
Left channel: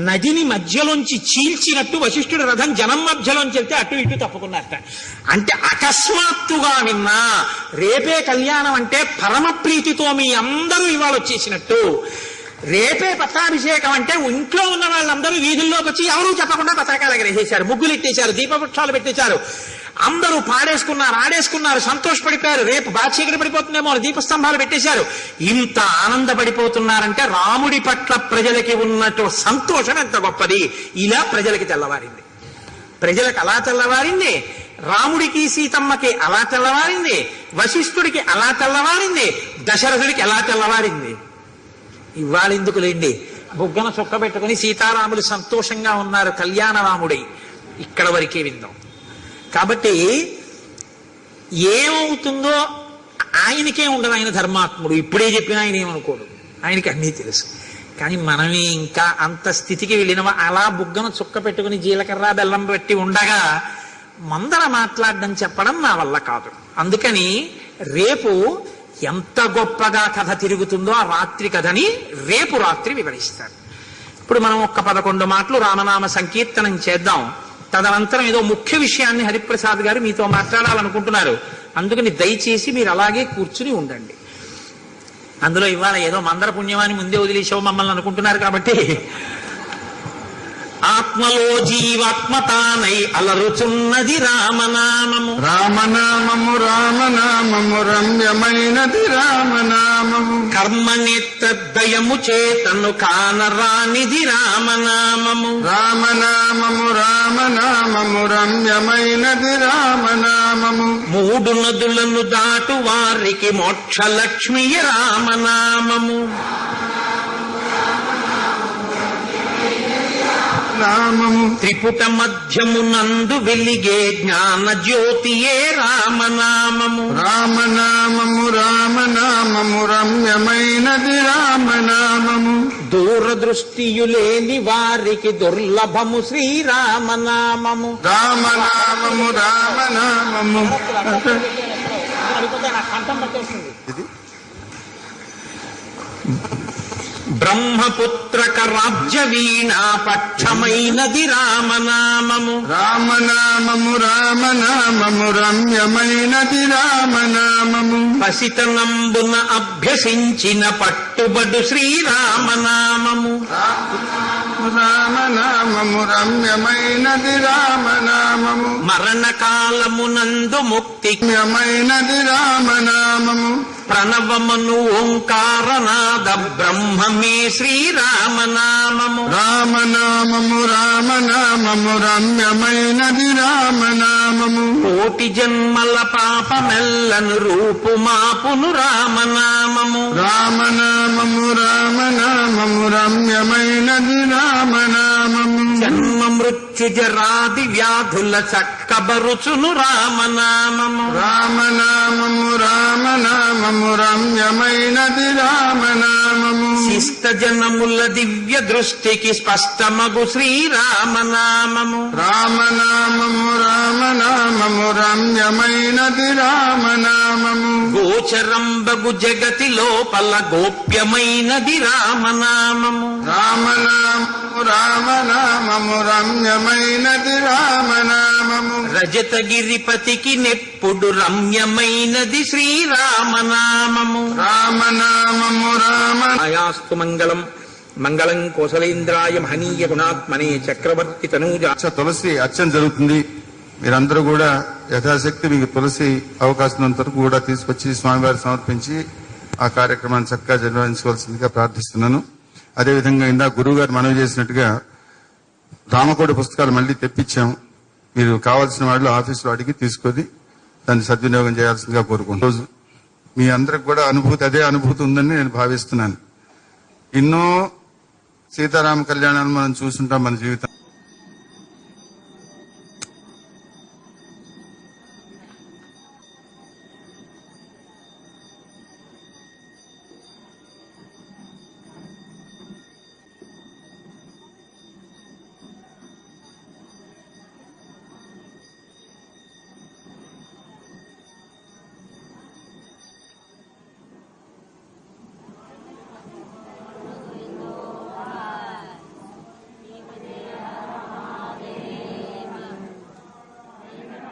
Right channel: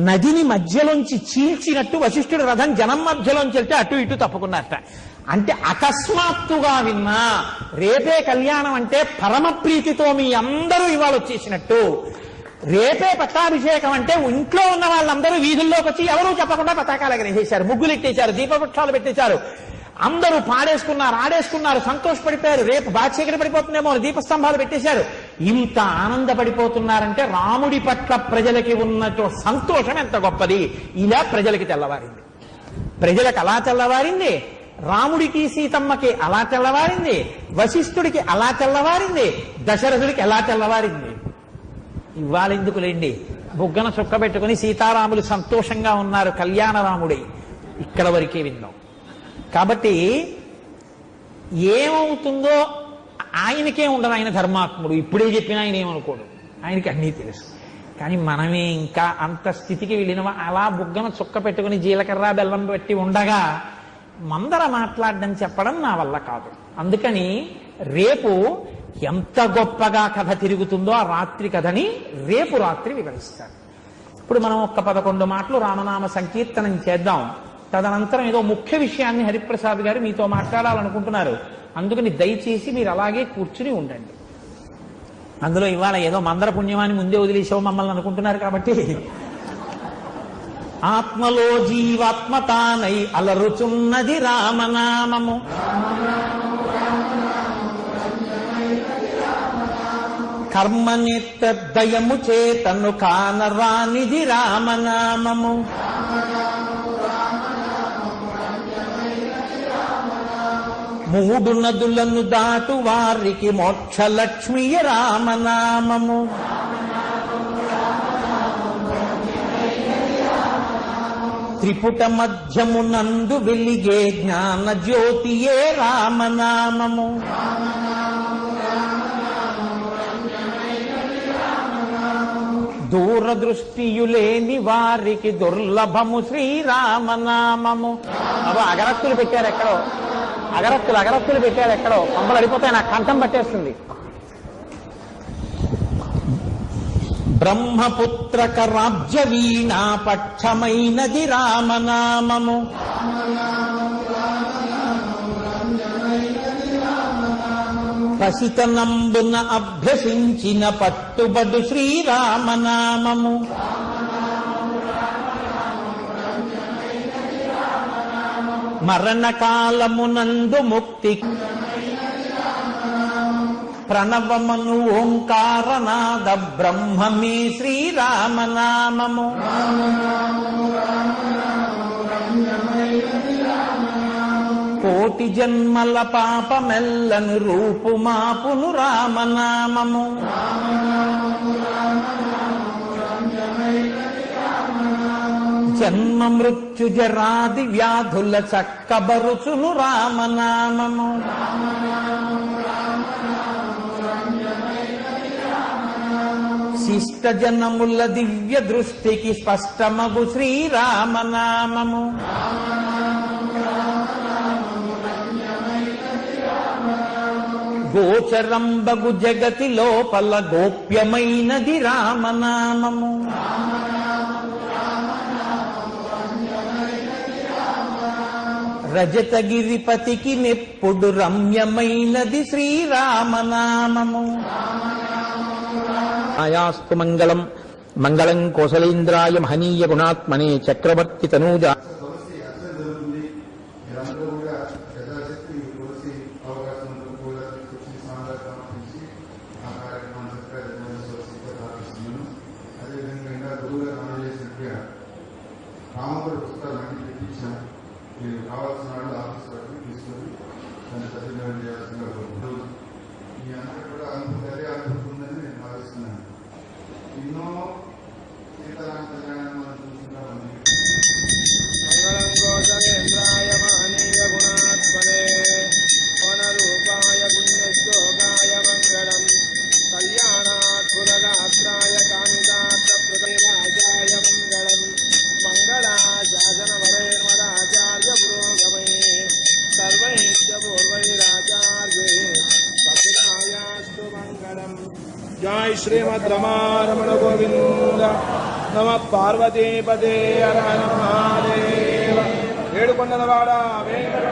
నదిని మధ్యలోంచి చీల్చినట్టు వశిష్ఠుడి రథం జనం మధ్యలోంచి వెళ్తే అటు ఇటు తప్పుకున్నారట. అంటే అకస్మాత్తుగా విన్నా రేపే కళ్యాణం అంటే పరమ ప్రీతితో మీ అందరూ ఇవాళ వచ్చేసినట్టు. రేపే పట్టాభిషేకం అంటే ఇంట్లో ఉన్న వాళ్ళందరూ వీధుల్లోకి వచ్చి ఎవరూ చెప్పకుండా పతాకాలు ఎగరేసేశారు, ముగ్గులు ఎట్టేశారు, దీపవృక్షాలు పెట్టేశారు. అందరూ పాడేసుకున్నారు, ఆడేసుకున్నారు, సంతోషపడిపోయారు. రేపు బాధ్యత పడిపోతుందేమో దీపస్తంభాలు పెట్టేశారు. ఇంత ఆనందపడిపోతున్నారంటే రాముడి పట్ల ప్రజలకి ఉన్నట్టు సంతోషం ఎంత గొప్పది. ఇలా ప్రజలకి తెల్లవారింది, ప్రజలకు అలా తెల్లవారింది, రాముడికి సీతమ్మకి అలా తెల్లవారింది, వశిష్ఠుడికి అలా తెల్లవారింది, దశరథుడికి ఎలా తెల్లవారింది. ఇవాళ ఎందుకులేండి, బుగ్గన చుక్క పెట్టుకుని సీతారాములు సంతోషంగా ఉన్నారు, కళ్యాణ రాముడి. ఇక్కడ వరకే విందాం. కాబట్టి ఏమవుతుందో ఆయనకే ఉండదు, ఆయన ధర్మాత్ముడు. ఇప్పుడే చెప్పినా ఆయన ఏమనుకోడు, ఆయనకి అన్నీ తెలుసు. కానీ మనమే ఇంకా అంత స్థితికి వెళ్ళిన అలా బుగ్గన చుక్క పెట్టుకుని జీలకర్ర బెల్లం పెట్టి ఉండగా మందర మాట్లాడడం చెప్పడం నా వల్ల కాదు. అందుకని రేపు ఎంత గొప్పగా కథ తిరుగుతుందో ఆ రాత్రి కథని రేపు రాత్రి వివరిస్తాను. ఇప్పుడు మనం 11 మాటలు రామనామ సంకీర్తనం చేద్దాం. తదనంతరం ఏదో ముఖ్య విషయాన్ని హరిప్రసాద్ గారు మీతో మాట్లాడాలనుకుంటున్నారు. అందుకని దయచేసి మీరు అలాగే కూర్చుని ఉండండి. అందులో ఇవాళ ఏదో మందర పుణ్యమాని ముందే వదిలేసావు మమ్మల్ని అనుకుంటున్నారు కాబట్టి, ఆత్మలో జీవాత్మతానై అలరుచున్నది రామనామము, రామనామము రామనామము రమ్యమైనది రామనామము, కర్మనేత్రదయము చేతను కానరానిది రామనామము, రామనామము రామనామము రమ్యమైనది రామనామము, 3 నదులను దాటు వారికి మోక్షలక్ష్మి రామనామము, నామము త్రిపుట మధ్యమునందు వెలిగే జ్ఞాన జ్యోతియే రామనామము, రామనామము రామనామము రమ్యమైనది రామనామము, దూరదృష్టియులేని వారికి దుర్లభము శ్రీరామనామము. రామనామము రామనామము అగరత్తులు పెట్టాడు ఎక్కడో, కొండలు అడిపోతాయి, నాకు కంఠం పట్టేస్తుంది. బ్రహ్మపుత్రక రాజ్య వీణా పక్షమైనది రామనామము, రామనామము రామనామము రమ్యమైనది రామనామము, పసితనంబున అభ్యసించిన పట్టుబడు శ్రీరామనామము, రామనామము రమ్యమైనది రామనామము, మరణకాలమునందు ముక్తి రమ్యమైనది రామనామము, ప్రణవమను ఓంకారనాద బ్రహ్మమే శ్రీరామనామము, రామనామము రామనామము రమ్యమైనది రామనామము, కోటి జన్మల పాపమెల్లను రూపుమాపును రామనామము, రామనామము రామనామము రమ్యమైనది రామనామము, జన్మ మృత్యు జరాది వ్యాధుల చక్కబరుచును రామనామము, రామనామము రామనామము రమ్యమైనది రామనామము, శిష్ట జనముల దివ్య దృష్టికి స్పష్టమగు శ్రీరామనామము, రామనామము రామనామము రమ్యమైనది రామనామము, గోచరంబగు జగతి లోపల గోప్యమైనది రామనామము, రామనామము రామనామము రమ్యమైనది రామనామము, రజతగిరిపతికి నెప్పుడు రమ్యమైనది శ్రీరామనామము, రామనామము రామ ఆయాస్తు మంగళం మంగళం కోసలేంద్రాయ మహనీయ గుణాత్మనే చక్రవర్తి తనూజ. తులసి అర్చన జరుగుతుంది. మీరందరూ కూడా యథాశక్తి మీకు తులసి అవకాశం ఉన్నంత వరకు కూడా తీసుకొచ్చి స్వామివారి సమర్పించి ఆ కార్యక్రమాన్ని చక్కగా నిర్వహించుకోవాల్సిందిగా ప్రార్థిస్తున్నాను. అదేవిధంగా ఇందాక గురువు గారు మనవి చేసినట్టుగా రామకోటి పుస్తకాలు మళ్ళీ తెప్పించాం. మీరు కావాల్సిన వాళ్ళు ఆఫీసులో అడిగి తీసుకొని దాన్ని సద్వినియోగం చేయాల్సిందిగా కోరుకుంటున్నాను. రోజు మీ అందరికి కూడా అదే అనుభూతి ఉందని నేను భావిస్తున్నాను. ఎన్నో సీతారామ కళ్యాణాన్ని మనం చూస్తుంటాం మన జీవితం. जय श्रीमद् रमारमण गोविंद नम पार्वती पते हर हर महादेव ఏడుకొండలవాడ వెంకట